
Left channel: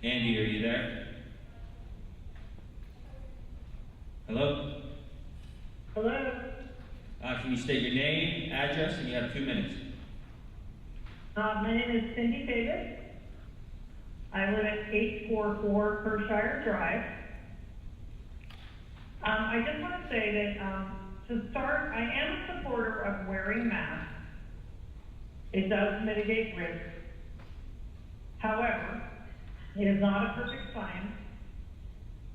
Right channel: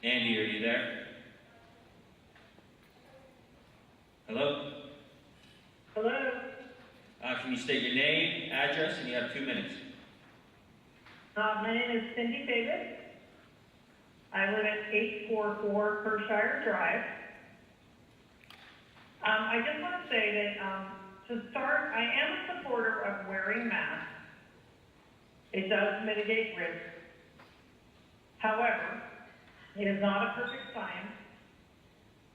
Andy, are you there? Hello? Hello? Please state your name, address, and you have 2 minutes. My name is Cindy Davis. I live at 844 Pershire Drive. I just want to say that, to start, I am a supporter of wearing masks. It does mitigate risk. However, it is not a perfect science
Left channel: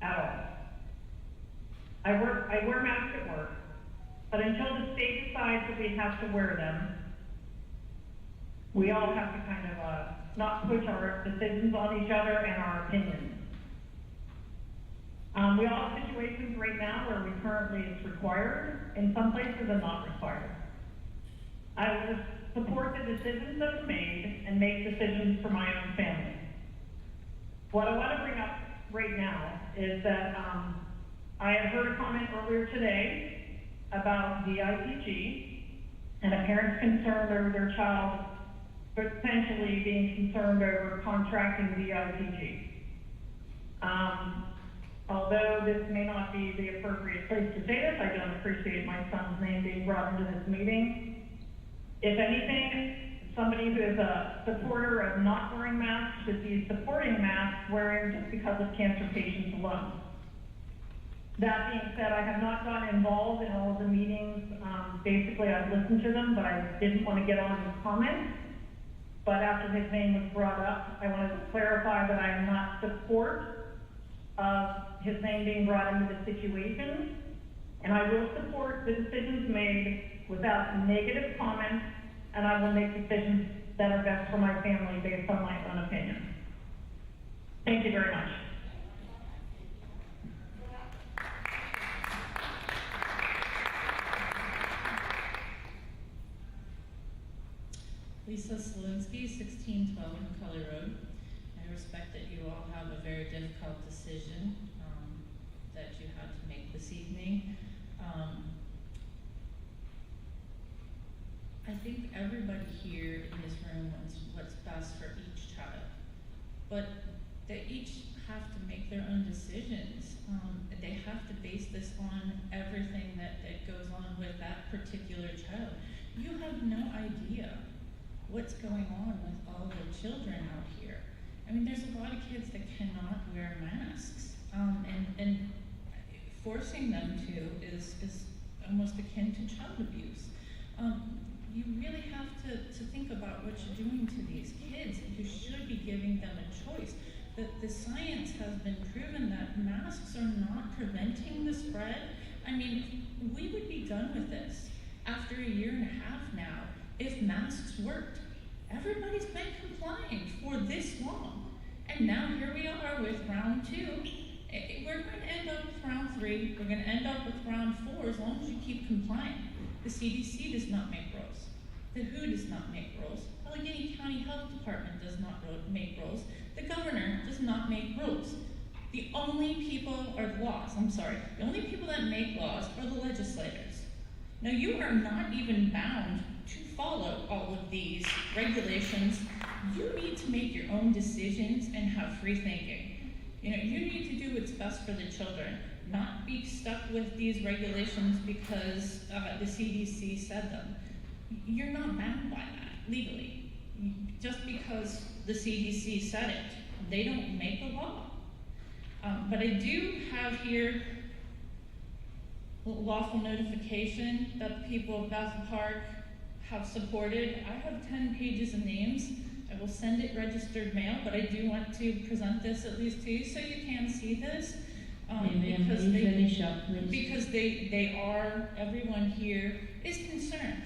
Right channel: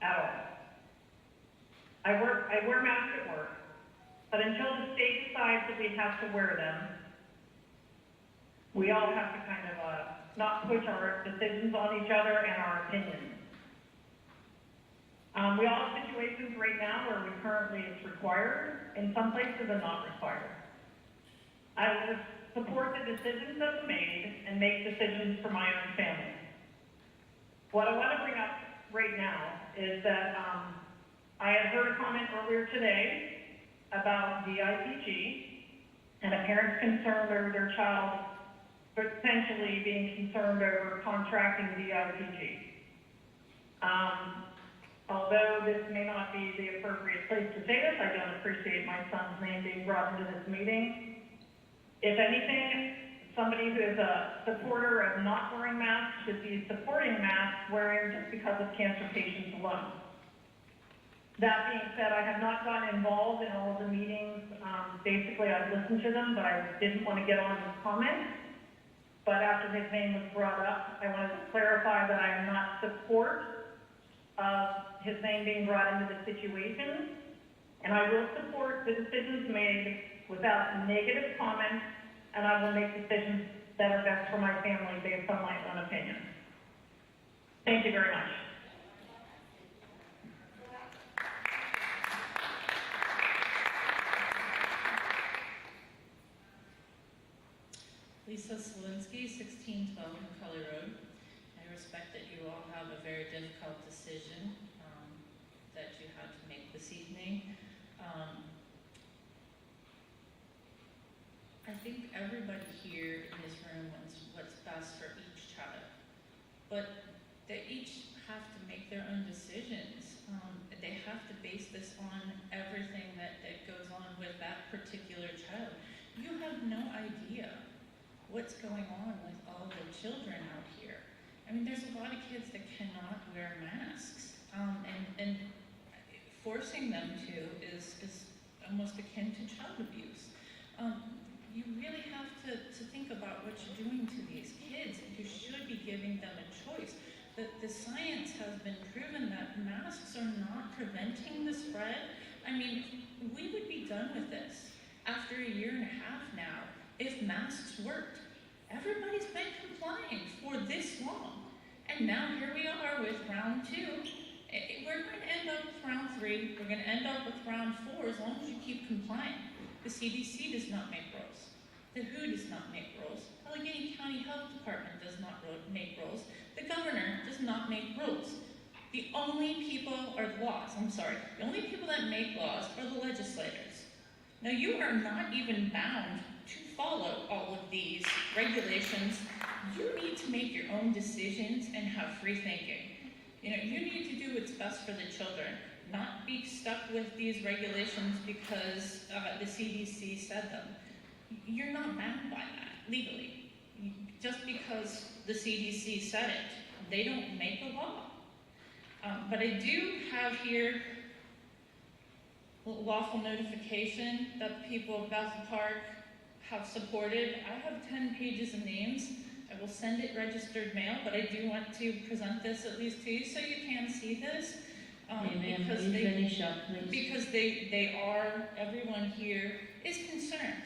at all. I wear masks at work, but until the state decides that we have to wear them, we all have to kind of not push our decisions on each other and our opinions. We all have situations right now where it's required, in some places and not required. I will support the decisions that are made and make decisions for my own family. What I want to bring up right now is that I had heard a comment earlier today about VIPG and a parent's concern over their child potentially being concerned over contracting VIPG. Although this may not be the appropriate place to say this, I don't appreciate my son's name being brought into this meeting. If anything, somebody who is a supporter of not wearing masks should be supporting masks wearing just because of cancer patients alone. That being said, I have not gotten involved in all of the meetings. Basically, I've listened to them, but I didn't want to get on and comment. But after his name was brought up, I wanted to clarify that I am not support of his name being brought into the situation. And I will support the decisions made without negative comments, and I will make decisions that are best for my family based on my own opinion. Thank you very much. Lisa Selinsky, 1612 McCully Road. I respect that you all have a very difficult decision that you have to make this evening. I think everybody here in this room wants what's best for each child, but they each have to make their own decisions. They have to base this on everything that goes on with that particular child. You have no idea what's going on with all the children out here. I mean, there's a lot of kids that cannot wear masks, and forcing them to is almost akin to child abuse. You really have to think about what you're doing to these kids. You should be giving them a choice. The science has been proven that masks are not preventing the spread. I mean, we would be done with this after 1.5 years now if masks worked. Everybody's been complying for this long. And now here we are with round 2. We're going to end up with round 3. We're going to end up with round 4 as long as you keep complying. The CDC does not make rules. The WHO does not make rules. Allegheny County Health Department does not make rules. The governor does not make rules. The only people that make laws are the legislators. Now, you are not even bound to follow all of these regulations. You need to make your own decisions and have free thinking. You need to do what's best for the children, not be stuck with these regulations because the CDC said them. You're not bound by that legally. Just because the CDC said it, they don't make the law. But I do have here lawful notification that the people of Bethel Park have supported. I have 10 pages of names. I will send it registered mail, but I do want to present this at least to you so you can see this. Because they are, everyone here is concerned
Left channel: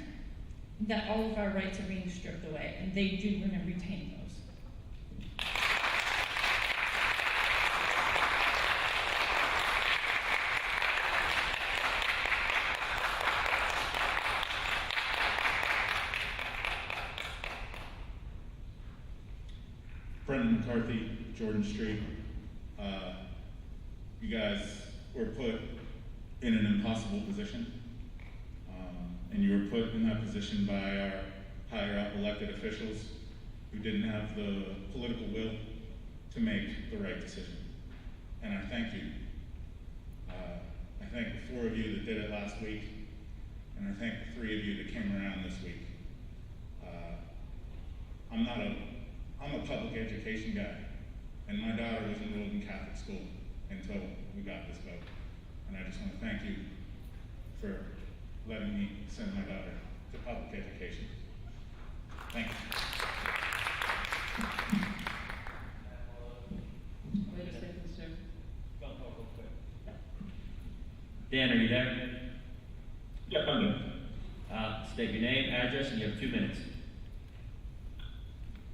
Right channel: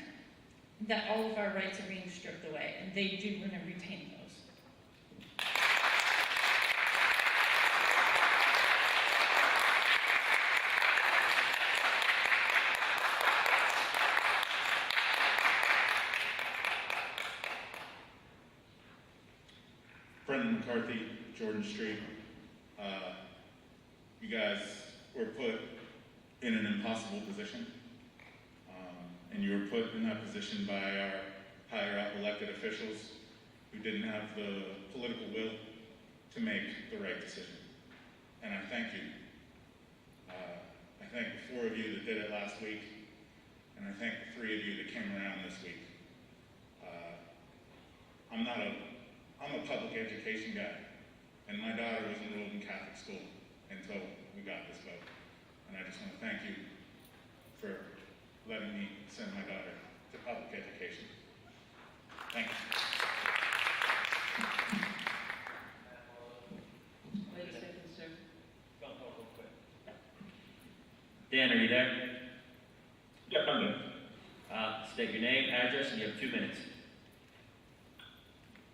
that all of our rights are being stripped away, and they do want to retain those. Brendan McCarthy, Jordan Street. You guys were put in an impossible position, and you were put in that position by our higher up elected officials who didn't have the political will to make the right decision. And I thank you. I thank the 4 of you that did it last week, and I thank the three of you that came around this week. I'm a public education guy, and my daughter was enrolled in Catholic school until we got this vote. And I just want to thank you for letting me send my daughter to public education. Thank you. Wait a second, sir. Dan, are you there? Yes, I'm here. State your name, address, and you have 2 minutes.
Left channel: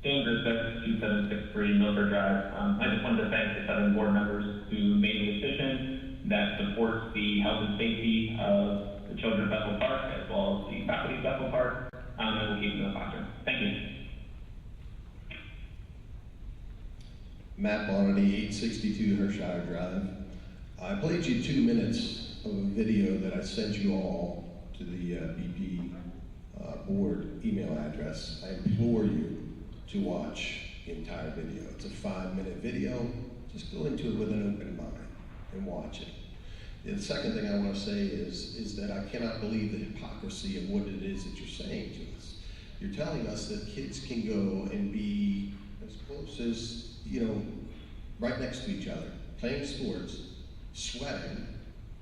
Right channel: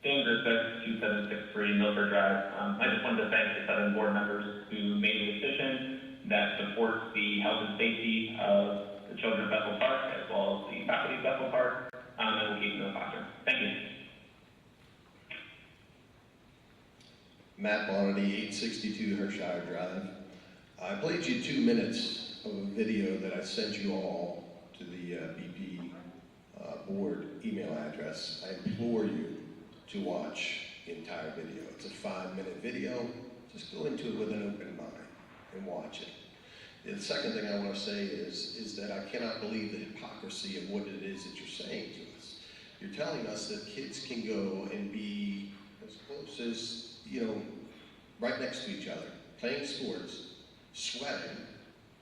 Dan Grisbeck, 2763 Milford Drive. I just wanted to thank the 7 board members who made the decision that supports the health and safety of the children of Bethel Park, as well as the faculty of Bethel Park, and we'll keep them in the classroom. Thank you. Matt Bonnety, 862 Hershire Drive. I played you 2 minutes of a video that I sent you all to the BP board email address. I implore you to watch the entire video. It's a 5-minute video. Just go into it with an open mind and watch it. The second thing I want to say is that I cannot believe the hypocrisy of what it is that you're saying to us. You're telling us that kids can go and be as close as, right next to each other, playing sports, sweating,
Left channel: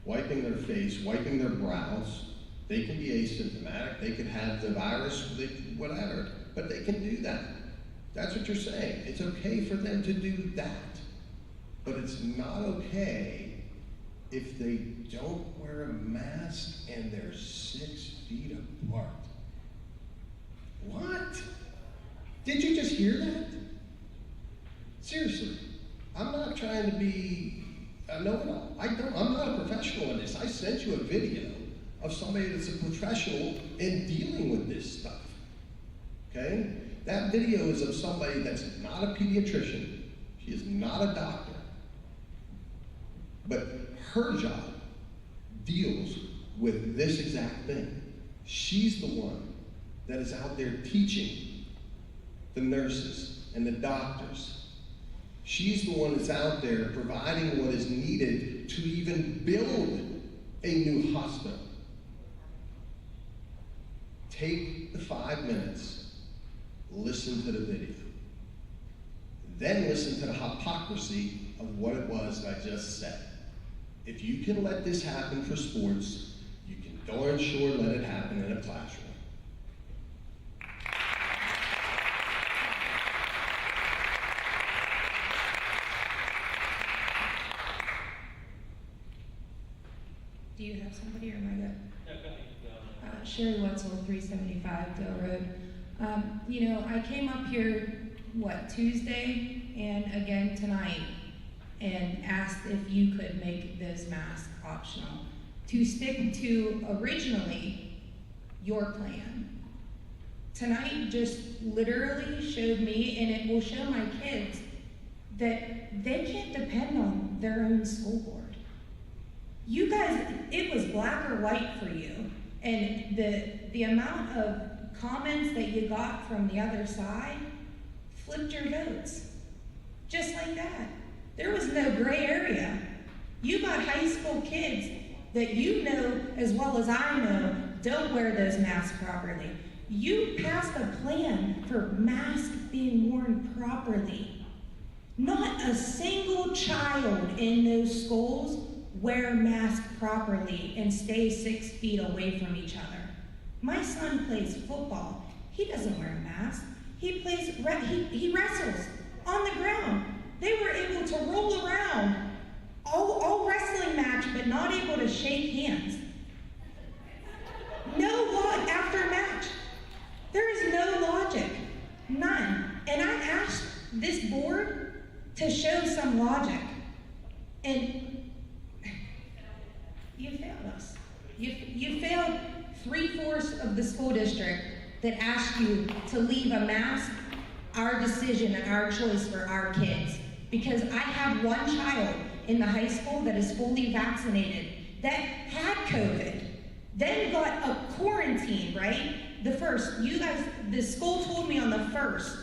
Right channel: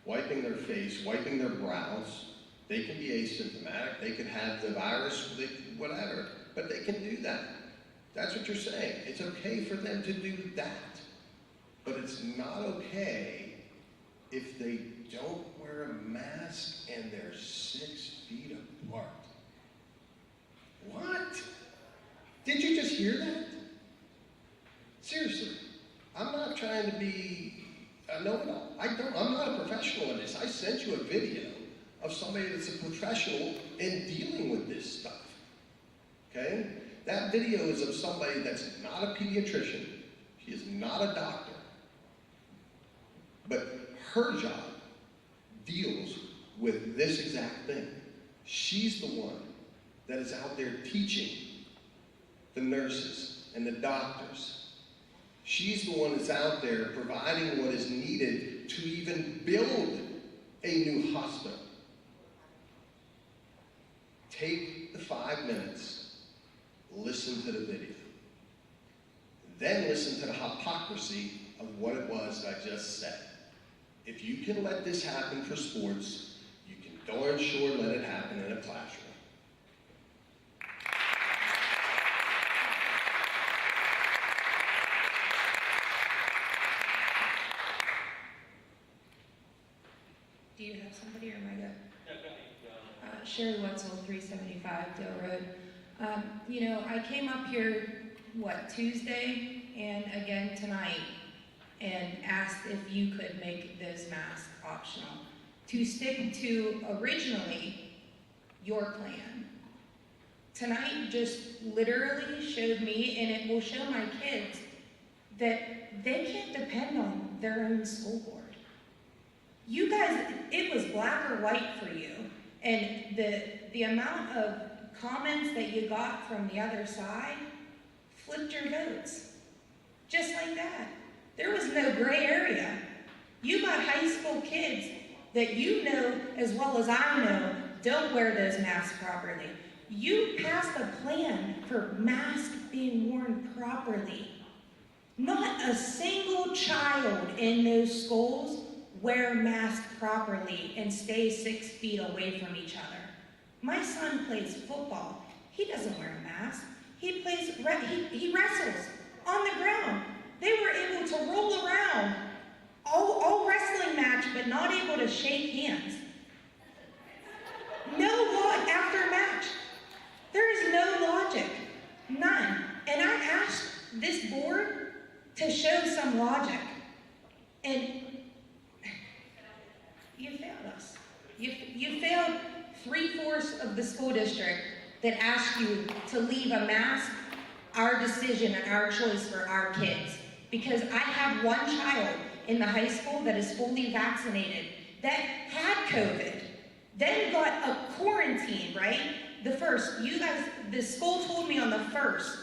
wiping their face, wiping their brows. They can be asymptomatic, they could have the virus, whatever, but they can do that. That's what you're saying. It's okay for them to do that, but it's not okay if they don't wear a mask and they're 6 feet apart. What? Did you just hear that? Seriously, I'm not trying to be a know-it-all. I'm not a professional in this. I sent you a video of somebody that's a professional in dealing with this stuff. Okay? That video is of somebody that's not a pediatrician. She is not a doctor. But her job deals with this exact thing. She's the one that is out there teaching the nurses and the doctors. She's the one that's out there providing what is needed to even build a new hospital. Take the 5 minutes, listen to the video. Then listen to the hypocrisy of what it was that I just said. If you can let this happen for sports, you can darn sure let it happen in a classroom. Do you have somebody or am I good? Sherry Wetzel, 375 Dale Road. I came up here, Tuesday and again tonight, and asked if you could make those masks optional to stick to originally your plan. Tonight just literally showed me, and it will show my kids, that they can't depend on their own school board. You guys, it was black or white for you. And the amount of comments that you got from the other side flipped your votes. Just like that. There was no gray area. You got high school kids that you know as well as I know don't wear those masks properly. You passed a plan for masks being worn properly. Not a single child in those schools wear masks properly and stay 6 feet away from each other. My son plays football. He doesn't wear a mask. He wrestles on the ground. They were able to roll around all wrestling match, but not able to shake hands. No law after match. There is no logic, none. And I asked this board to show some logic, and you failed us. You failed 3/4 of the school district that asked you to leave a mask our decision and our choice for our kids. Because I have one child in the high school that is fully vaccinated that had COVID, then got a quarantine, right? The school told me on the 1st,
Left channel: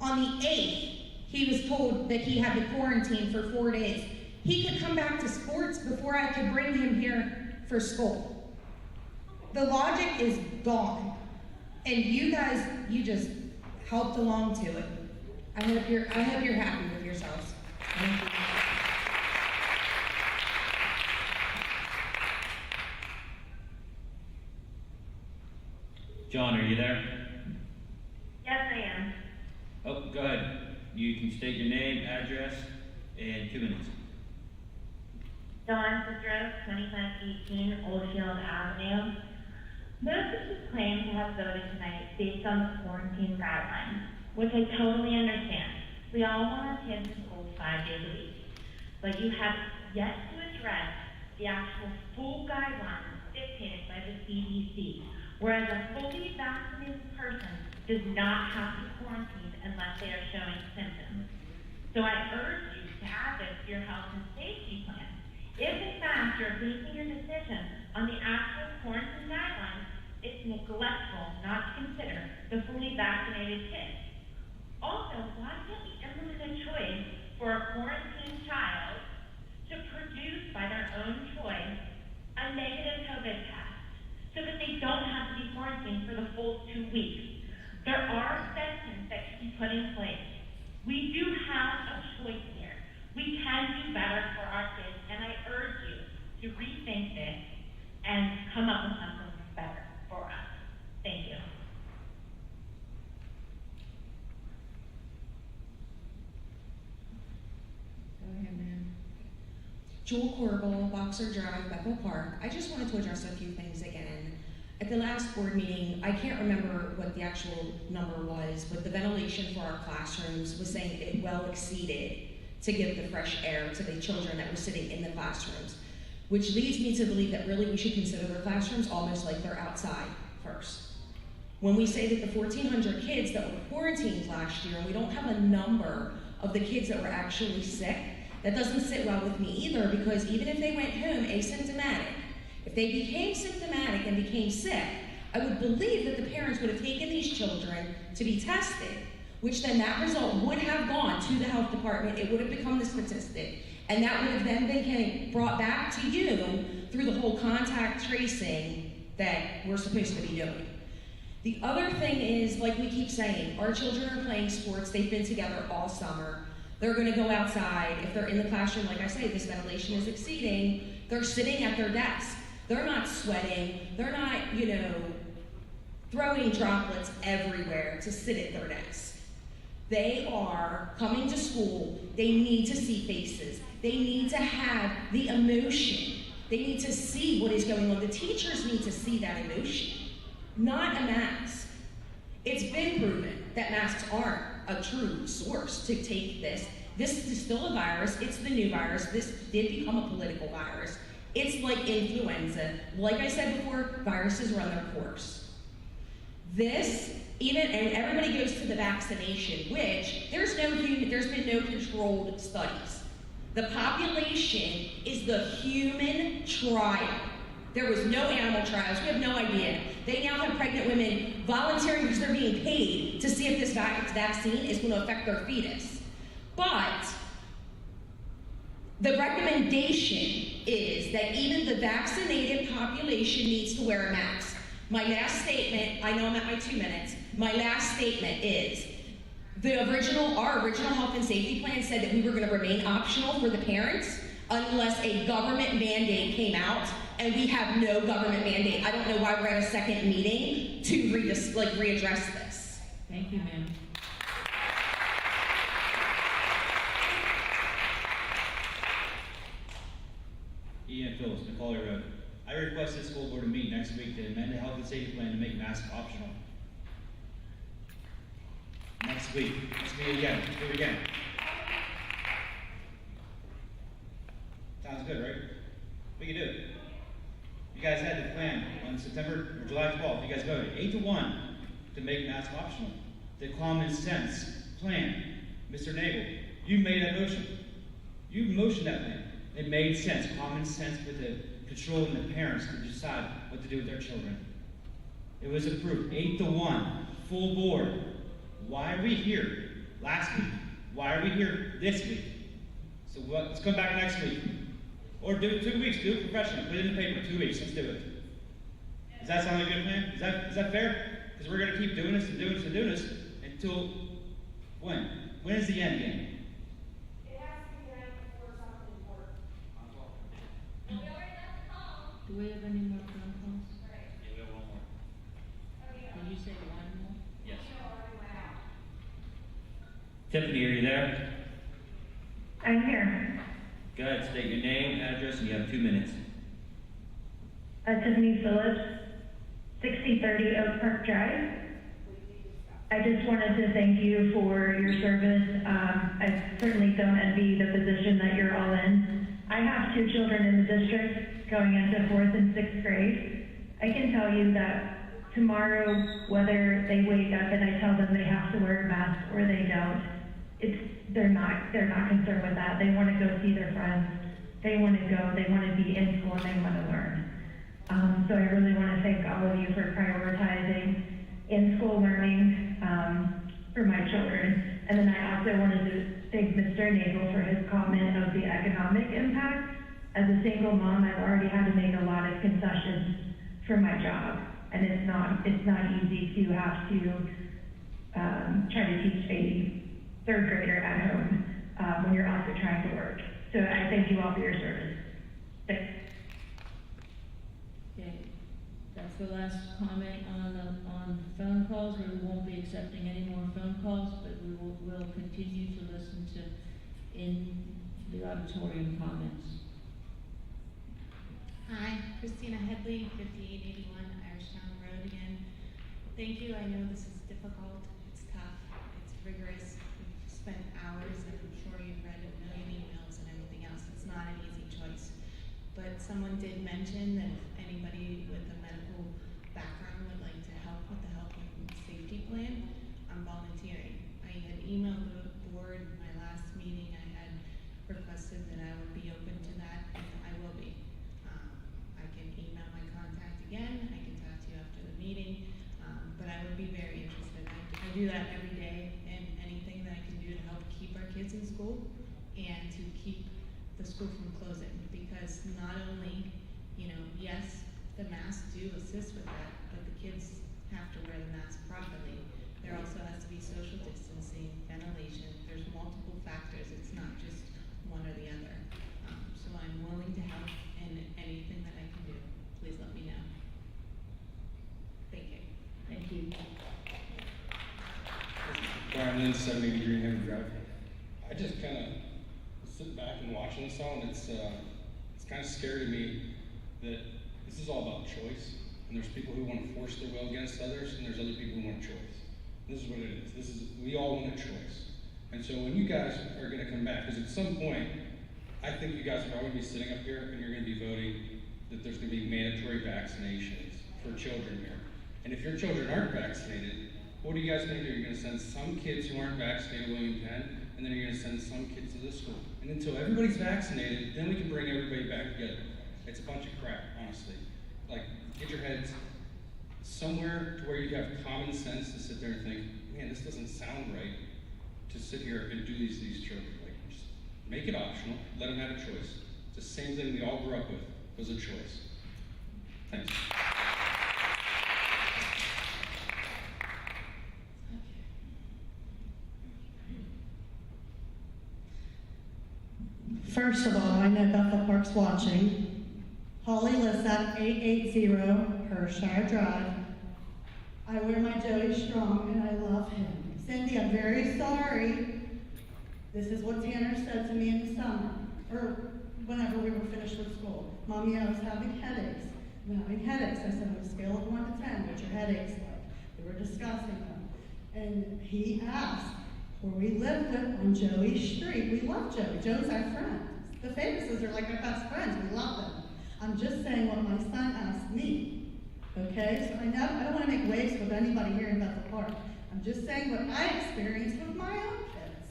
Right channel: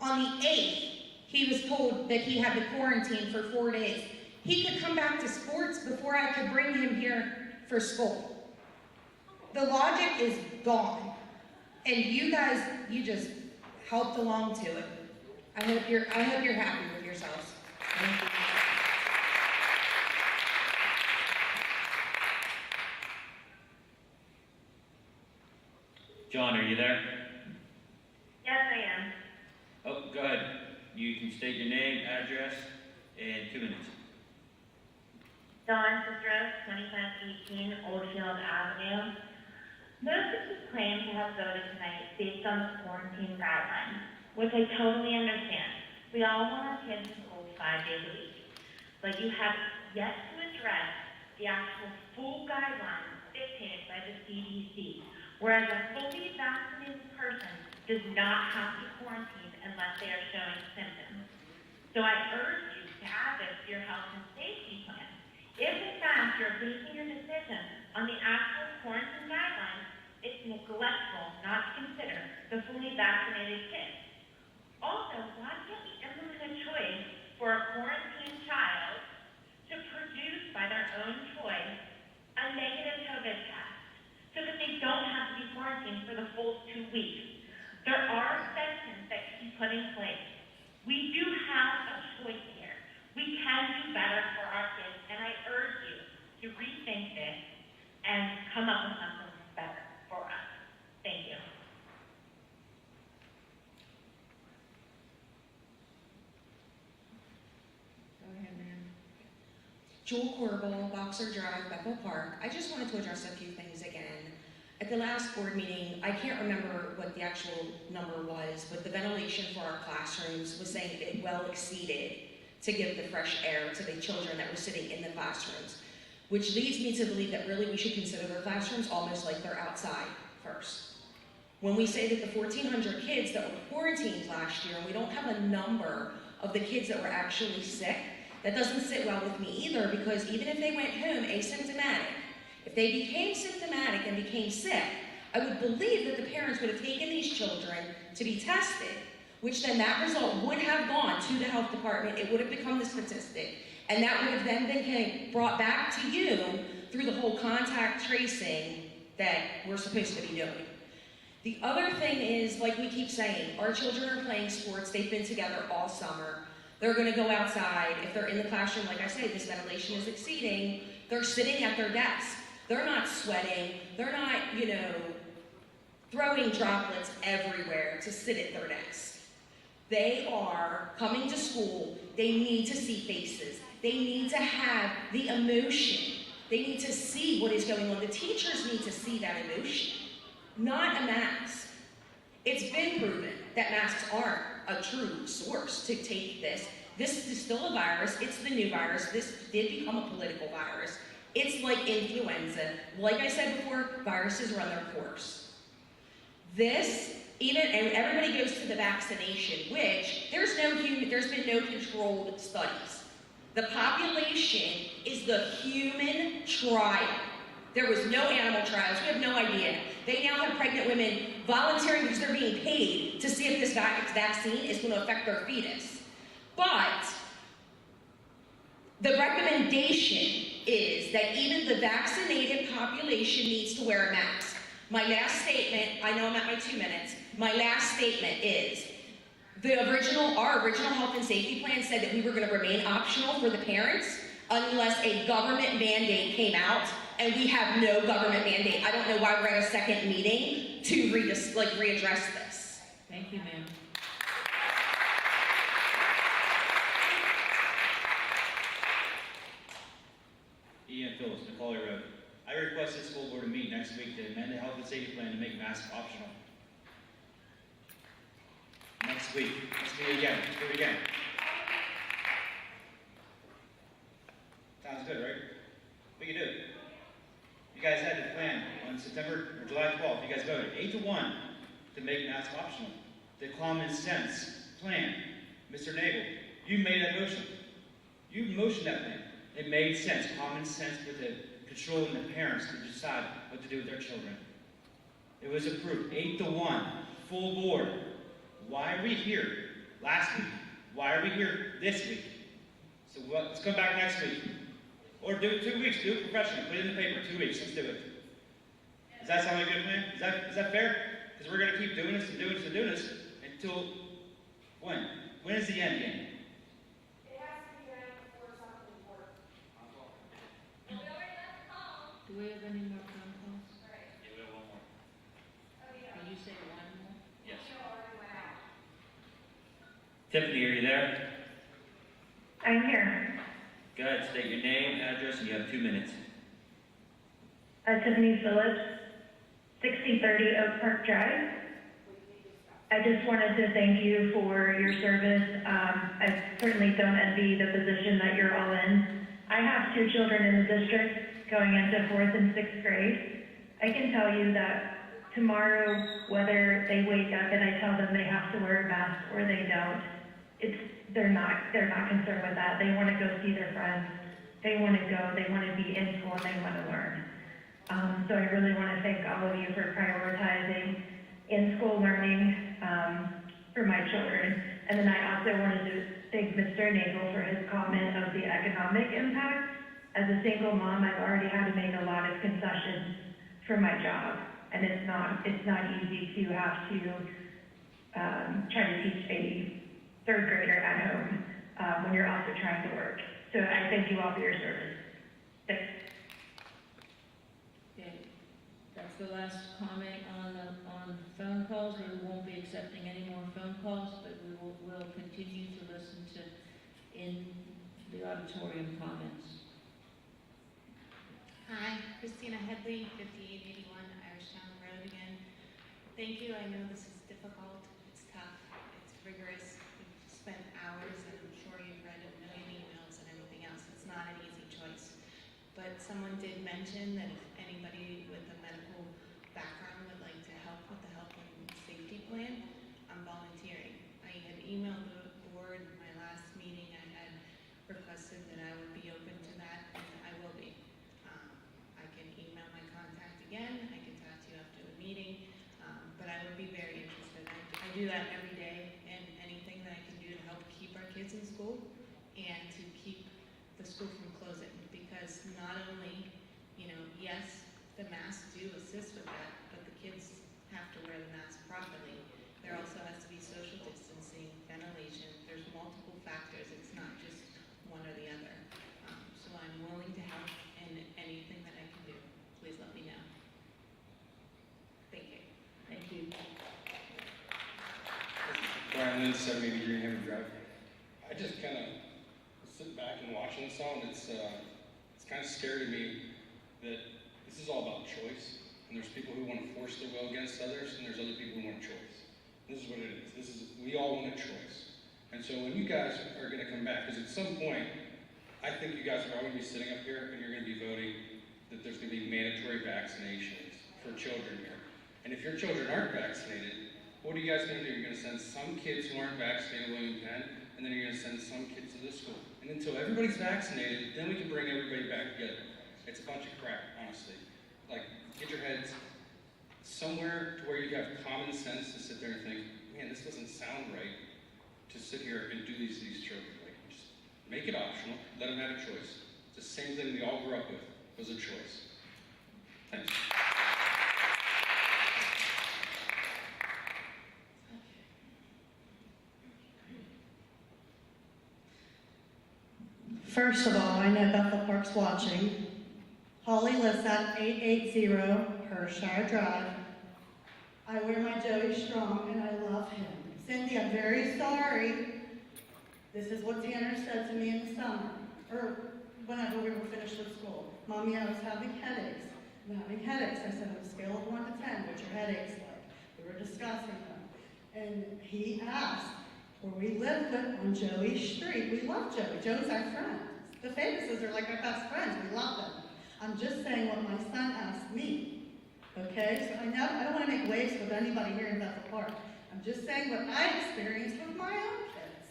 on the 8th, he was told that he had to quarantine for 4 days. He could come back to sports before I could bring him here for school. The logic is gone. And you guys, you just helped along to it. I hope you're happy with yourselves. Thank you. John, are you there? Yes, I am. Oh, go ahead. You can state your name, address, and 2 minutes. Dawn Cicero, 2518 Oldfield Avenue. Most of us claim to have voted tonight based on the quarantine guidelines, which I totally understand. We all want our kids in school 5 days a week. But you have yet to address the actual full guidelines dictated by the CDC, whereas a fully vaccinated person does not have to quarantine unless they are showing symptoms. So I urge you to add this to your health and safety plan. If in fact you're basing your decision on the actual quarantine guidelines, it's neglectful not to consider the fully vaccinated kids. Also, why can't we implement a choice for a quarantined child to produce by their own choice a negative COVID test so that they don't have to be quarantined for the full 2 weeks? There are exceptions that can be put in place. We do have a choice here. We can do better for our kids, and I urge you to rethink this and come up with something better for us. Thank you. Go ahead, ma'am. Jewel Corbel, Boxer Drive, Bethel Park. I just wanted to address a few things again. At the last board meeting, I can't remember what the actual number was, but the ventilation for our classrooms was saying it well exceeded to give the fresh air to the children that were sitting in the classrooms, which leads me to believe that really we should consider their classrooms almost like they're outside first. When we say that the 1,400 kids that were quarantined last year, and we don't have a number of the kids that were actually sick, that doesn't sit well with me either, because even if they went home asymptomatic, if they became symptomatic and became sick, I would believe that the parents would have taken these children to be tested, which then that result would have gone to the health department, it would have become the statistic, and that would have then been brought back to you through the whole contact tracing that we're supposed to be doing. The other thing is, like we keep saying, our children are playing sports, they've been together all summer, they're gonna go outside, if they're in the classroom, like I say, this ventilation is exceeding, they're sitting at their desk. They're not sweating, they're not, throwing droplets everywhere to sit at their desk. They are coming to school, they need to see faces, they need to have the emotion, they need to see what is going on. The teachers need to see that emotion, not a mask. It's been proven that masks aren't a true source to take this. This is still a virus, it's the new virus, this did become a political virus. It's like influenza. Like I said before, viruses run their course. And everybody goes to the vaccination, which there's been no controlled studies. The population is the human trial. There was no animal trials. We have no idea. They now have pregnant women volunteering because they're being paid to see if this vaccine is going to affect their fetus. But the recommendation is that even the vaccinated population needs to wear a mask. My last statement, I know I'm at my 2 minutes, my last statement is, our original health and safety plan said that we were gonna remain optional for the parents unless a government mandate came out, and we have no government mandate. I don't know why we're at a second meeting to readdress this. Thank you, ma'am. Ian Phillips, Macaulay Road. I requested school board to meet next week to amend the health and safety plan to make masks optional. Next week. Let's meet again. Let's do it again. Sounds good, right? We can do it. You guys had the plan on July 12th. You guys voted 8-1 to make masks optional. The common sense plan. Mr. Nagel, you made that motion. You motioned that plan. It made sense, common sense for the controlling the parents to decide what to do with their children. It was approved, 8-1, full board. Why are we here last week? Why are we here this week? So let's come back next week. Or do it 2 weeks, do it professionally, put it in the paper, 2 weeks, let's do it. Is that sound like a good plan? Is that fair? Because we're going to keep doing this and doing this and doing this until when? When is the end game? Do we have any more phone calls? Yeah, we have one more. Did you say one more? Yes. Tiffany, are you there? I'm here. Go ahead, state your name, address, and you have 2 minutes. Tiffany Phillips, 6030 Oak Park Drive. I just wanted to thank you for your service. I certainly don't envy the position that you're all in. I have 2 children in the district going into 4th and 6th grade. I can tell you that tomorrow, whether they wake up and I tell them they have to wear a mask or they don't, they're not concerned with that. They want to go see their friends. They want to go. They want to be in school and they want to learn. So I really want to thank all of you for prioritizing in-school learning for my children. And then I also wanted to thank Mr. Nagel for his comment of the economic impact. As a single mom, I've already had to make a lot of concessions for my job, and it's not easy to have to try to teach a 3rd grader at home when you're also trying to work. So I thank you all for your service. Thanks. Okay, that's the last comment on phone calls. We won't be accepting any more phone calls, but we'll continue to listen to in the auditorium comments. Hi, Christina Headley, 5881 Irishtown Road again. Thank you. I know this is difficult. It's tough. It's rigorous. We've spent hours, and I'm sure you've read a million emails and everything else. It's not an easy choice. But someone did mention that if anybody with a medical background would like to help with the health and safety plan, I'm volunteering. I had emailed the board in my last meeting. I had requested that I would be open to that, and I will be. I can email my contact again. I can talk to you after the meeting, but I would be very interested. I do that every day, and anything that I can do to help keep our kids in school and to keep the school from closing, because not only, yes, the masks do assist with that, but the kids have to wear the mask properly. There also has to be social distancing, ventilation. There's multiple factors. It's not just one or the other. So I'm willing to help in anything that I can do. Please let me know. Thank you. Thank you. Brian Lynn, 780 Greenhaven Drive. I just kind of sit back and watching this all, and it's kind of scary to me that this is all about choice, and there's people who want to force their will against others, and there's other people who want a choice. This is what it is. We all want a choice. And so when you guys are going to come back, because at some point, I think you guys are all going to be sitting up here and you're going to be voting that there's going to be mandatory vaccinations for children here. And if your children aren't vaccinated, what are you guys going to do? You're going to send some kids who aren't vaccinated William Penn, and then you're going to send some kids to this school. And until everybody's vaccinated, then we can bring everybody back together. It's a bunch of crap, honestly. Like, get your heads somewhere to where you have common sense to sit there and think, man, this doesn't sound right to sit here and do these to these children. Like, just make it optional, let them have a choice. It's the same thing we all grew up with, was a choice. Thanks. First of all, I know Bethel Park's watching. Holly lives at 880 Hershire Drive. I wear my Joey Strong and I love him. Cindy, I'm very sorry. This is what Tanner said to me in the summer, or whenever we were finished with school. Mommy, I was having headaches. I'm having headaches. I said, on a scale of 1 to 10, what's your headaches like? We were discussing them. And he asked, where we live with on Joey Street. We love Joey. Joe's our friend. The Famouses are like our best friends. We love them. I'm just saying what my son asked me. Okay? So I don't want to make waves with anybody here in Bethel Park. I'm just saying what I experienced with my own kids.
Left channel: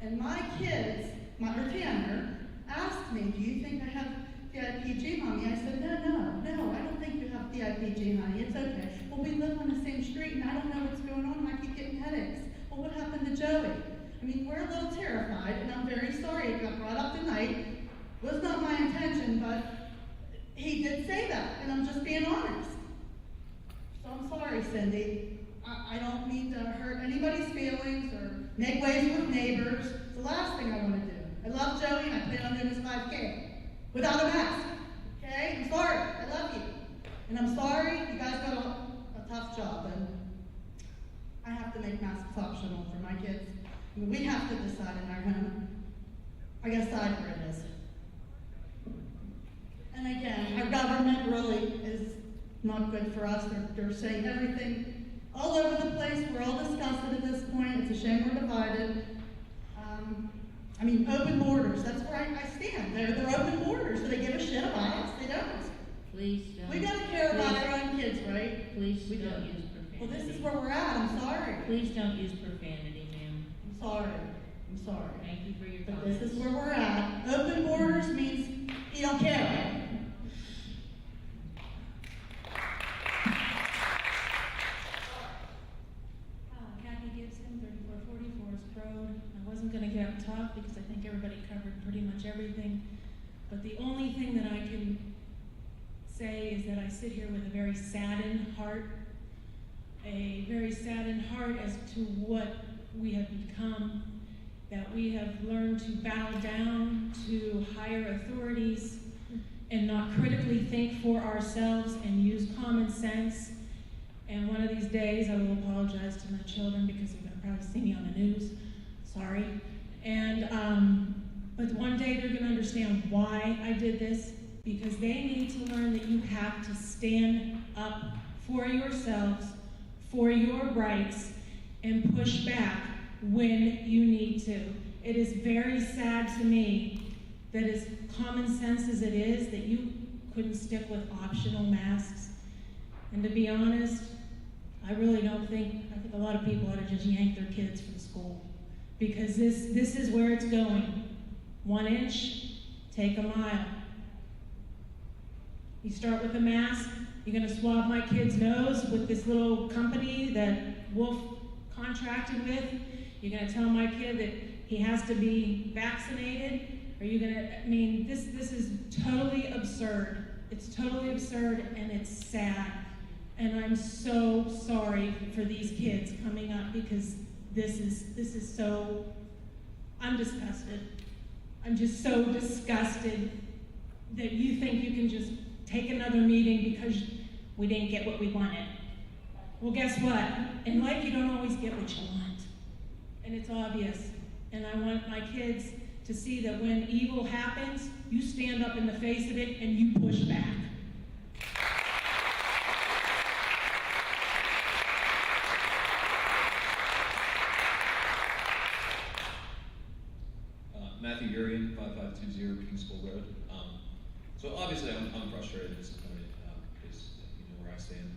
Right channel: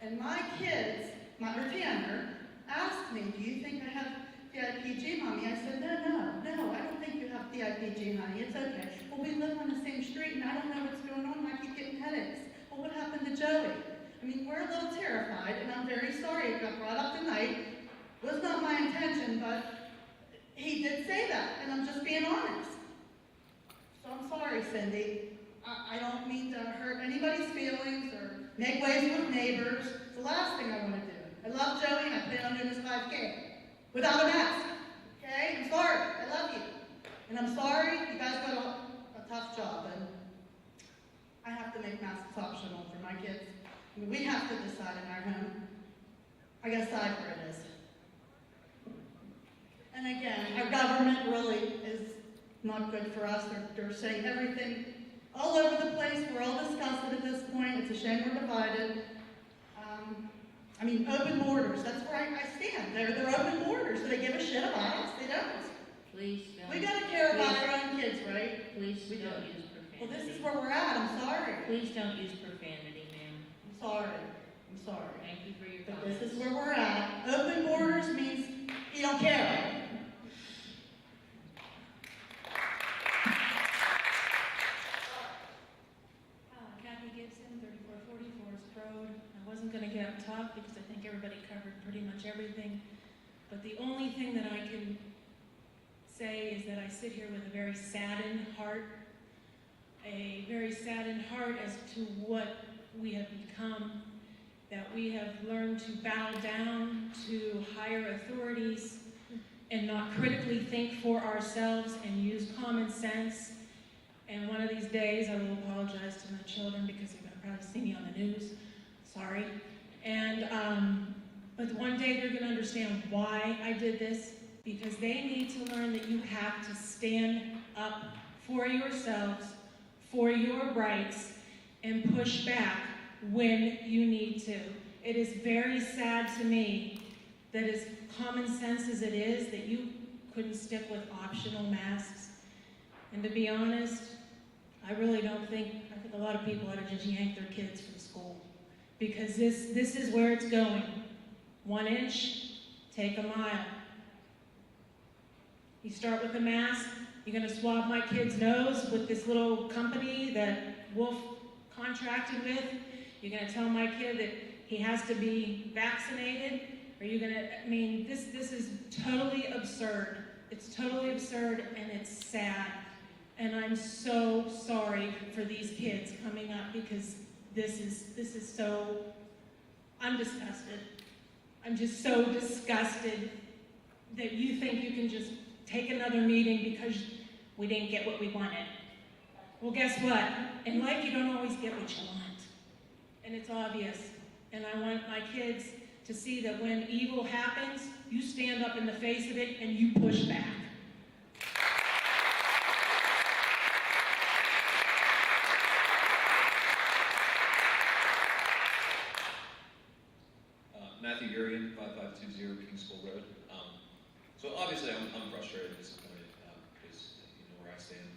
And my kids, or Tanner, asked me, do you think I have DIPG, Mommy? I said, no, I don't think you have DIPG, honey. It's okay. Well, we live on the same street, and I don't know what's going on, and I keep getting headaches. Well, what happened to Joey? I mean, we're a little terrified, and I'm very sorry it got brought up tonight. Was not my intention, but he did say that, and I'm just being honest. I'm sorry, Cindy. I don't mean to hurt anybody's feelings or make waves with neighbors. It's the last thing I want to do. I love Joey and I plan on doing this 5K without a mask. Okay? I'm sorry. I love you. And I'm sorry you guys got a tough job. And I have to make masks optional for my kids. I mean, we have to decide in our home. I gotta decide where it is. And again, our government really is not good for us. They're saying everything all over the place. We're all disgusted at this point. It's a shame we're divided. I mean, open borders. That's where I stand. They're open borders. Do they give a shit about us? They don't. Please don't. We gotta care about our own kids, right? Please We do. don't use profanity. Well, this is where we're at. I'm sorry. Please don't use profanity, ma'am. I'm sorry. I'm sorry. Thank you for your But comments. this is where we're at. Open borders means you don't care. Kathy Gibson, 3440 Forest Road. I wasn't going to get up and talk because I think everybody covered pretty much everything. But the only thing that I can say is that I sit here with a very saddened heart as to what we have become, that we have learned to bow down to higher authorities and not critically think for ourselves and use common sense. And one of these days I will apologize to my children because they're going to probably see me on the news. Sorry. And but one day they're going to understand why I did this, because they need to learn that you have to stand up for yourselves, for your rights, and push back when you need to. It is very sad to me that, as common sense as it is, that you couldn't stick with optional masks. And to be honest, I really don't think, I think a lot of people ought to just yank their kids from school, because this is where it's going. 1 inch, take a mile. You start with a mask, you're gonna swab my kid's nose with this little company that Wolf contracted with. You're gonna tell my kid that he has to be vaccinated. Are you gonna, I mean, this is totally absurd. It's totally absurd and it's sad. And I'm so sorry for these kids coming up, because this is so, I'm disgusted. I'm just so disgusted that you think you can just take another meeting because we didn't get what we wanted. Well, guess what? In life, you don't always get what you want. And it's obvious. And I want my kids to see that when evil happens, you stand up in the face of it and you push back. Matthew Urian, 5520 King School Road. So obviously I'm frustrated and disappointed because you know where I stand.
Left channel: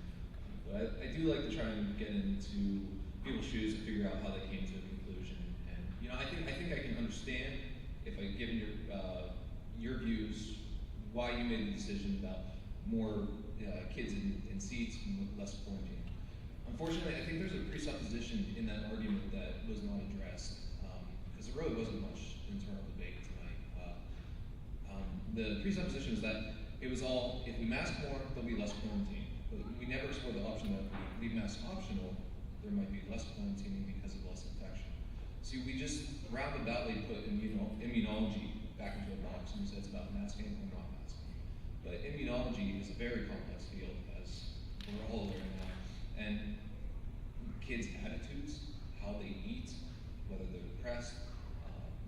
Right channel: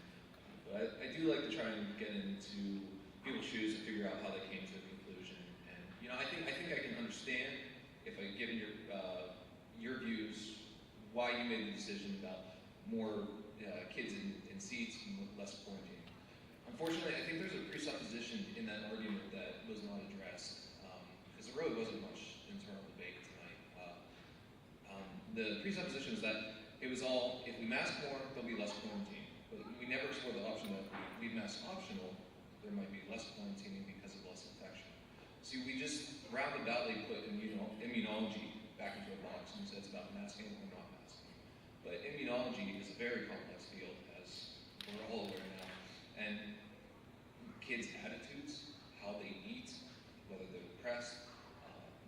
But I do like to try and get into people's shoes and figure out how they came to a conclusion. And you know, I think I can understand if I given your views why you made the decision about more kids in seats and less quarantine. Unfortunately, I think there's a presupposition in that argument that was not addressed because there really wasn't much internal debate tonight. The presupposition is that it was all, if we mask more, there'll be less quarantine. But we never explored the option that if we leave masks optional, there might be less quarantining because of less infection. See, we just roundaboutly put immunology back into a box and said it's about masking or not masking. But immunology is a very complex field, as we're all aware now. And kids' attitudes, how they eat, whether they're depressed,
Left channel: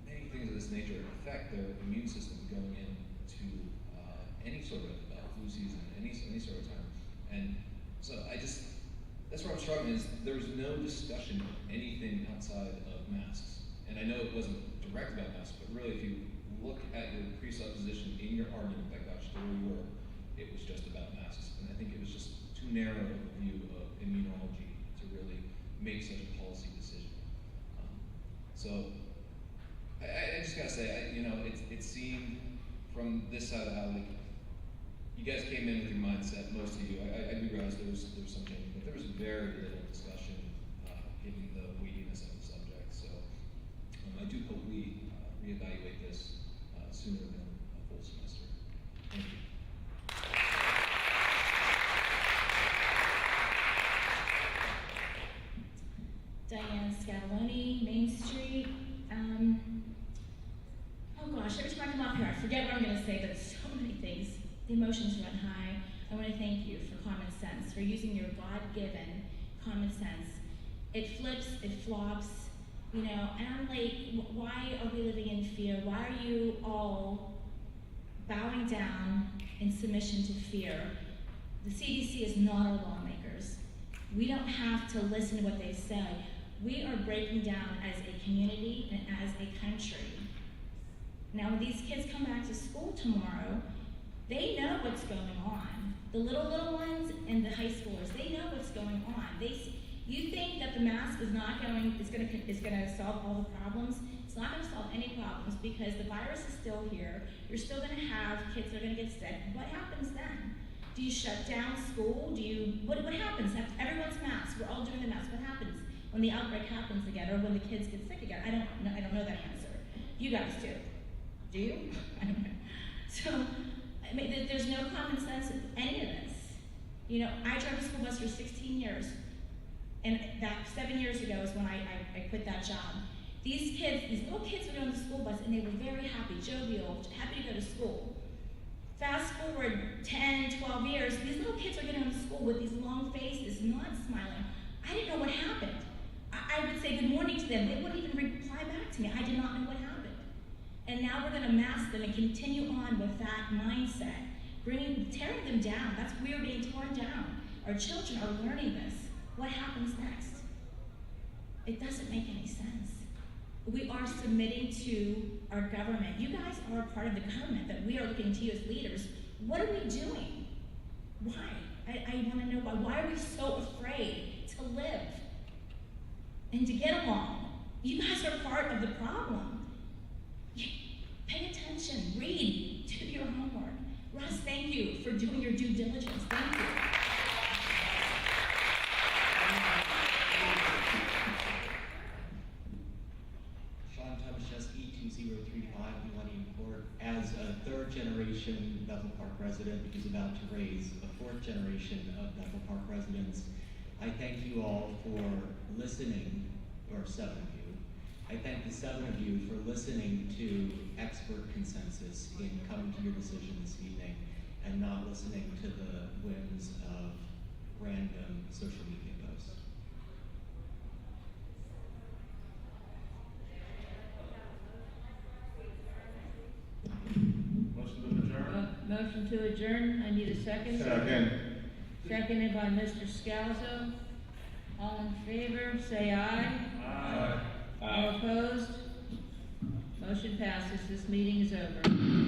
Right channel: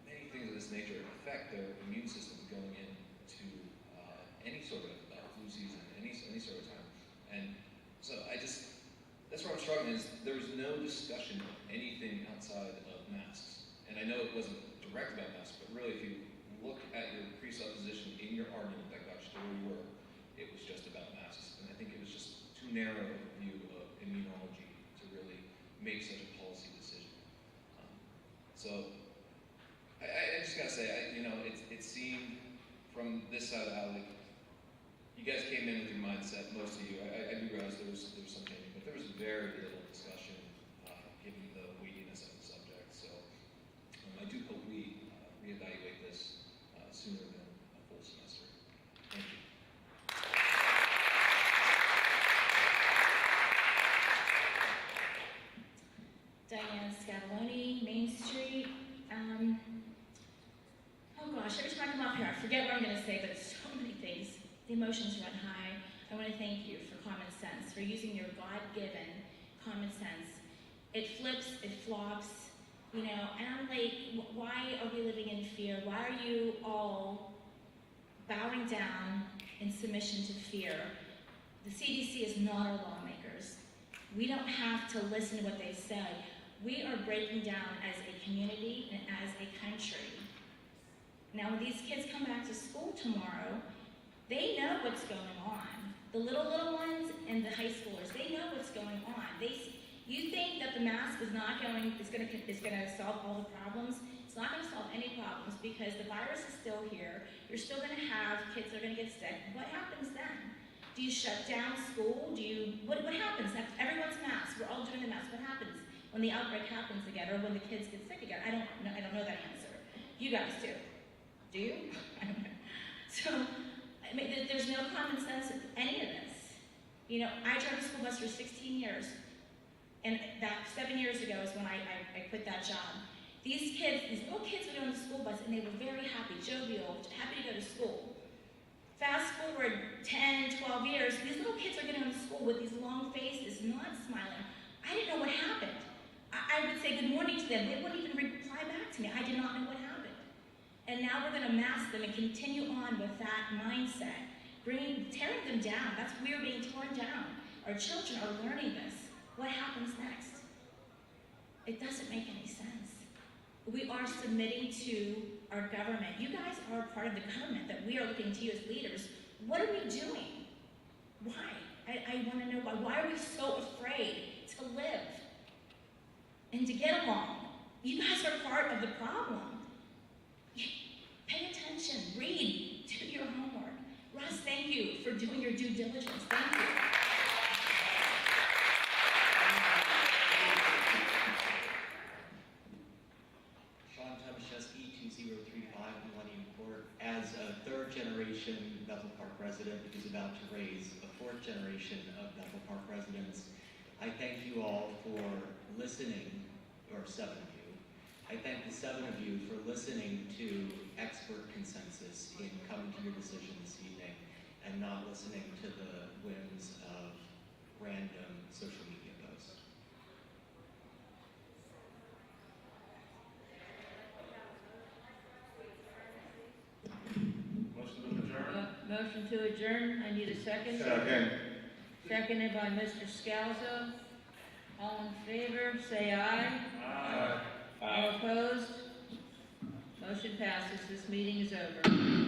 many things of this nature affect their immune systems going into any sort of flu season, any sort of time. And so that's where I'm struggling, is there was no discussion of anything outside of masks. And I know it wasn't direct about masks, but really if you look at your presupposition in your argument that got you to where you were, it was just about masks. And I think it was just too narrow of a view of immunology to really make such a policy decision. So I just gotta say, it seemed from this side of the house, like, you guys came in with your mindset, most of you. I do realize there was some changing, but there was very little discussion given the weightiness of the subject. So I do hope we reevaluate this sooner than a full semester. Thank you. forget what I'm going to say, but so many things. The emotions run high. I want to thank you for common sense, for using your God-given common sense. It flips, it flops, you know, and I'm like, why are we living in fear? Why are you all bowing down in submission to fear? The CDC is not our lawmakers. We don't have to listen to what they say. We are breaking down as a community and as a country. Now, when these kids come back to school tomorrow, they know what's going on. The little ones and the high schoolers, they know what's going on. You think that the mask is going to solve all the problems? It's not going to solve any problems because the virus is still here. You're still going to have kids that are going to get sick. What happens then? Do you shut down school? What happens? Everyone's masked. We're all doing the mask. What happens when the outbreak happens again or when the kids get sick again? I don't know that answer. You guys do. Do you? I don't know. So, I mean, there's no common sense in any of this. You know, I drove a school bus for 16 years. And that 7 years ago is when I quit that job. These little kids would go on the school bus and they were very happy, jovial, happy to go to school. Fast forward 10, 12 years, these little kids are getting on school with these long faces, not smiling. I didn't know what happened. I would say good morning to them. They wouldn't even reply back to me. I did not know what happened. And now we're going to mask them and continue on with that mindset, tearing them down. We are being torn down. Our children are learning this. What happens next? It doesn't make any sense. We are submitting to our government. You guys are part of the government that we are looking to you as leaders. What are we doing? Why? I want to know why. Why are we so afraid to live and to get along? You guys are part of the problem. Pay attention. Read. Do your homework. Russ, thank you for doing your due diligence. Thank you. As a third-generation Bethel Park resident who's about to raise a fourth generation of Bethel Park residents, I thank you all for listening, or 7 of you. I thank the 7 of you for listening to expert consensus in coming to your decision this evening and not listening to the whims of random social media posts. Motion to adjourn. I need a second. Second. Seconded by Mr. Scalzo. All in favor, say aye. Aye. All opposed? Motion passes. This meeting is over.